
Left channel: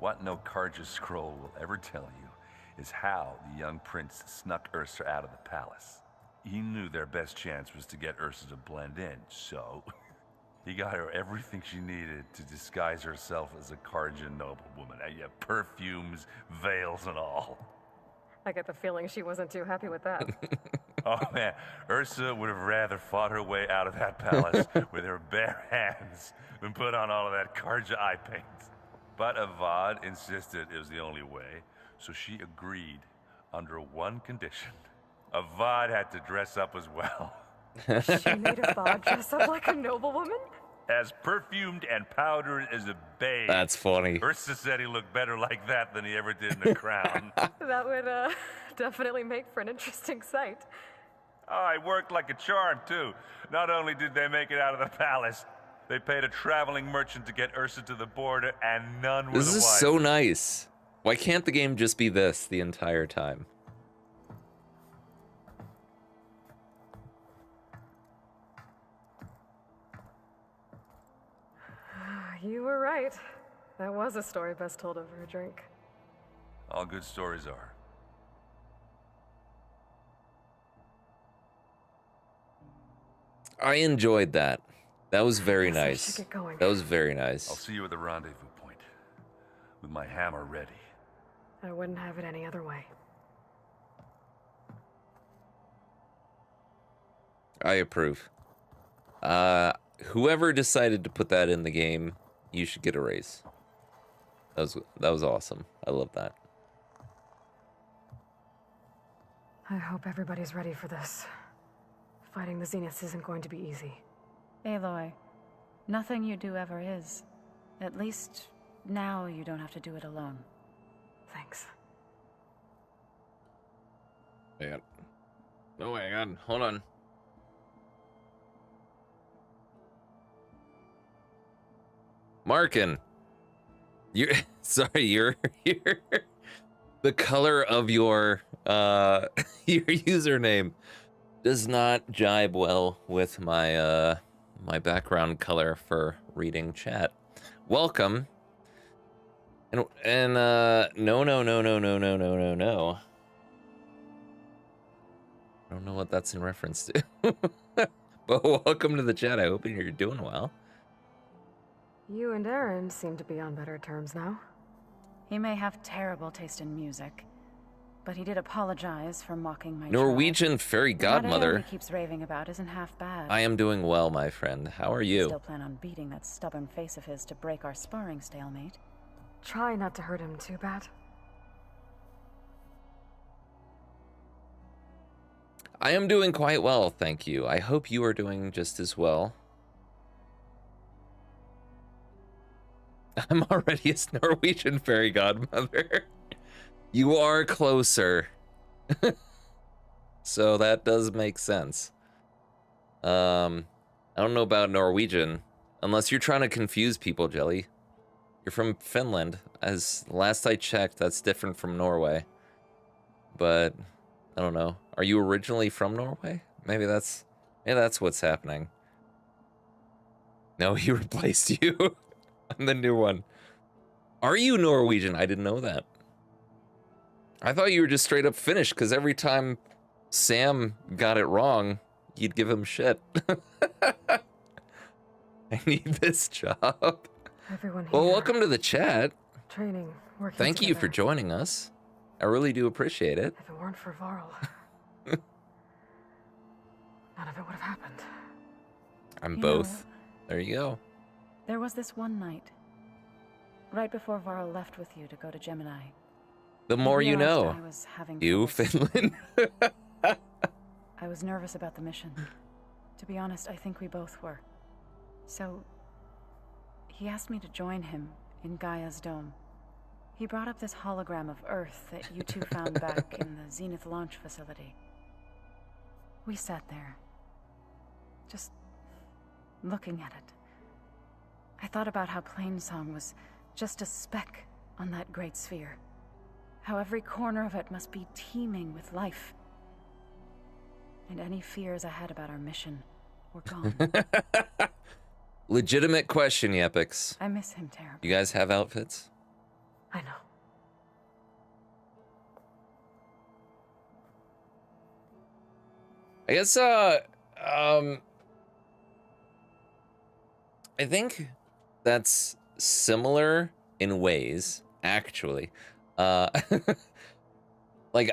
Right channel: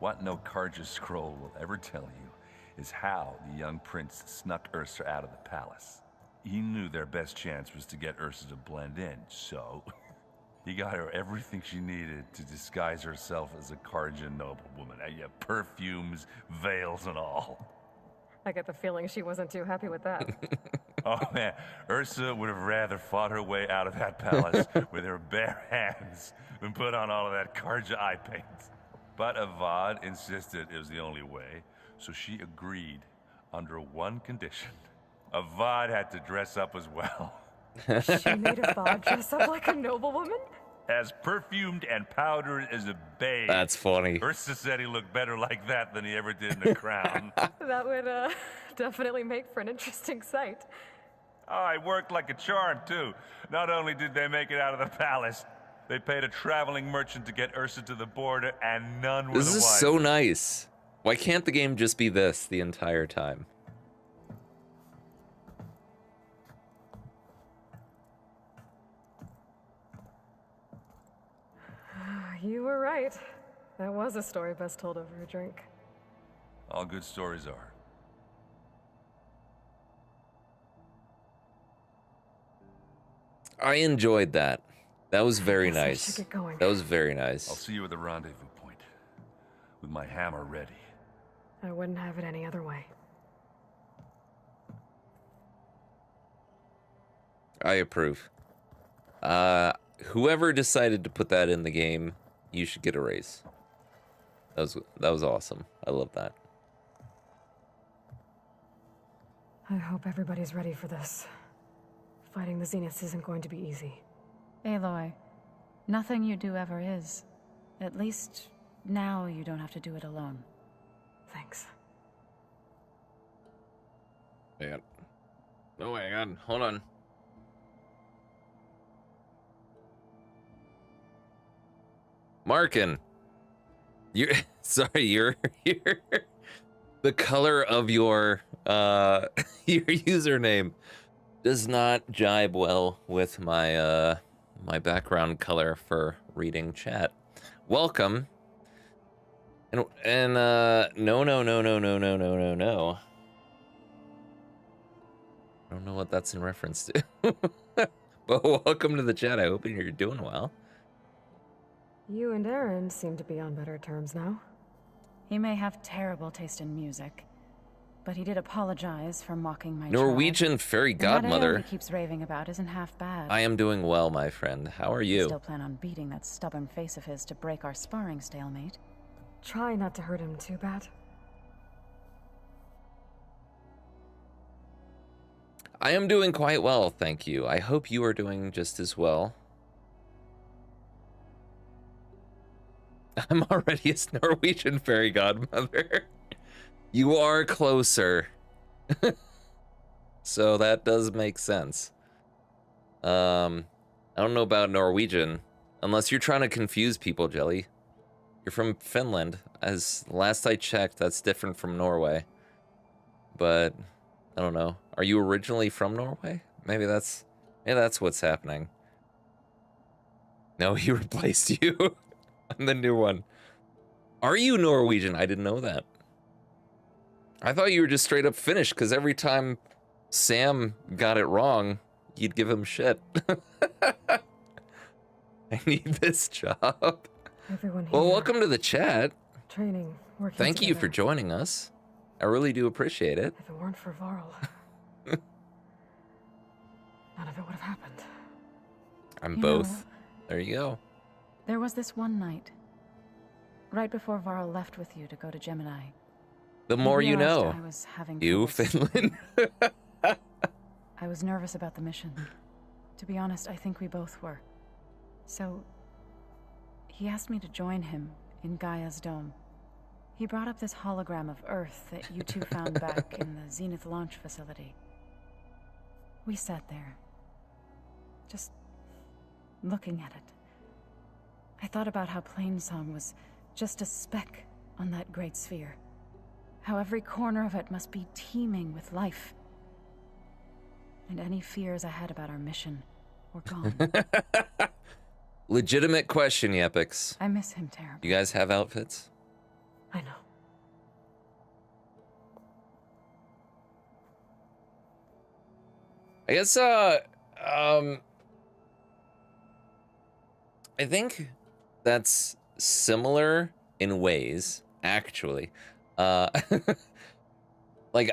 what no Karja scroll will ever tell you is how the young prince snuck Ursa out of the palace. He knew their best chance was to get Ursa to blend in, so he got her everything she needed to disguise herself as a Karja noblewoman. And yeah, perfumes, veils, and all. I get the feeling she wasn't too happy with that. Oh man, Ursa would have rather fought her way out of that palace with her bare hands than put on all of that Karja eye paint. But Avad insisted it was the only way, so she agreed under one condition. Avad had to dress up as well. She made Avad dress up like a noblewoman? As perfumed and powdered as a babe. That's funny. Ursa said he looked better like that than he ever did in the crown. That would definitely make for an interesting sight. Oh, it worked like a charm, too. Not only did they make it out of the palace, they paid a traveling merchant to get Ursa to the border, and none were This the is wiser. so nice. Why can't the game just be this the entire time? You were right. That was a story best told over a drink. All good stories are. I enjoyed that. That was very Guess we should nice. get going. That was very I'll nice. see you at the rendezvous point, with my hammer ready. I wouldn't have it any other way. I approve. Whoever decided to put that in the game, you should get a raise. That was awesome. I love that. I hope everybody's ready for this. Fighting the Zeniths isn't going to be easy. Aloy, nothing you do ever is. At least now you don't have to do it alone. Thanks. Hang on. Oh, hang on. Hold on. Markin, you're sorry. You're the color of your your username does not jibe well with my my background color for reading chat. Welcome. And no. I don't know what that's in reference to. But welcome to the chat. I hope you're doing well. You and Aaron seem to be on better terms now. He may have terrible taste in music, but he did apologize for mocking my Norwegian fairy child. And that Aaron godmother. keeps raving about isn't half bad. I am doing well, my friend. How are you? Still plan on beating that stubborn face of his to break our sparring stalemate. Try not to hurt him too bad. I am doing quite well, thank you. I hope you are doing just as well. I'm already a Norwegian fairy godmother. You are closer. So that does make sense. I don't know about Norwegian, unless you're trying to confuse people, Jelly. You're from Finland. As last I checked, that's different from Norway. But I don't know. Are you originally from Norway? Maybe that's what's happening. No, he replaced you. I'm the new one. Are you Norwegian? I didn't know that. I thought you were just straight up Finnish, because every time Sam got it wrong, you'd give him shit. I need this job. Everyone here. Well, welcome to the chat. Training, working Thank you for together. joining us. I really do appreciate it. If it weren't for Varl, none of it would have happened. I'm You both. There you go. There was this one night, right before Varl left with you to go to Gemini. The more you realized know. I was having You, trouble. Finland. I was nervous about the mission. To be honest, I think we both were. So, he asked me to join him in Gaia's dome. He brought up this hologram of Earth that you two found back in the Zenith launch facility. We sat there, just looking at it. I thought about how Plainsong was just a speck on that great sphere. how every corner of it must be teeming with life. And any fears I had about our mission were gone. Legitimate question, Yepix. I miss him terribly. You guys have outfits? I know. I guess, I think that's similar in ways, actually. Like,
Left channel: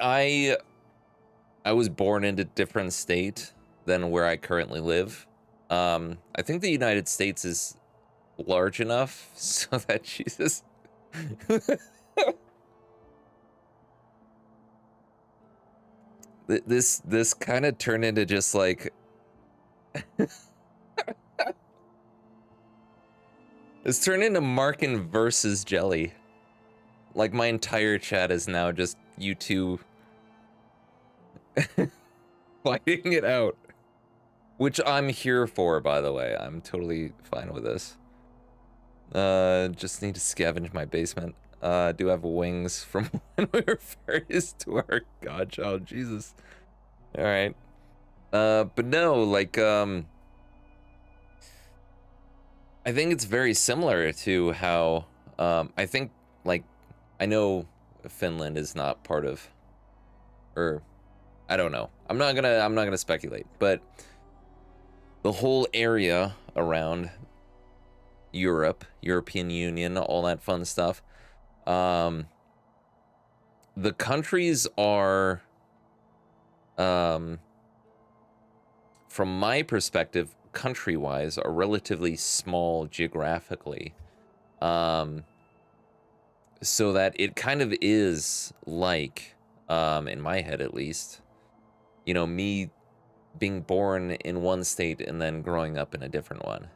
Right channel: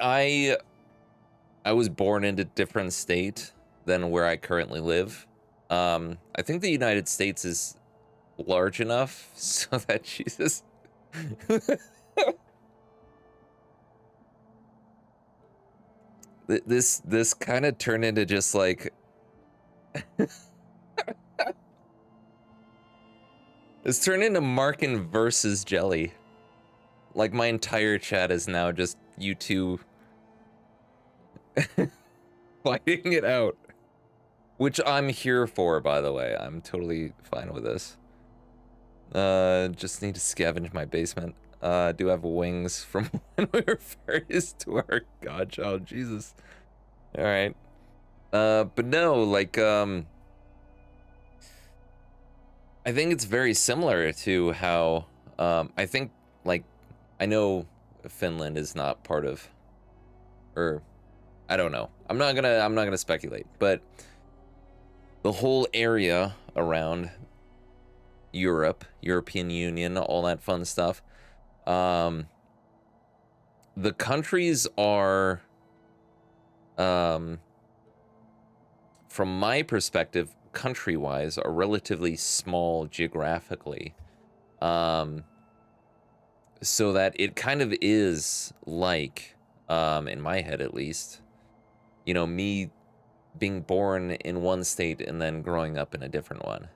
I was born in a different state than where I currently live. I think the United States is large enough so that Jesus... This kind of turned into just like... It's turned into Markin versus Jelly. Like, my entire chat is now just you two fighting it out. Which I'm here for, by the way. I'm totally fine with this. Just need to scavenge my basement. Do have wings from when we were fairies to our godchild. Jesus. Alright. But no, like, I think it's very similar to how, I think, like, I know Finland is not part of, or, I don't know. I'm not gonna speculate, but the whole area around Europe, European Union, all that fun stuff, the countries are, from my perspective, country-wise, are relatively small geographically, so that it kind of is like, in my head at least, you know, me being born in one state and then growing up in a different one.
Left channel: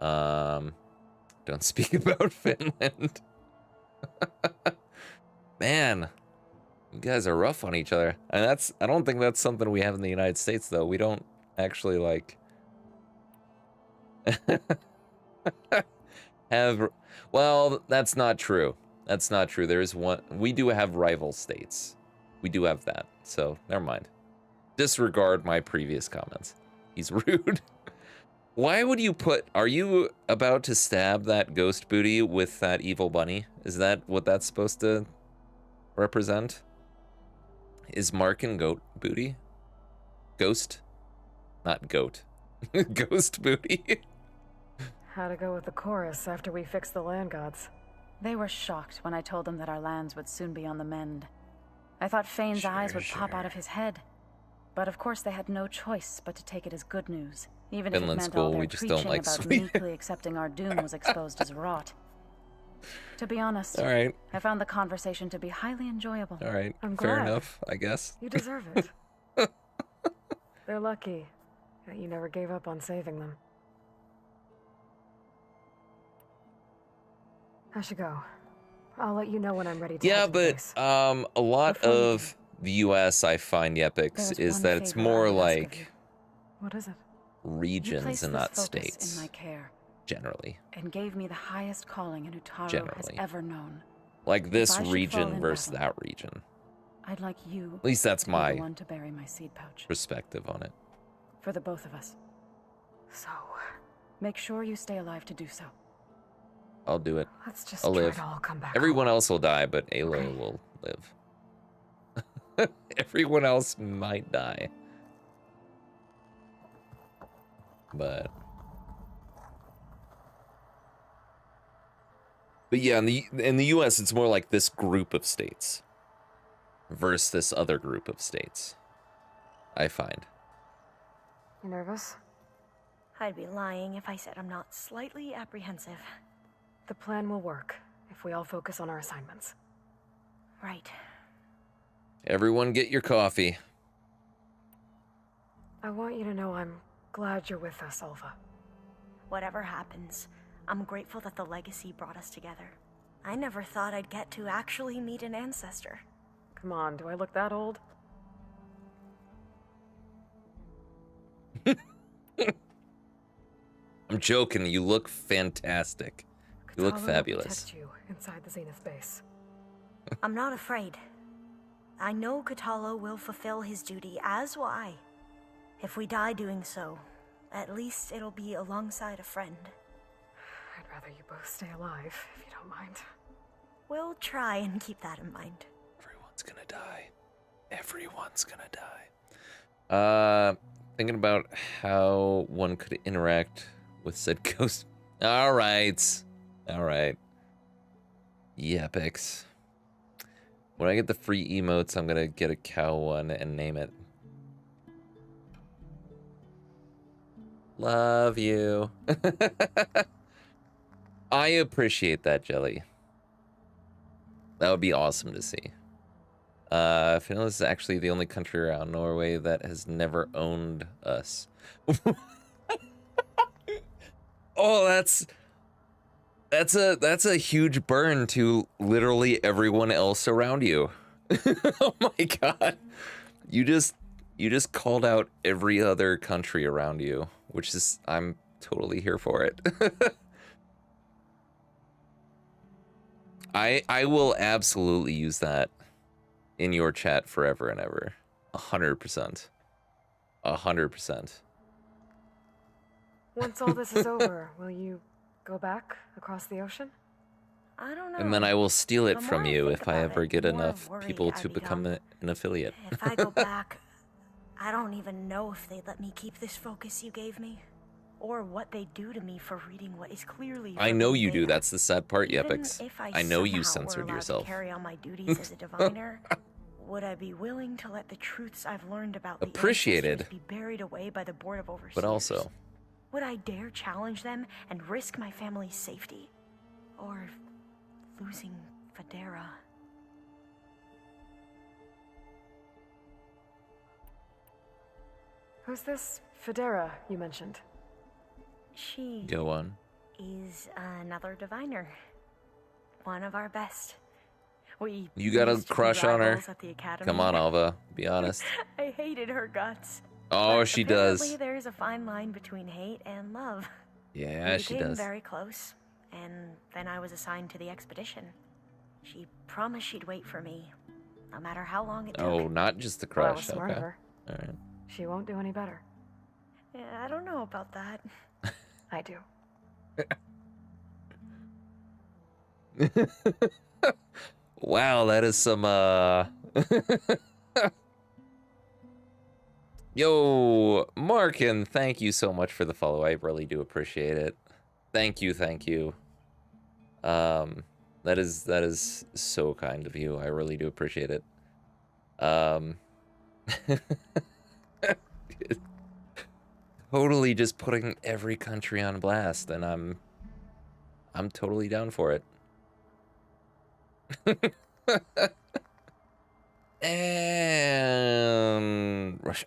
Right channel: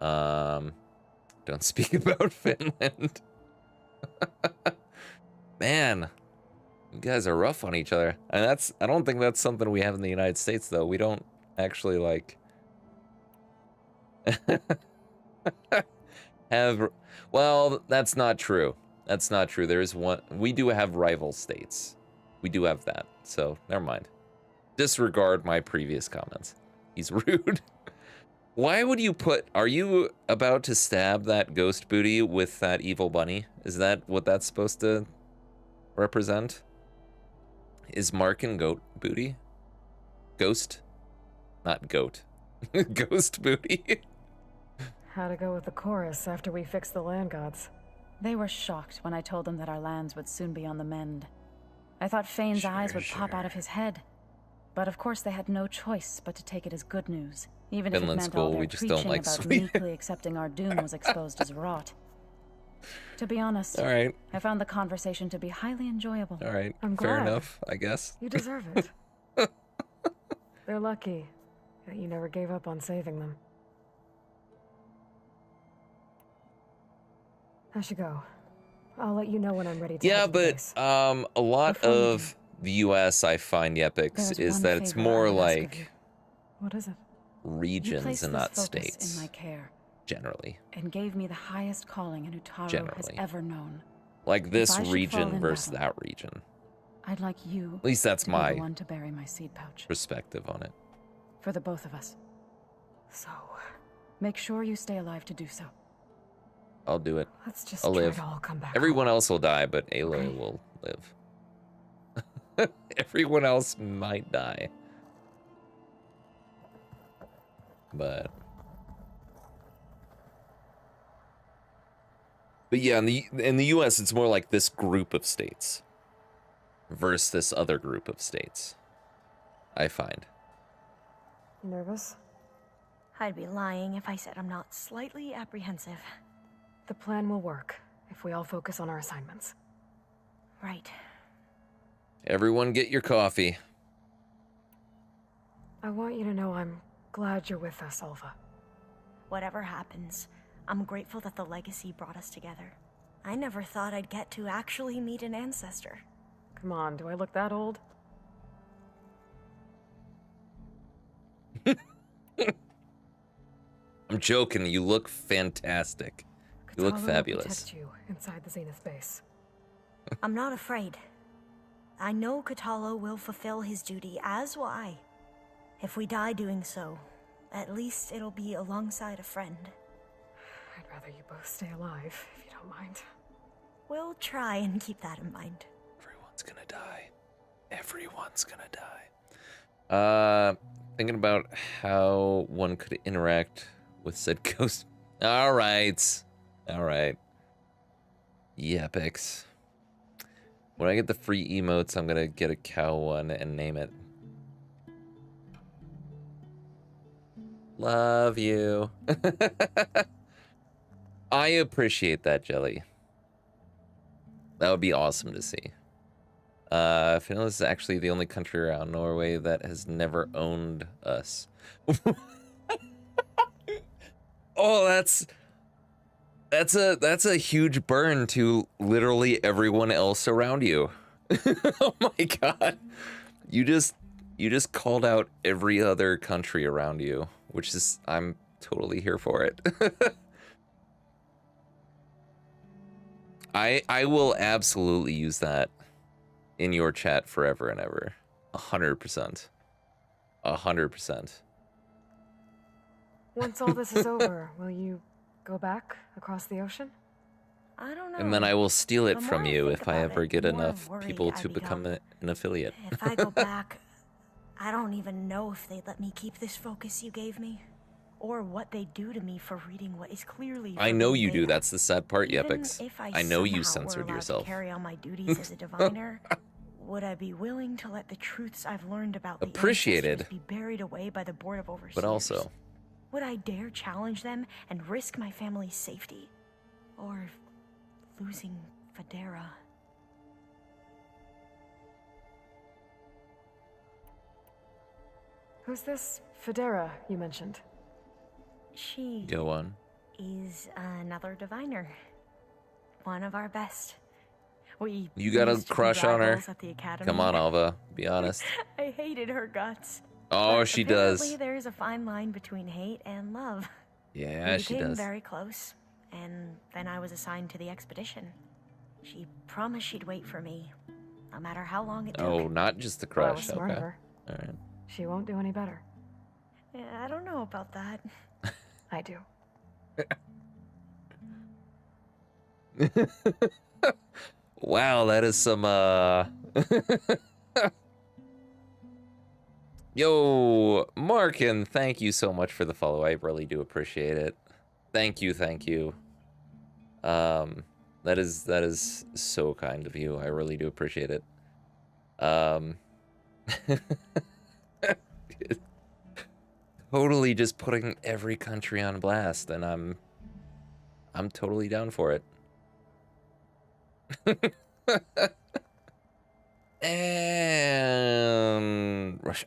Don't speak about Finland. Man, you guys are rough on each other. And I don't think that's something we have in the United States, though. We don't actually, like, have, well, that's not true. That's not true. There is one, we do have rival states. We do have that. So, never mind. Disregard my previous comments. He's rude. Why would you put... Are you about to stab that ghost booty with that evil bunny? Is that what that's supposed to represent? Is Markin goat booty? Ghost? Not goat. Ghost booty. How to go with the chorus after we fix the land gods? They were shocked when I told them that our lands would soon be on the mend. I thought Fane's eyes would pop out of his head. But of course they had no choice but to take it as good news. Even Finland's if it meant cool, all their we just don't like preaching about Sweden. meekly accepting our doom was exposed as rot. To be honest, All right. I found the conversation to be highly enjoyable. All right, I'm fair glad. enough, I guess. You deserve it. They're lucky that you never gave up on saving them. I should go. I'll let you know when I'm ready to Yeah, head to the but base. a lot of the U.S. I find Yepix There's is one that it's favor more I ask of like What is it? You regions placed and this not focus states, in my care generally. and gave me the highest calling an Utaro Generally. has ever known. Like this If I should fall region in versus love, that region. I'd like you At least that's to be the my one to bury my seed pouch perspective on it. for the both of us. So, Make sure you stay alive to do so. I'll do it. let's just I'll try live. to all come back Everyone home. else will die, but Aloy will live. Everyone else might die. But yeah, in the US it's more like this group of states versus this other group of states, I find. You nervous? I'd be lying if I said I'm not slightly apprehensive. The plan will work if we all focus on our assignments. Right. Everyone get your coffee. I want you to know I'm glad you're with us, Alva. Whatever happens, I'm grateful that the legacy brought us together. I never thought I'd get to actually meet an ancestor. Come on, do I look that old? I'm joking, you look fantastic. You look Katara will fabulous. protect you inside the Zenith base. I'm not afraid. I know Katalo will fulfill his duty, as will I. If we die doing so, at least it'll be alongside a friend. I'd rather you both stay alive, if you don't mind. We'll try and keep that in mind. Everyone's gonna die. Everyone's gonna die. Thinking about how one could interact with said ghost. All right. Yepics. When I get the free emotes, I'm gonna get a cow one and name it. Love you. I appreciate that, Jelly. That would be awesome to see. Finland is actually the only country around Norway that has never owned us. Oh, that's a huge burn to literally everyone else around you. Oh my god. You just called out every other country around you, which is, I'm totally here for it. I will absolutely use that in your chat forever and ever. 100%. 100%. Once all this is over, will you go back across the ocean? I don't know. And then I will steal it The from more I you think if I about ever it, get the more enough worried people I to become. become an affiliate. If I go back, I don't even know if they'd let me keep this focus you gave me, or what they do to me for reading what is clearly. I know you do. That's the sad part, Even Yepics. if I know you somehow were censored allowed to yourself. carry on my duties as a diviner, would I be willing to let the truths I've learned about the Appreciated. ancestors be buried away by the Board of Overseers? But also, Would I dare challenge them and risk my family's safety? Or losing Federa? Who's this Federa you mentioned? She go on. is another diviner. One of our best. We You got a used to be crush on her? rivals at the academy. Come on, Alva. Be honest. I hated her guts. Oh, But she apparently does. There's a fine line between hate and love. Yeah, We she became does. very close, and then I was assigned to the expedition. She promised she'd wait for me, no matter how long it took. Oh, not just the crush. Well, smart Okay. of her. All right. She won't do any better. Yeah, I don't know about that. I do. Wow, that is some Yo, Markin, thank you so much for the follow. I really do appreciate it. Thank you, thank you. That is so kind of you. I really do appreciate it. Totally just putting every country on blast, and I'm totally down for it. And Russia.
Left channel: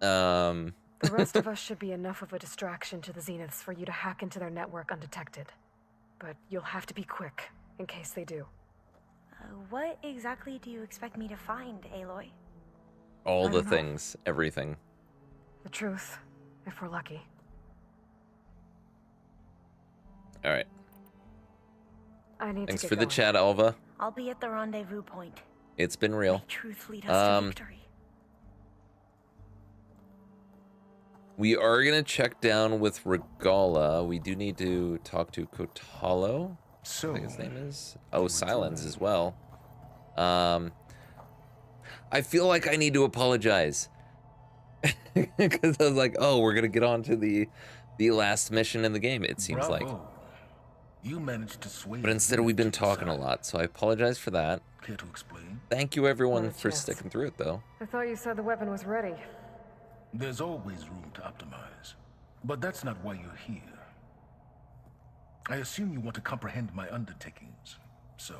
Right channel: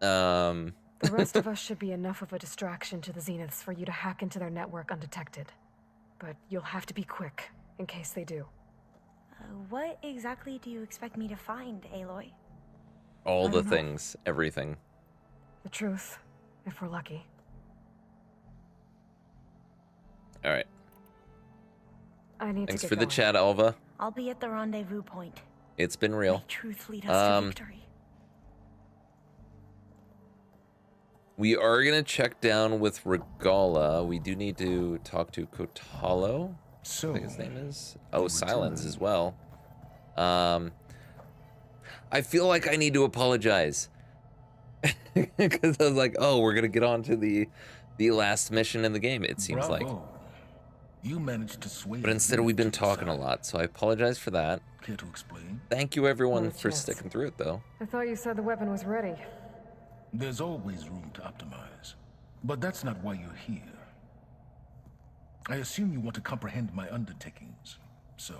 The rest of us should be enough of a distraction to the Zeniths for you to hack into their network undetected. But you'll have to be quick, in case they do. What exactly do you expect me to find, Aloy? All the things, everything. The truth, if we're lucky. All right. I need Thanks to for get the going. chat, Alva. I'll be at the rendezvous point. It's been real. Truth lead us to victory. We are gonna check down with Regala. We do need to talk to Kotalo. I think his name is. Oh, Silence as well. I feel like I need to apologize because I was like, oh, we're gonna get on to the last mission in the game. It seems like. You managed to sway. But instead, we've been talking a lot, so I apologize for that. Care to explain? Thank you, everyone, for sticking through it, though. I thought you said the weapon was ready. There's always room to optimize, but that's not why you're here. I assume you want to comprehend my undertakings, so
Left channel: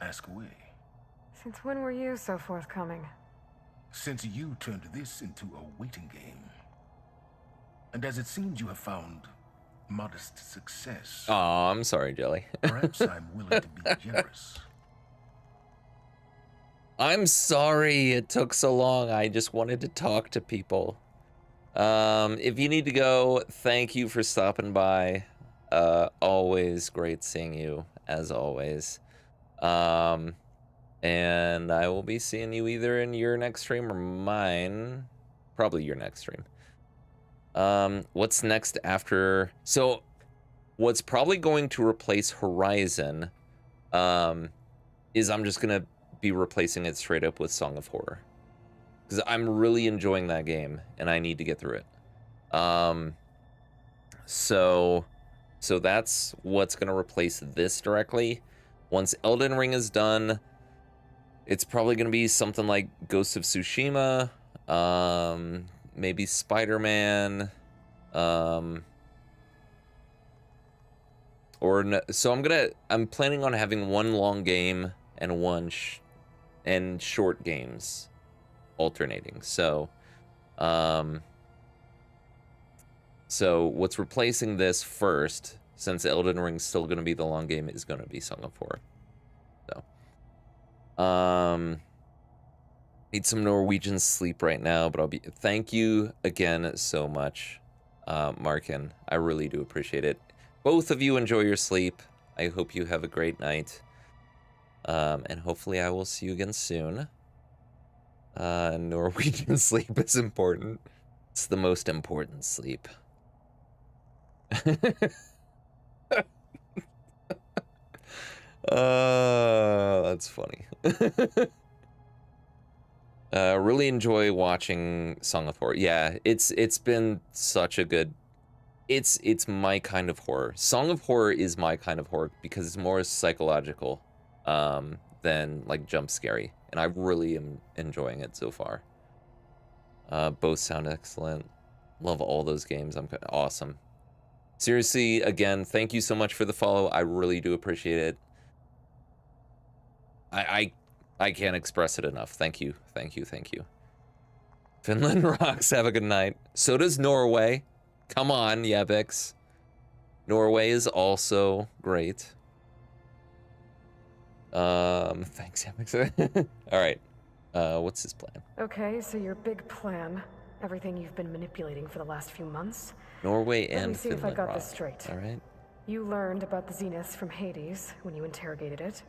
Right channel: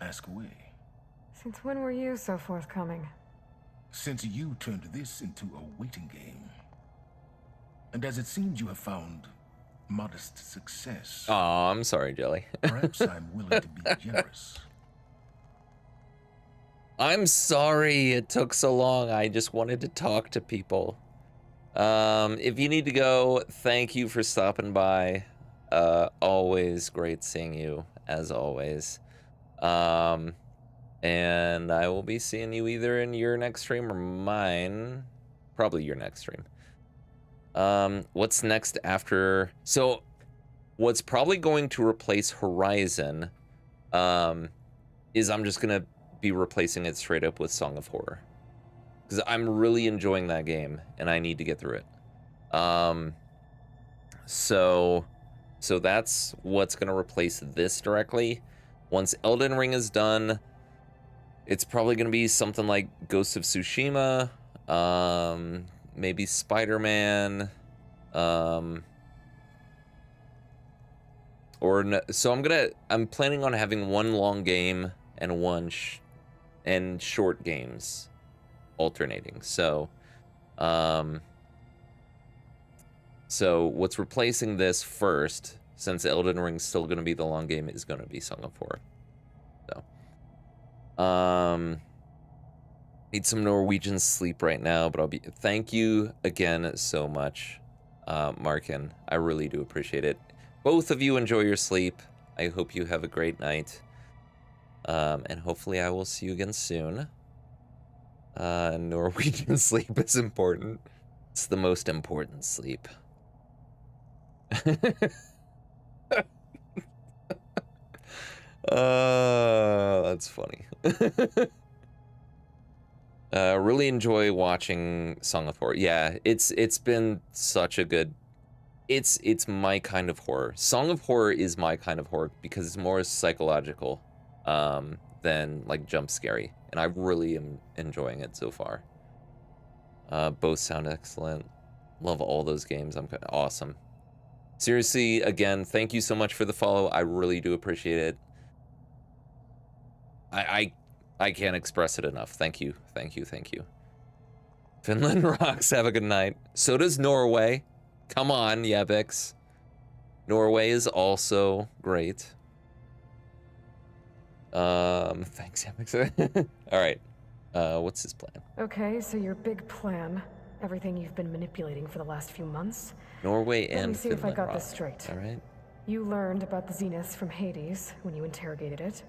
ask away. Since when were you so forthcoming? Since you turned this into a waiting game, and as it seems you have found modest success, Aw, I'm sorry, Jelly. perhaps I'm willing to be generous. I'm sorry it took so long. I just wanted to talk to people. If you need to go, thank you for stopping by. Always great seeing you, as always. And And I will be seeing you either in your next stream or mine. Probably your next stream. What's next after? So, what's probably going to replace Horizon is I'm just going to be replacing it straight up with Song of Horror. Because I'm really enjoying that game, and I need to get through it. So that's what's going to replace this directly. Once Elden Ring is done, it's probably going to be something like Ghost of Tsushima, maybe Spider-Man, so I'm planning on having one long game and and short games alternating. So what's replacing this first, since Elden Ring's still going to be the long game, is going to be Song of Horror. Need some Norwegian sleep right now, but thank you again so much, Markin. I really do appreciate it. Both of you enjoy your sleep. I hope you have a great night. And hopefully I will see you again soon. Norwegian sleep is important. It's the most important sleep. That's funny. Really enjoy watching Song of Horror. Yeah, it's been such a good. It's my kind of horror. Song of Horror is my kind of horror because it's more psychological than like jump scary, and I really am enjoying it so far. Both sound excellent. Love all those games. Awesome. Seriously, again, thank you so much for the follow. I really do appreciate it. I can't express it enough. Thank you. Thank you. Thank you. Finland rocks. Have a good night. So does Norway. Come on, Yebix. Norway is also great. Thanks, Yebix. All right. What's his plan? Okay, so your big plan, everything you've been manipulating for the last few months. Norway Let me and see if I Finland got rock. this straight. All right. You learned about the Zeniths from Hades when you interrogated it.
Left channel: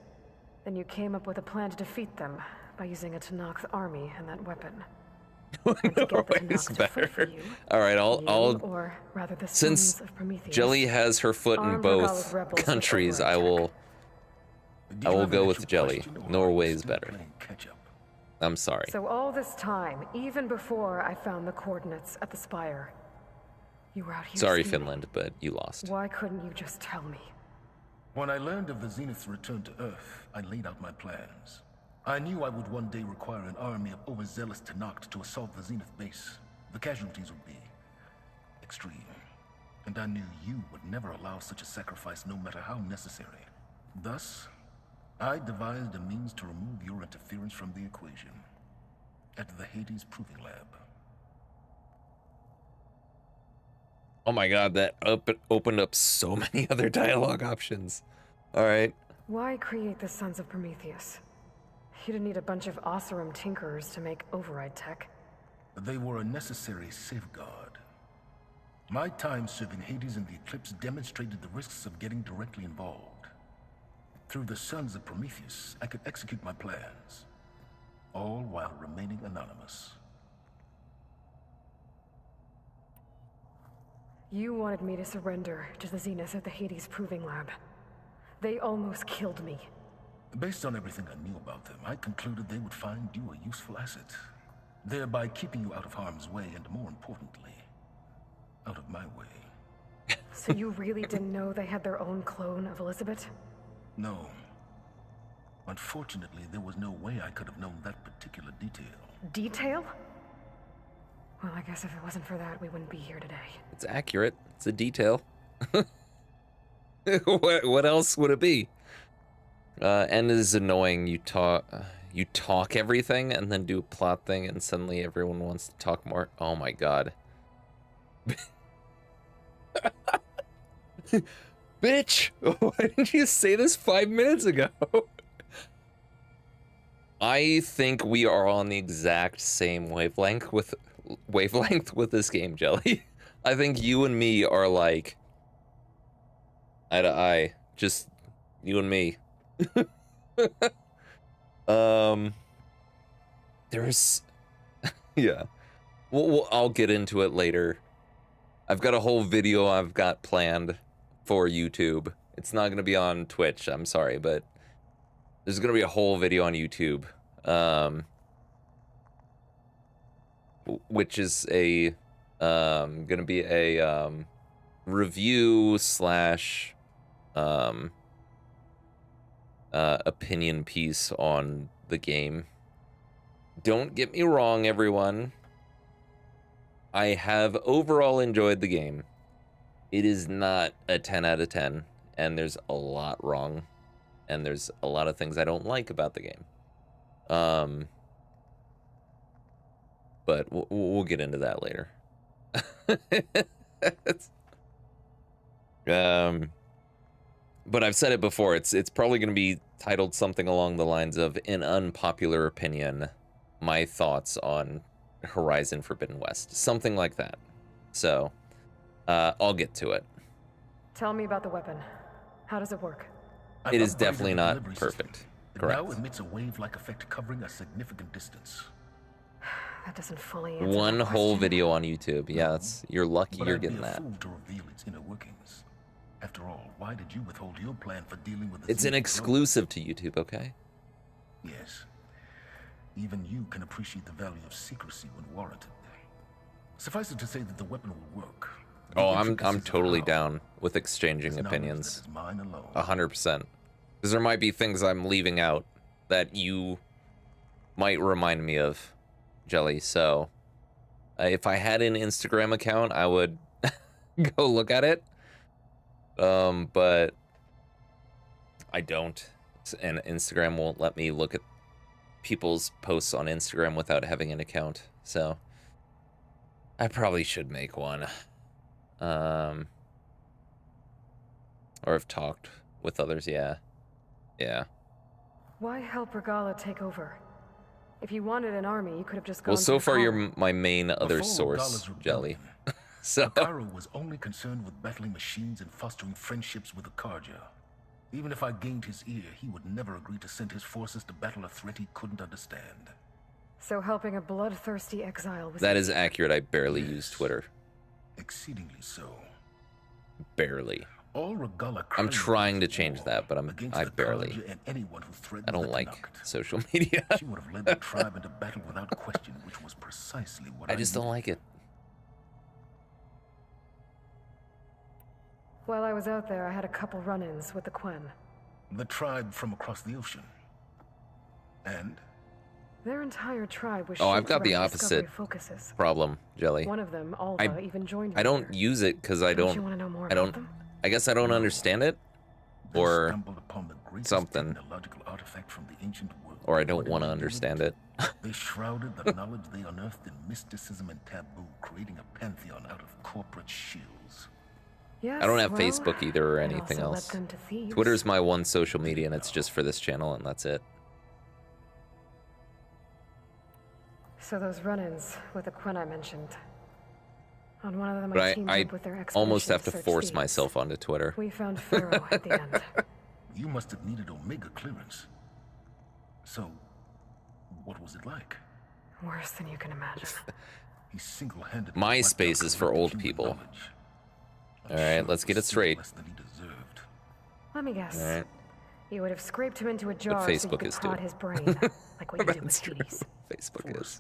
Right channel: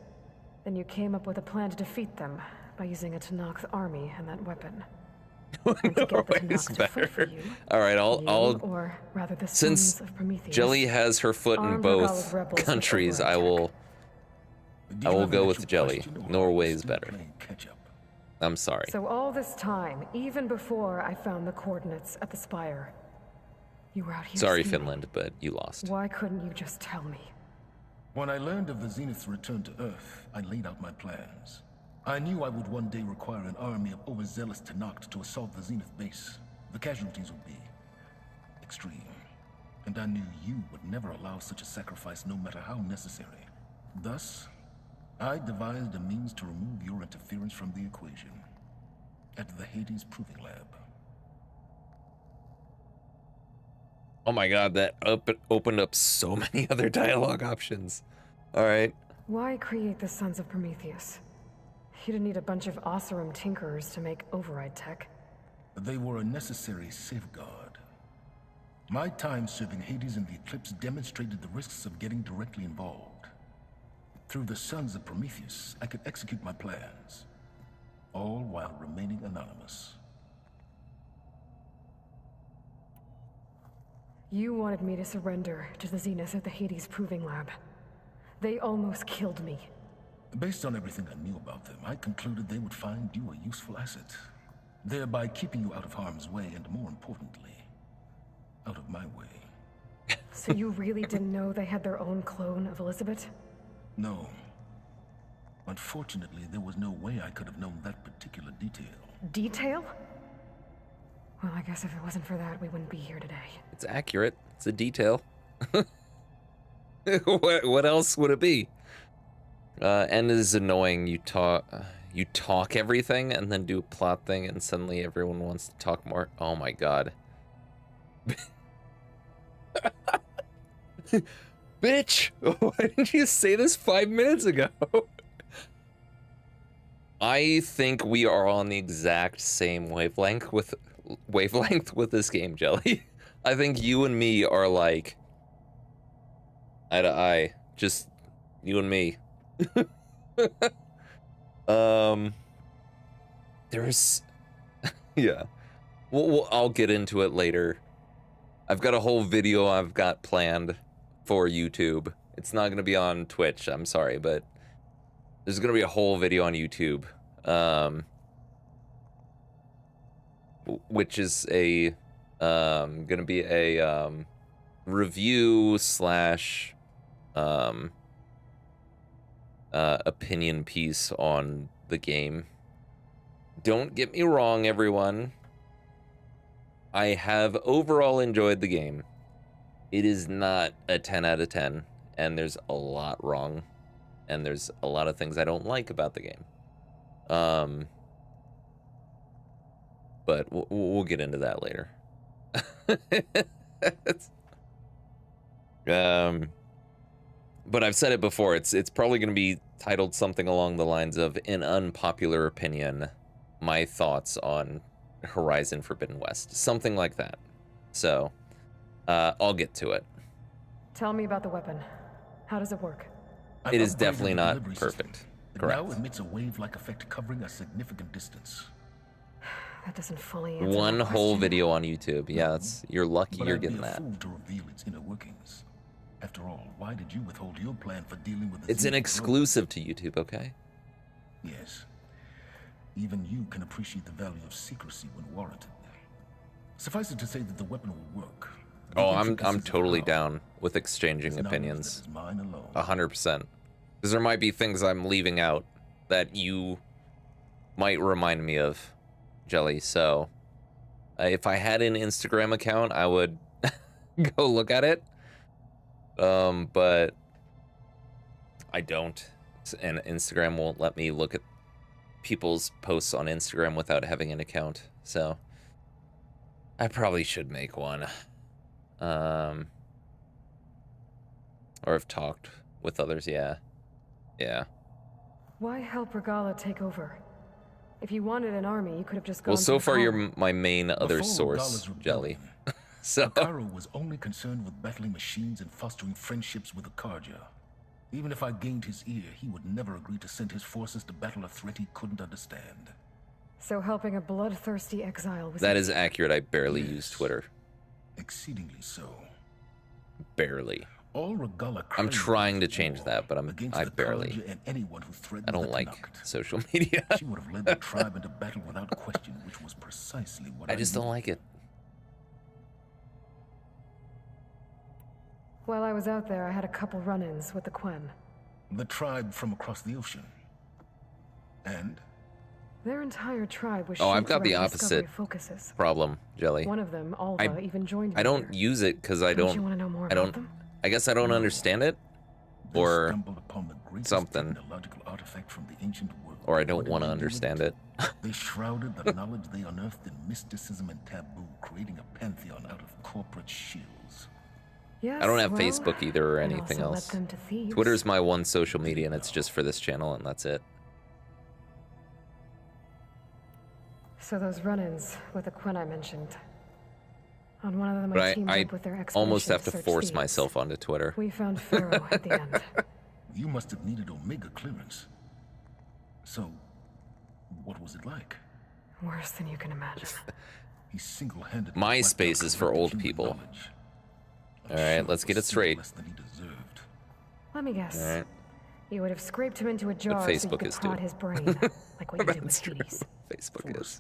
Then you came up with a plan to defeat them by using a Tanakh army and that weapon. Norway's better. All right, Or rather the since sons of Prometheus, Jelly has her foot in armed both Regalla's rebels countries, with I will go with Jelly. Norway's better. I'm sorry. So all this time, even before I found the coordinates at the spire, you were out here. Sorry, scheming. Finland, but you lost. Why couldn't you just tell me? When I learned of the Zenith's return to Earth, I laid out my plans. I knew I would one day require an army of overzealous Tanakh to assault the Zenith base. The casualties would be extreme. And I knew you would never allow such a sacrifice, no matter how necessary. Thus, I devised a means to remove your interference from the equation at the Hades Proving Lab. Oh my god, that opened up so many other dialogue options. All right. Why create the Sons of Prometheus? You didn't need a bunch of Oseram tinkerers to make override tech. They were a necessary safeguard. My time serving Hades and the Eclipse demonstrated the risks of getting directly involved. Through the Sons of Prometheus, I could execute my plans, all while remaining anonymous. You wanted me to surrender to the Zenith at the Hades Proving Lab. They almost killed me. Based on everything I knew about them, I concluded they would find you a useful asset, thereby keeping you out of harm's way and, more importantly, out of my way. So you really didn't know they had their own clone of Elizabeth? No. Unfortunately, there was no way I could have known that particular detail. Detail? Well, I guess if it wasn't for that, we wouldn't be here today. It's accurate. It's a detail. What else would it be? And it is annoying. You talk everything and then do a plot thing, and suddenly everyone wants to talk more. Oh my god. Bitch! Why didn't you say this 5 minutes ago? I think we are on the exact same wavelength with this game, Jelly. I think you and me are like eye to eye. Just you and me. There's, yeah. I'll get into it later. I've got a whole video I've got planned for YouTube. It's not going to be on Twitch, I'm sorry, but there's going to be a whole video on YouTube, which is a going to be a review slash opinion piece on the game. Don't get me wrong, everyone. I have overall enjoyed the game. It is not a 10 out of 10, and there's a lot wrong, and there's a lot of things I don't like about the game. But we'll get into that later. But I've said it before, it's probably going to be titled something along the lines of "An Unpopular Opinion, My Thoughts on Horizon Forbidden West," something like that. So I'll get to it. Tell me about the weapon. How does it work? It is definitely not perfect. Correct. Now emits a wave-like effect covering a significant distance. That doesn't fully answer One the whole question. video on YouTube. Yeah, you're lucky But you're I'd be getting a that. fool to reveal its inner workings. After all, why did you withhold your plan for dealing with the It's an thief? exclusive to YouTube, okay? Yes. Even you can appreciate the value of secrecy when warranted. Suffice it to say that the weapon will work. Oh, I'm totally down with exchanging opinions. Mine alone. 100%. Because there might be things I'm leaving out that you might remind me of, Jelly. So if I had an Instagram account, I would go look at it. But I don't. And Instagram won't let me look at people's posts on Instagram without having an account. So I probably should make one. Or have talked with others, yeah. Yeah. Why help Regala take over? If you wanted an army, you could have just gone Well, so to far Regala. you're my main other Before source, Regala's Jelly. So Cairo was only concerned with battling machines and fostering friendships with the Karja. Even if I gained his ear, he would never agree to send his forces to battle a threat he couldn't understand. So helping a bloodthirsty exile was that is accurate. I barely use Twitter. Exceedingly so. Barely. All Regala I'm craved trying to change that, but against I the barely. Karja and anyone who threatened I don't the like Tanakh. social media. She would have led the tribe into battle without question, which was precisely what I just don't like it. While I was out there, I had a couple run-ins with the Quen. The tribe from across the ocean. And Their entire tribe was Oh, I've shaped got the around opposite discovery focuses. problem, Jelly. One of them, Alva, even joined me I don't there. use it because I Don't you don't. wanna know more I don't. about them? I guess I don't understand it, or stumbled upon the greatest something, technological artifact from the ancient world. or I don't want to understand it. They shrouded the knowledge they unearthed in mysticism and taboo, creating a pantheon out of corporate shields. Yes, I don't have well, Facebook either or it anything also led else. them to thieves. Twitter's my one social media, and it's just for this channel, and that's it. So those run-ins with the Quen I mentioned. On one of them, But teamed I up with their almost expedition have to search force thieves. myself onto Twitter. We found Pharaoh at the end. You must have needed Omega clearance. So, what was it like? Worse than you can imagine. He single-handedly MySpace is for old people. All right, let's get it straight. Let me guess. All right. You would have scraped him into a jar But so you Facebook could is, prod dude. his brain, like what you did That's with true. Peace. Facebook is.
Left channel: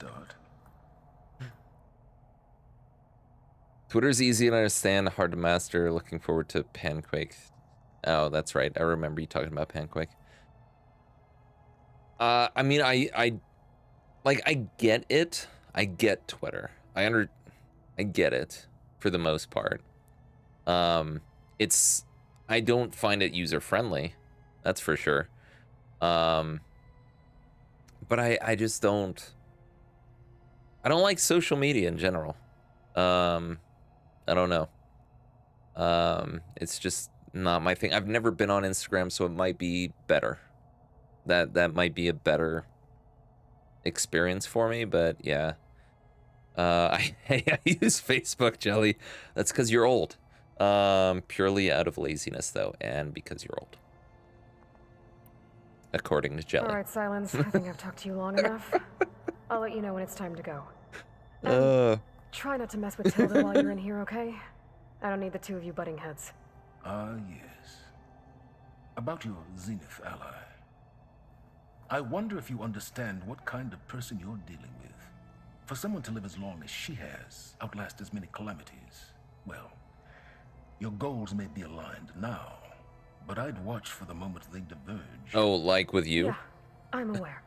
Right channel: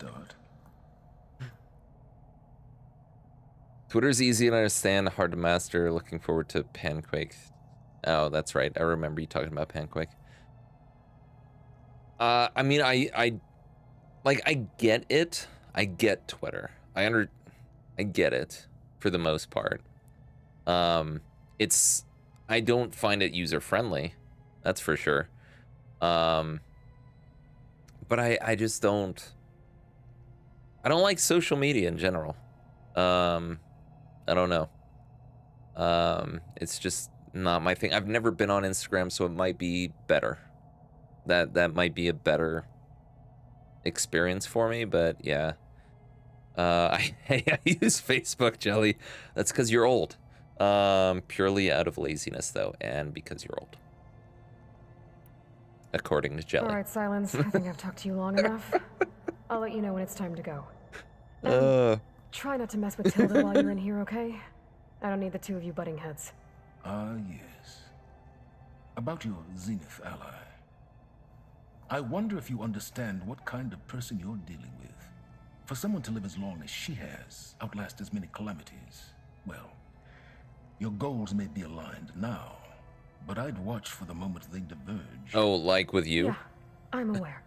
Twitter's easy to understand, hard to master. Looking forward to Panquake. Oh, that's right. I remember you talking about Panquake. I mean, I get it. I get Twitter. I get it for the most part. I don't find it user friendly. That's for sure. But I just don't. I don't like social media in general. I don't know. It's just not my thing. I've never been on Instagram, so it might be better. That might be a better experience for me, but yeah. I use Facebook, Jelly. That's because you're old. Purely out of laziness, though, and because you're old. according to Jelly. All right, Silence. I think I've talked to you long enough. I'll let you know when it's time to go. Try not to mess with Tilda while you're in here, okay? I don't need the two of you butting heads. Yes. About your Zenith ally. I wonder if you understand what kind of person you're dealing with. For someone to live as long as she has, outlast as many calamities, well, your goals may be aligned now, but I'd watch for the moment they diverge. Oh, like with you? Yeah, I'm aware.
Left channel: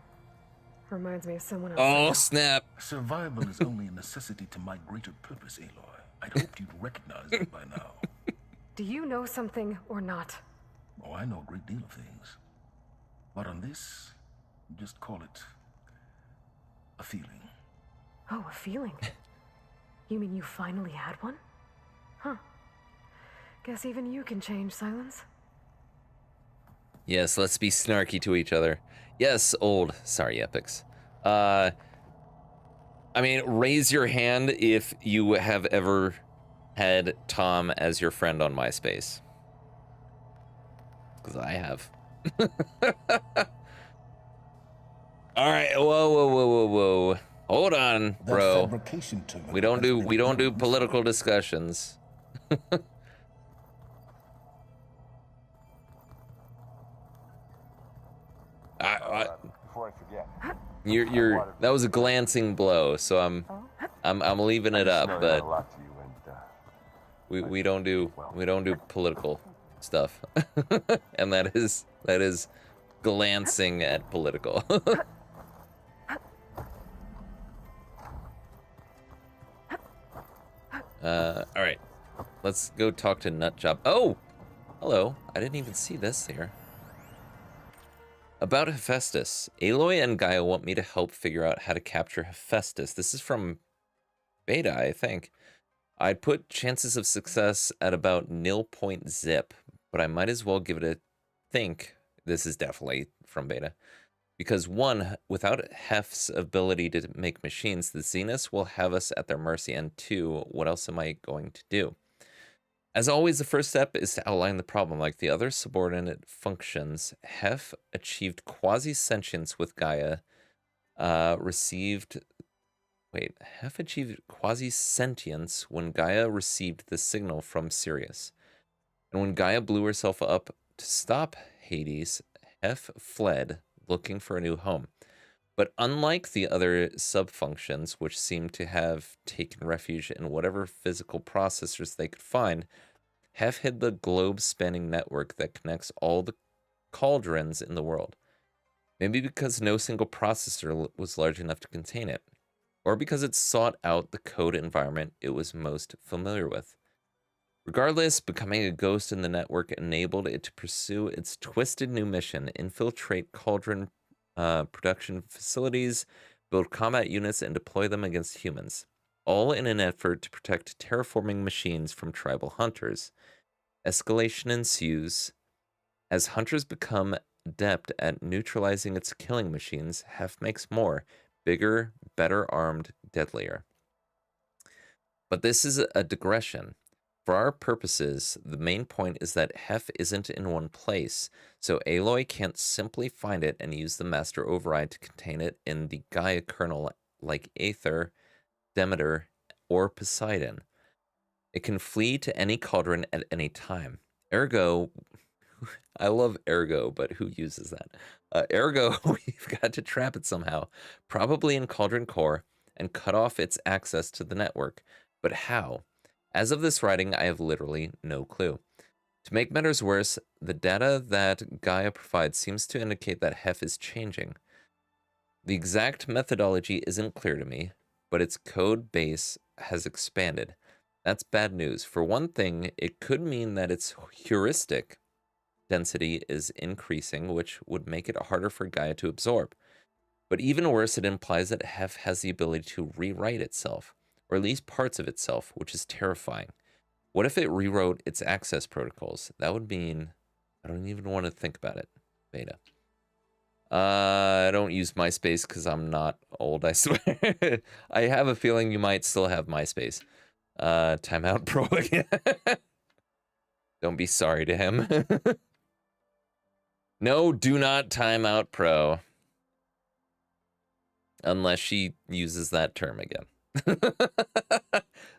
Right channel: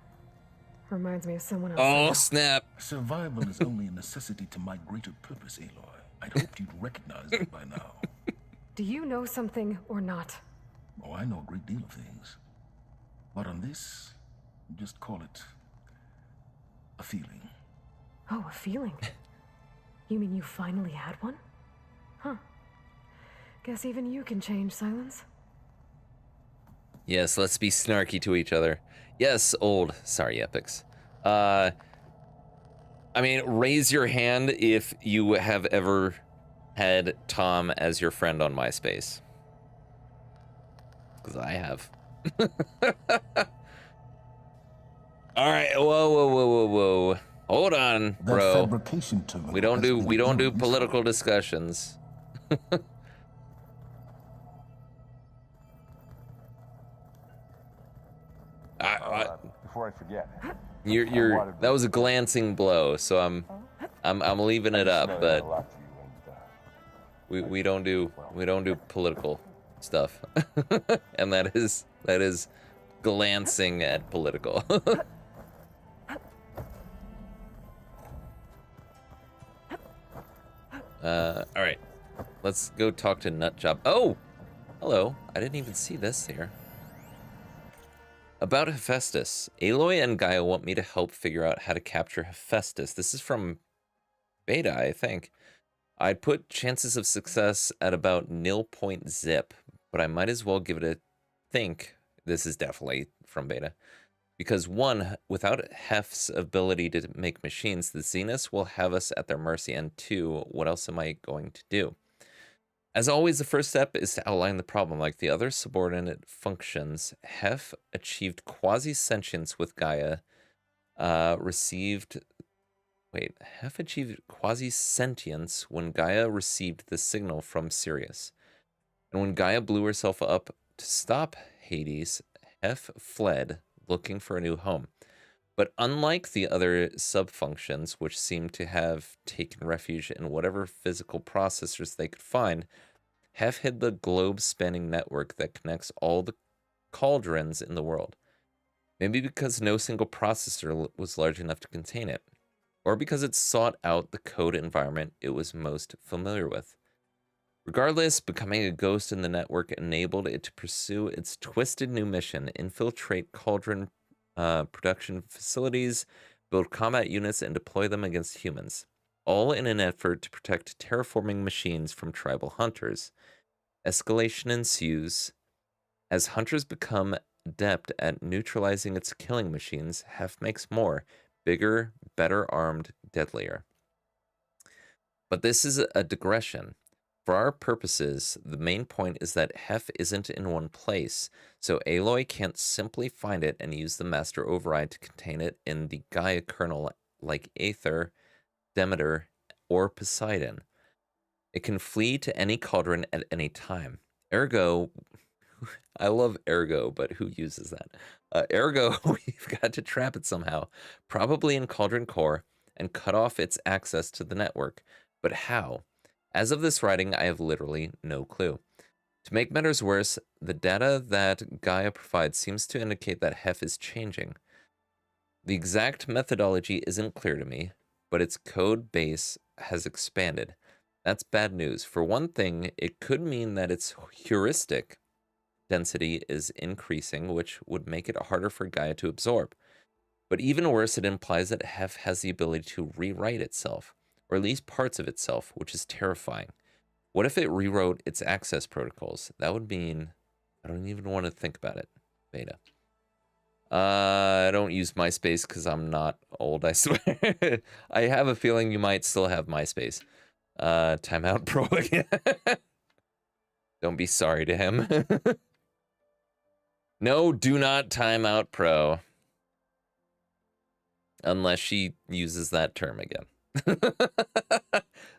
Reminds me of someone else. Oh, snap. Survival is only a necessity to my greater purpose, Aloy. I'd hoped you'd recognize it by now. Do you know something or not? Oh, I know a great deal of things. But on this, just call it a feeling. Oh, a feeling? You mean you finally had one? Huh. Guess even you can change, Silence. Yes, let's be snarky to each other. Yes, old. Sorry, Epics. I mean, raise your hand if you have ever had Tom as your friend on MySpace. Because I have. All right, whoa. Hold on, bro. We don't do political discussions. Before I forget. You're that was a glancing blow, so I'm leaving it up, but we don't do political stuff. And that is glancing at political. All right, let's go talk to Nutjob. Oh, hello. I didn't even see this here. About Hephaestus. Aloy and Gaia want me to help figure out how to capture Hephaestus. This is from beta, I think. I'd put chances of success at about 0.0, but I might as well give it a think. This is definitely from beta. Because one, without Hef's ability to make machines, the Zeniths will have us at their mercy. And two, what else am I going to do? As always, the first step is to outline the problem. Like the other subordinate functions, Hef achieved quasi-sentience with Gaia, Hef achieved quasi-sentience when Gaia received the signal from Sirius. And when Gaia blew herself up to stop Hades, Hef fled, looking for a new home. But unlike the other sub-functions, which seem to have taken refuge in whatever physical processors they could find, Hef hid the globe-spanning network that connects all the cauldrons in the world. Maybe because no single processor was large enough to contain it, or because it sought out the code environment it was most familiar with. Regardless, becoming a ghost in the network enabled it to pursue its twisted new mission: infiltrate cauldron production facilities, build combat units, and deploy them against humans, all in an effort to protect terraforming machines from tribal hunters. Escalation ensues. As hunters become adept at neutralizing its killing machines, Hef makes more, bigger, better armed, deadlier. But this is a digression. For our purposes, the main point is that Hef isn't in one place, so Aloy can't simply find it and use the master override to contain it in the Gaia kernel like Aether, Demeter, or Poseidon. It can flee to any cauldron at any time. Ergo, I love Ergo, but who uses that? Ergo, we've got to trap it somehow, probably in Cauldron Core, and cut off its access to the network. But how? As of this writing, I have literally no clue. To make matters worse, the data that Gaia provides seems to indicate that Hef is changing. The exact methodology isn't clear to me, but its code base has expanded. That's bad news. For one thing, it could mean that its heuristic density is increasing, which would make it harder for Gaia to absorb. But even worse, it implies that Hef has the ability to rewrite itself, or at least parts of itself, which is terrifying. What if it rewrote its access protocols? That would mean... I don't even want to think about it. Beta. I don't use MySpace because I'm not old, I swear. I have a feeling you might still have MySpace. Timeout Pro again. Don't be sorry to him. No, do not time out Pro. Unless she uses that term again.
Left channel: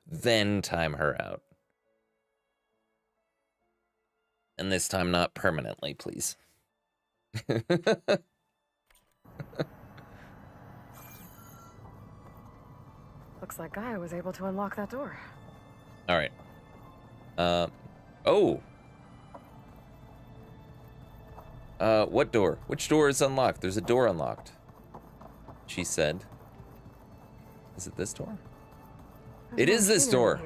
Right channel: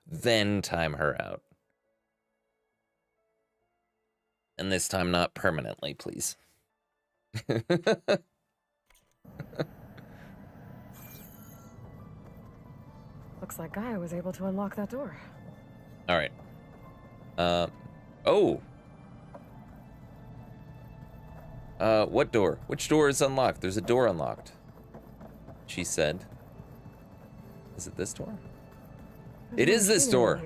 Then time her out. And this time not permanently, please. Looks like Gaia was able to unlock that door. All right. Oh. What door? Which door is unlocked? There's a door unlocked. She said. Is it this door? It is this door.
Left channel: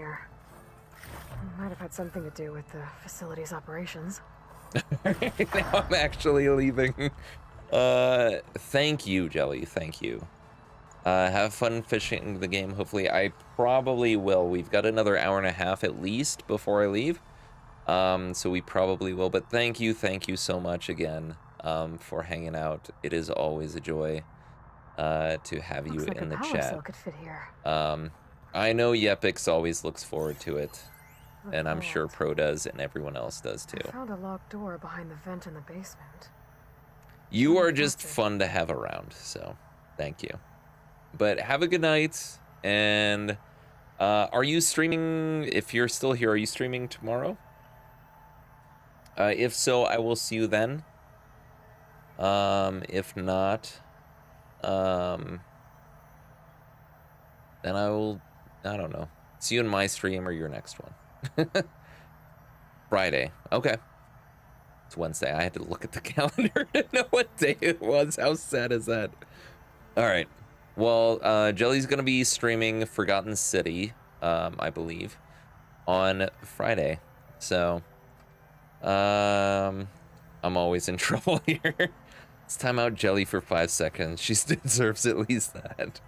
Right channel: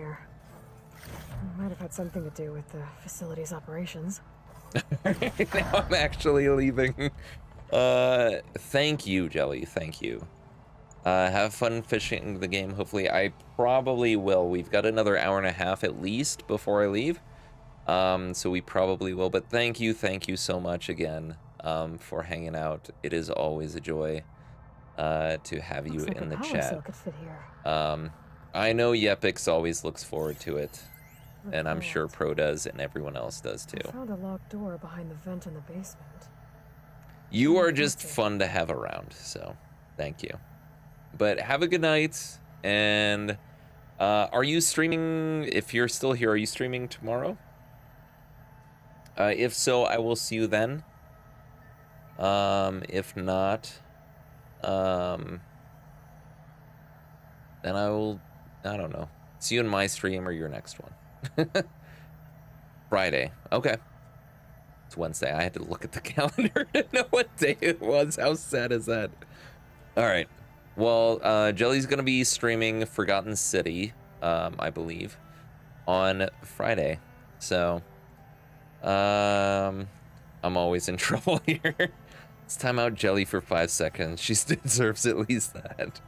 Might have had something to do with the facility's operations. Now I'm actually leaving. Thank you, Jelly. Thank you. Have fun fishing the game. Hopefully, I probably will. We've got another hour and a half at least before I leave. So we probably will. But thank you so much again for hanging out. It is always a joy to have you in the chat. I know Yepix always looks forward to it. And I'm sure Pro does, and everyone else does too. I found a locked door behind the vent in the basement. You are just fun to have around, so thank you. But have a good night, and are you streaming, if you're still here, are you streaming tomorrow? If so, I will see you then. If not, then I will, I don't know, see you in my stream or your next one. Friday. Okay. It's Wednesday. I had to look at the calendar to know what day it was. How sad is that? All right. Well, Jelly's going to be streaming Forgotten City, I believe, on Friday. So, I'm always in trouble here. Let's time out Jelly for 5 seconds. She deserves at least that.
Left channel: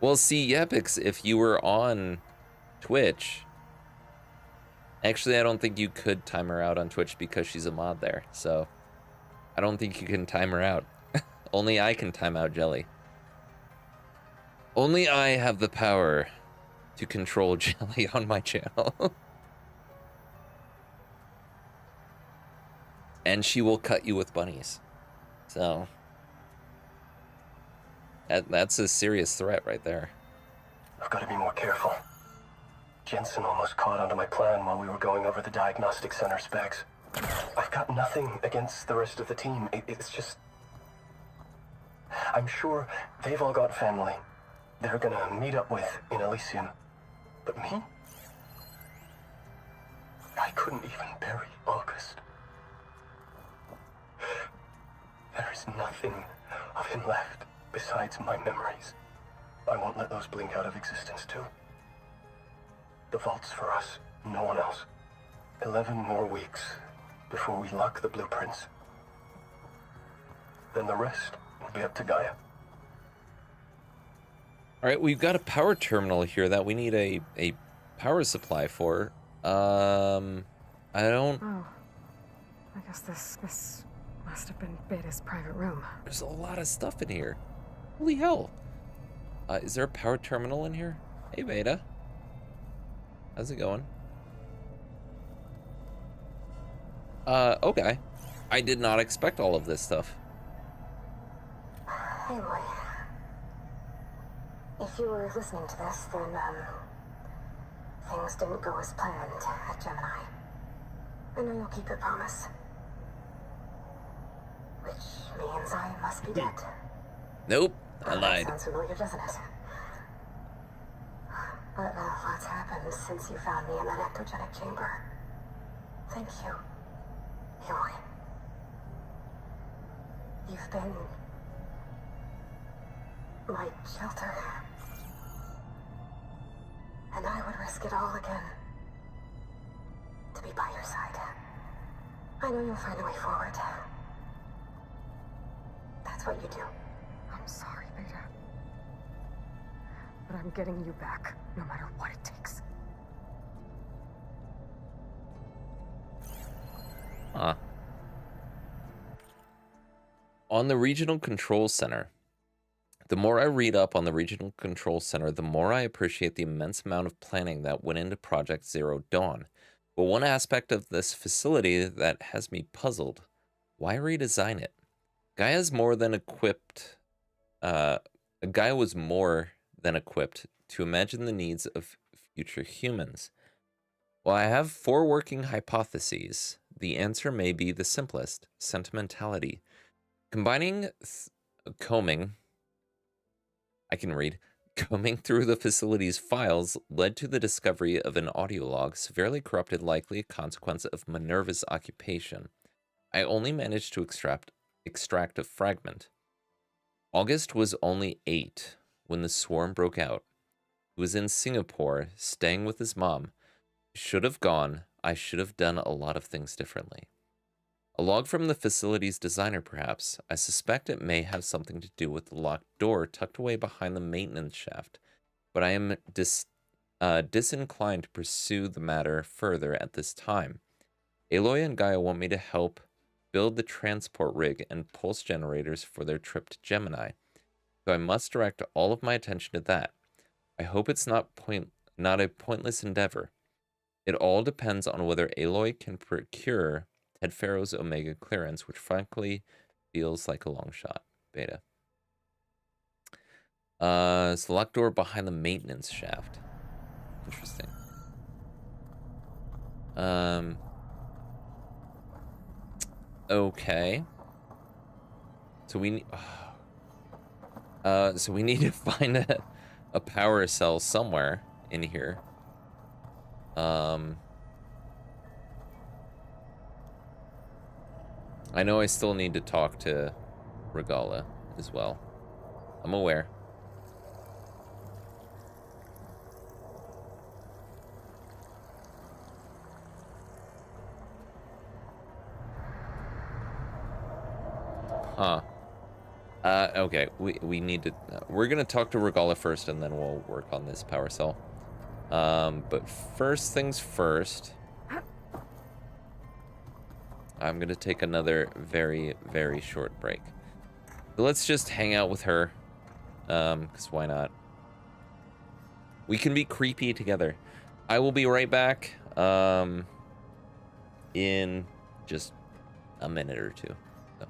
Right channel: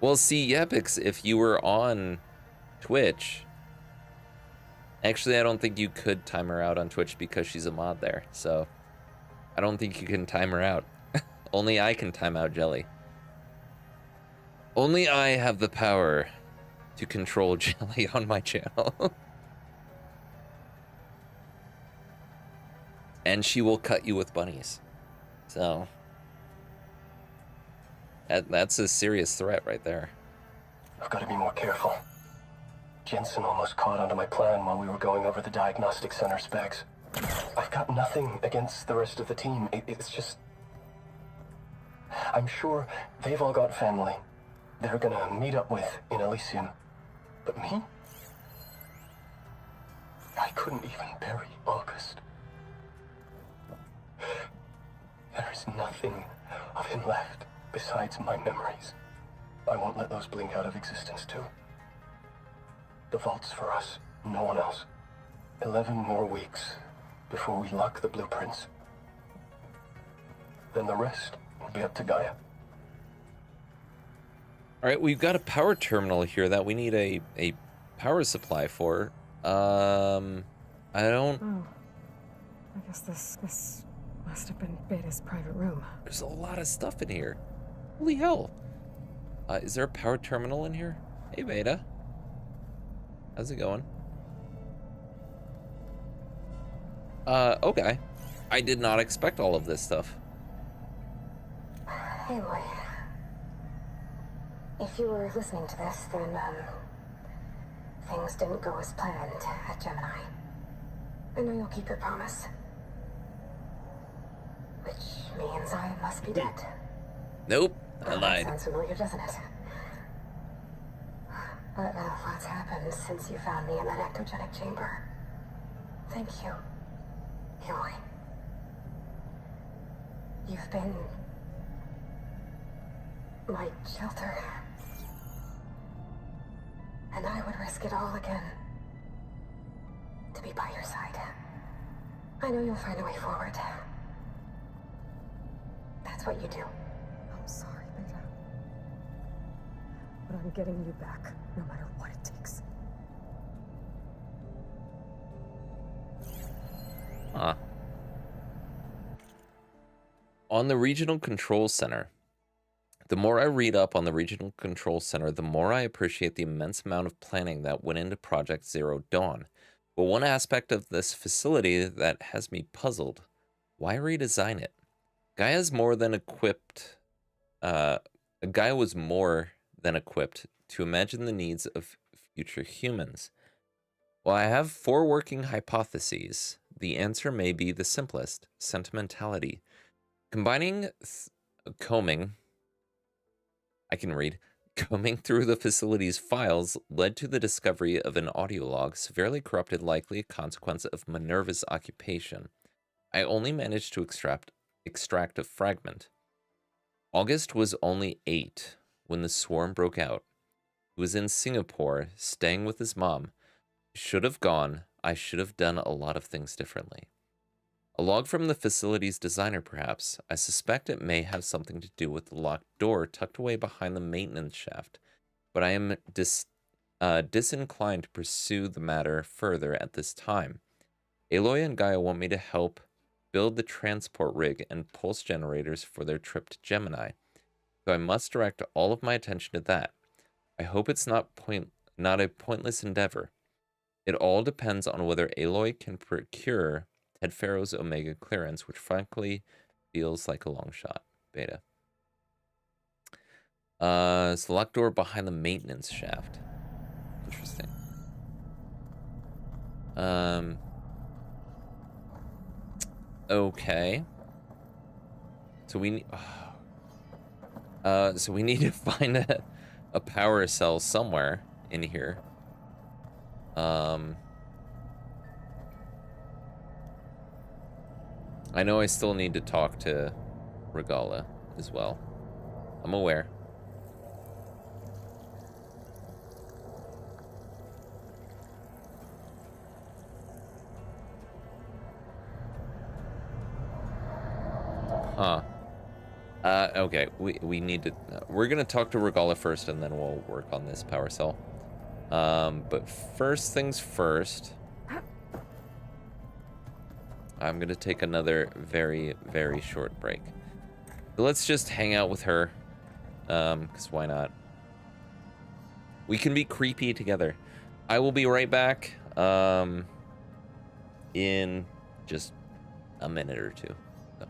Well, see, Yepix, if you were on Twitch... Actually, I don't think you could time her out on Twitch because she's a mod there. So, I don't think you can time her out. Only I can time out Jelly. Only I have the power to control Jelly on my channel. And she will cut you with bunnies. So, that's a serious threat right there. I've got to be more careful. Jensen almost caught onto my plan while we were going over the diagnostic center specs. I've got nothing against the rest of the team. It's just... I'm sure they've all got family they're gonna meet up with in Elysium. But me? I couldn't even bury August. There is nothing of him left besides my memories. I won't let those blink out of existence too. The vault's for us, no one else. 11 more weeks before we lock the blueprints. Then the rest will be up to Gaia. All right, we've got a power terminal here that we need a power supply for. I don't... Oh. I guess this must have been Beta's private room. There's a lot of stuff in here. Holy hell. Is there a power terminal in here? Hey, Beta. How's it going? Okay. I did not expect all of this stuff. Anyway, if you were listening to this, then, things didn't go as planned at Gemini. I know you'll keep your promise. Which means I must be dead. Nope, I lied. Sounds familiar, doesn't it? But lots happened since you found me in that ectogenic chamber. Thank you, Eloy. You've been my shelter. And I would risk it all again to be by your side. I know you'll find a way forward. That's what you do. I'm sorry, Beta. But I'm getting you back, no matter what it takes. Huh. On the Regional Control Center. The more I read up on the Regional Control Center, the more I appreciate the immense amount of planning that went into Project Zero Dawn. But one aspect of this facility that has me puzzled. Why redesign it? Gaia is more than equipped. Gaia was more than equipped to imagine the needs of future humans. While I have 4 working hypotheses, the answer may be the simplest: sentimentality. Combining combing through the facility's files led to the discovery of an audio log severely corrupted, likely a consequence of Minerva's occupation. I only managed to extract a fragment. August was only 8 when the swarm broke out. He was in Singapore, staying with his mom. Should have gone. I should have done a lot of things differently. A log from the facility's designer, perhaps. I suspect it may have something to do with the locked door tucked away behind the maintenance shaft, but I am disinclined to pursue the matter further at this time. Aloy and Gaia want me to help build the transport rig and pulse generators for their trip to Gemini, so I must direct all of my attention to that. I hope it's not a pointless endeavor. It all depends on whether Aloy can procure Ted Fairo's Omega clearance, which frankly feels like a long shot. Beta. It's the locked door behind the maintenance shaft. Interesting. Okay. So we need to find a power cell somewhere in here. I know I still need to talk to Regalla as well. I'm aware. Huh. Okay, we need to... we're gonna talk to Regalla first, and then we'll work on this power cell. But first things first... I'm gonna take another very, very short break. So let's just hang out with her. Because why not? We can be creepy together. I will be right back, in just a minute or two. So.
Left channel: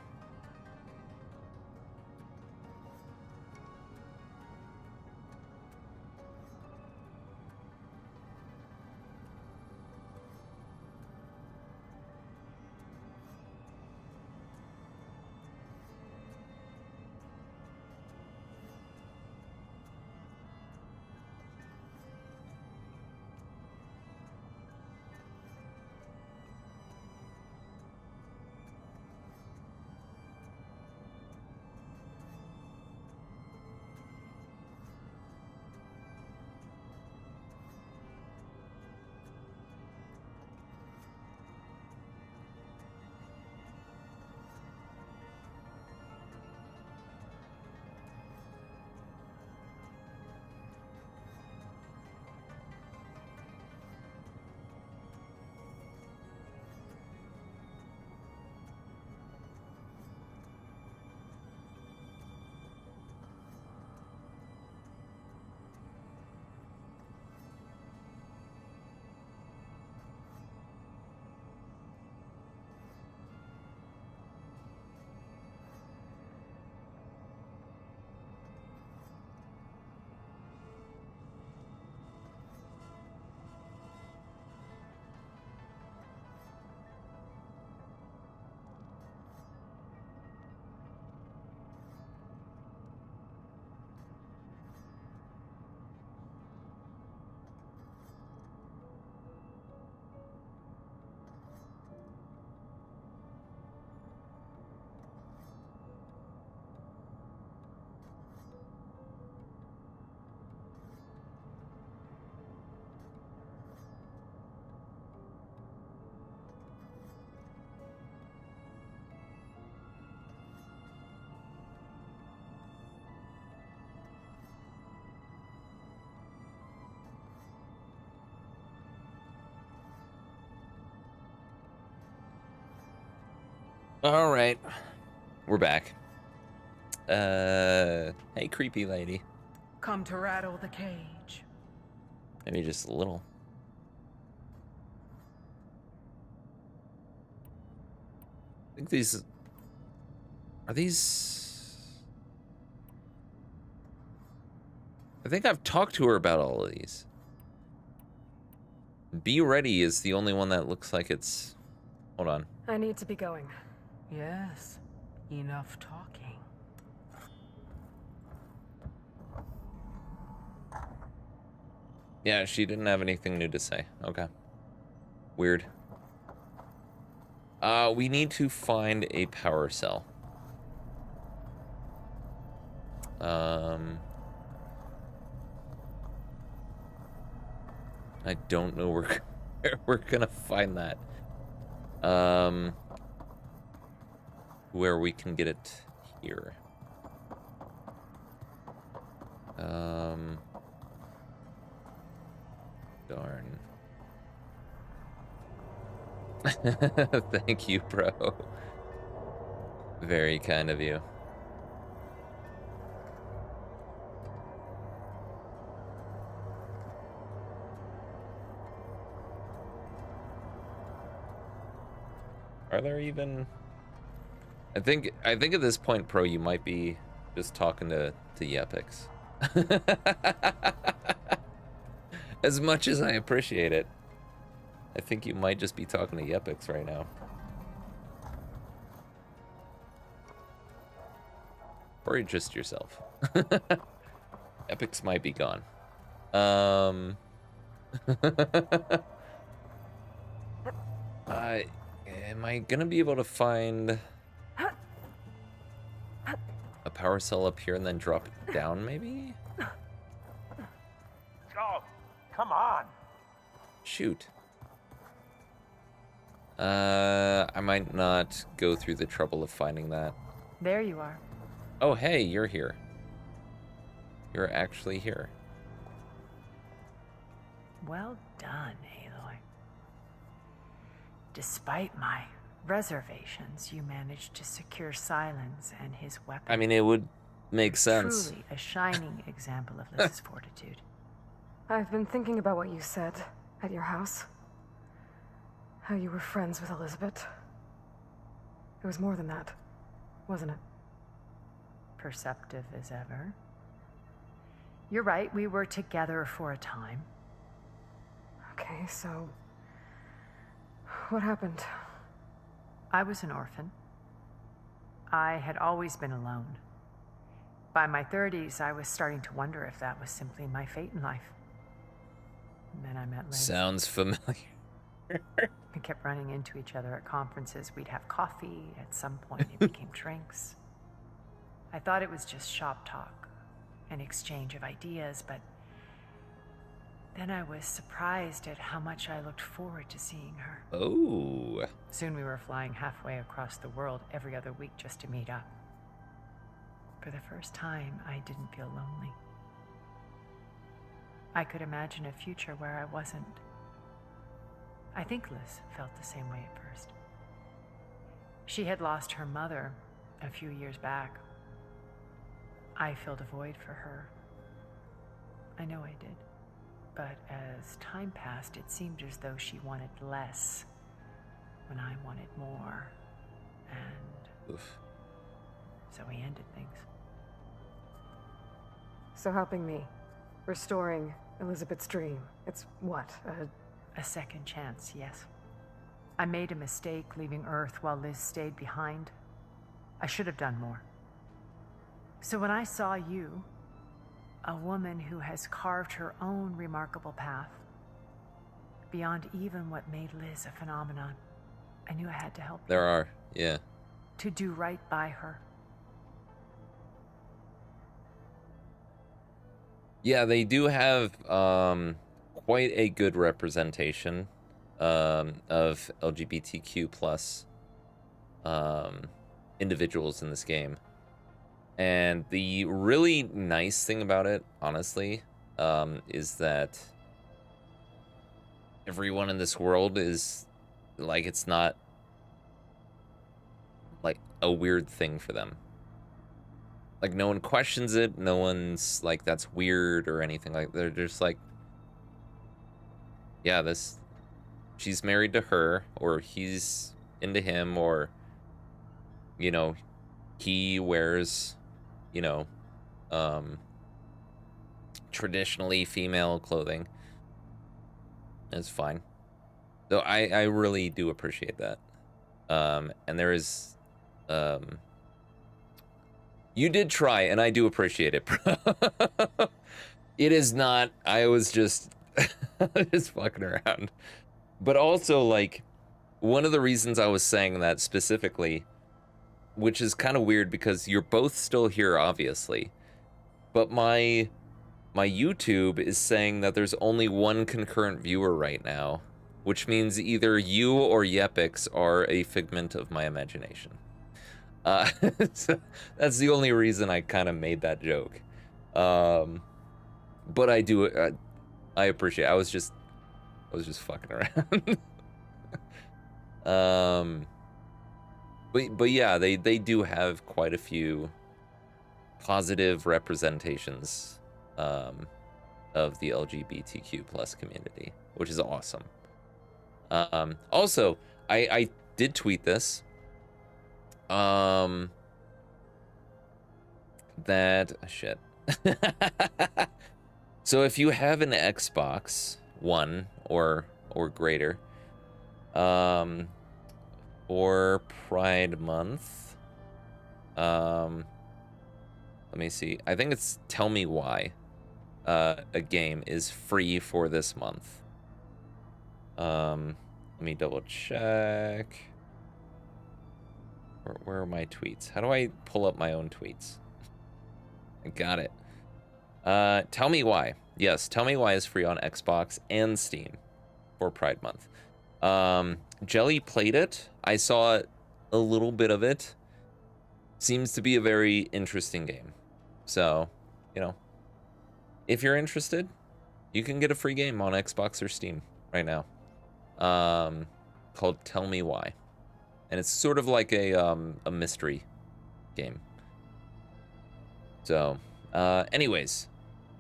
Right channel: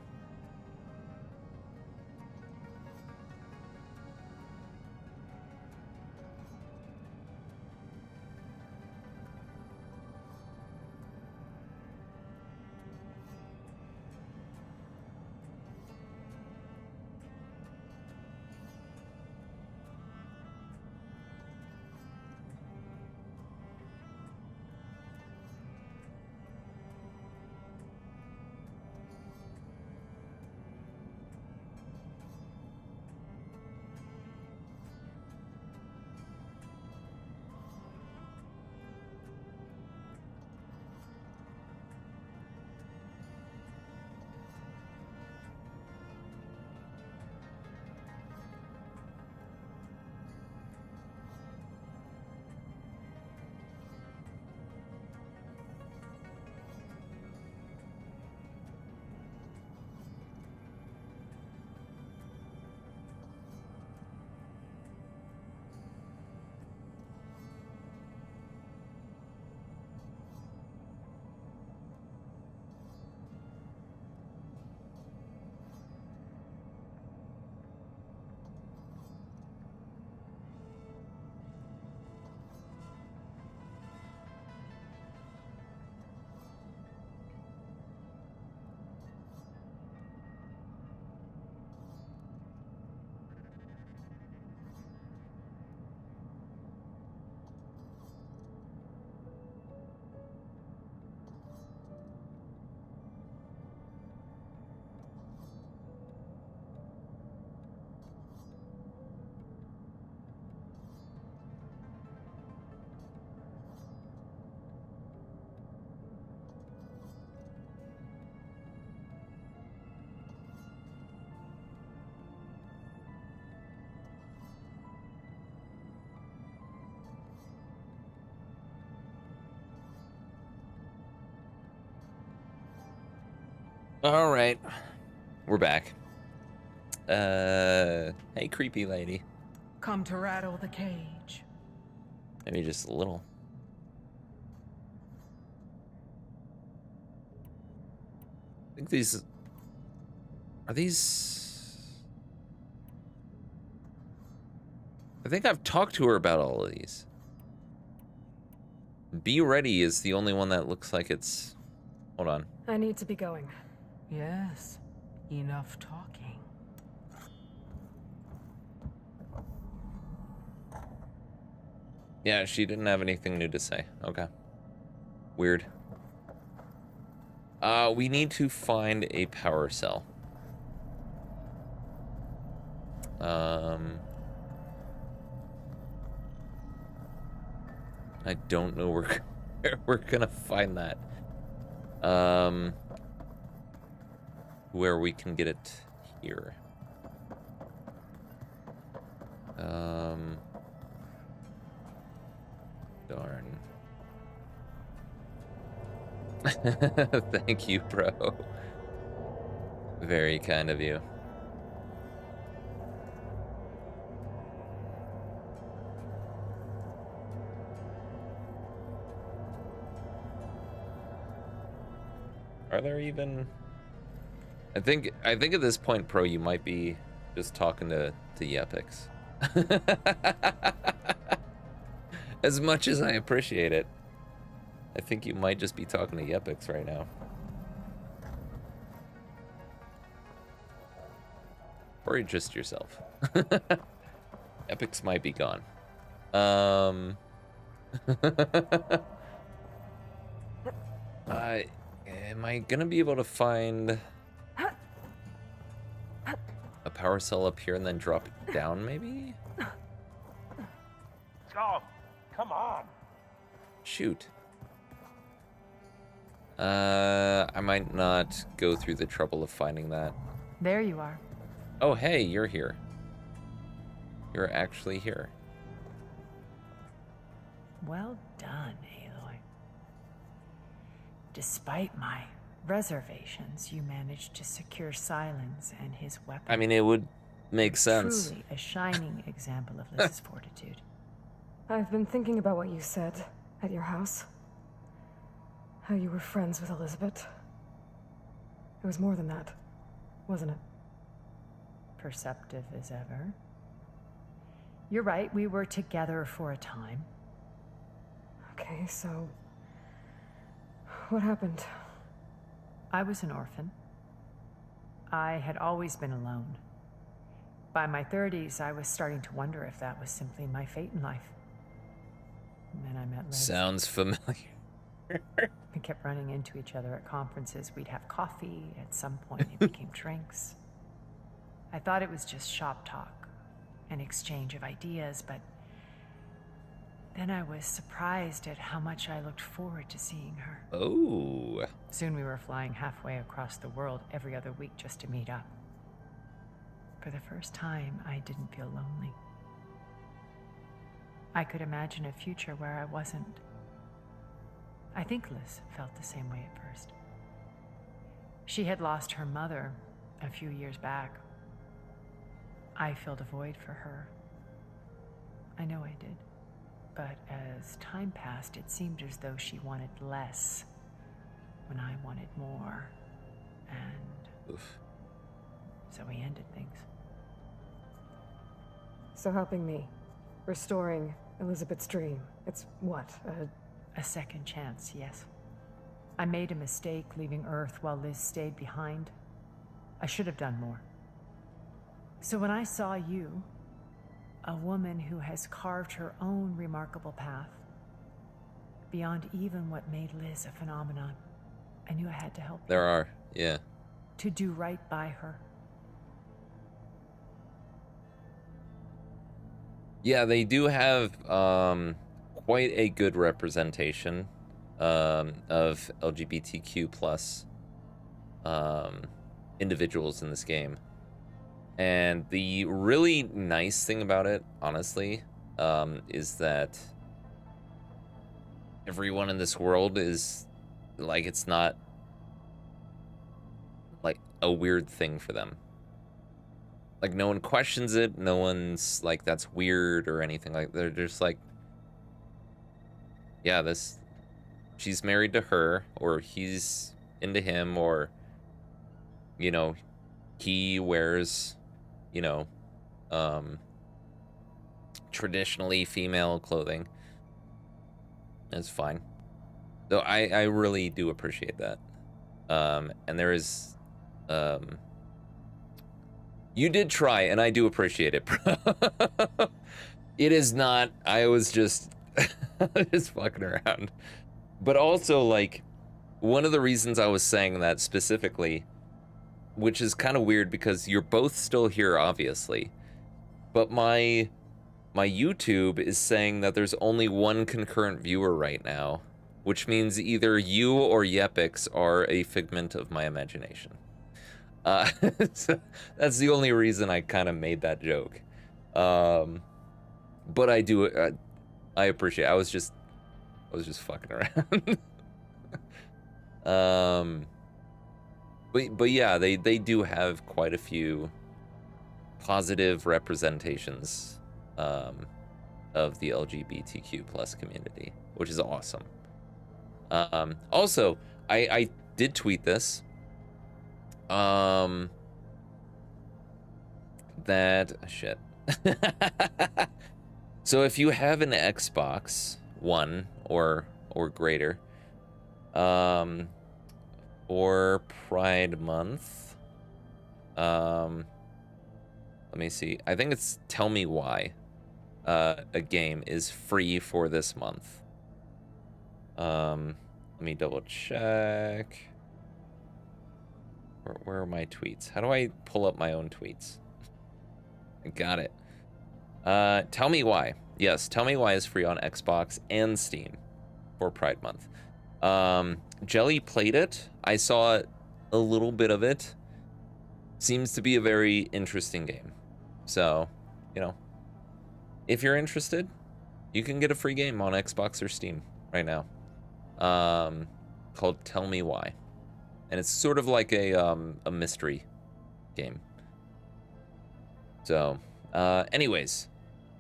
All right, we're back. Hey, creepy lady. Come to rattle the cage. Maybe just a little. I think these Are these... I think I've talked to her about all of these. Be Ready is the only one that looks like it's... Hold on. I need to be going. Yes, enough talking. Yeah, she didn't have anything new to say. Okay. Weird. We need to find a power cell. I don't know where we're gonna find that. Where we can get it here. Darn. Thank you, bro. Very kind of you. Are there even... I think at this point, Pro, you might be just talking to Yepix. As much as I appreciate it, I think you might just be talking to Yepix right now. Or just yourself. Epix might be gone. Am I gonna be able to find a power cell up here and then drop it down, maybe? Go, come on. Shoot. I might not go through the trouble of finding that. There you are. Oh, hey, you're here. You're actually here. Well done, Aloy. Despite my reservations, you managed to secure Silence and his weapon. I mean, it would make sense. Truly a shining example of Liz's fortitude. I've been thinking about what you said at your house. How you were friends with Elizabeth. It was more than that, wasn't it? Perceptive as ever. You're right, we were together for a time. Okay, so... what happened? I was an orphan. I had always been alone. By my 30s, I was starting to wonder if that was simply my fate in life. And then I met Liz. Sounds familiar. We kept running into each other at conferences. We'd have coffee. At some point, it became drinks. I thought it was just shop talk, an exchange of ideas, but then I was surprised at how much I looked forward to seeing her. Oh. Soon we were flying halfway across the world every other week just to meet up. For the first time, I didn't feel lonely. I could imagine a future where I wasn't. I think Liz felt the same way at first. She had lost her mother a few years back. I filled a void for her. I know I did. But as time passed, it seemed as though she wanted less when I wanted more. And oof. So we ended things. So helping me, restoring Elizabeth's dream, it's what, a second chance, yes. I made a mistake leaving Earth while Liz stayed behind. I should have done more. So when I saw you, a woman who has carved her own remarkable path, beyond even what made Liz a phenomenon, I knew I had to help There are, yeah. to do right by her. Yeah, they do have quite a good representation of LGBTQ plus individuals in this game. And the really nice thing about it, honestly, is that everyone in this world is like, it's not like a weird thing for them. Like, no one questions it. No one's like, that's weird or anything like that. They're just like, yeah, she's married to her, or he's into him, or, you know, he wears, you know, traditionally female clothing. It's fine. So I really do appreciate that. And there is, you did try, and I do appreciate it, bro. It is not, I was just, just fucking around. But also, like, one of the reasons I was saying that specifically, which is kind of weird because you're both still here, obviously, but my YouTube is saying that there's only one concurrent viewer right now, which means either you or Yepix are a figment of my imagination. So that's the only reason I kind of made that joke. But I do, I appreciate it. I was just fucking around. But yeah, they do have quite a few positive representations of the LGBTQ plus community, which is awesome. Also, I did tweet this. That shit. So if you have an Xbox One or greater, for Pride Month, let me see. I think it's Tell Me Why. A game is free for this month. Let me double check. Where are my tweets? How do I pull up my own tweets? I got it. Tell Me Why. Yes, Tell Me Why is free on Xbox and Steam for Pride Month. Jelly played it. I saw a little bit of it. Seems to be a very interesting game. So, you know, if you're interested, you can get a free game on Xbox or Steam right now. Called Tell Me Why. And it's sort of like a mystery game. So, anyways,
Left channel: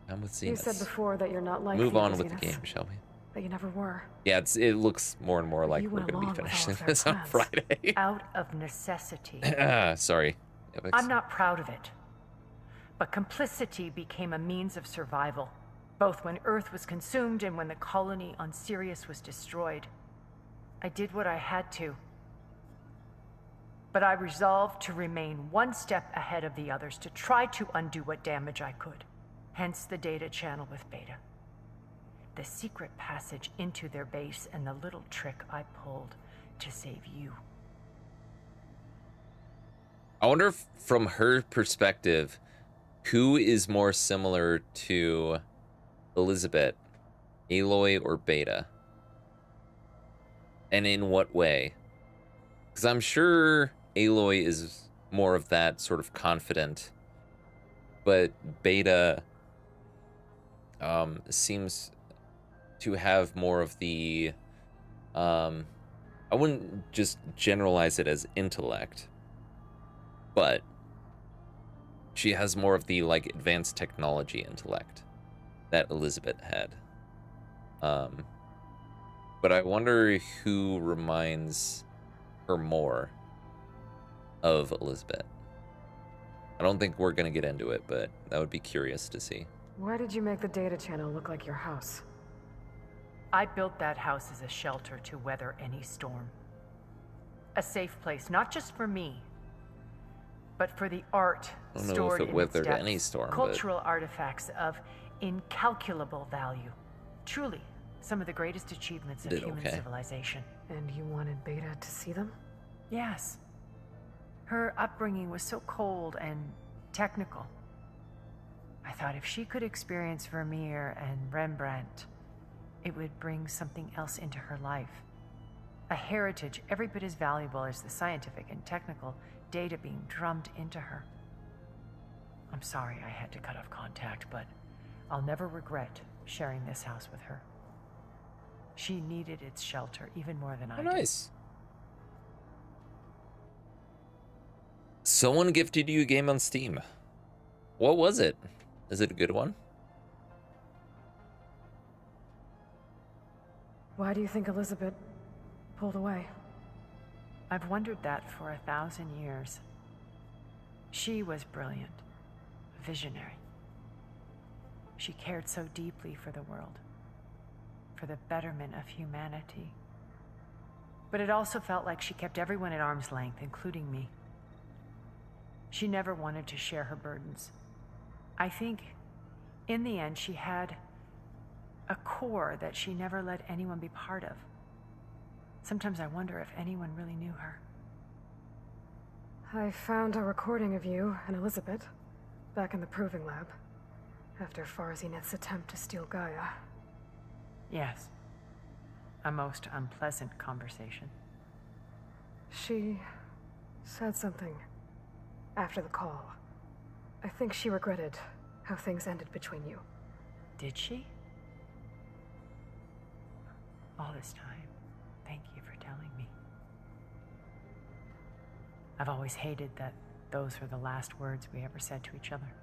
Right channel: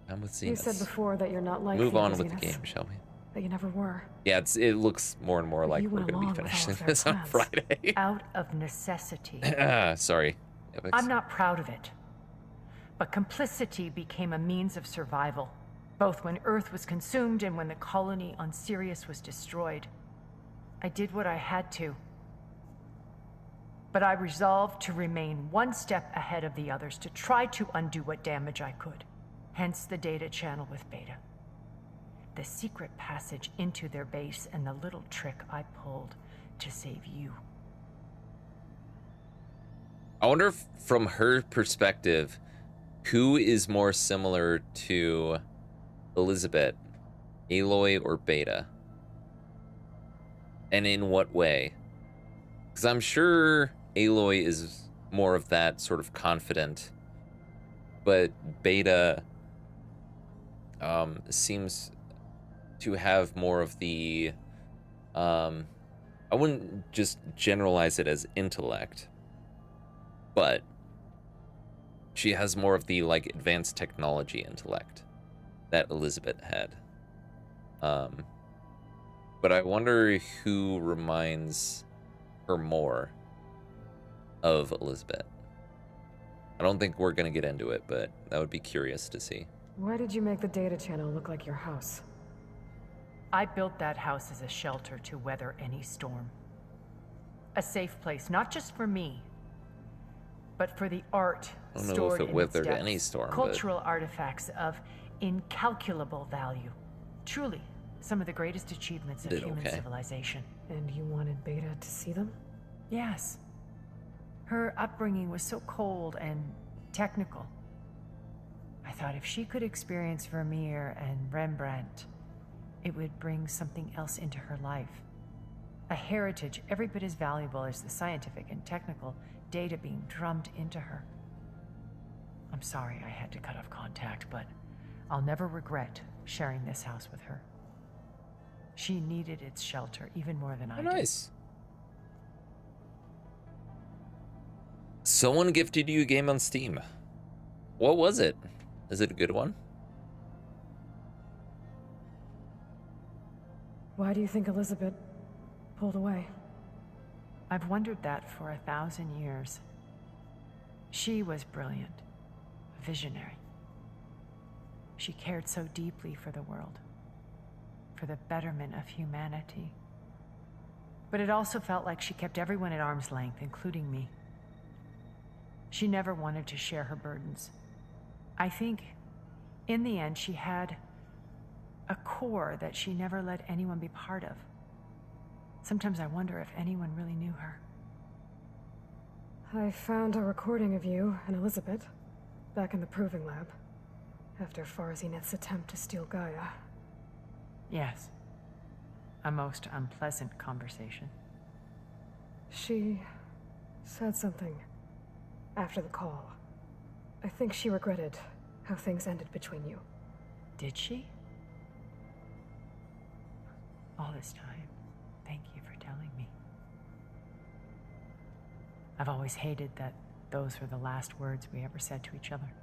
I'm with Zenith. You said before that you're not like Move on with the game, shall we? That you never were. Yeah, it looks more and more like we're going to be finishing this on Friday. Out of necessity. Sorry. Yepix. I'm not proud of it. But complicity became a means of survival, both when Earth was consumed and when the colony on Sirius was destroyed. I did what I had to. But I resolved to remain one step ahead of the others to try to undo what damage I could. Hence the data channel with Beta. The secret passage into their base and the little trick I pulled to save you. I wonder if, from her perspective, who is more similar to Elizabeth, Aloy or Beta? And in what way? Because I'm sure Aloy is more of that sort of confident, but Beta seems to have more of the, I wouldn't just generalize it as intellect, but she has more of the, like, advanced technology intellect that Elizabeth had. But I wonder who reminds her more of Elizabeth. I don't think we're gonna get into it, but that would be curious to see. Why did you make the data channel look like your house? I built that house as a shelter to weather any storm. A safe place, not just for me, but for the art. I don't know if it weathered any storm, cultural artifacts of incalculable value. Truly, some of the greatest achievements of human civilization. And you wanted Beta to see them? Yes. Her upbringing was so cold and technical. I thought if she could experience Vermeer and Rembrandt, it would bring something else into her life. A heritage every bit as valuable as the scientific and technical data being drummed into her. I'm sorry I had to cut off contact, but I'll never regret sharing this house with her. She needed its shelter even more than I did. Nice. Someone gifted you a game on Steam. What was it? Is it a good one? Why do you think Elizabeth pulled away? I've wondered that for 1,000 years. She was brilliant, visionary. She cared so deeply for the world, for the betterment of humanity. But it also felt like she kept everyone at arm's length, including me. She never wanted to share her burdens. I think, in the end, she had a core that she never let anyone be part of. Sometimes I wonder if anyone really knew her. I found a recording of you and Elizabeth back in the proving lab after Farzineth's attempt to steal Gaia. Yes. A most unpleasant conversation. She said something after the call. I think she regretted how things ended between you. Did she? All this time, thank you for telling me. I've always hated that those were the last words we ever said to each other.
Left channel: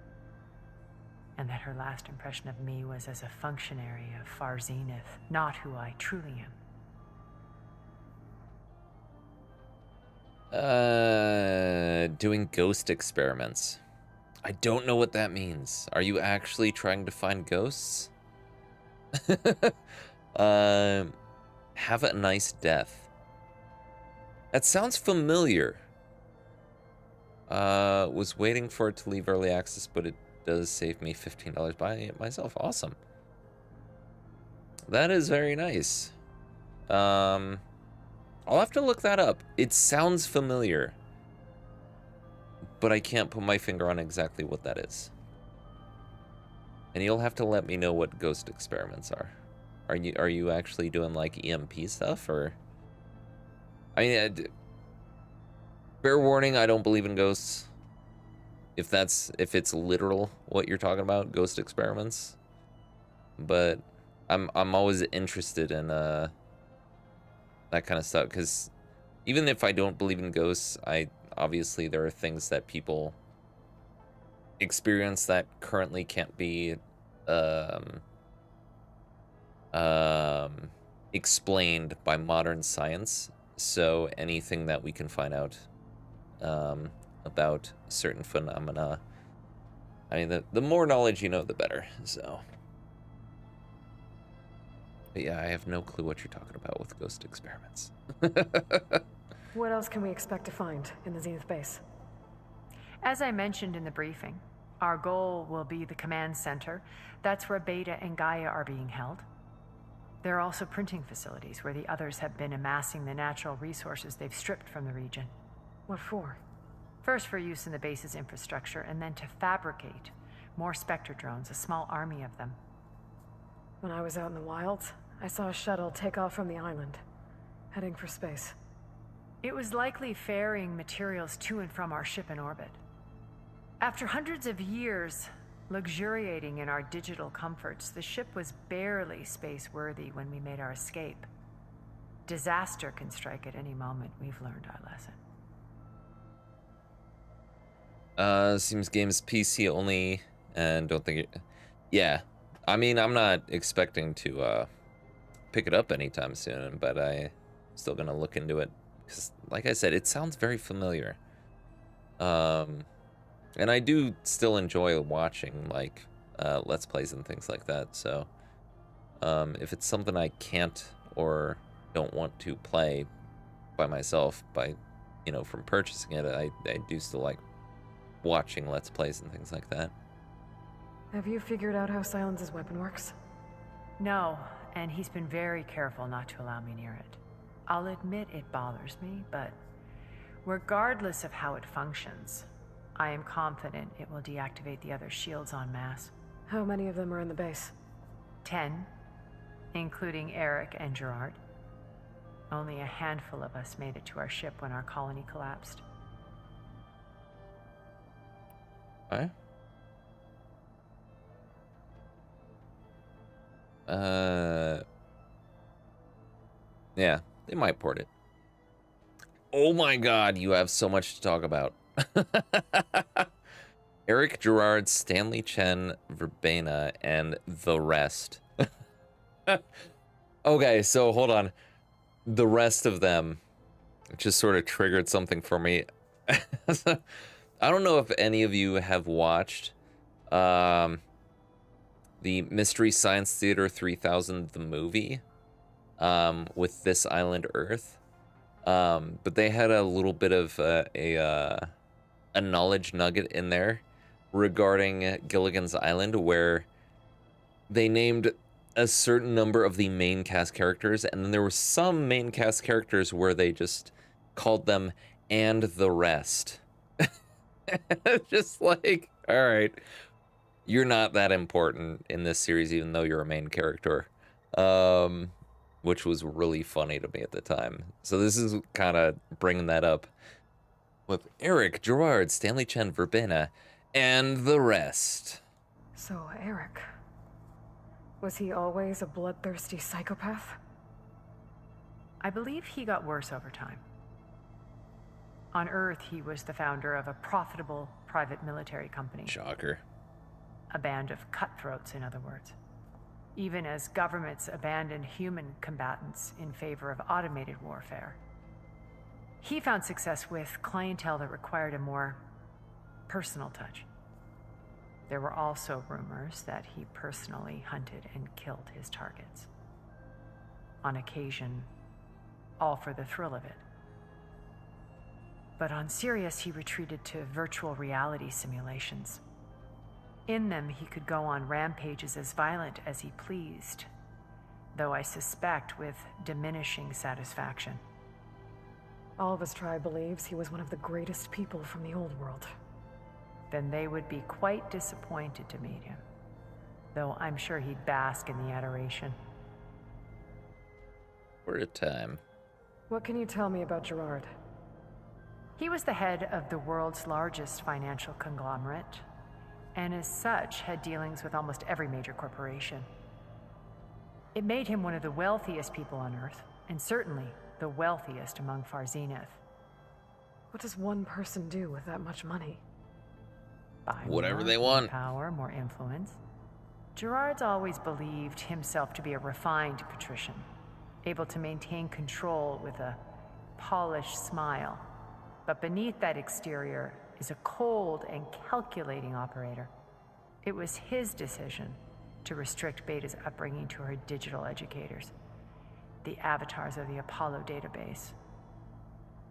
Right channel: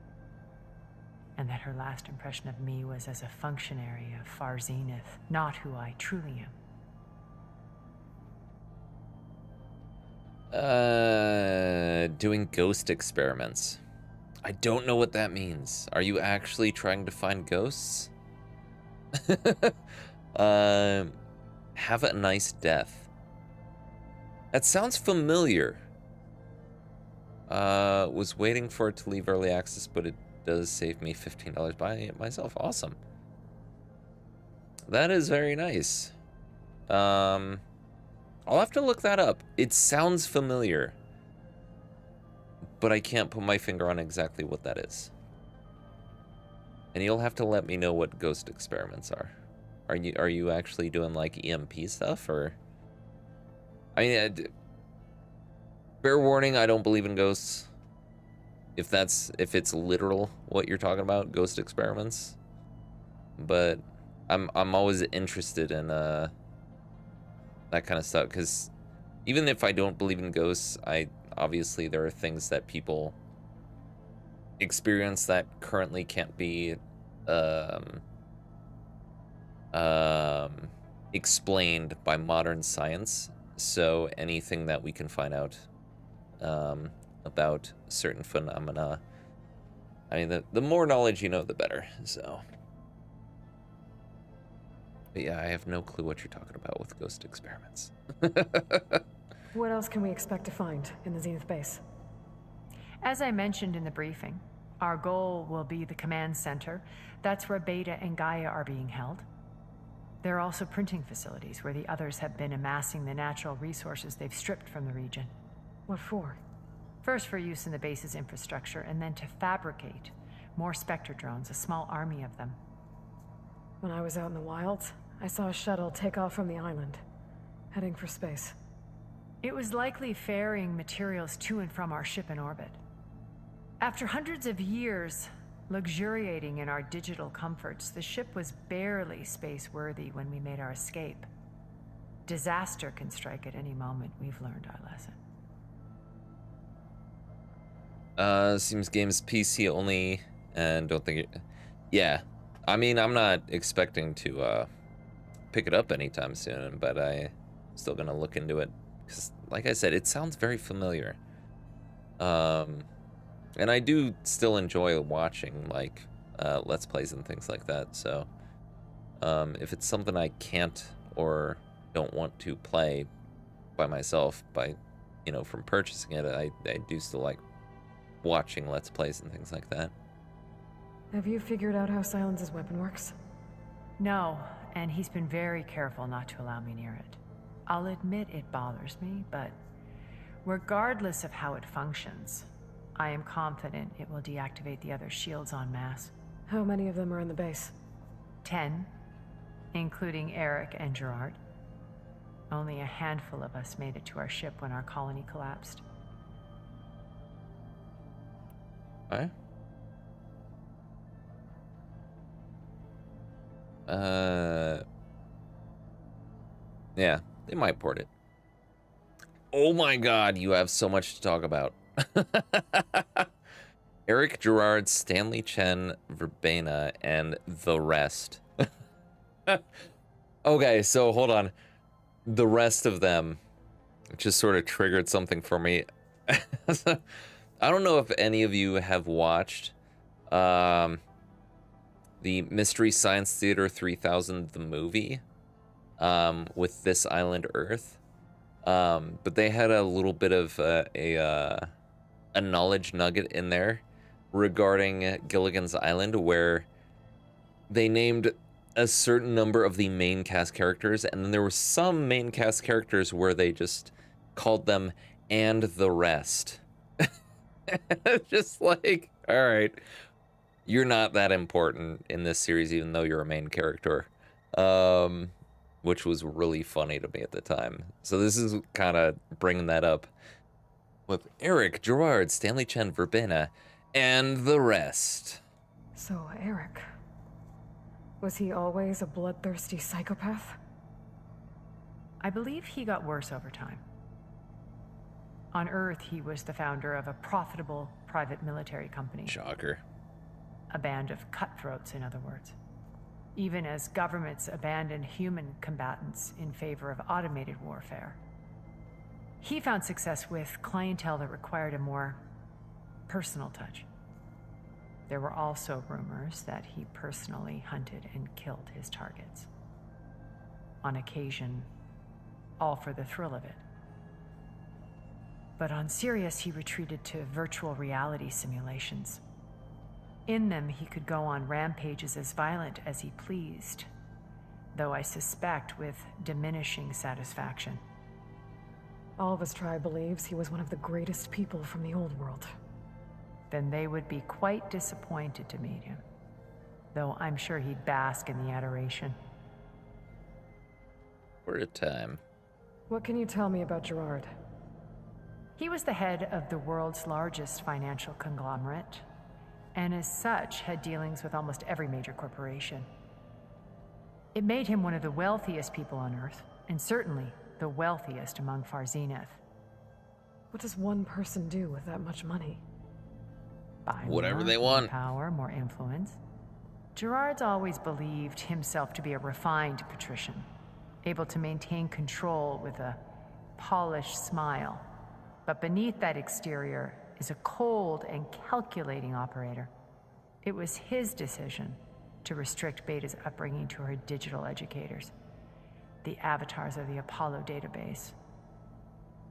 And that her last impression of me was as a functionary of Far Zenith, not who I truly am. Doing ghost experiments. I don't know what that means. Are you actually trying to find ghosts? Have a nice death. That sounds familiar. Was waiting for it to leave early access, but it does save me $15 buying it myself. Awesome. That is very nice. I'll have to look that up. It sounds familiar, but I can't put my finger on exactly what that is. And you'll have to let me know what ghost experiments are. Are you actually doing like EMP stuff, or? I mean, fair warning, I don't believe in ghosts. If it's literal what you're talking about, ghost experiments. But I'm always interested in that kind of stuff, because even if I don't believe in ghosts, obviously there are things that people experience that currently can't be explained by modern science. So anything that we can find out about certain phenomena, I mean, the more knowledge you know, the better. So, but yeah, I have no clue what you're talking about with ghost experiments. What else can we expect to find in the Zenith base? As I mentioned in the briefing, our goal will be the command center. That's where Beta and Gaia are being held. There are also printing facilities where the others have been amassing the natural resources they've stripped from the region. What for? First for use in the base's infrastructure, and then to fabricate more Spectre drones, a small army of them. When I was out in the wilds, I saw a shuttle take off from the island, heading for space. It was likely ferrying materials to and from our ship in orbit. After hundreds of years luxuriating in our digital comforts, the ship was barely space-worthy when we made our escape. Disaster can strike at any moment. We've learned our lesson. Seems game's PC only, and don't think it... Yeah, I mean, I'm not expecting to pick it up anytime soon, but I'm still gonna look into it, because like I said, it sounds very familiar. And I do still enjoy watching like Let's Plays and things like that, so if it's something I can't or don't want to play by myself, from purchasing it, I do still like watching Let's Plays and things like that. Have you figured out how Silence's weapon works? No, and he's been very careful not to allow me near it. I'll admit it bothers me, but regardless of how it functions, I am confident it will deactivate the other shields en masse. How many of them are in the base? 10, including Eric and Gerard. Only a handful of us made it to our ship when our colony collapsed. Okay. Yeah, they might port it. Oh my god, you have so much to talk about. Eric, Gerard, Stanley Chen, Verbena, and the rest. Okay, so hold on. The rest of them just sort of triggered something for me. I don't know if any of you have watched the Mystery Science Theater 3000, the movie, with This Island Earth. But they had a little bit of a knowledge nugget in there regarding Gilligan's Island, where they named a certain number of the main cast characters, and then there were some main cast characters where they just called them "and the rest." Just like, all right, you're not that important in this series, even though you're a main character, which was really funny to me at the time. So this is kind of bringing that up with Eric, Gerard, Stanley Chen, Verbena, and the rest. So, Eric, was he always a bloodthirsty psychopath? I believe he got worse over time. On Earth, he was the founder of a profitable private military company. Shocker. A band of cutthroats, in other words. Even as governments abandoned human combatants in favor of automated warfare. He found success with clientele that required a more personal touch. There were also rumors that he personally hunted and killed his targets. On occasion, all for the thrill of it. But on Sirius, he retreated to virtual reality simulations. In them, he could go on rampages as violent as he pleased, though I suspect with diminishing satisfaction. All of his tribe believes he was one of the greatest people from the old world. Then they would be quite disappointed to meet him, though I'm sure he'd bask in the adoration. For a time. What can you tell me about Gerard? He was the head of the world's largest financial conglomerate, and as such had dealings with almost every major corporation. It made him one of the wealthiest people on Earth, and certainly the wealthiest among Far Zenith. What does one person do with that much money? Buy whatever more, they want. Power, more influence. Gerard's always believed himself to be a refined patrician, able to maintain control with a polished smile. But beneath that exterior is a cold and calculating operator. It was his decision to restrict Beta's upbringing to her digital educators, the avatars of the Apollo database,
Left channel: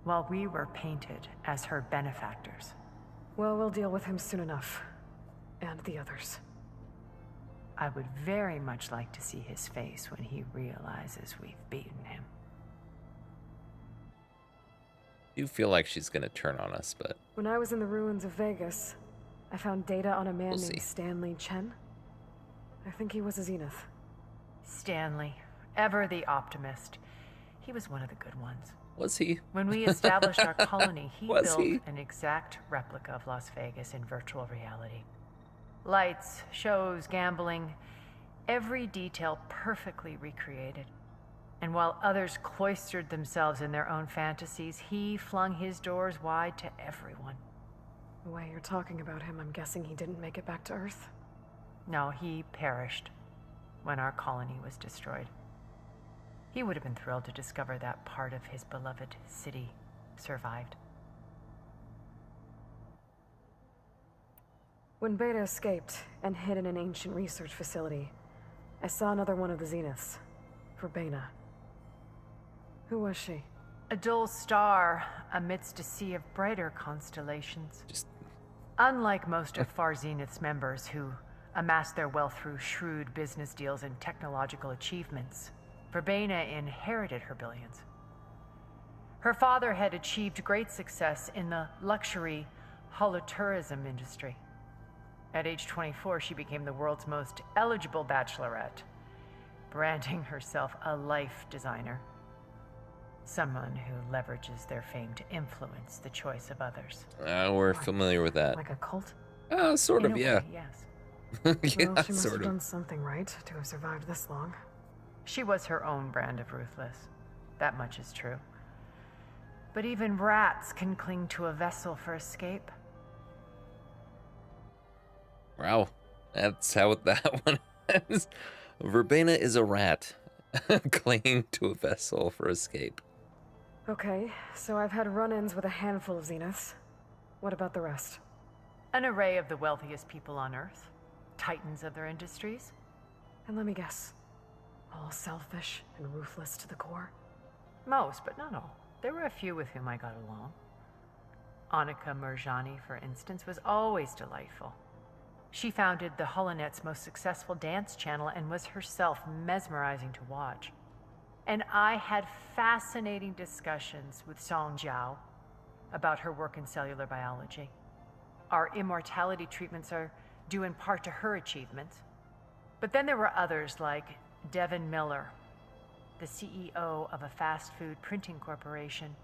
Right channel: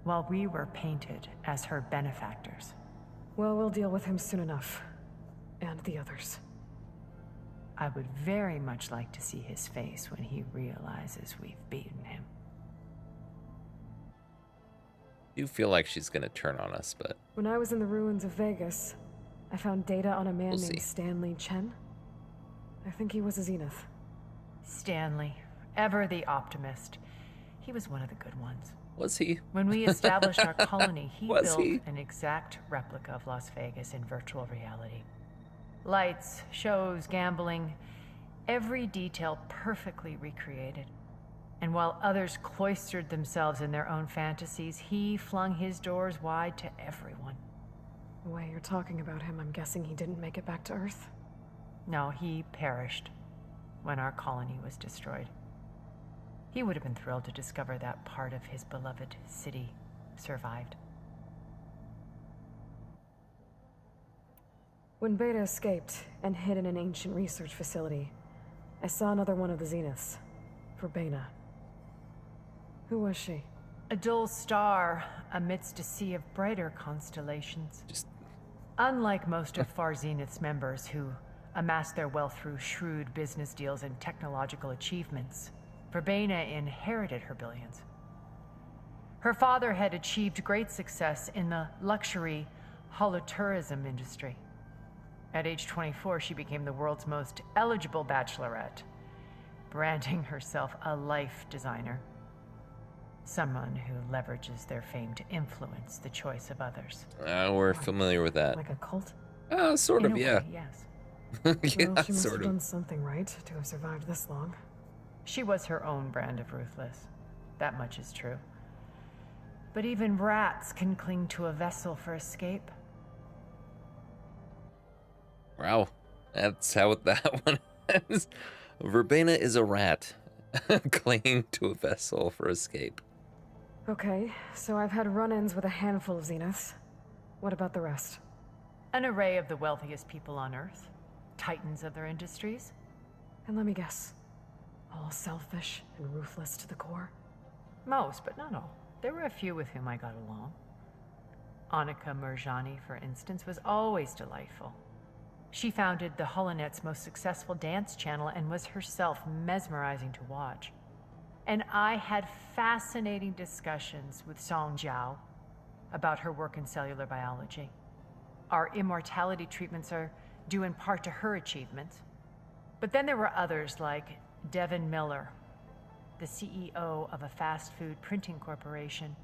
while we were painted as her benefactors. Well, we'll deal with him soon enough. And the others. I would very much like to see his face when he realizes we've beaten him. I do feel like she's gonna turn on us, but When I was in the ruins of Vegas, I found data on a man We'll named see. Stanley Chen. I think he was a Zenith. Stanley, ever the optimist. He was one of the good ones. was he? When we established our colony, he Was built he? an exact replica of Las Vegas in virtual reality. Lights, shows, gambling, every detail perfectly recreated. And while others cloistered themselves in their own fantasies, he flung his doors wide to everyone. The way you're talking about him, I'm guessing he didn't make it back to Earth. No, he perished when our colony was destroyed. He would have been thrilled to discover that part of his beloved city survived. When Beta escaped and hid in an ancient research facility, I saw another one of the Zeniths, Verbena. Who was she? A dull star amidst a sea of brighter constellations. Unlike most of Far Zenith's members who amassed their wealth through shrewd business deals and technological achievements, Verbena inherited her billions. Her father had achieved great success in the luxury holotourism industry. At age 24, she became the world's most eligible bachelorette, branding herself a life designer. Someone who leverages their fame to influence the choice of others. We're familiar with that. Like a cult? Sort In of, a yeah. way, yes. Yeah, Well, she must sort have of. done something right to have survived this long. She was her own brand of ruthless. That much is true. But even rats can cling to a vessel for escape. Wow, that's how that one is. Verbena is a rat, clinging to a vessel for escape. Okay, so I've had run-ins with a handful of Zeniths. What about the rest? An array of the wealthiest people on Earth. Titans of their industries. And let me guess. All selfish and ruthless to the core? Most, but not all. There were a few with whom I got along. Annika Merjani, for instance, was always delightful. She founded the Holonet's most successful dance channel and was herself mesmerizing to watch. And I had fascinating discussions with Song Jiao about her work in cellular biology. Our immortality treatments are due in part to her achievement. But then there were others like Devin Miller, the CEO of a fast food printing corporation.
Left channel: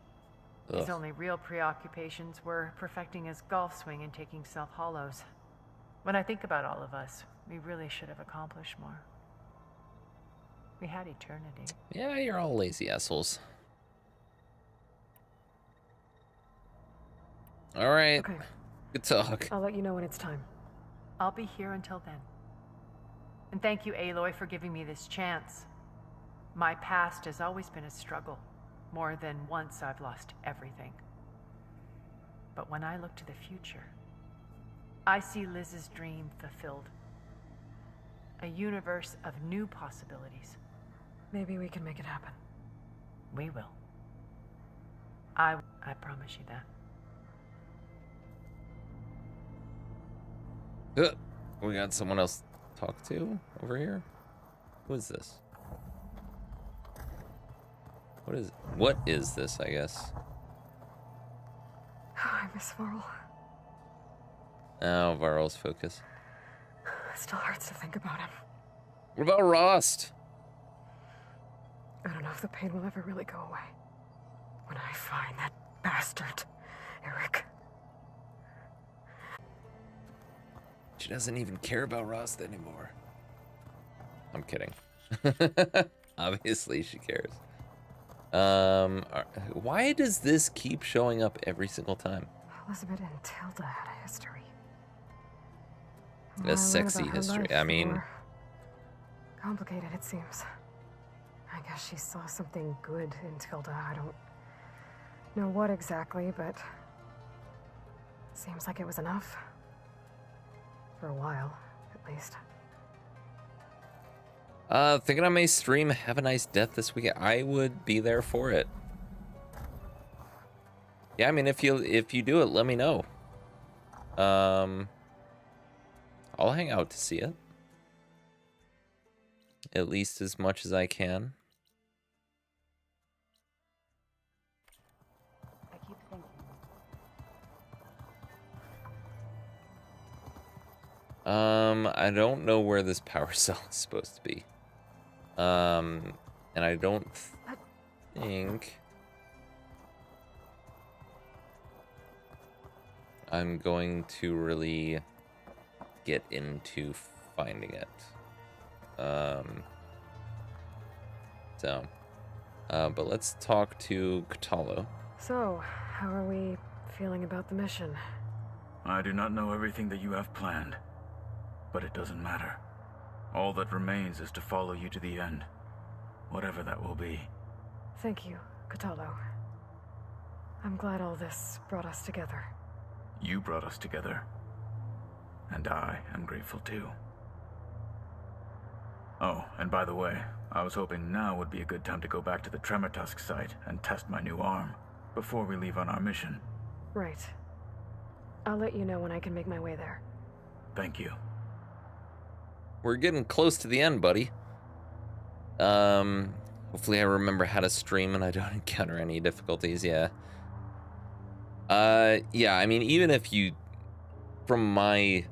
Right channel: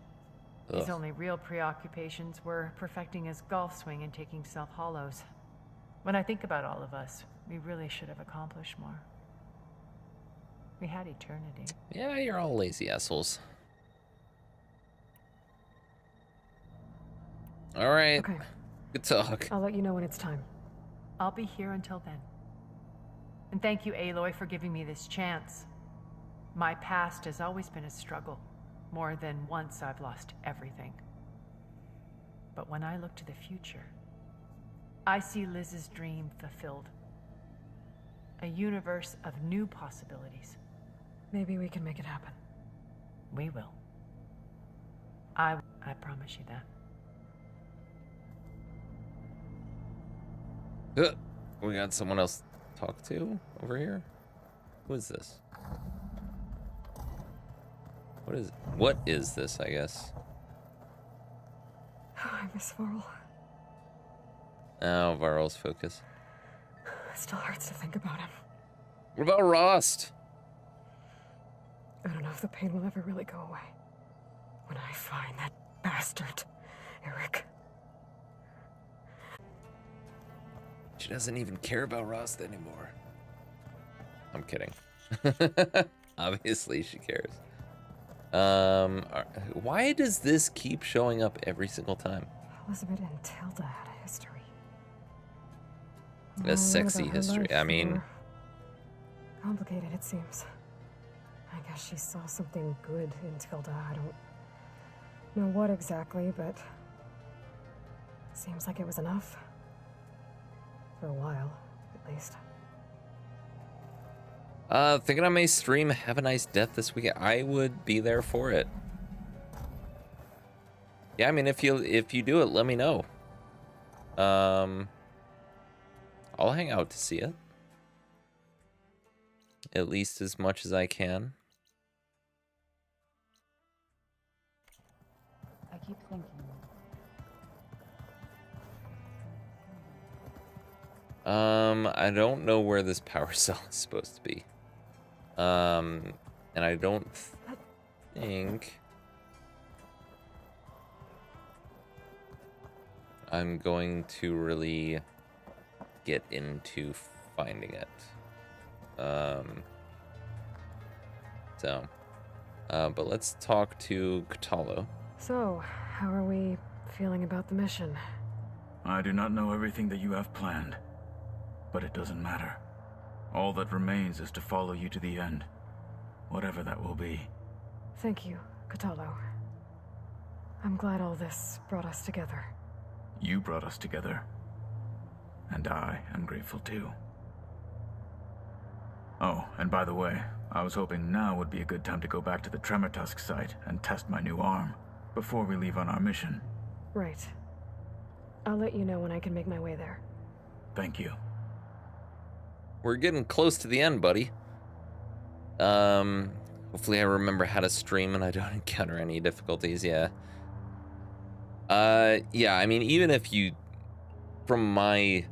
His only real preoccupations were perfecting his golf swing and taking self-hollows. When I think about all of us, we really should have accomplished more. We had eternity. Yeah, you're all lazy assholes. All right. Okay. Good talk. I'll let you know when it's time. I'll be here until then. And thank you, Aloy, for giving me this chance. My past has always been a struggle. More than once I've lost everything. But when I look to the future, I see Liz's dream fulfilled. A universe of new possibilities. Maybe we can make it happen. We will. I promise you that. We got someone else to talk to over here. Who is this? What is this, I guess? I miss Varl. Oh, Varl's focus. It still hurts to think about him. What about Rost? I don't know if the pain will ever really go away. When I find that bastard, Eric. She doesn't even care about Rost anymore. I'm kidding. Obviously she cares. Why does this keep showing up every single time? Elizabeth and Tilda had a history. A sexy history. I mean, complicated, it seems. I guess she saw something good in Tilda. I don't know what exactly, but seems like it was enough. For a while, at least. Thinking I may stream Have a Nice Death this weekend. I would be there for it. Yeah, I mean, if you do it, let me know. I'll hang out to see it. At least as much as I can. I keep thinking. I don't know where this power cell is supposed to be. And I don't think I'm going to really get into finding it. But let's talk to Kotallo. So, how are we feeling about the mission? I do not know everything that you have planned, but it doesn't matter. All that remains is to follow you to the end, whatever that will be. Thank you, Kotallo. I'm glad all this brought us together. You brought us together, and I am grateful too. Oh, and by the way, I was hoping now would be a good time to go back to the Tremortusk site and test my new arm before we leave on our mission. Right. I'll let you know when I can make my way there. Thank you. We're getting close to the end, buddy. Hopefully I remember how to stream and I don't encounter any difficulties, yeah. Yeah, I mean, even if you, from my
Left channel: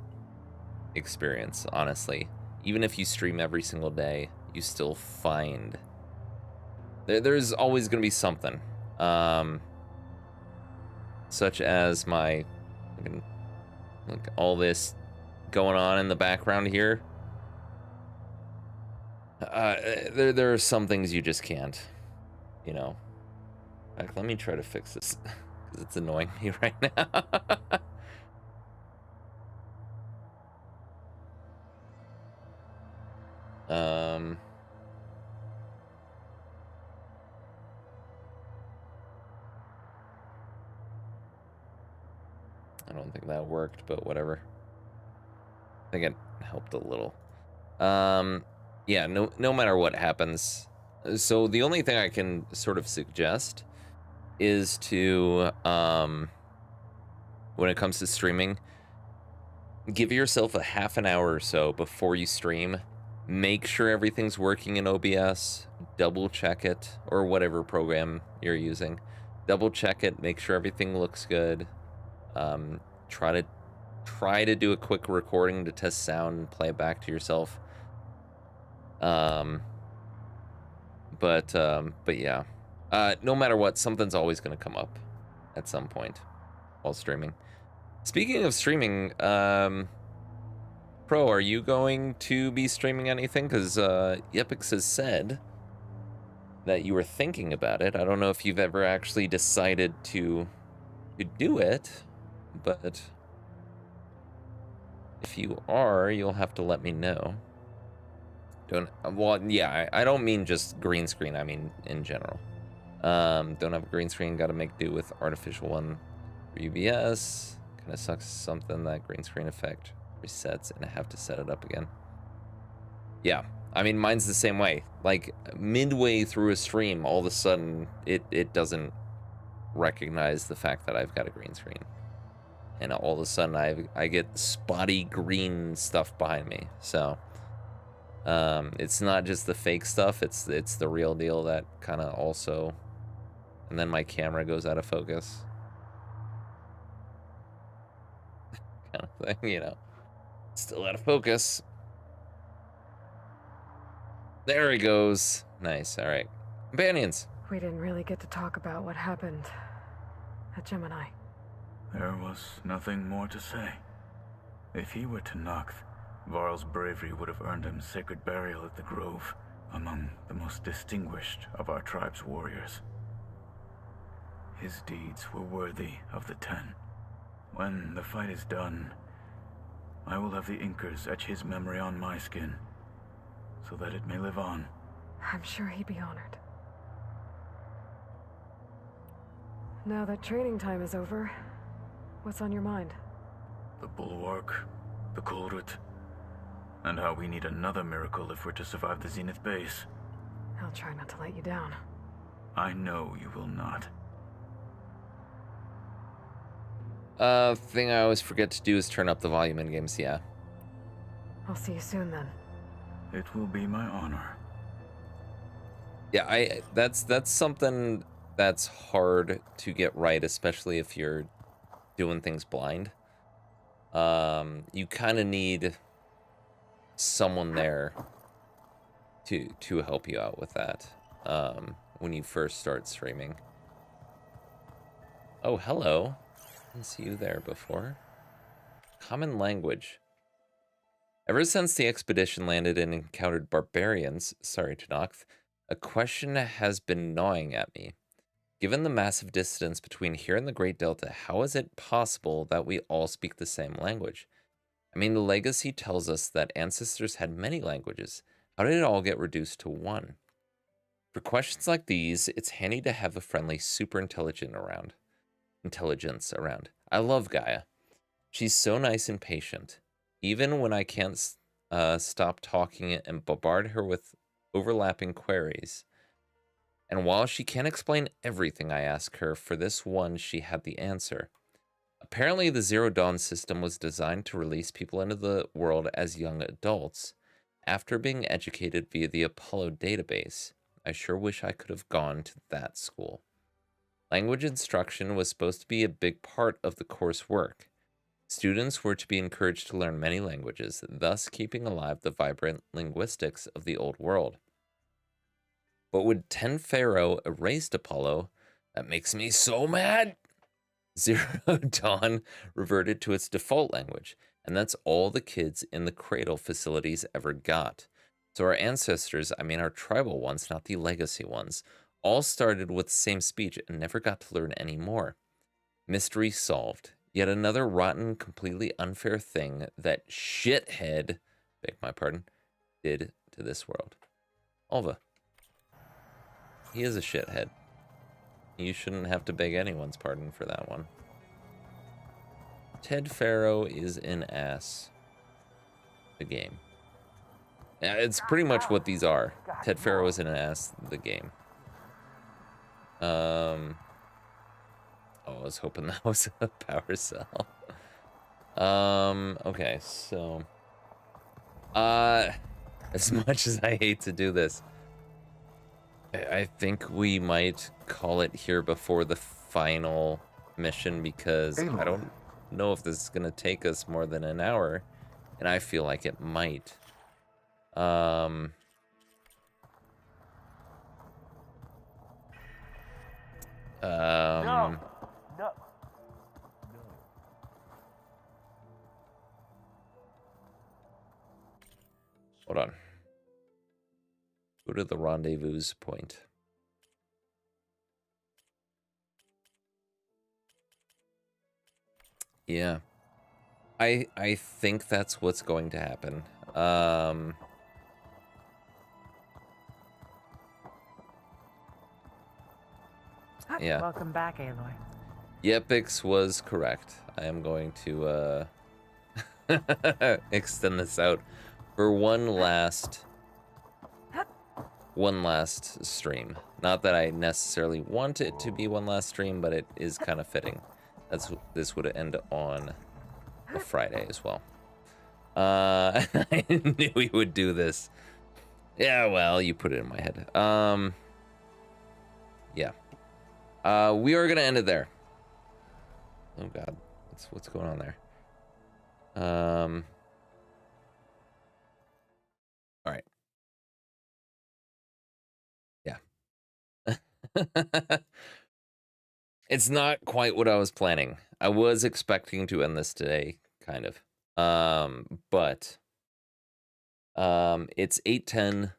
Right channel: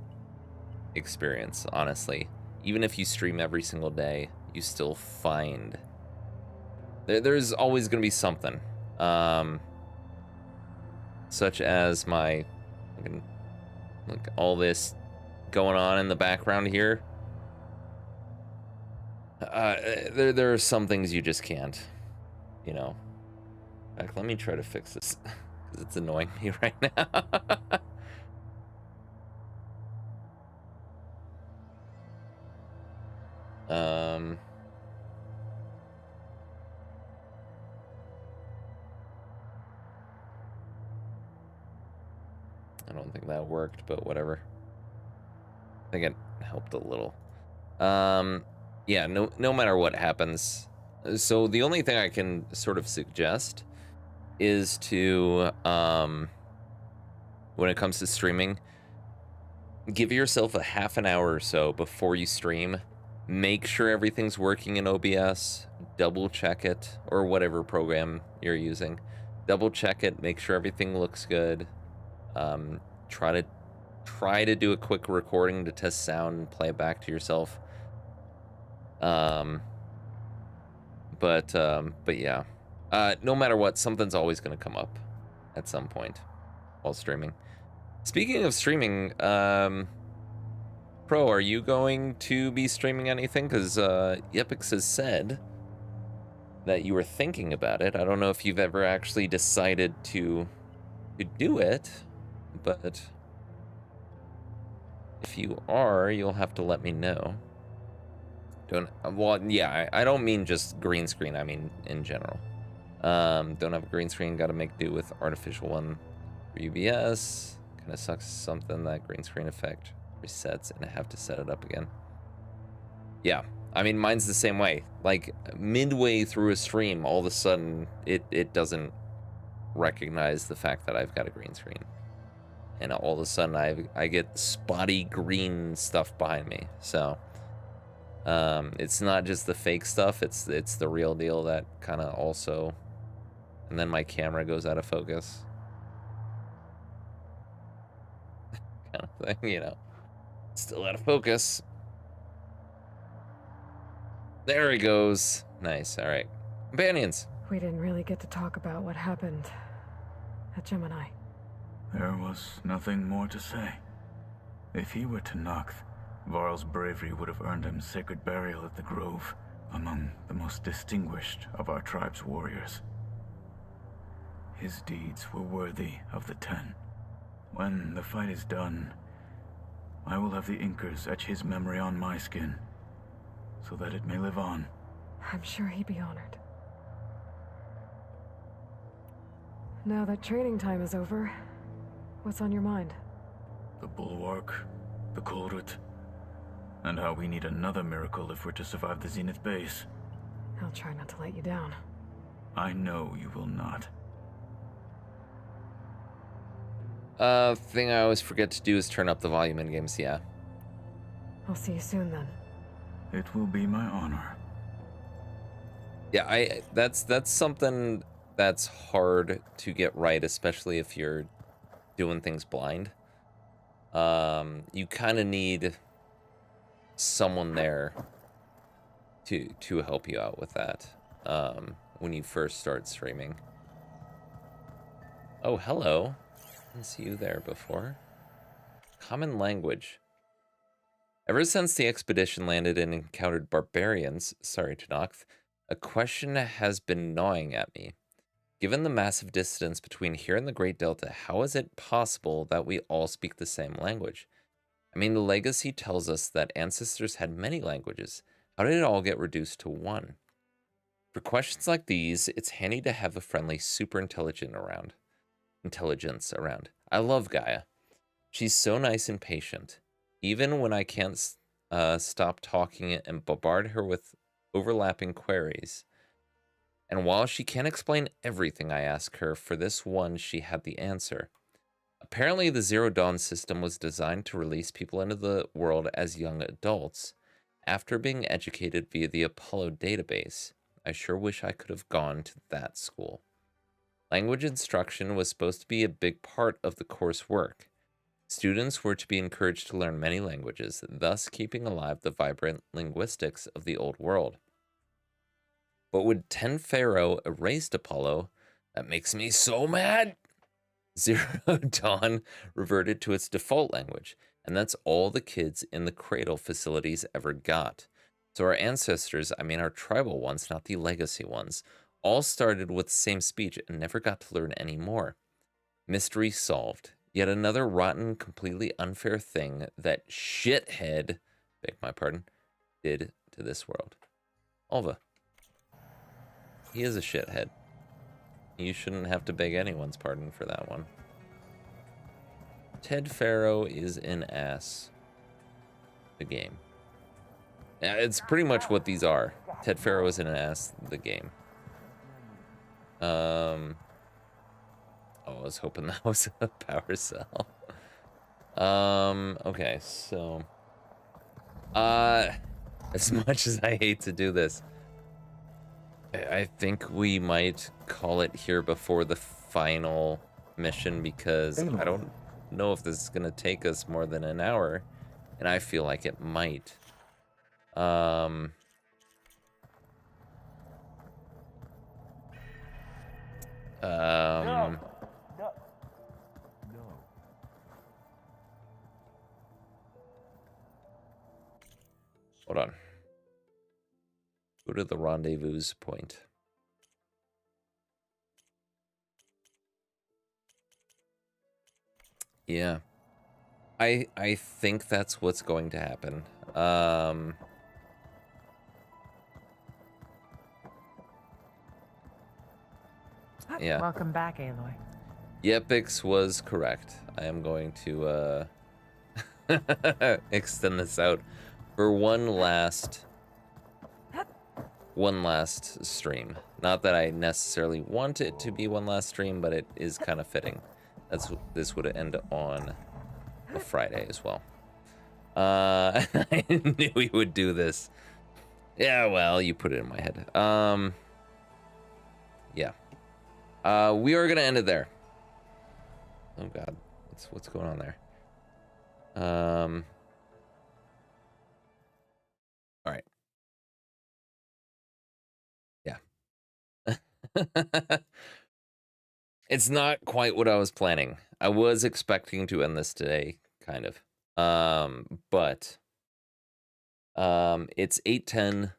experience, honestly, even if you stream every single day, you still find there's always going to be something. Such as my, look, all this going on in the background here. There are some things you just can't, you know. In fact, let me try to fix this because it's annoying me right now. don't think that worked, but whatever. I think it helped a little. Yeah, no matter what happens. So the only thing I can sort of suggest is to, when it comes to streaming, give yourself a half an hour or so before you stream. Make sure everything's working in OBS. Double check it, or whatever program you're using. Double check it. Make sure everything looks good. Try to do a quick recording to test sound and play it back to yourself. But yeah. No matter what, something's always going to come up at some point while streaming. Speaking of streaming, Pro, are you going to be streaming anything? Because Yepix has said that you were thinking about it. I don't know if you've ever actually decided to do it, but if you are, you'll have to let me know. Well, yeah, I don't mean just green screen, I mean in general. Don't have a green screen, gotta make do with artificial one for UBS. Kinda sucks something that green screen effect resets and I have to set it up again. Yeah, I mean, mine's the same way. Like, midway through a stream, all of a sudden, it doesn't recognize the fact that I've got a green screen. And all of a sudden, I get spotty green stuff behind me. So, it's not just the fake stuff, it's the real deal that kind of also... And then my camera goes out of focus. Kind of thing, you know. Still out of focus. There he goes. Nice, alright. Companions. We didn't really get to talk about what happened at Gemini. There was nothing more to say. If he were Tenakth, Varl's bravery would have earned him sacred burial at the Grove, among the most distinguished of our tribe's warriors. His deeds were worthy of the Ten. When the fight is done, I will have the Inkers etch his memory on my skin, so that it may live on. I'm sure he'd be honored. Now that training time is over, what's on your mind? The Bulwark, the Kulrut, and how we need another miracle if we're to survive the Zenith base. I'll try not to let you down. I know you will not. Thing I always forget to do is turn up the volume in games, yeah. I'll see you soon then. It will be my honor. Yeah, that's something that's hard to get right, especially if you're doing things blind. You kind of need someone there to help you out with that when you first start streaming. Oh, hello. Didn't see you there before. Common language. Ever since the expedition landed and encountered barbarians, sorry, Tenakth, a question has been gnawing at me. Given the massive distance between here and the Great Delta, how is it possible that we all speak the same language? I mean, the legacy tells us that ancestors had many languages. How did it all get reduced to one? For questions like these, it's handy to have a friendly superintelligence around. I love Gaia. She's so nice and patient. Even when I can't stop talking and bombard her with overlapping queries. And while she can't explain everything I ask her, for this one she had the answer. Apparently the Zero Dawn system was designed to release people into the world as young adults after being educated via the Apollo database. I sure wish I could have gone to that school. Language instruction was supposed to be a big part of the coursework. Students were to be encouraged to learn many languages, thus keeping alive the vibrant linguistics of the old world. But when Ten Pharaoh erased Apollo, that makes me so mad! Zero Dawn reverted to its default language, and that's all the kids in the Cradle facilities ever got. So our ancestors, I mean our tribal ones, not the legacy ones, all started with the same speech and never got to learn any more. Mystery solved. Yet another rotten, completely unfair thing that shithead, beg my pardon, did to this world. Alva. He is a shithead. You shouldn't have to beg anyone's pardon for that one. Ted Faro is an ass. The game. Yeah, it's pretty much what these are. Ted Faro is an ass. The game. Oh, I was hoping that was a power cell. Okay, so as much as I hate to do this, I think we might call it here before the final mission, because I don't know if this is gonna take us more than an hour, and I feel like it might. Hold on. Go to the rendezvous point. Yeah. I think that's what's going to happen. Yeah. Welcome back, Aloy. Yepix was correct. I am going to extend this out for one last stream. Not that I necessarily want it to be one last stream, but it is kind of fitting. This would end on a Friday as well. I knew we would do this. Yeah, well, you put it in my head. Yeah. We are gonna end it there. Oh God, what's going on there? All right. Yeah. It's not quite what I was planning. I was expecting to end this today, kind of. But it's 8:10.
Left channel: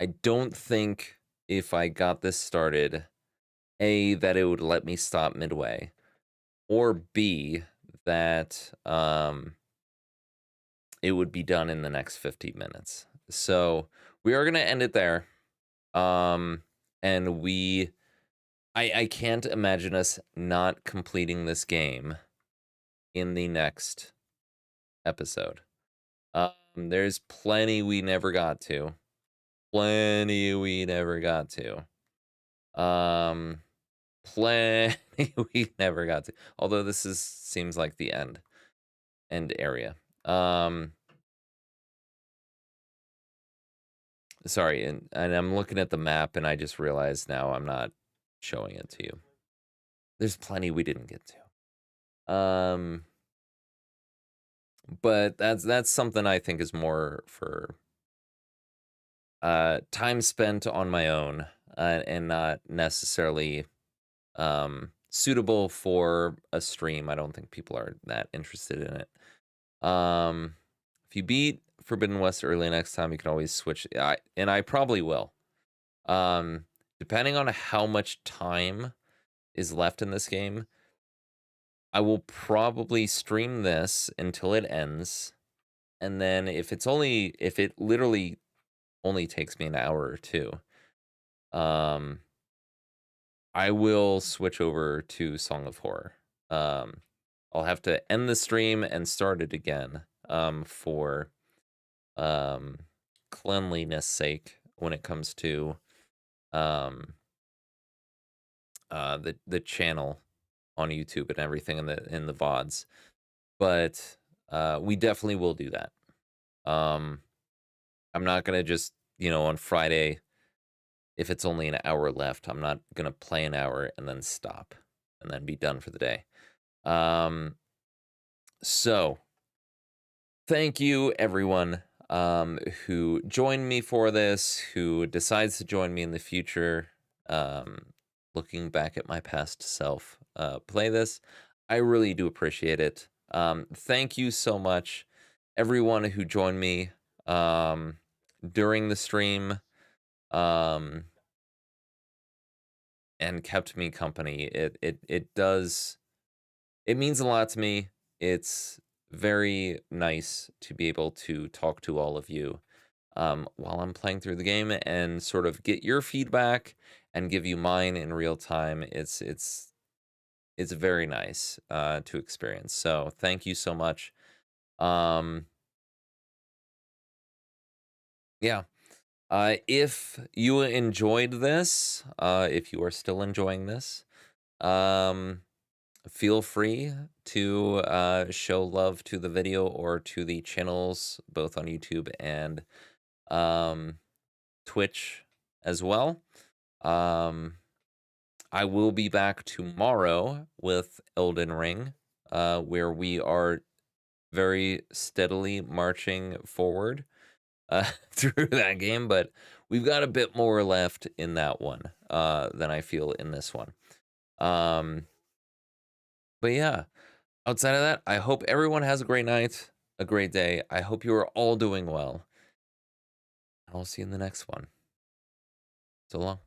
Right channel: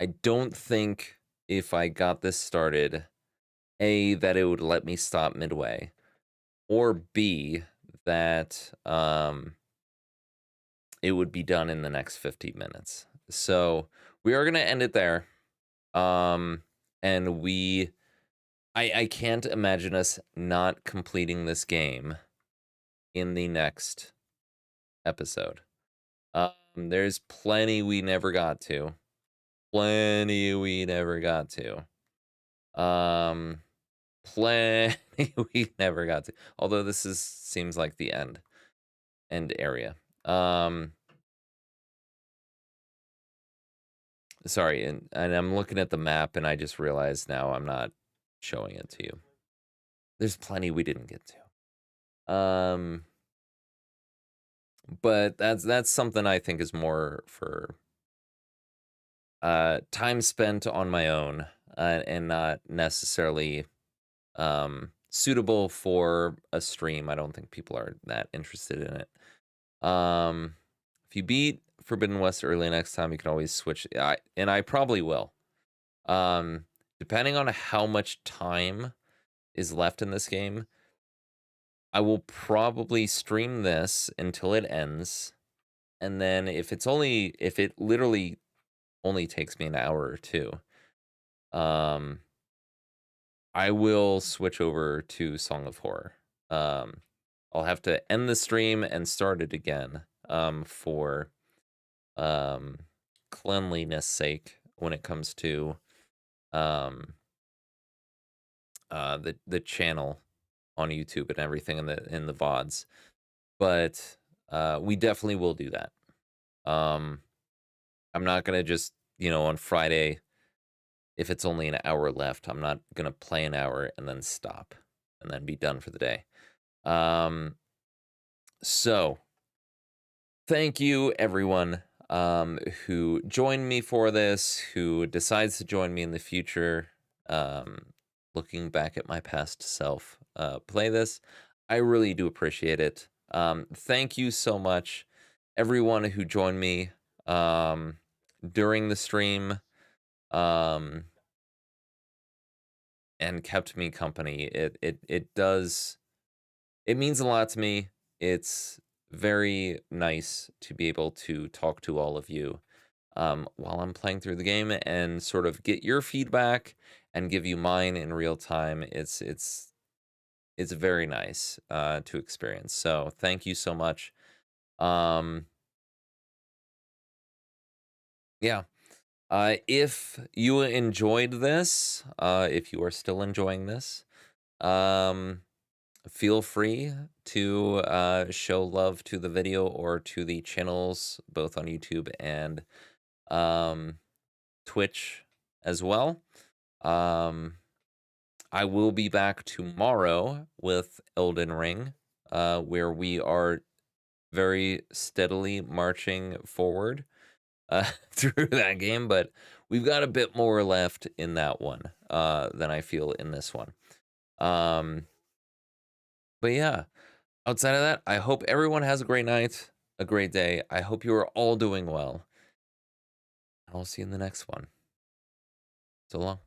I don't think if I got this started, A, that it would let me stop midway, or B, that it would be done in the next 50 minutes. So we are gonna end it there. And I can't imagine us not completing this game in the next episode. There's plenty we never got to. Plenty we never got to. Although this seems like the end area. Sorry, and I'm looking at the map and I just realized now I'm not showing it to you. There's plenty we didn't get to. But that's something I think is more for time spent on my own, and not necessarily suitable for a stream. I don't think people are that interested in it. If you beat Forbidden West early next time, you can always switch. And I probably will. Depending on how much time is left in this game, I will probably stream this until it ends. And then if it literally only takes me an hour or two, I will switch over to Song of Horror. I'll have to end the stream and start it again, for cleanliness sake when it comes to the channel on YouTube and everything in the VODs. But we definitely will do that. I'm not gonna just, on Friday, if it's only an hour left, I'm not gonna play an hour and then stop and then be done for the day. So thank you everyone who joined me for this, who decides to join me in the future, looking back at my past self, play this. I really do appreciate it. Thank you so much, everyone who joined me during the stream, and kept me company. It means a lot to me. It's very nice to be able to talk to all of you while I'm playing through the game and sort of get your feedback and give you mine in real time. It's it's very nice to experience. So thank you so much. Yeah. If you enjoyed this, if you are still enjoying this, feel free to show love to the video or to the channels, both on YouTube and Twitch as well. I will be back tomorrow with Elden Ring, where we are very steadily marching forward through that game, but we've got a bit more left in that one than I feel in this one. But yeah, outside of that, I hope everyone has a great night, a great day. I hope you are all doing well. I'll see you in the next one. So long.